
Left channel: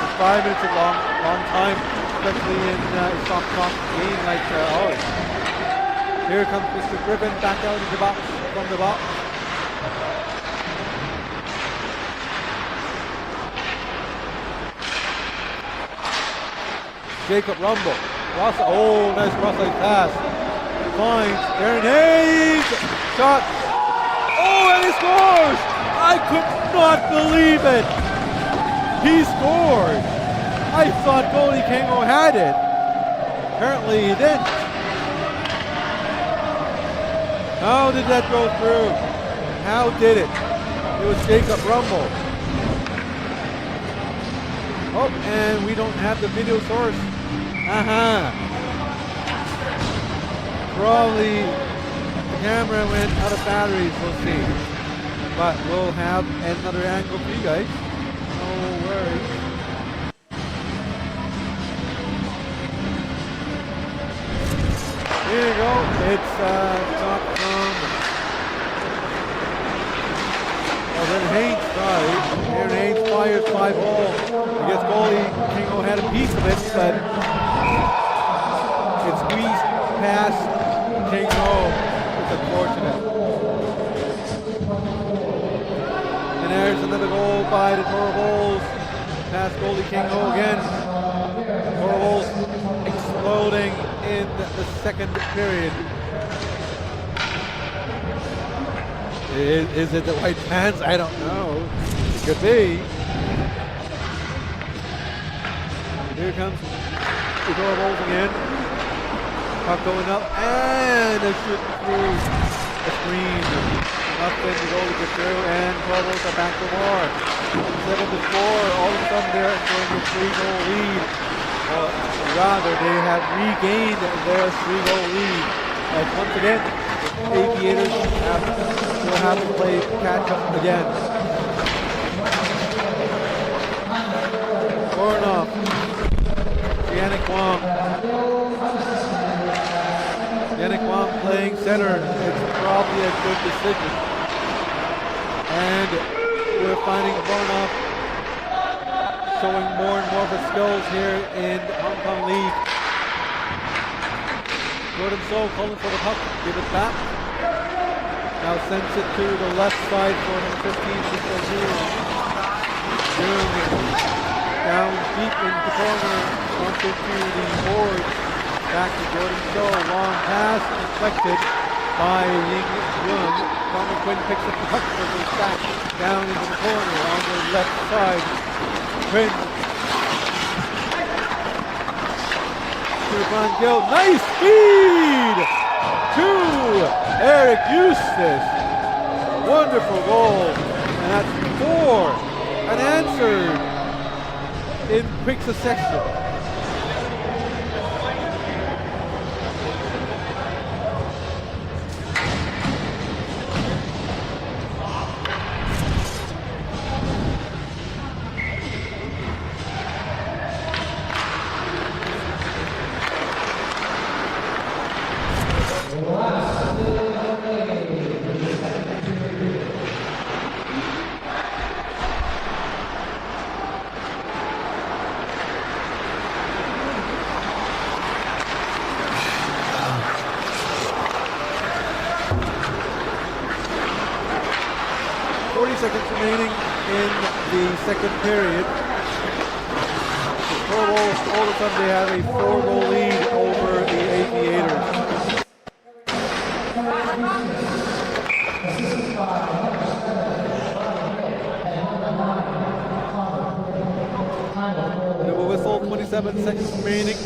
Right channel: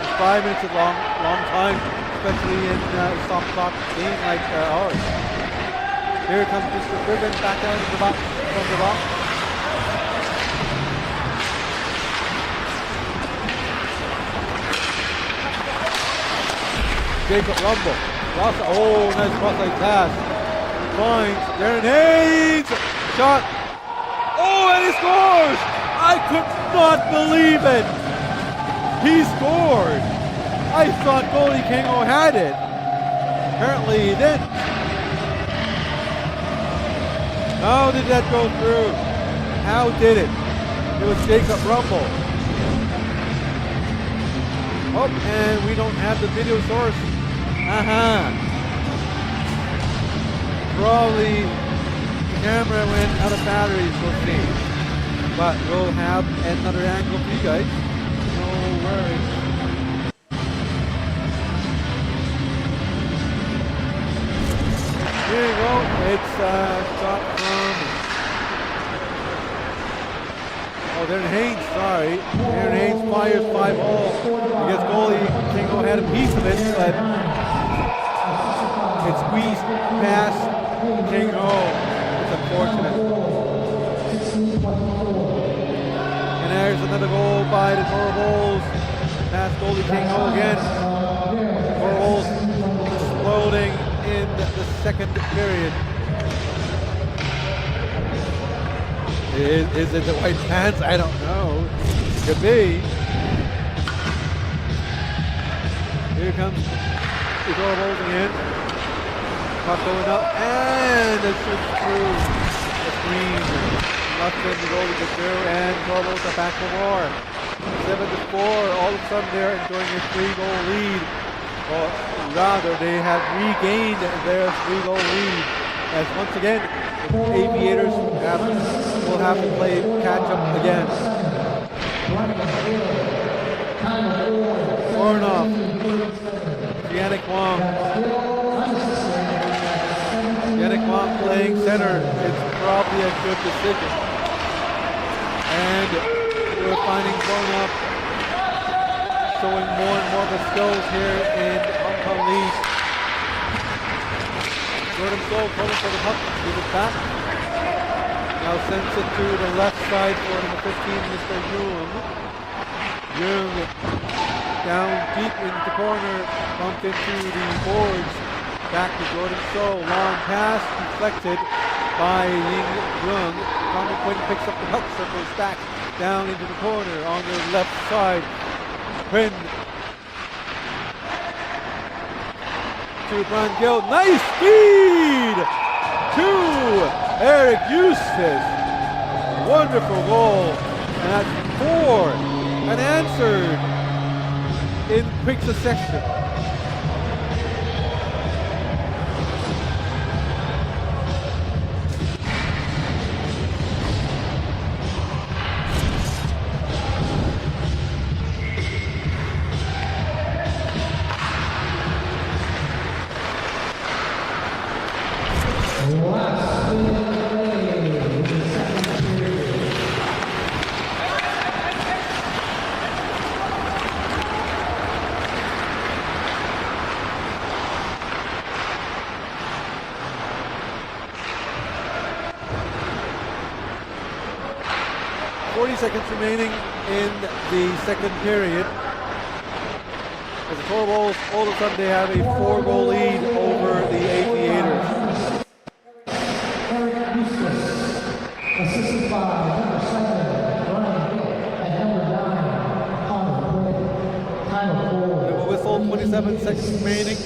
It's 5 minutes is a long time, especially in a soft talk game like ours. Here comes Mr. Griffin back out in the box, from the box. Jacob Rumble. Nice cross-side pass. Finds Darren Hayes. Shot. Oh, and he scores! I could not believe it. He scored. I thought goalie Kango had it. Apparently he didn't. How did that go through? How did it? It was Jacob Rumble. Oh, and we don't have the video source. Probably the camera went out of batteries, we'll see. But we'll have another angle for you guys. No worries. Here you go. It's a shot from Darren Haynes, sorry. Darren Haynes fires 5-0. I guess goalie Kingo had a piece of it, but it squeezed past Kingo. It's unfortunate. And there's another goal by the Torvalds. Past goalie Kingo again. Torvalds exploding in the second period. Is it the white pants? I don't know. It could be. Here comes the Torvalds again. Puck going up and a shoot through the screen. Nothing to goal to get through, and Torvalds are back for more. 7-4. All of a sudden they're enjoying a 3-goal lead. Or rather, they have regained their 3-goal lead. As once again, the Aviators will have to play catch up again. Voronov, Yannick Wong. Yannick Wang playing center. It's probably a good decision. And we're finding Varnop showing more and more of his skills here in Hong Kong League. Jordan So calling for the puck, give it back. Now sends it to the left side for number 15, Mr. Jung. Jung down deep in the corner, bumped into the boards. Back to Jordan So, long pass, deflected by Ying Jung. Connor Quinn picks up the puck, circles back down into the corner on the left side. Quinn to Brian Gill, nice feed to Eric Eustace. A wonderful goal, and that's 4 and answered in quick succession. Seconds remaining in the second period. The Torballs all of a sudden they have a 4-goal lead over the Aviators. And it will whistle, 27 seconds remaining.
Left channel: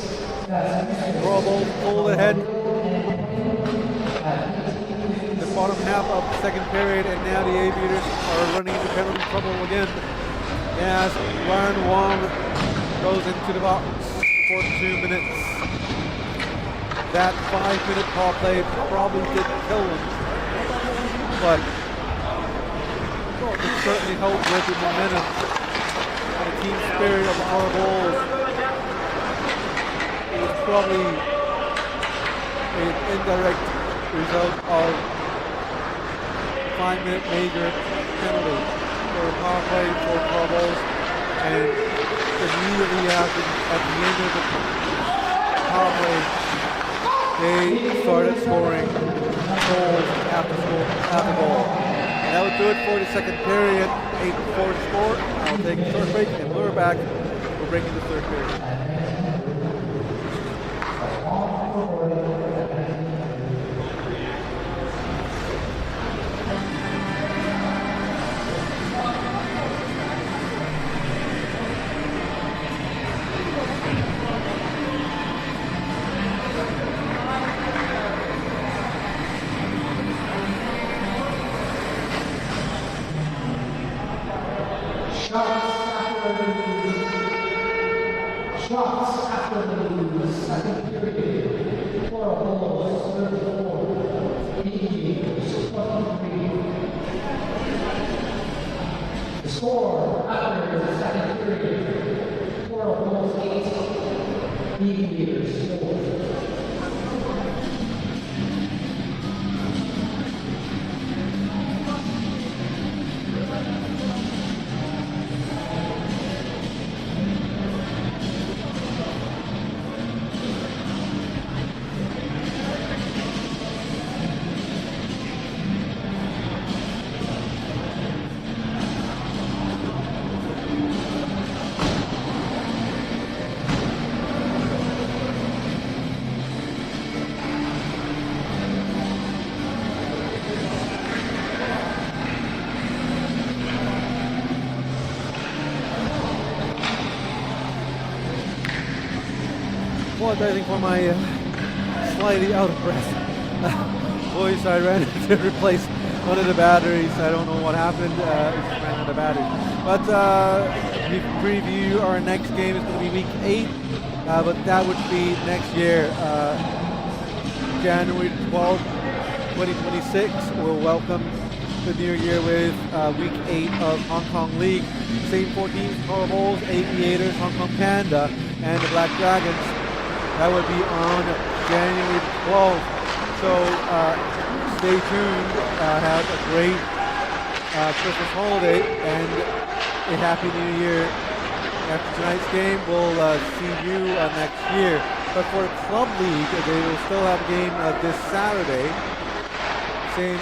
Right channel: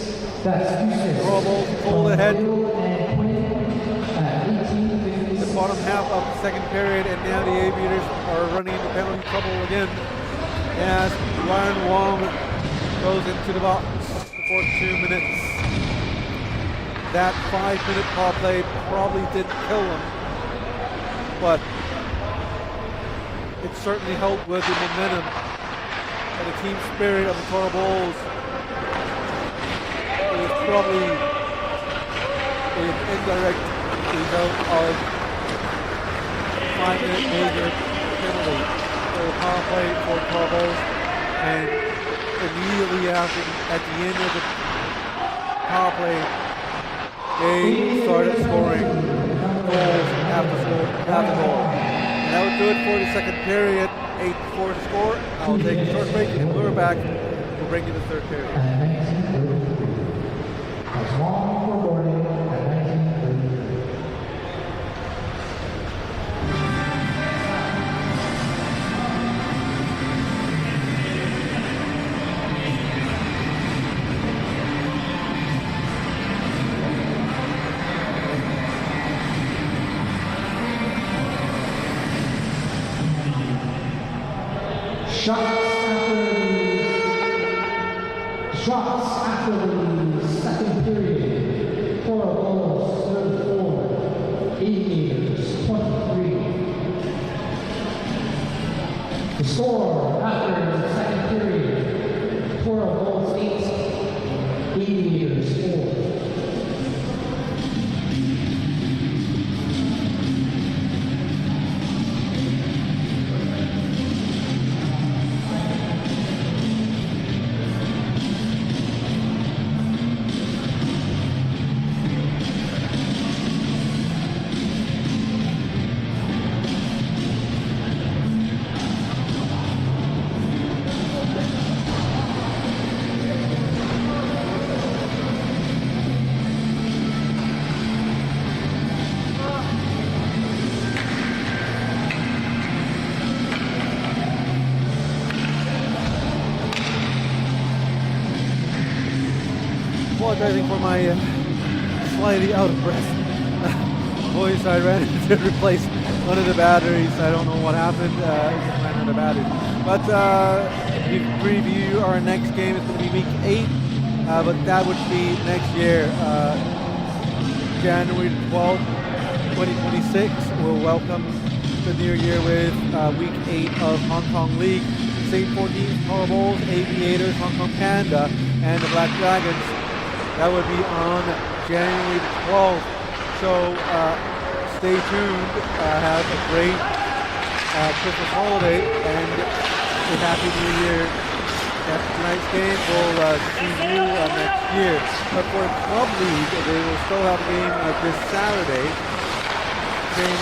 The Torballs pulled ahead. Bottom half of the second period, and now the Aviators are running into penalty trouble again as Ryan Wong goes into the box for 2 minutes. That 5-minute power play probably didn't kill him, but it certainly helped with the momentum and the team spirit of the Toro Bulls. It was probably an indirect result of 5-minute major penalty for the power play for Toro Bulls, and immediately after, at the end of the power play, they started scoring goals after goal. And that would do it for the second period. 8-4 to score. I'll take a short break, and when we're back, we'll bring you the third period. Shots after the second period. Toro Bulls 34, Aviators 23. The score after the second period. Toro Bulls 8, Aviators 4. Apologizing for my slightly out of breath voice. I ran to replace one of the batteries. I don't know what happened. It just ran out of batteries. But we preview our next game. It's going to be week 8, but that would be next year, January 12th, 2026. We'll welcome the new year with week 8 of Hong Kong League. Same 4 teams: Toro Bulls, Aviators, Hong Kong Panda, and the Black Dragons. That would be on January the 12th. So stay tuned. Have a great Christmas holiday and a happy New Year. After tonight's game, we'll see you next year. But for the club league, they will still have a game this Saturday. Same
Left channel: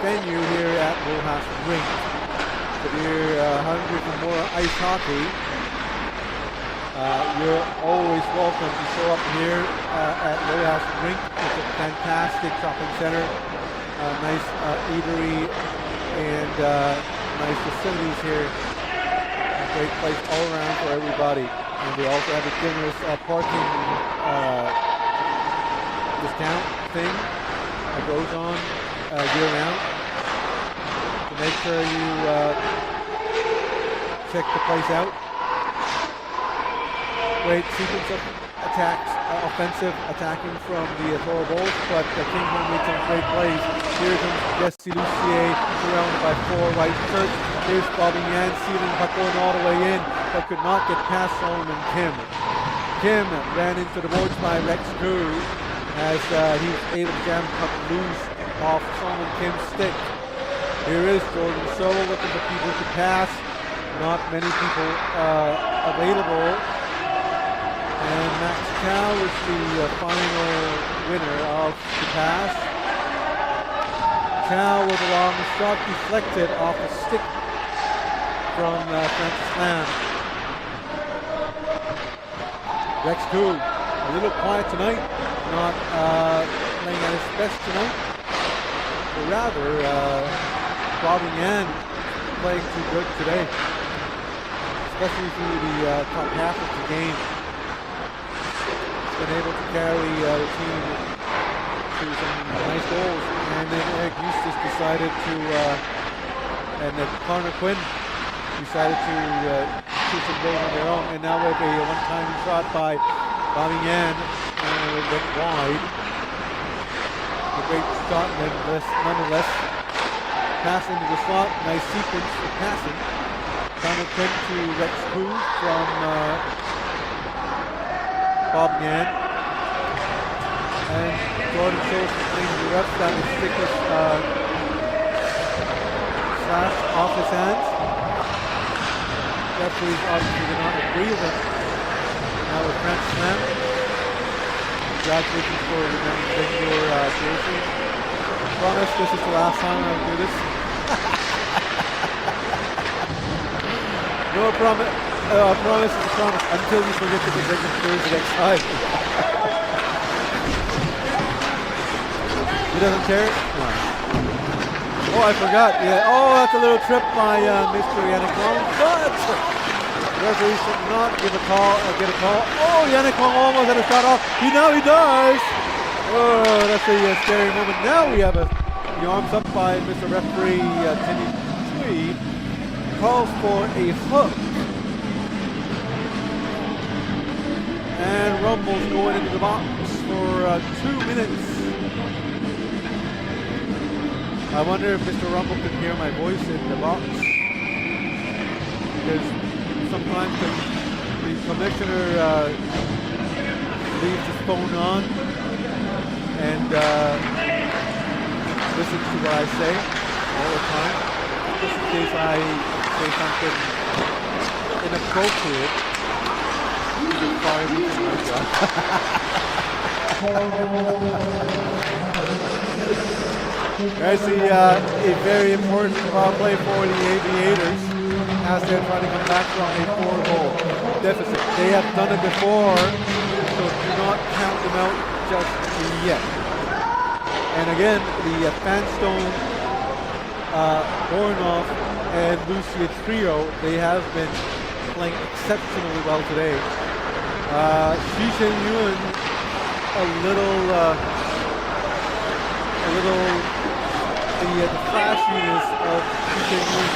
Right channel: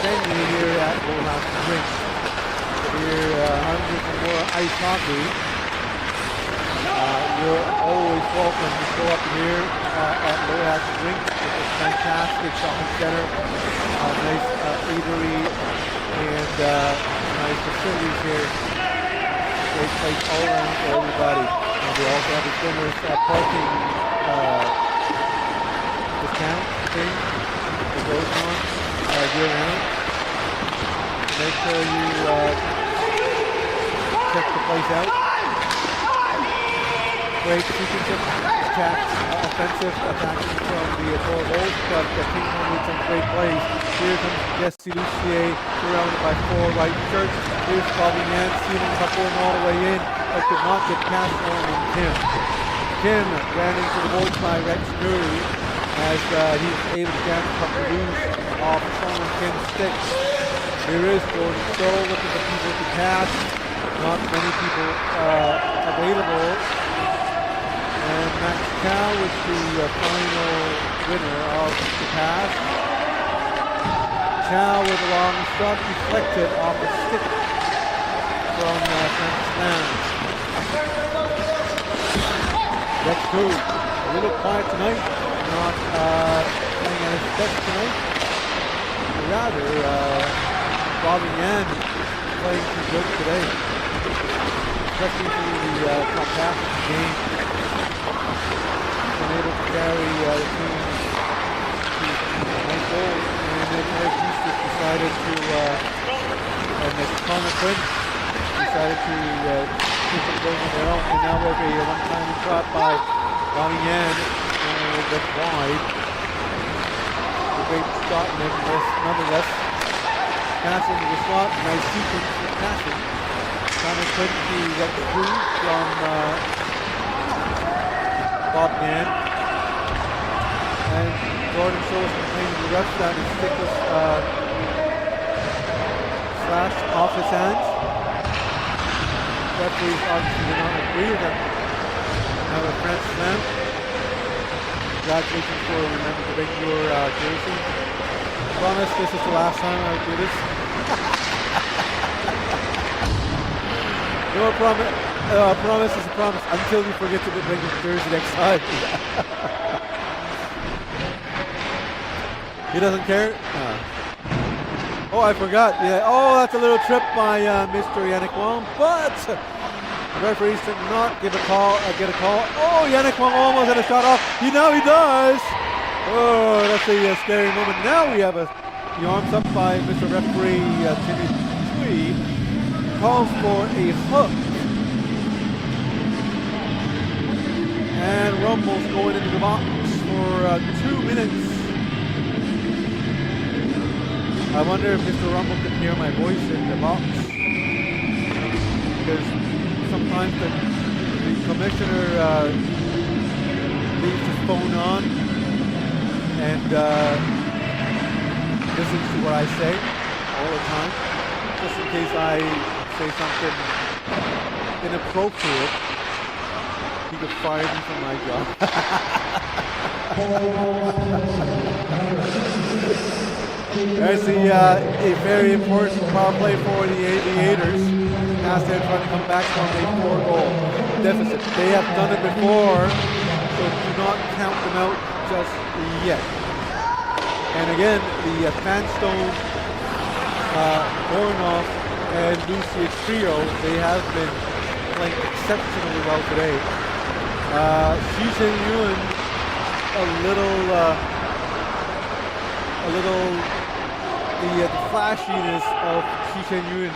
venue here at Rojas Rink. If you're hungry for more ice hockey, you're always welcome to show up here at Rojas Rink. It's a fantastic shopping center, nice eatery, and nice facilities here. Great place all around for everybody. And we also have a generous parking discount thing that goes on year round. So make sure you check the place out. Great sequence of attacks, offensive attacking from the Thor Wolves, but Kingsmore made some great plays. Here comes Jesse Lucier, surrounded by 4 white shirts. Here's Bobby Yan sealing the puck going all the way in, but could not get past Solomon Kim. Kim ran into the boards by Rex Koo as he was able to jam the puck loose off Solomon Kim's sticks. Here is Jordan So looking for people to pass. Not many people available. And Max Cow was the final winner of the pass. Cow with a long shot deflected off the stick from Francis Lamb. Rex Koo, a little quiet tonight, not playing at his best tonight. Or rather, Bobby Yan playing too good today, especially through the top half of the game. Been able to carry the team to some nice goals, and then Eric Eustace decided to, and Connor Quinn decided to shoot some goals on their own, and now we have a one-time shot by Bobby Yan, went wide. A great shot, and then nonetheless, pass into the slot, nice sequence of passing. Connor Quinn to Rex Koo from Bob Yan, and Jordan shows complaining to the refs that his stick was slashed off his hands. Referees obviously did not agree with him. Now with Francis Lamb, congratulations for remembering to bring your jersey. I promise this is the last time I will do this. No promise. A promise is a promise until you forget to bring your jersey next time. He doesn't care? No. Oh, I forgot. Yeah. Oh, that's a little trip by Mr. Yannick Wong, but the referees did not give a call. Get a call. Oh, Yannick Wong almost had a shot off. Now he does. Oh, that's a scary moment. Now we have the arms up by Mr. Referee Timmy Chui. Calls for a hook. And Rumble's going into the box for 2 minutes. I wonder if Mr. Rumble could hear my voice in the box. Because sometimes the commissioner leaves his phone on and listens to what I say all the time. Just in case I say something inappropriate. You could fire me from my job. I see a very important power play for the Aviators as they're trying to come back from a 4-goal deficit. They have done it before, so do not count them out just yet. And again, the Fanstone, Bornoff, and Lucia trio, they have been playing exceptionally well today. Shi Chen-yun, the flashiness of Shi Chen-yun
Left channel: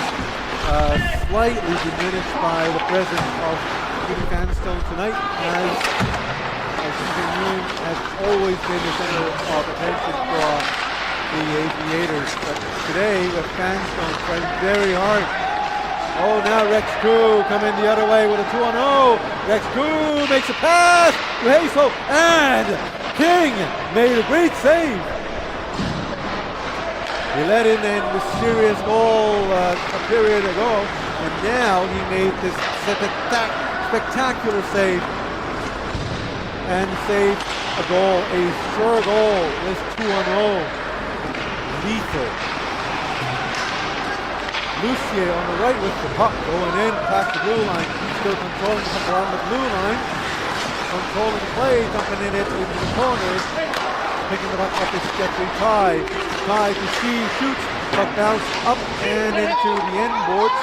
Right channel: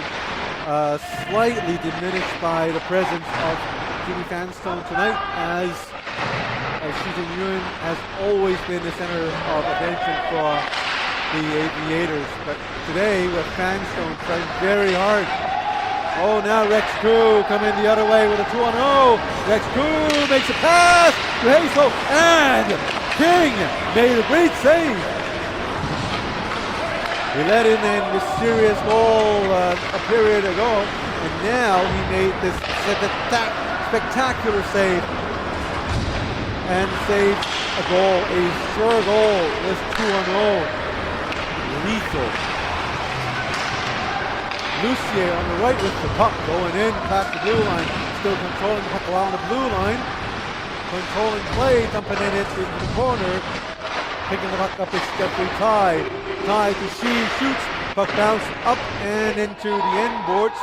slightly diminished by the presence of Jimmy Fanstone tonight, as Shi Chen-yun has always been the center of attention for the Aviators. But today, with Fanstone trying very hard. Oh, now Rex Koo coming the other way with a 2-on-0. Rex Koo makes a pass to Hazel, and King made a great save. He let in a mysterious goal a period ago, and now he made this spectacular save and saved a goal, a sure goal. This 2-0, lethal. Lucier on the right with the puck going in past the blue line, still controlling the puck around the blue line, controlling play, dumping it into the corner, picking the puck up is Jeffrey Ty. Ty to see, shoots, puck bounce up and into the end boards.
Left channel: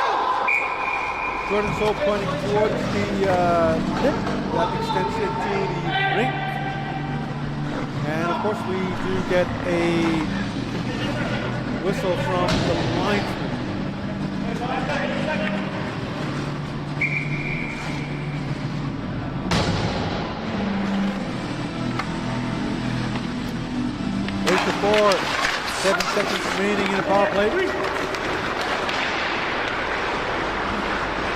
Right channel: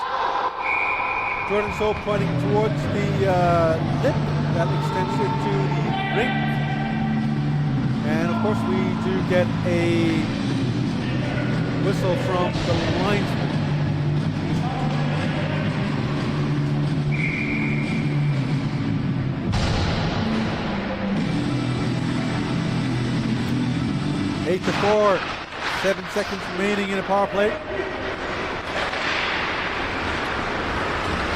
Jordan So pointing towards the lip that extends into the rink. And of course we do get a whistle from the linesman. Eight to 4, 7 seconds remaining in a power play.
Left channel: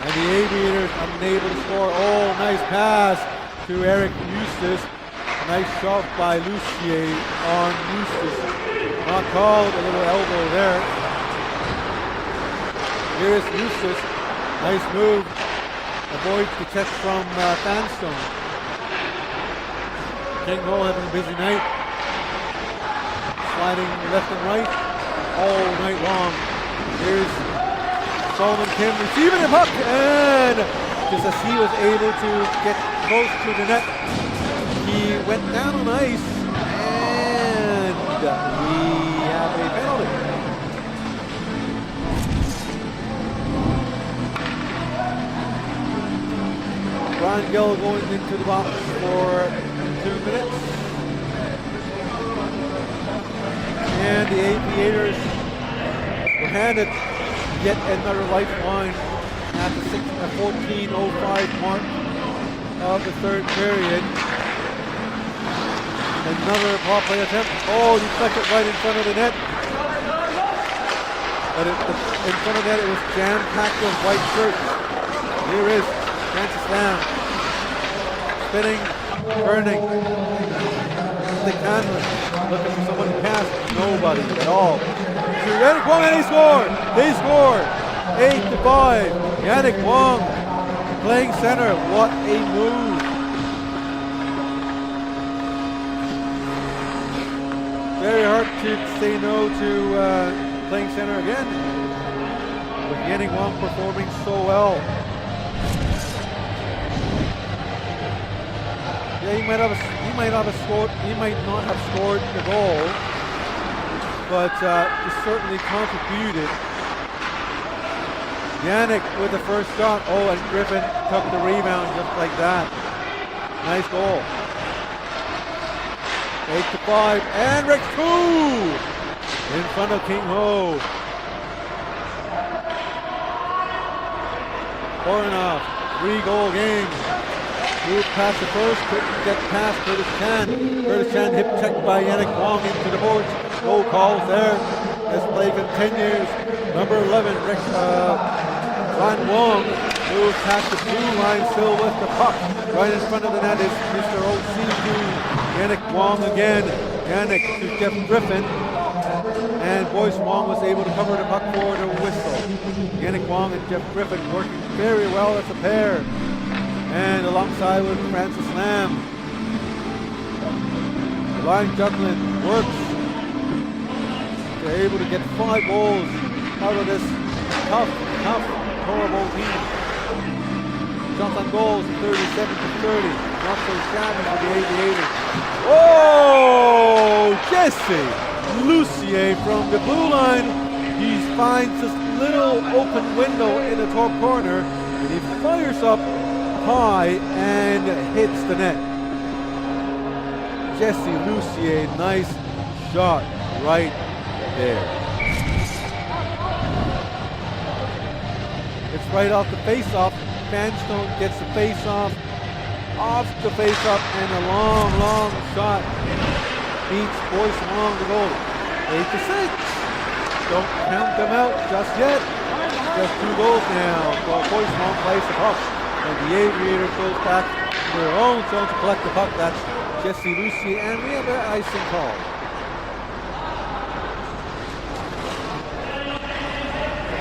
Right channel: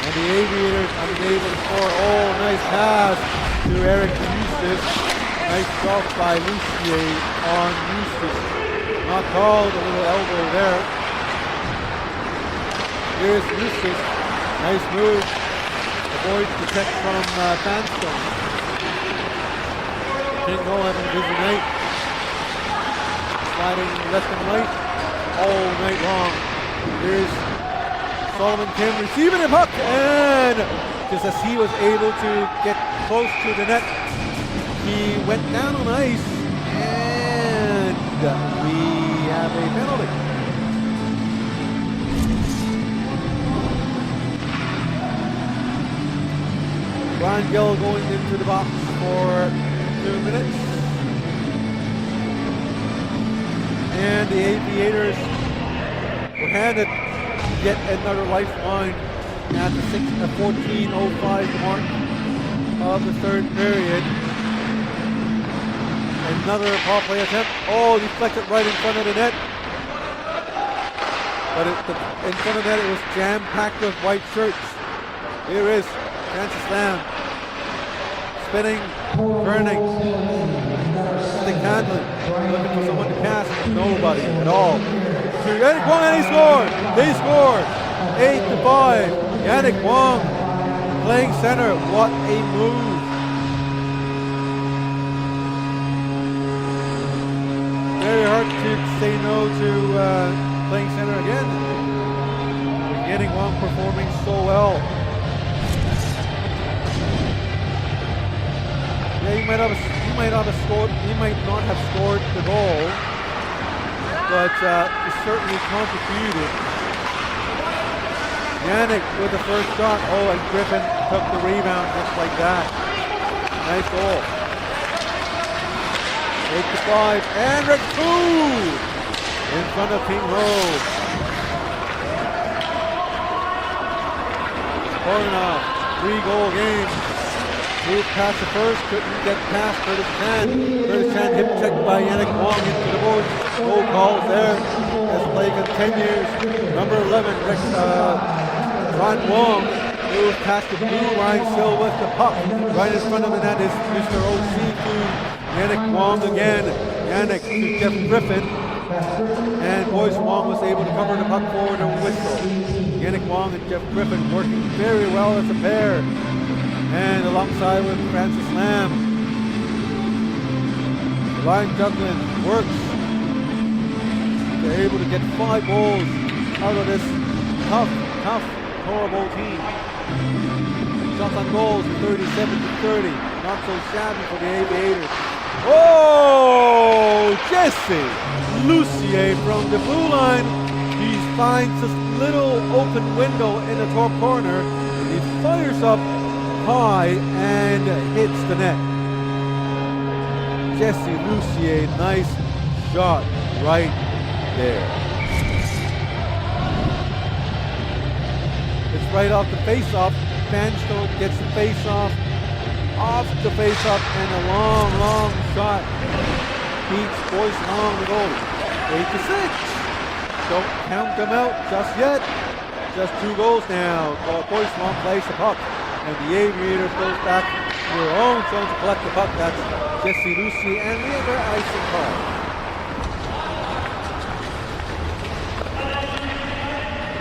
And the Aviators unable to score. Oh, nice pass to Eric Eustace. Nice shot by Lucier on Eustace. Not called, a little elbow there. Here's Eustace. Nice move. Avoids the check from Vanstone. King Ho having a busy night. Sliding left and right all night long. Here's Solomon Kim receiving the puck, and just as he was able to get close to the net, he went down on ice, and we have a penalty. Brian Gill going into the box for 2 minutes. And the Aviators were handed yet another lifeline at the 14:05 mark of the third period. Another power play attempt. Oh, deflected right in front of the net. But in front of the net, it was jam-packed with white shirts. Here is Francis Lamb. Spinning, turning, stick handling. Looking for someone to pass. Nobody at all. To Yannick Wong, and he scored. They score. 8-5. Yannick Wong playing center. What a move. Very hard to say no to playing center again. With Yannick Wong performing so well. Yeah, he might not have scored the goal, but he certainly contributed. Yannick with the first shot. Oh, and Griffin took the rebound just like that. Nice goal. 8-5, and Rick 2 in front of King Ho. Kornoff, 3-goal game. Moved past the first, couldn't get past Curtis Chan. Curtis Chan hip checked by Yannick Wong into the boards. No calls there as play continues. Number 11, Ron Wong moves past the blue line, still with the puck. Right in front of the net is Mr. O.C. to Yannick Wong again. Yannick to Jeff Griffin. And Boyce Wong was able to cover the puck for the whistle. Yannick Wong and Jeff Griffin working very well as a pair. And alongside with Francis Lamb. Ryan Juglin works. They're able to get 5 goals out of this tough, horrible team. Shots on goals, 37-30. Not so shabby for the Aviators. Oh, Jesse Lucier from the blue line. He finds this little open window in the top corner, and he fires up high and hits the net. Jesse Lucier, nice shot right there. It's right off the face-off. Vanstone gets the face-off, off the face-off, and a long shot beats Boyce Wong, the goalie. 8-6. Don't count them out just yet. Just 2 goals now. Boyce Wong plays the puck. And the Aviators goes back to their own zone to collect the puck. That's Jesse Lucy, and we have an icing call.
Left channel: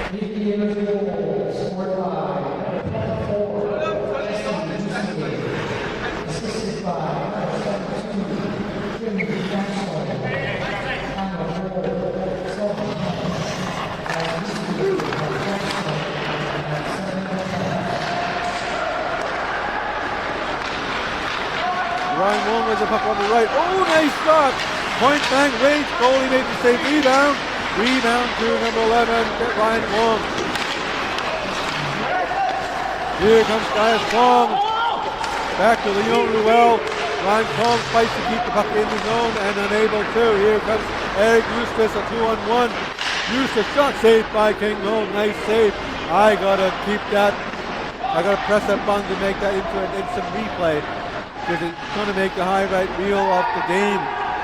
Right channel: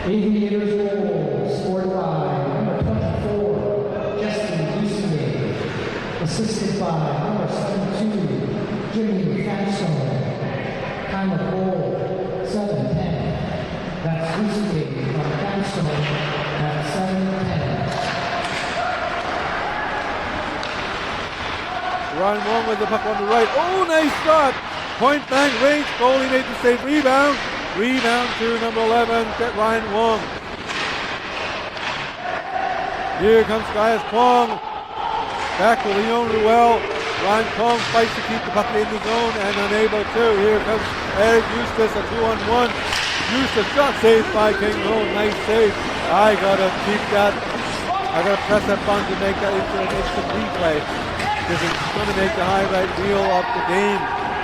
Aviators goal scored by number 24, Jesse Lucy, assisted by number 72, Jimmy Castle. Time of goal 7:10. That's Lucy by Castle at 7:10. Ryan Wong with the puck on the right. Oh, nice shot! Point blank range. Goalie made the save. Rebound. Rebound to number 11, Ryan Wong. Here comes Gaius Kwong. Back to Leon Ruel. Ryan Kwong fights to keep the puck in the zone and unable to. Here comes Eric Eustace, a 2-on-1. Eustace shot saved by King Ho. Nice save. I gotta keep that. I gotta press that button to make that into an instant replay, because it's gonna make the highlight reel of the game.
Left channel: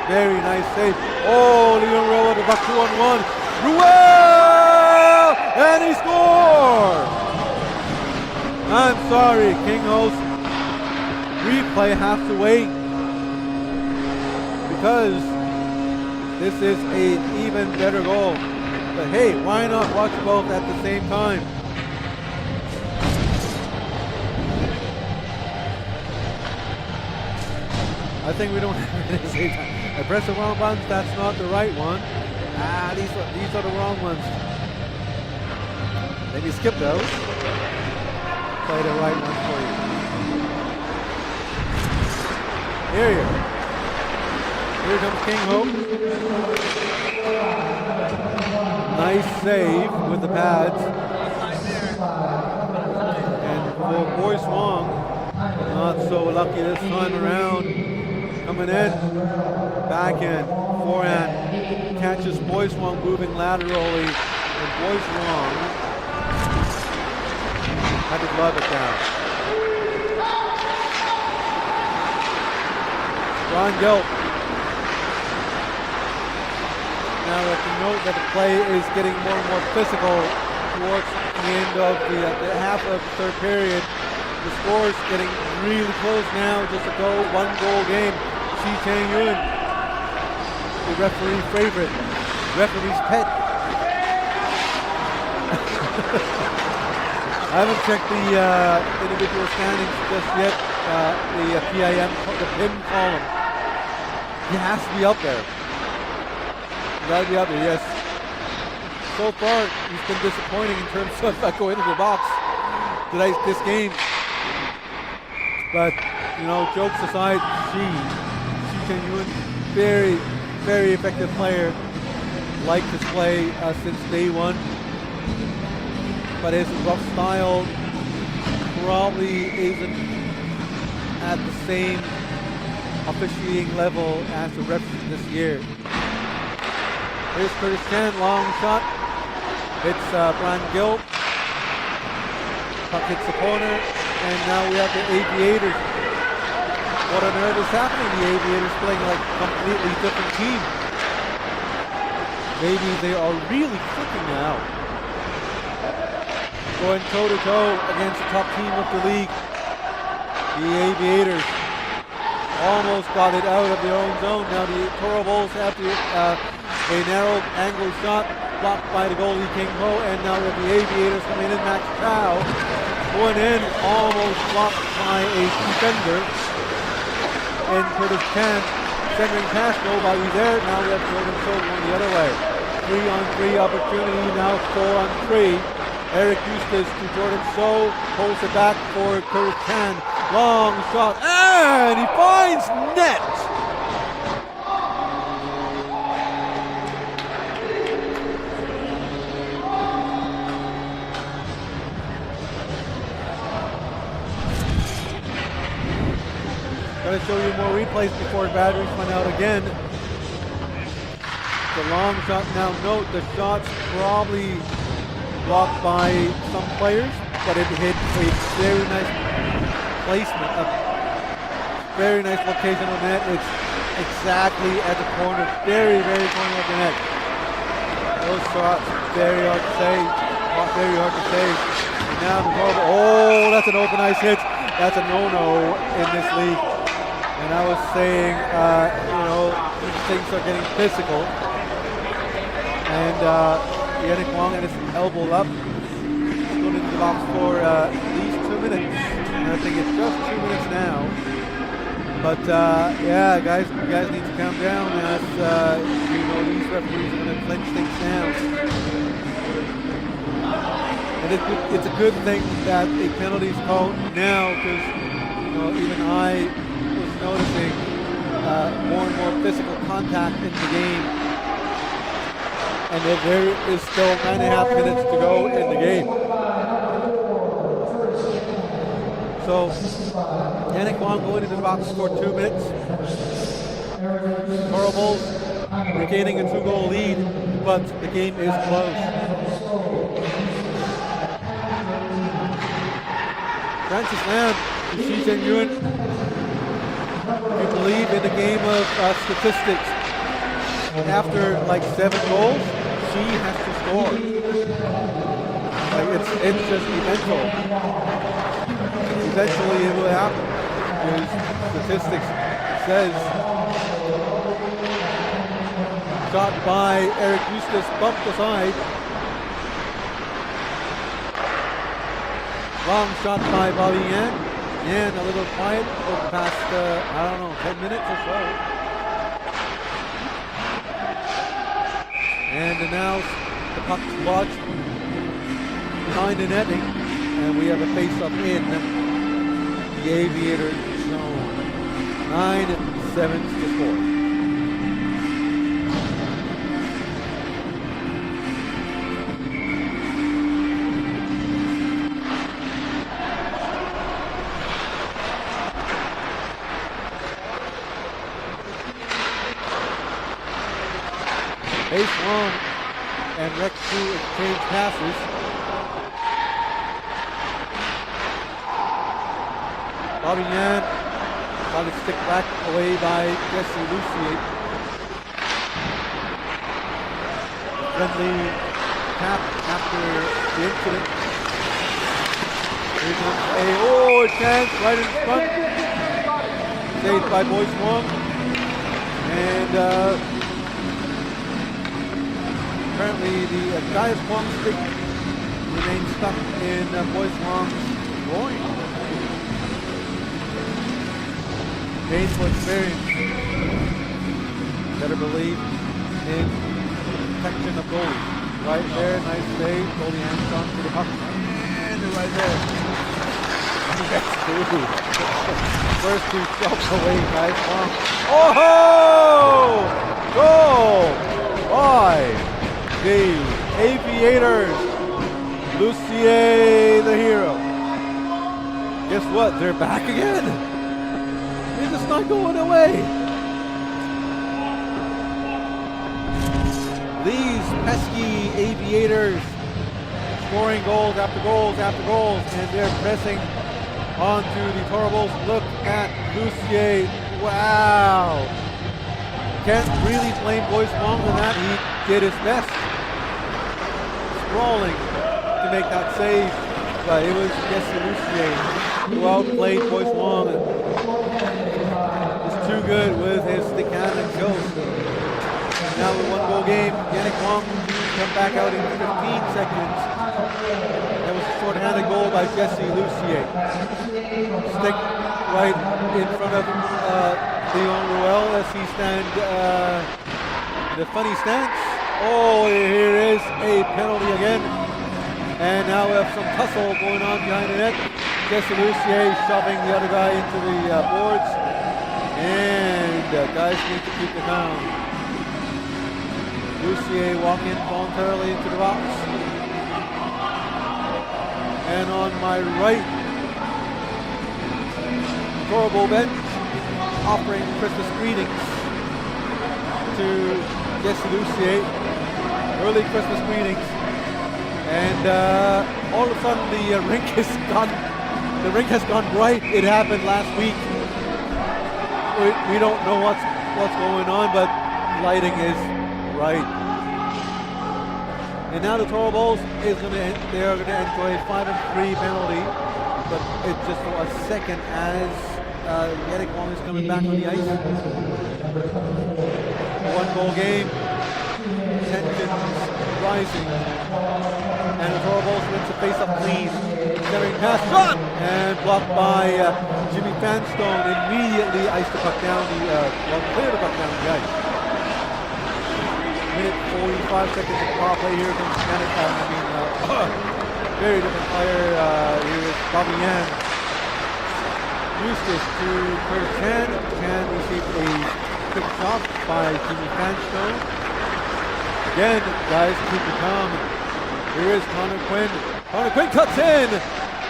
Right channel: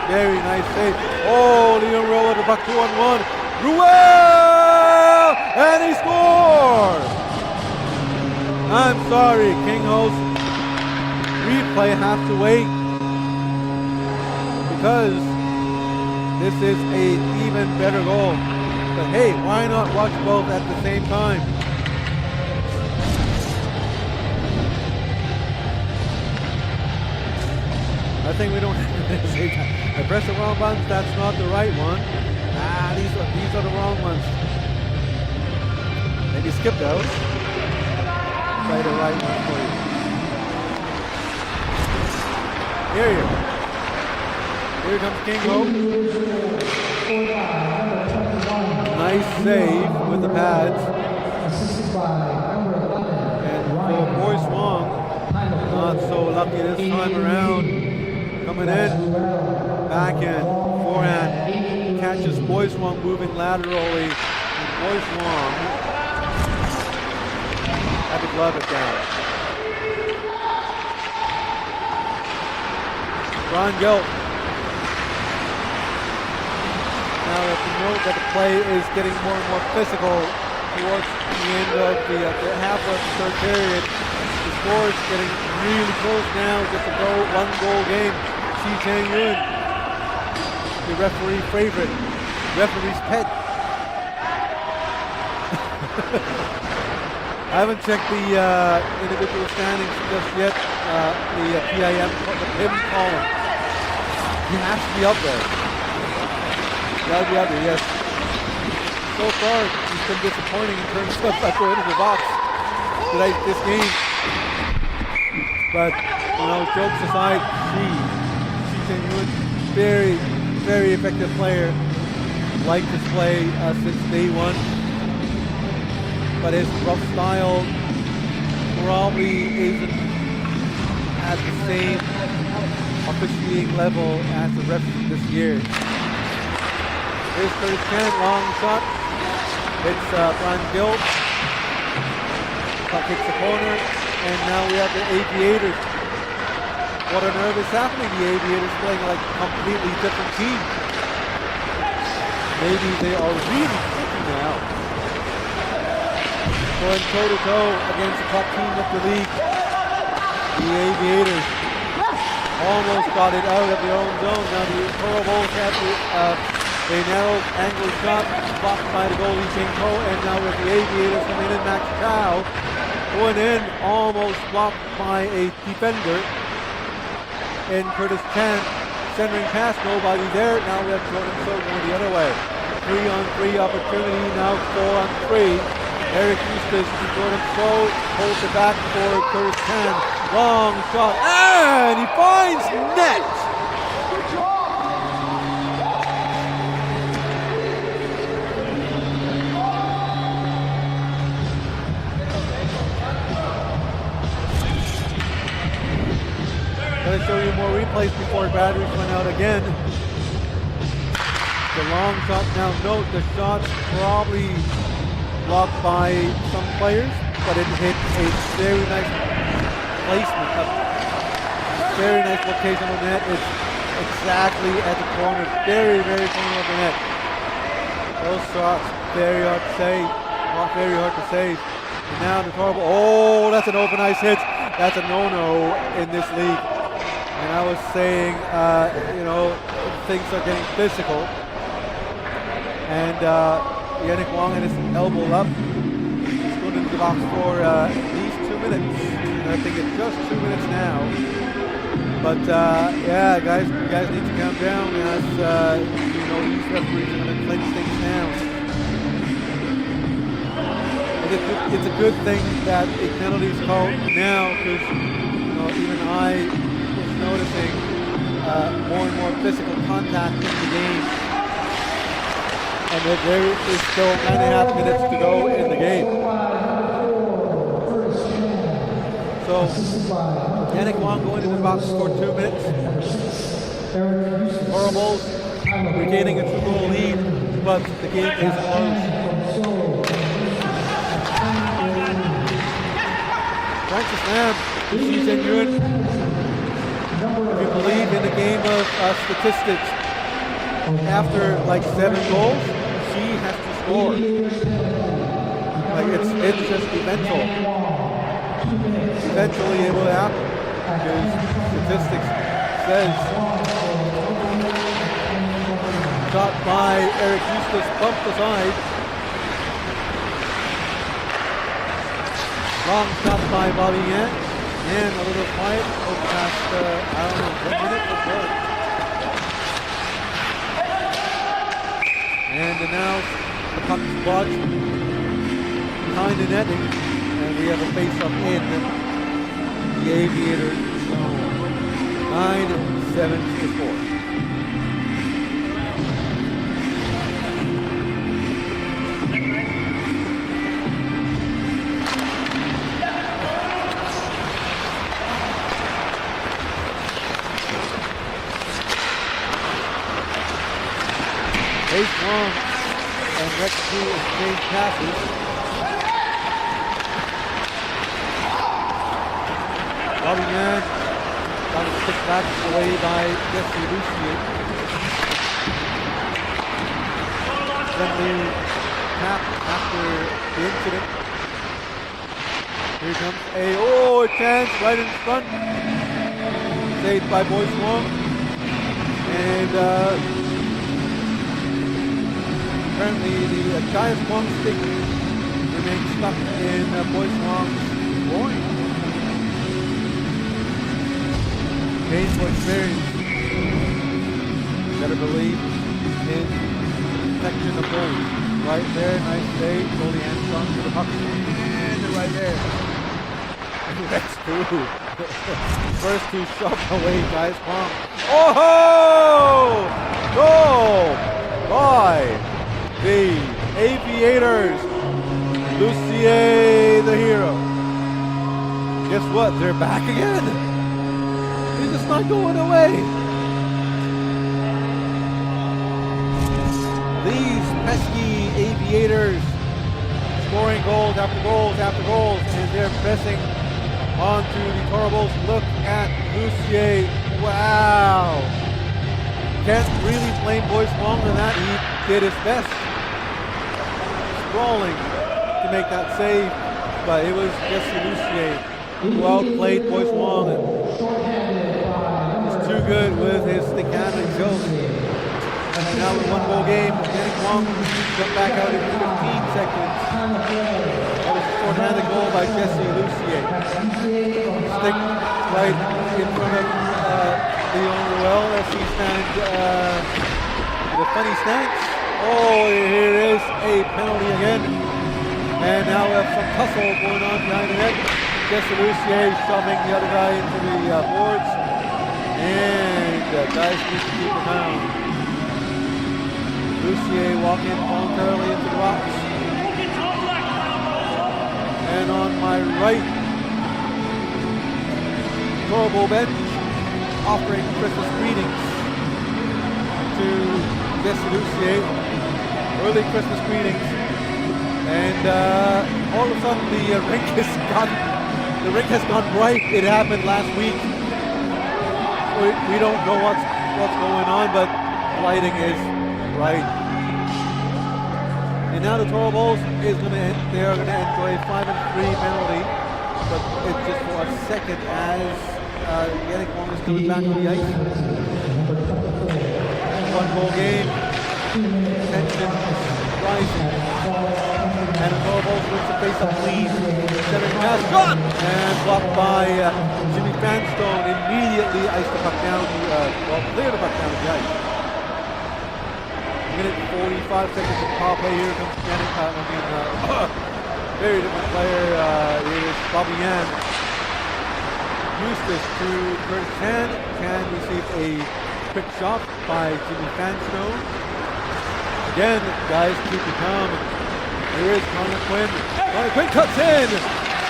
Very nice save. Oh, Leon Ruel with the puck 2-on-1. Ruel! And he scores! I'm sorry, King Ho's replay has to wait, because this is an even better goal. But hey, why not watch both at the same time? I think we don't have it at the same time. I pressed the wrong buttons. That's not the right one. These are the wrong ones. Maybe skip those. Play the right ones for you. Here you go. Here comes King Ho. Nice save with the pads. And for Boyce Wong, not so lucky this time around. Coming in, backhand, forehand, catches Boyce Wong moving laterally, and Boyce Wong had to glove it down. Ron Gelb. Now we have to note that the play is getting more and more physical towards the end of the half of the third period. The score is getting really close now, just a one-goal game. Chi Chang-yun, the referee favorite, referee's pet. I haven't checked the individual standings just yet, the PIM column. He has to be up there. Got to be up there, yes. So far, he's been disappointing in terms of going into the box this game. But, you know, jokes aside, Chi Chang-yun, very, very effective player. Liked his play since day one. But his rough style probably isn't at the same officiating level as the refs this year. Here's Curtis Chan, long shot. Hits Brian Gill. Puck hits the corner. And now we have the Aviators. What on earth is happening? The Aviators playing like a completely different team. Maybe they are really clicking now. Going toe-to-toe against the top team of the league. The Aviators almost got it out of their own zone. Now the Toro Bulls have a narrow angle shot blocked by the goalie King Ho, and now we have the Aviators coming in. Max Chow going in, almost blocked by a defender. And Curtis Chan centering pass, nobody there. Now we have Jordan So going the other way. 3-on-3 opportunity, now 4-on-3. Eric Eustace to Jordan So, holds it back for Curtis Chan. Long shot, and he finds net! Gotta show you more replays before batteries run out again. The long shot, now note the shot's probably blocked by some players, but it hit a very nice placement, a very nice location on the net. It's exactly at the corner, very, very corner of the net. Those shots, very hard to save, very hard to save. And now the horrible, oh, that's an open ice hit. That's a no-no in this league. And I was saying, things are getting physical. And Yannick Wong had his elbow up. He's going into the box for at least 2 minutes. And I think it's just 2 minutes now. But guys, you guys need to calm down as these referees are going to clench things down. And it's a good thing that a penalty is called now, because even I was noticing more and more physical contact in the game, and that there is still 9.5 minutes to go in the game. So Yannick Wong going into the box for 2 minutes. Horribles regaining a 2-goal lead, but the game is close. Francis Lam, Xi Zhenyun, if you believe in the game of statistics, after like 7 goals, she has to score. Like it's just eventually it will happen, because statistics says shot by Eric Eustace bumped aside. Long shot by Bobby Yan. Yan a little quiet over the past, 10 minutes or so. And now the puck's lodged behind the netting, and we have a face-up in the Aviator zone. 9-7 to score. Ace Wong and Rex 2 exchange passes. Bobby Yan got a stick back away by Jesse Lucier. Friendly tap after the incident. Here comes a chance right in front. Saved by Boyce Wong. And apparently the Gaius Wong stick remains stuck in Boyce Wong's groin. Painful experience. Better believe in the protection of goalies. Right there, nice save. Goalie hands on to the puck. And they're right there. Next 2. First 2 shoves away, Gaius Wong. Oh! Goal by the Aviators. Lucier, the hero. Guess what? They're back again. They're just not going away. These pesky Aviators scoring goals after goals after goals, and they're pressing onto the Torbles. Look at Lucier. Wow. Can't really blame Boyce Wong on that. He did his best. Sprawling to make that save, but it was Jesse Lucier who outplayed Boyce Wong. Is too good with his stick handling skills. Now with 1-goal game, Yannick Wong come back out in 15 seconds. That was a short-handed goal by Jesse Lucier. Stick right in front of Leon Ruel as he stands in a funny stance. Oh, here is a penalty again. And now we have some tussle going on behind the net. Jesse Lucier shoving the other guy into the boards. And guys need to keep it calm. Lucier walking voluntarily into the box. And on my right, Torbo bench offering Christmas greetings to Jesse Lucier. Early Christmas greetings. And all of a sudden the rink has gone bright. It happened last week. We don't know what's going on, but lighting is bright. And now the Toro Bulls they are gonna enjoy a 5-3 penalty, but it's just for a second as Yannick Wong is coming back on the ice. A one-goal game. Tension rising. And Thorbolz wins the face-up clean. Centering pass, shot! And blocked by Jimmy Fanstone. Immediately iced the puck down cleared the puck down the ice. Minute 45 seconds of power play. Here comes Yannick, very different player. Here is Bobby Yan. Eustace to Curtis Chan. Chan received a quick shot by Jimmy Fanstone. Again, guys, keep it calm. Here is Connor Quinn. Connor Quinn cuts in.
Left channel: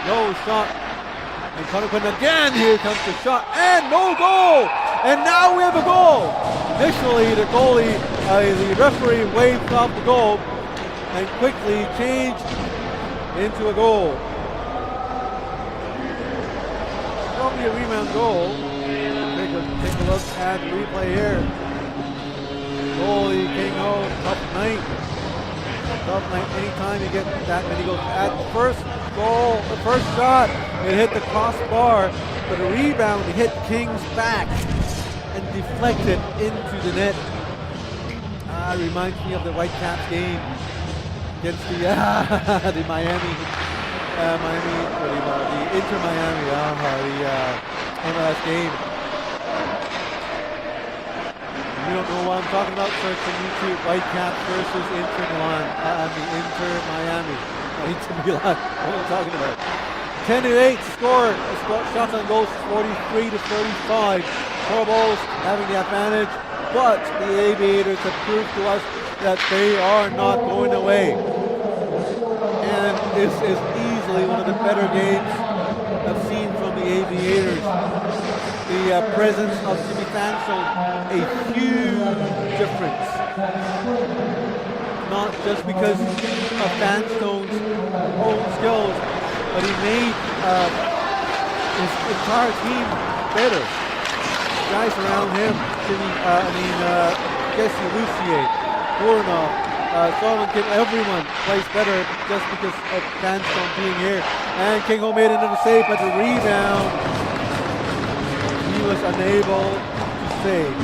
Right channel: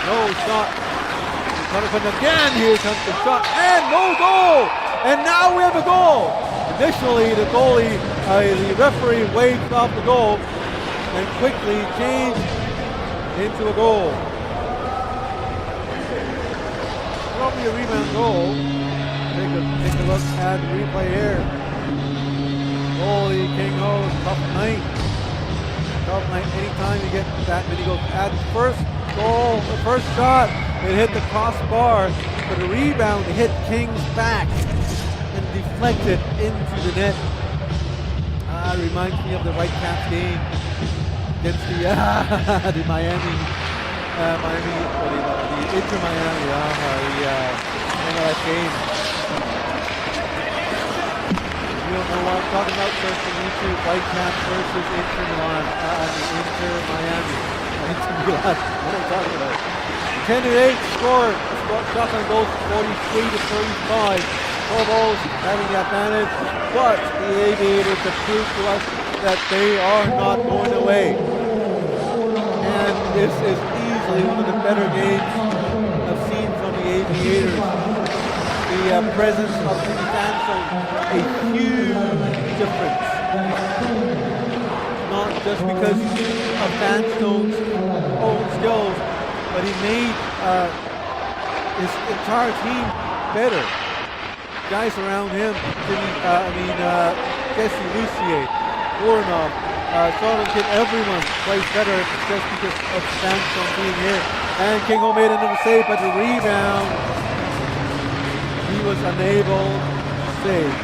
No shot. And Connor Quinn again. Here comes the shot. And no goal. And now we have a goal. Initially, the goalie, the referee waved off the goal and quickly changed into a goal. Probably a rebound goal. Take a look at the replay here. Goalie King Ho, tough night. Tough night. Anytime you get that many goals. At the first goal, the first shot, it hit the crossbar, but the rebound hit King's back and deflected into the net. Reminds me of the Whitecaps game against the Miami, the Inter Miami, the MLS game. If you don't know what I'm talking about, search on YouTube, Whitecaps versus Inter Milan, Inter Miami, Inter Milan, what am I talking about? 10-8 score, shots on goals 43-35. Thorbolz having the advantage, but the Aviators have proved to us that they are not going away. And this is easily one of the better games I've seen from the Aviators. The presence of Jimmy Fanstone, a huge difference. Not just because of Fanstone's own skills, but he made his entire team better. Guys around him, Jesse Lucier, Voronov, Solomon, everyone plays better just because of Fanstone being here. And King Ho made another save, but the rebound, he was unable to save.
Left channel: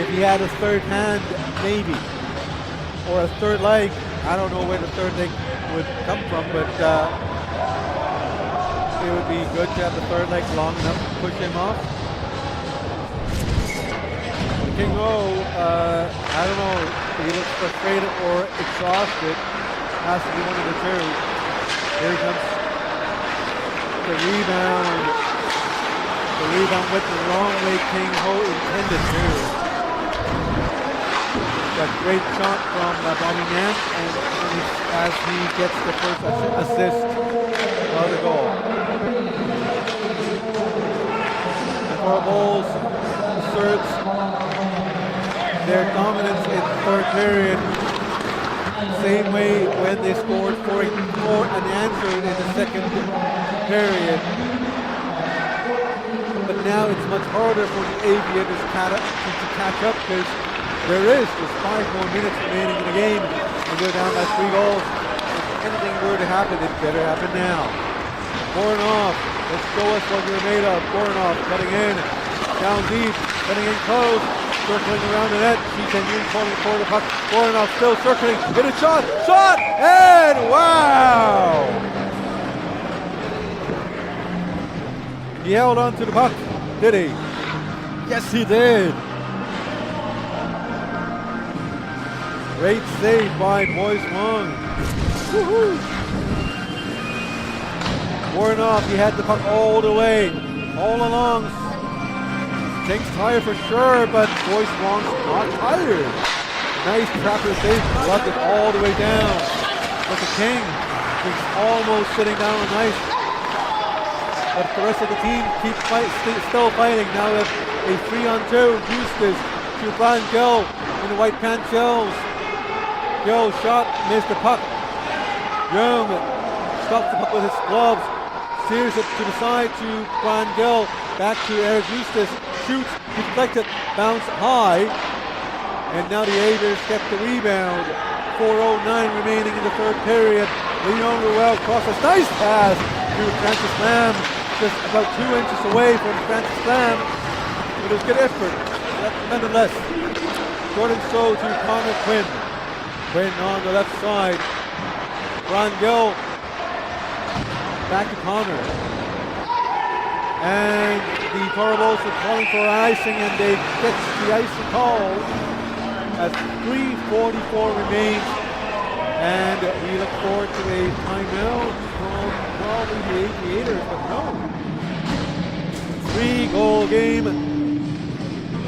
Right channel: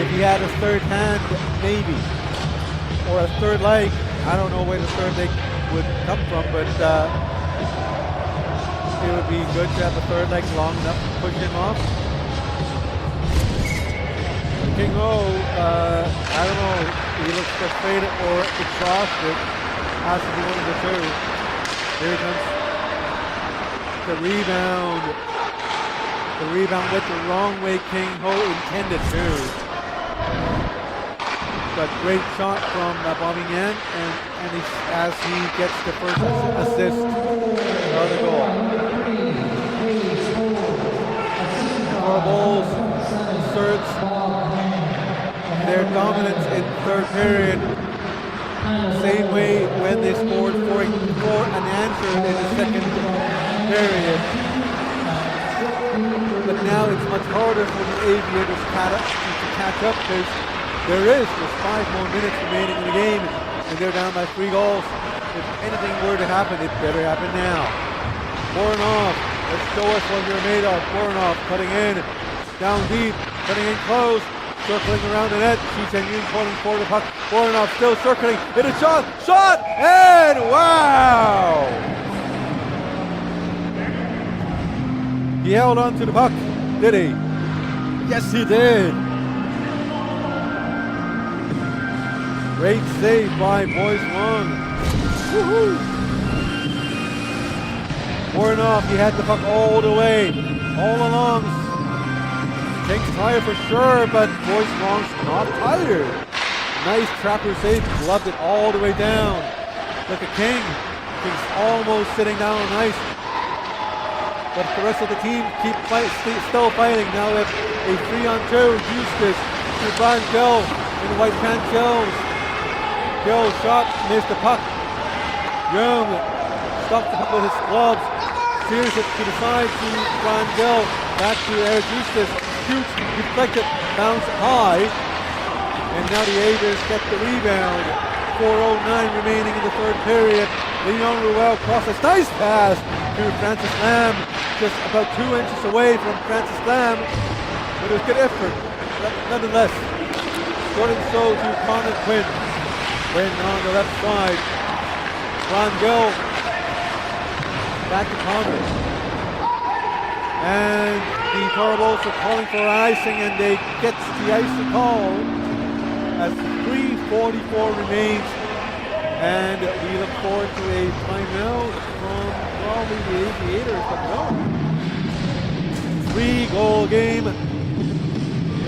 If he had a third hand, maybe, or a third leg, I don't know where the third leg would come from, but it would be good to have the third leg long enough to push him off. But King Ho, I don't know, he looks frustrated or exhausted. Has to be one of the two. Here comes the rebound. The rebound went the wrong way King Ho intended to. But great shot from Bobby Yan, and as he gets the first assist of the goal. And Thorbolz asserts their dominance in the third period. Same way when they scored 4 unanswered in the second period. But now it's much harder for the Aviators to catch up because there is just 5 more minutes remaining in the game and they're down by 3 goals. If anything were to happen, it better happen now. Voronov, let's show us what you're made of. Voronov cutting in, down deep, cutting in close. Circling around the net, Shi Chen-Yun calling for the puck. Voronov still circling, hit a shot, and wow! He held on to the puck, did he? Yes, he did. Great save by Boyce Wong. Woohoo! Voronov, he had the puck all the way, all along. King's tired for sure, but Boyce Wong's not tired. Nice trapper save, gloved it all the way down. Look at King. King's almost sitting down on ice. But the rest of the team keep still fighting. Now we have a 3-on-2. Eustace to Brian Gill in the white pants shells. Gill shot, missed the puck. Young stops the puck with his gloves. Steers it to the side to Brian Gill. Back to Eric Eustace. Shoots, deflected, bounce high, and now the Aviators get the rebound. 4:09 remaining in the third period. Leon Ruel crosses, nice pass to to Francis Lamb, just about 2 inches away from Francis Lamb, but it was good effort nonetheless. Jordan So to Connor Quinn. Quinn on the left side. Ron Gill back to Connor. And the Toro Bulls are calling for icing, and they get the icing call as 3:44 remains. And we look forward to a timeout from probably the Aviators, but no. 3-goal game,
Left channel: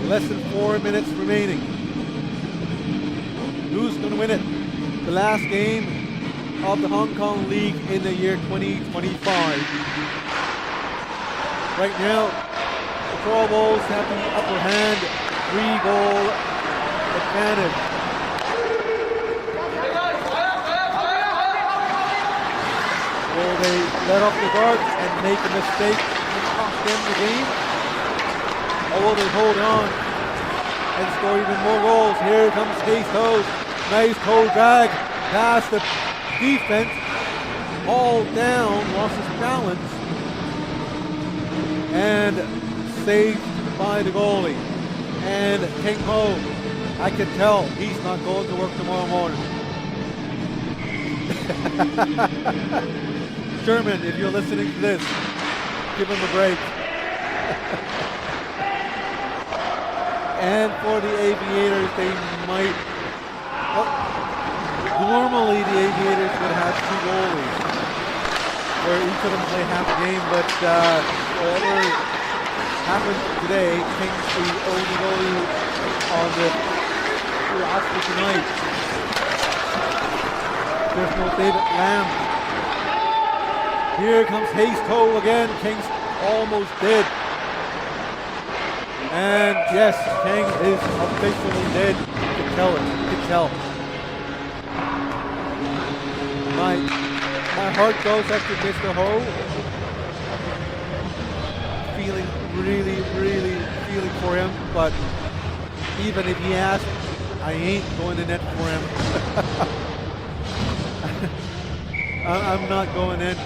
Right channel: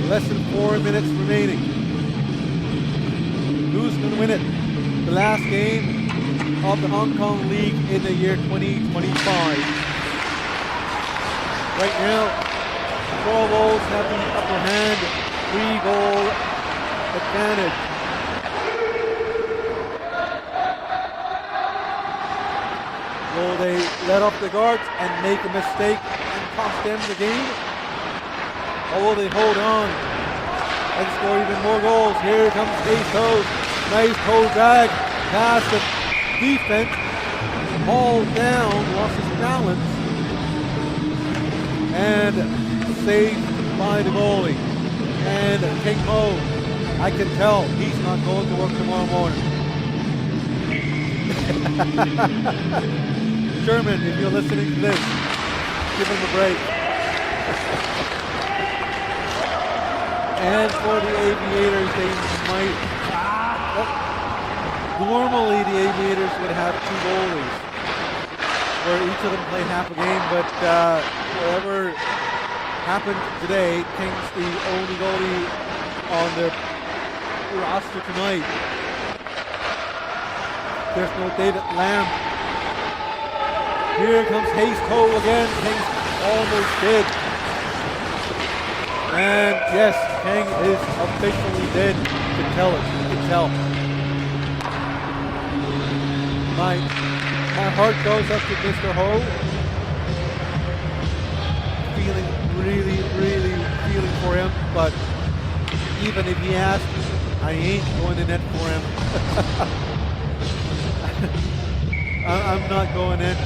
less than 4 minutes remaining. Who's going to win it? The last game of the Hong Kong League in the year 2025. Right now, the Toro Bulls have the upper hand, 3-goal advantage. Will they let off the guard and make a mistake and cost them the game? Or will they hold on and score even more goals? Here comes Hayes Toes. Nice toe drag past the defense. Hauled down, lost his balance. And saved by the goalie. And King Ho, I can tell he's not going to work tomorrow morning. Sherman, if you're listening to this, give him a break. And for the Aviators, they might... Well, normally the Aviators would have 2 goalies, where each of them play half a game, but whatever happened today, King's the only goalie on the roster tonight. There's no David Lamb. Here comes Hayes Toe again. King's almost dead. And yes, King is officially dead. You can tell it. You can tell. My heart goes up to Mr. Ho. Feeling really feeling for him. But even if he asked, I ain't going to net for him. I'm not going in.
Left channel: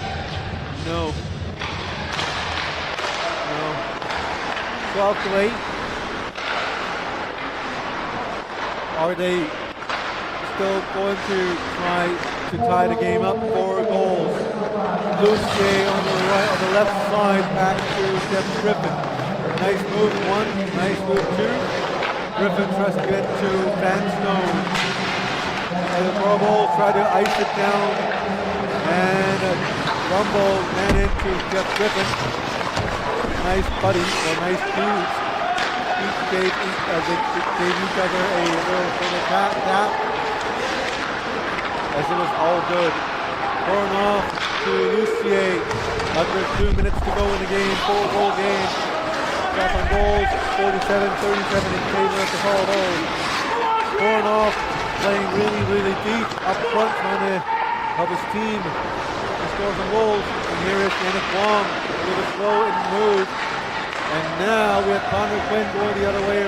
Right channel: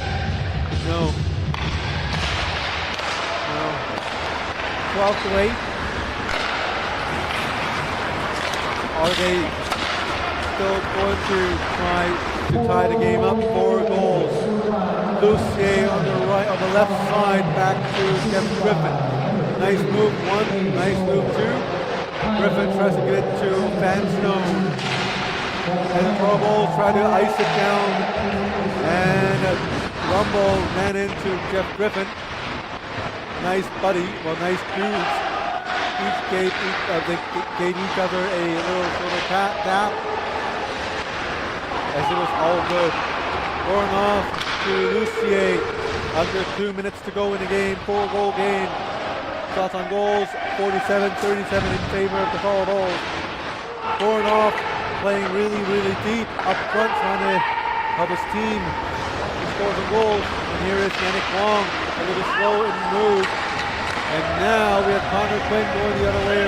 No. 12-8. Are they still going to try to tie the game up? 4 goals. Lucier on the right, on the left side, back to Jeff Griffin. Nice move 1, nice move 2. Griffin tries to get it to Van Stone. And the Toro Bulls try to ice it down. And Rumble ran into Jeff Griffin. Nice buddy, well, nice dudes. Each gave each other a little sort of tap, as it was all good. Pouring off to Lucier. Under 2 minutes to go in the game. 4-goal game. Shots on goals. 47-37 in favor of the Toro Bulls. Pouring off, playing really deep up front, trying to help his team. He scores some goals, and here is Yannick Wong, a little slow in the move. And now we have Connor Quinn going the other way.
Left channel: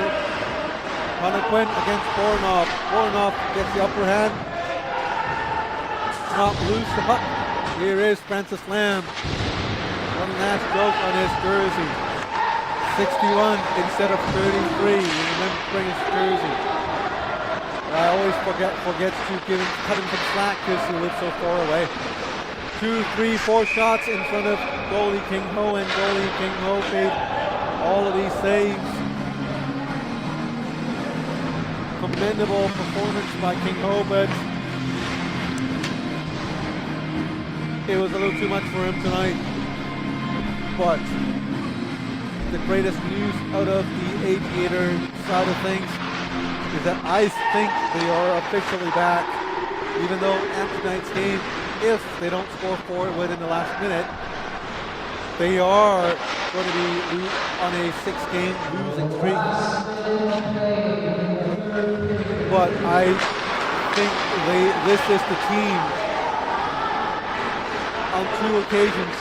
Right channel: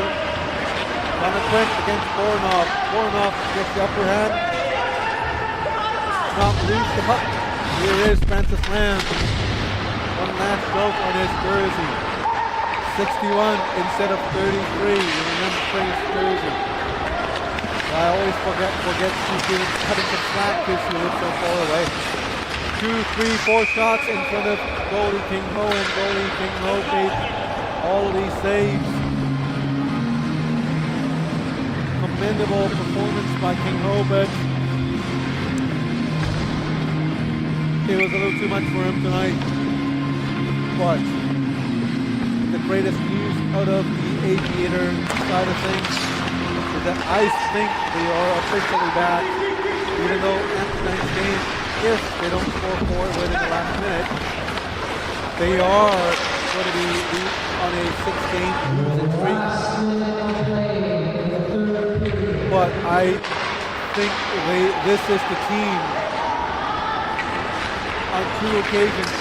Connor Quinn against Bornoff. Bornoff gets the upper hand. Not loose the puck. Here is Francis Lamb. One last joke on his jersey. 61 instead of 33. You remember bring his jersey. I always forget to cut him some slack because he lives so far away. 2, 3, 4 shots in front of goalie King Ho, and goalie King Ho made all of these saves. Commendable performance by King Ho, but it was a little too much for him tonight. But the greatest news out of the Aviator side of things is that I think they are officially back, even though after tonight's game, if they don't score 4 within the last minute, they are going to be on a 6-game losing streak. But I think this is the team on 2 occasions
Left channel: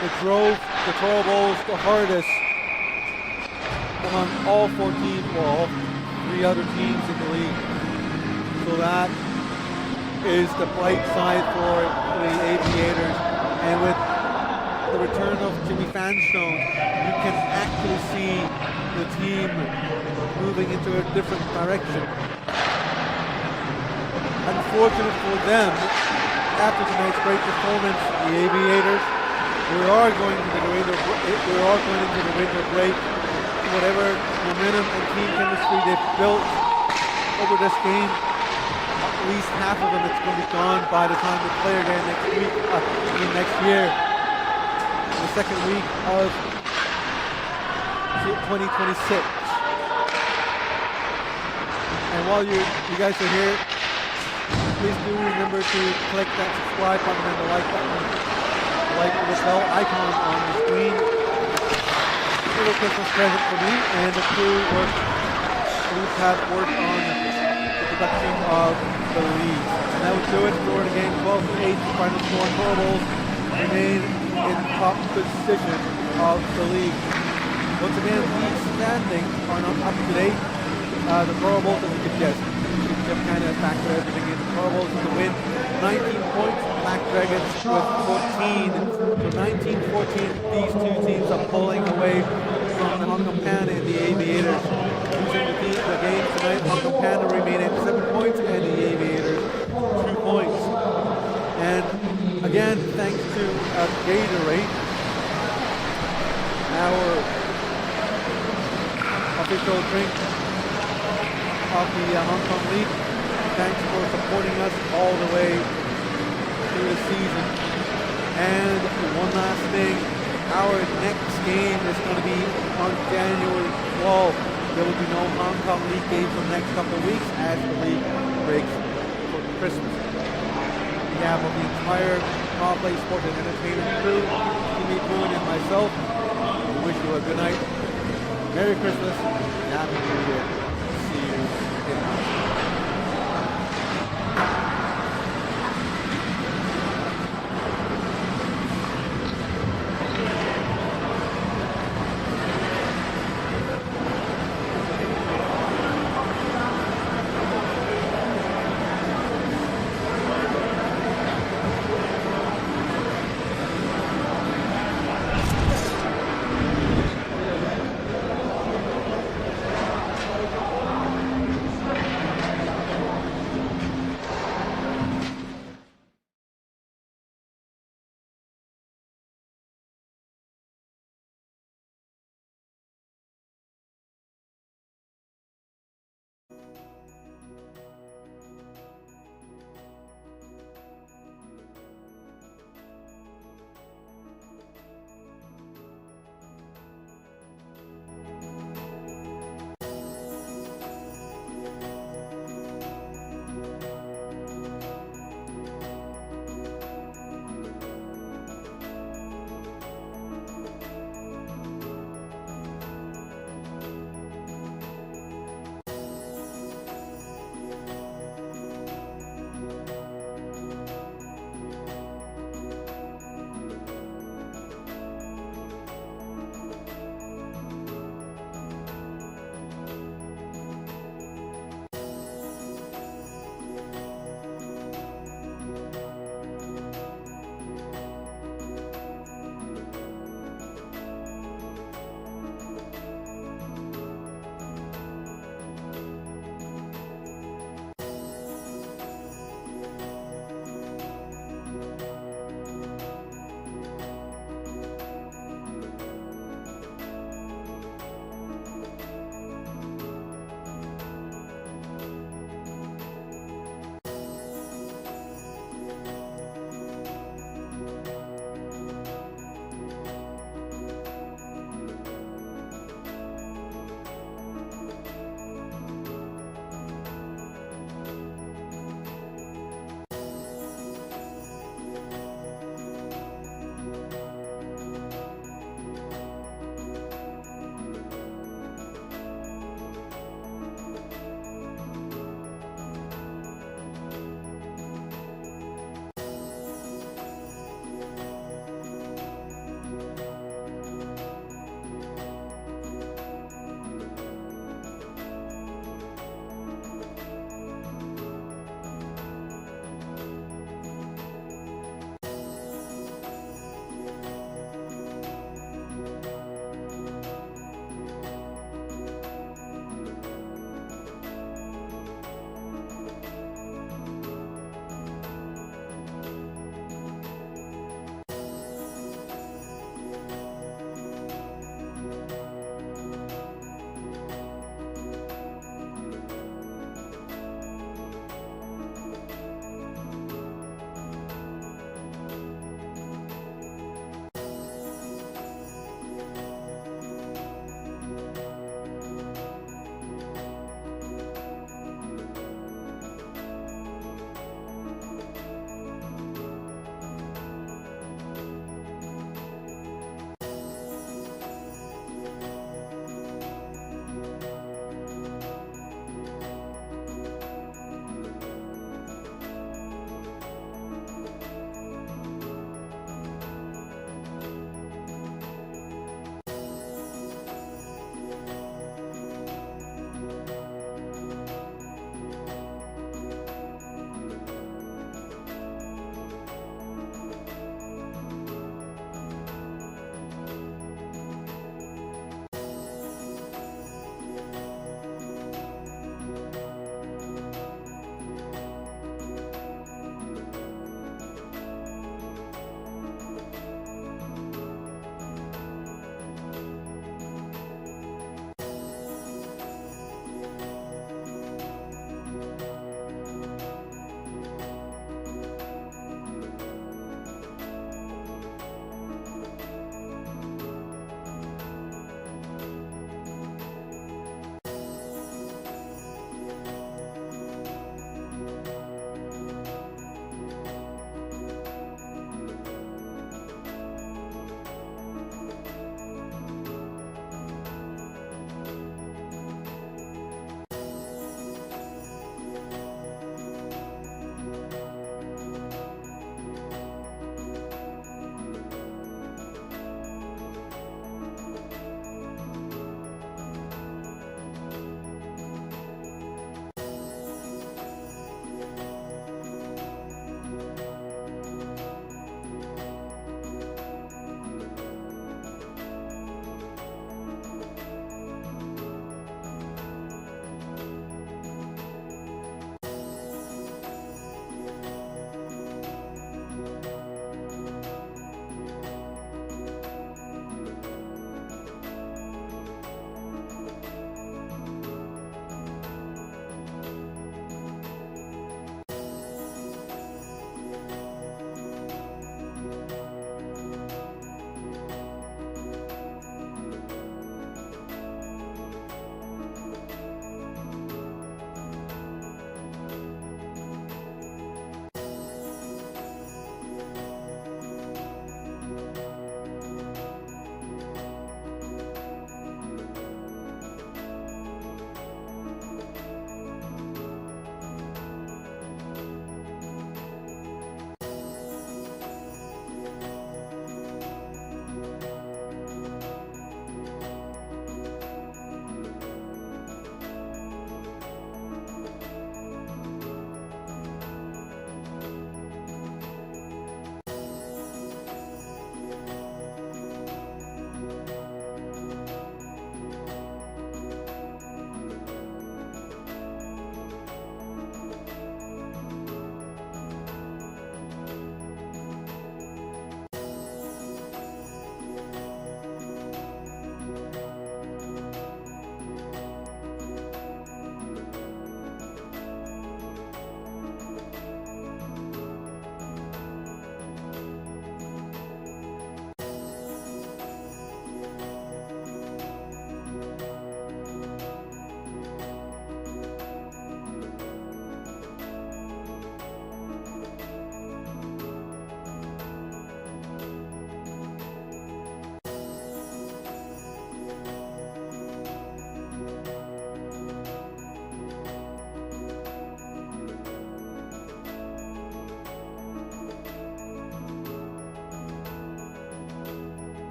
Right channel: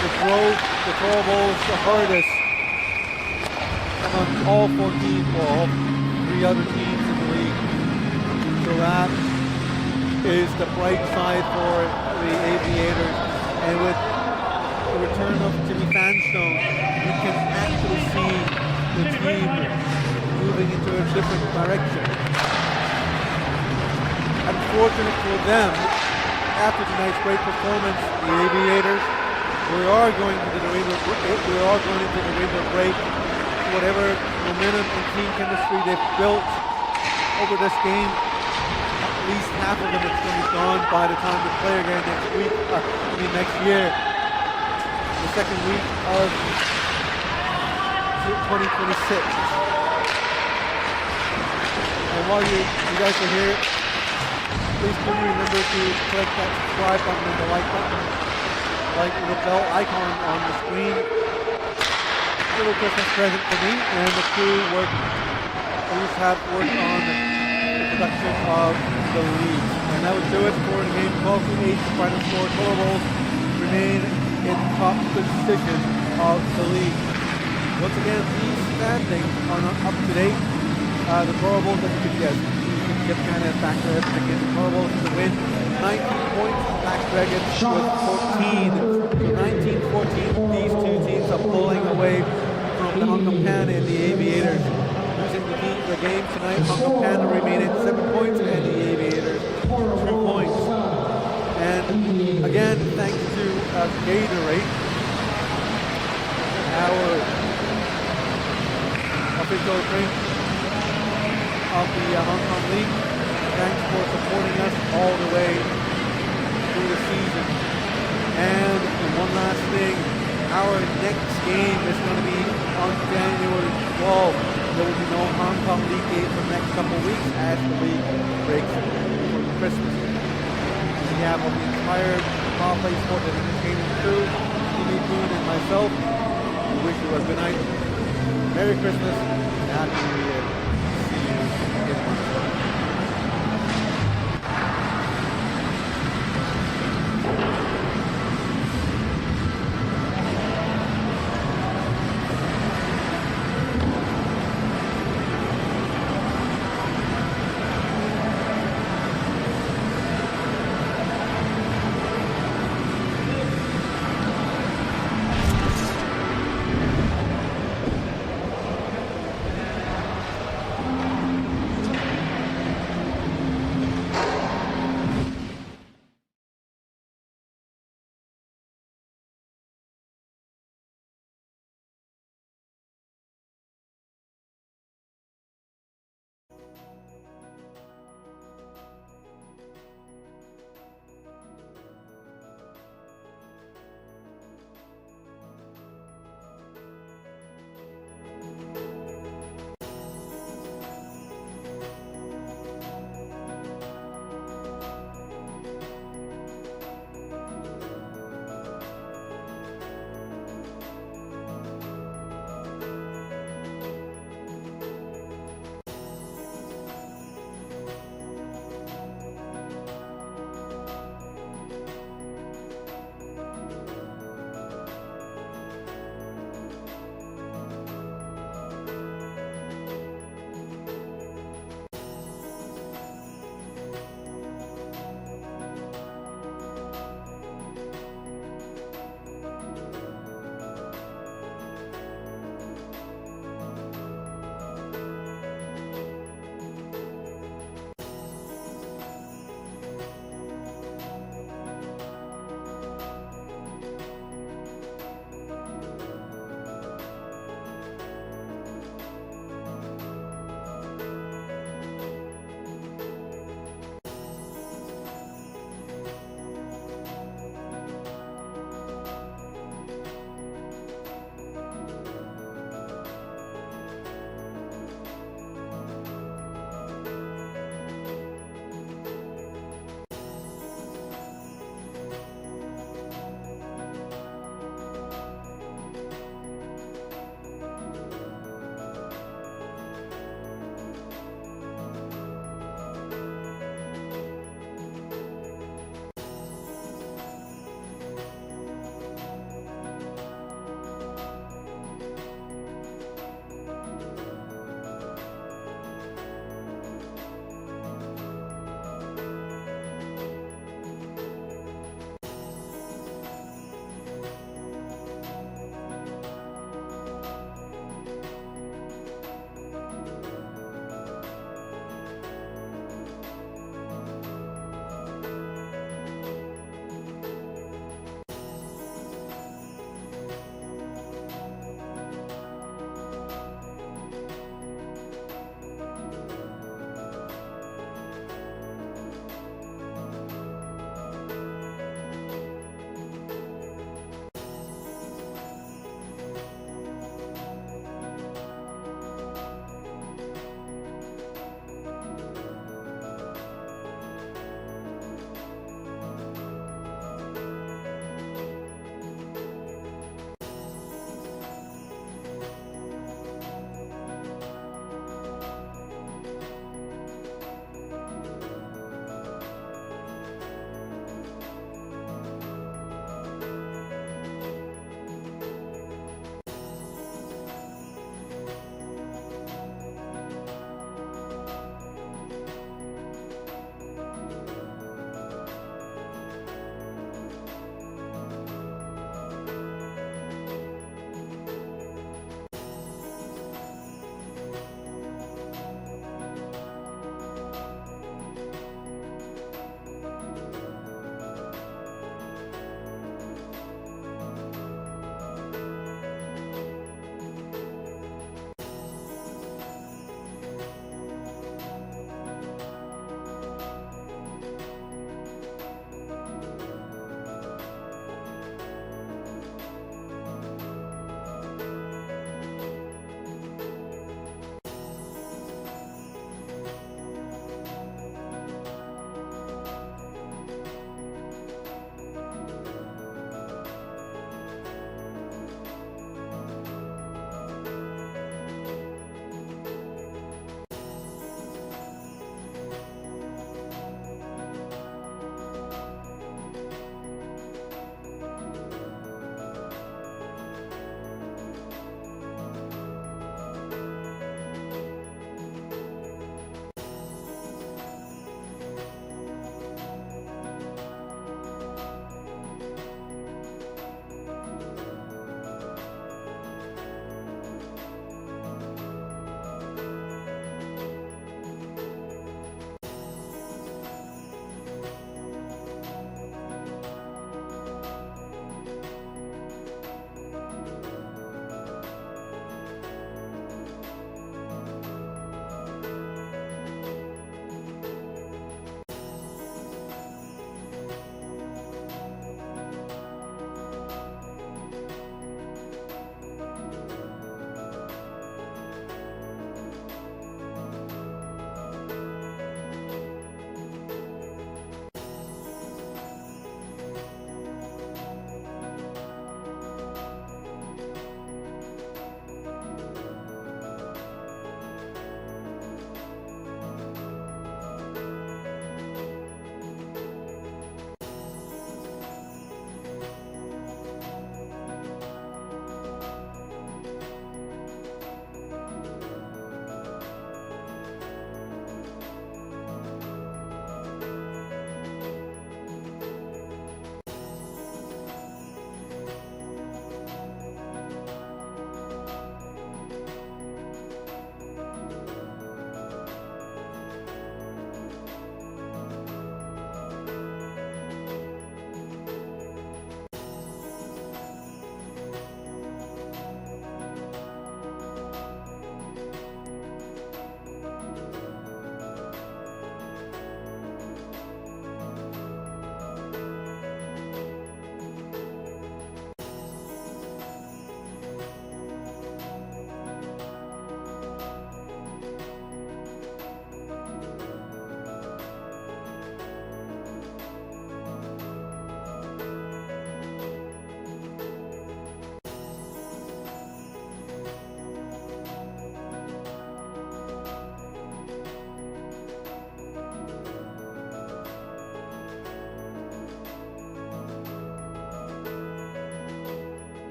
that drove the Toro Bulls the hardest among all 4 teams, well, all 3 other teams in the league. So that is the bright side for the Aviators. And with the return of Jimmy Fanstone, you can actually see the team moving into a different direction. Unfortunate for them, after tonight's great performance, the Aviators, we are going into the winter break. Whatever momentum and team chemistry they've built over this game, at least half of them it's going to be gone by the time they play again next year, the second week of 2026. And while you guys are here, please do remember to click that subscribe button and the like button, like the bell icon on the screen. Little Christmas present for me and the crew have worked on the production of the league. And that would do it for the game 12-8. The final score. Toro Bulls remain in top position of the league. Once again, these standings are not up to date. The Toro Bulls, as you could guess, you could kind of factor everything in. The Toro Bulls to win 19 points, Black Dragons with 14. So 19-14, these two teams are pulling away from the Hong Kong Panda and the Aviators. Losing the game tonight, Hong Kong Panda remain at 7 points and the Aviators 2 points. And again, thanks to Gatorade, our official drink of the Hong Kong League. Thanks for supporting us all the way through the season. And one last thing, our next game is going to be on January 12th. There will be no Hong Kong League games for the next couple of weeks as the league breaks for Christmas. On behalf of the entire Power Play Sports and Entertainment crew, Timmy Poon and myself, we wish you a good night, Merry Christmas, and Happy New Year. See you in a month's time.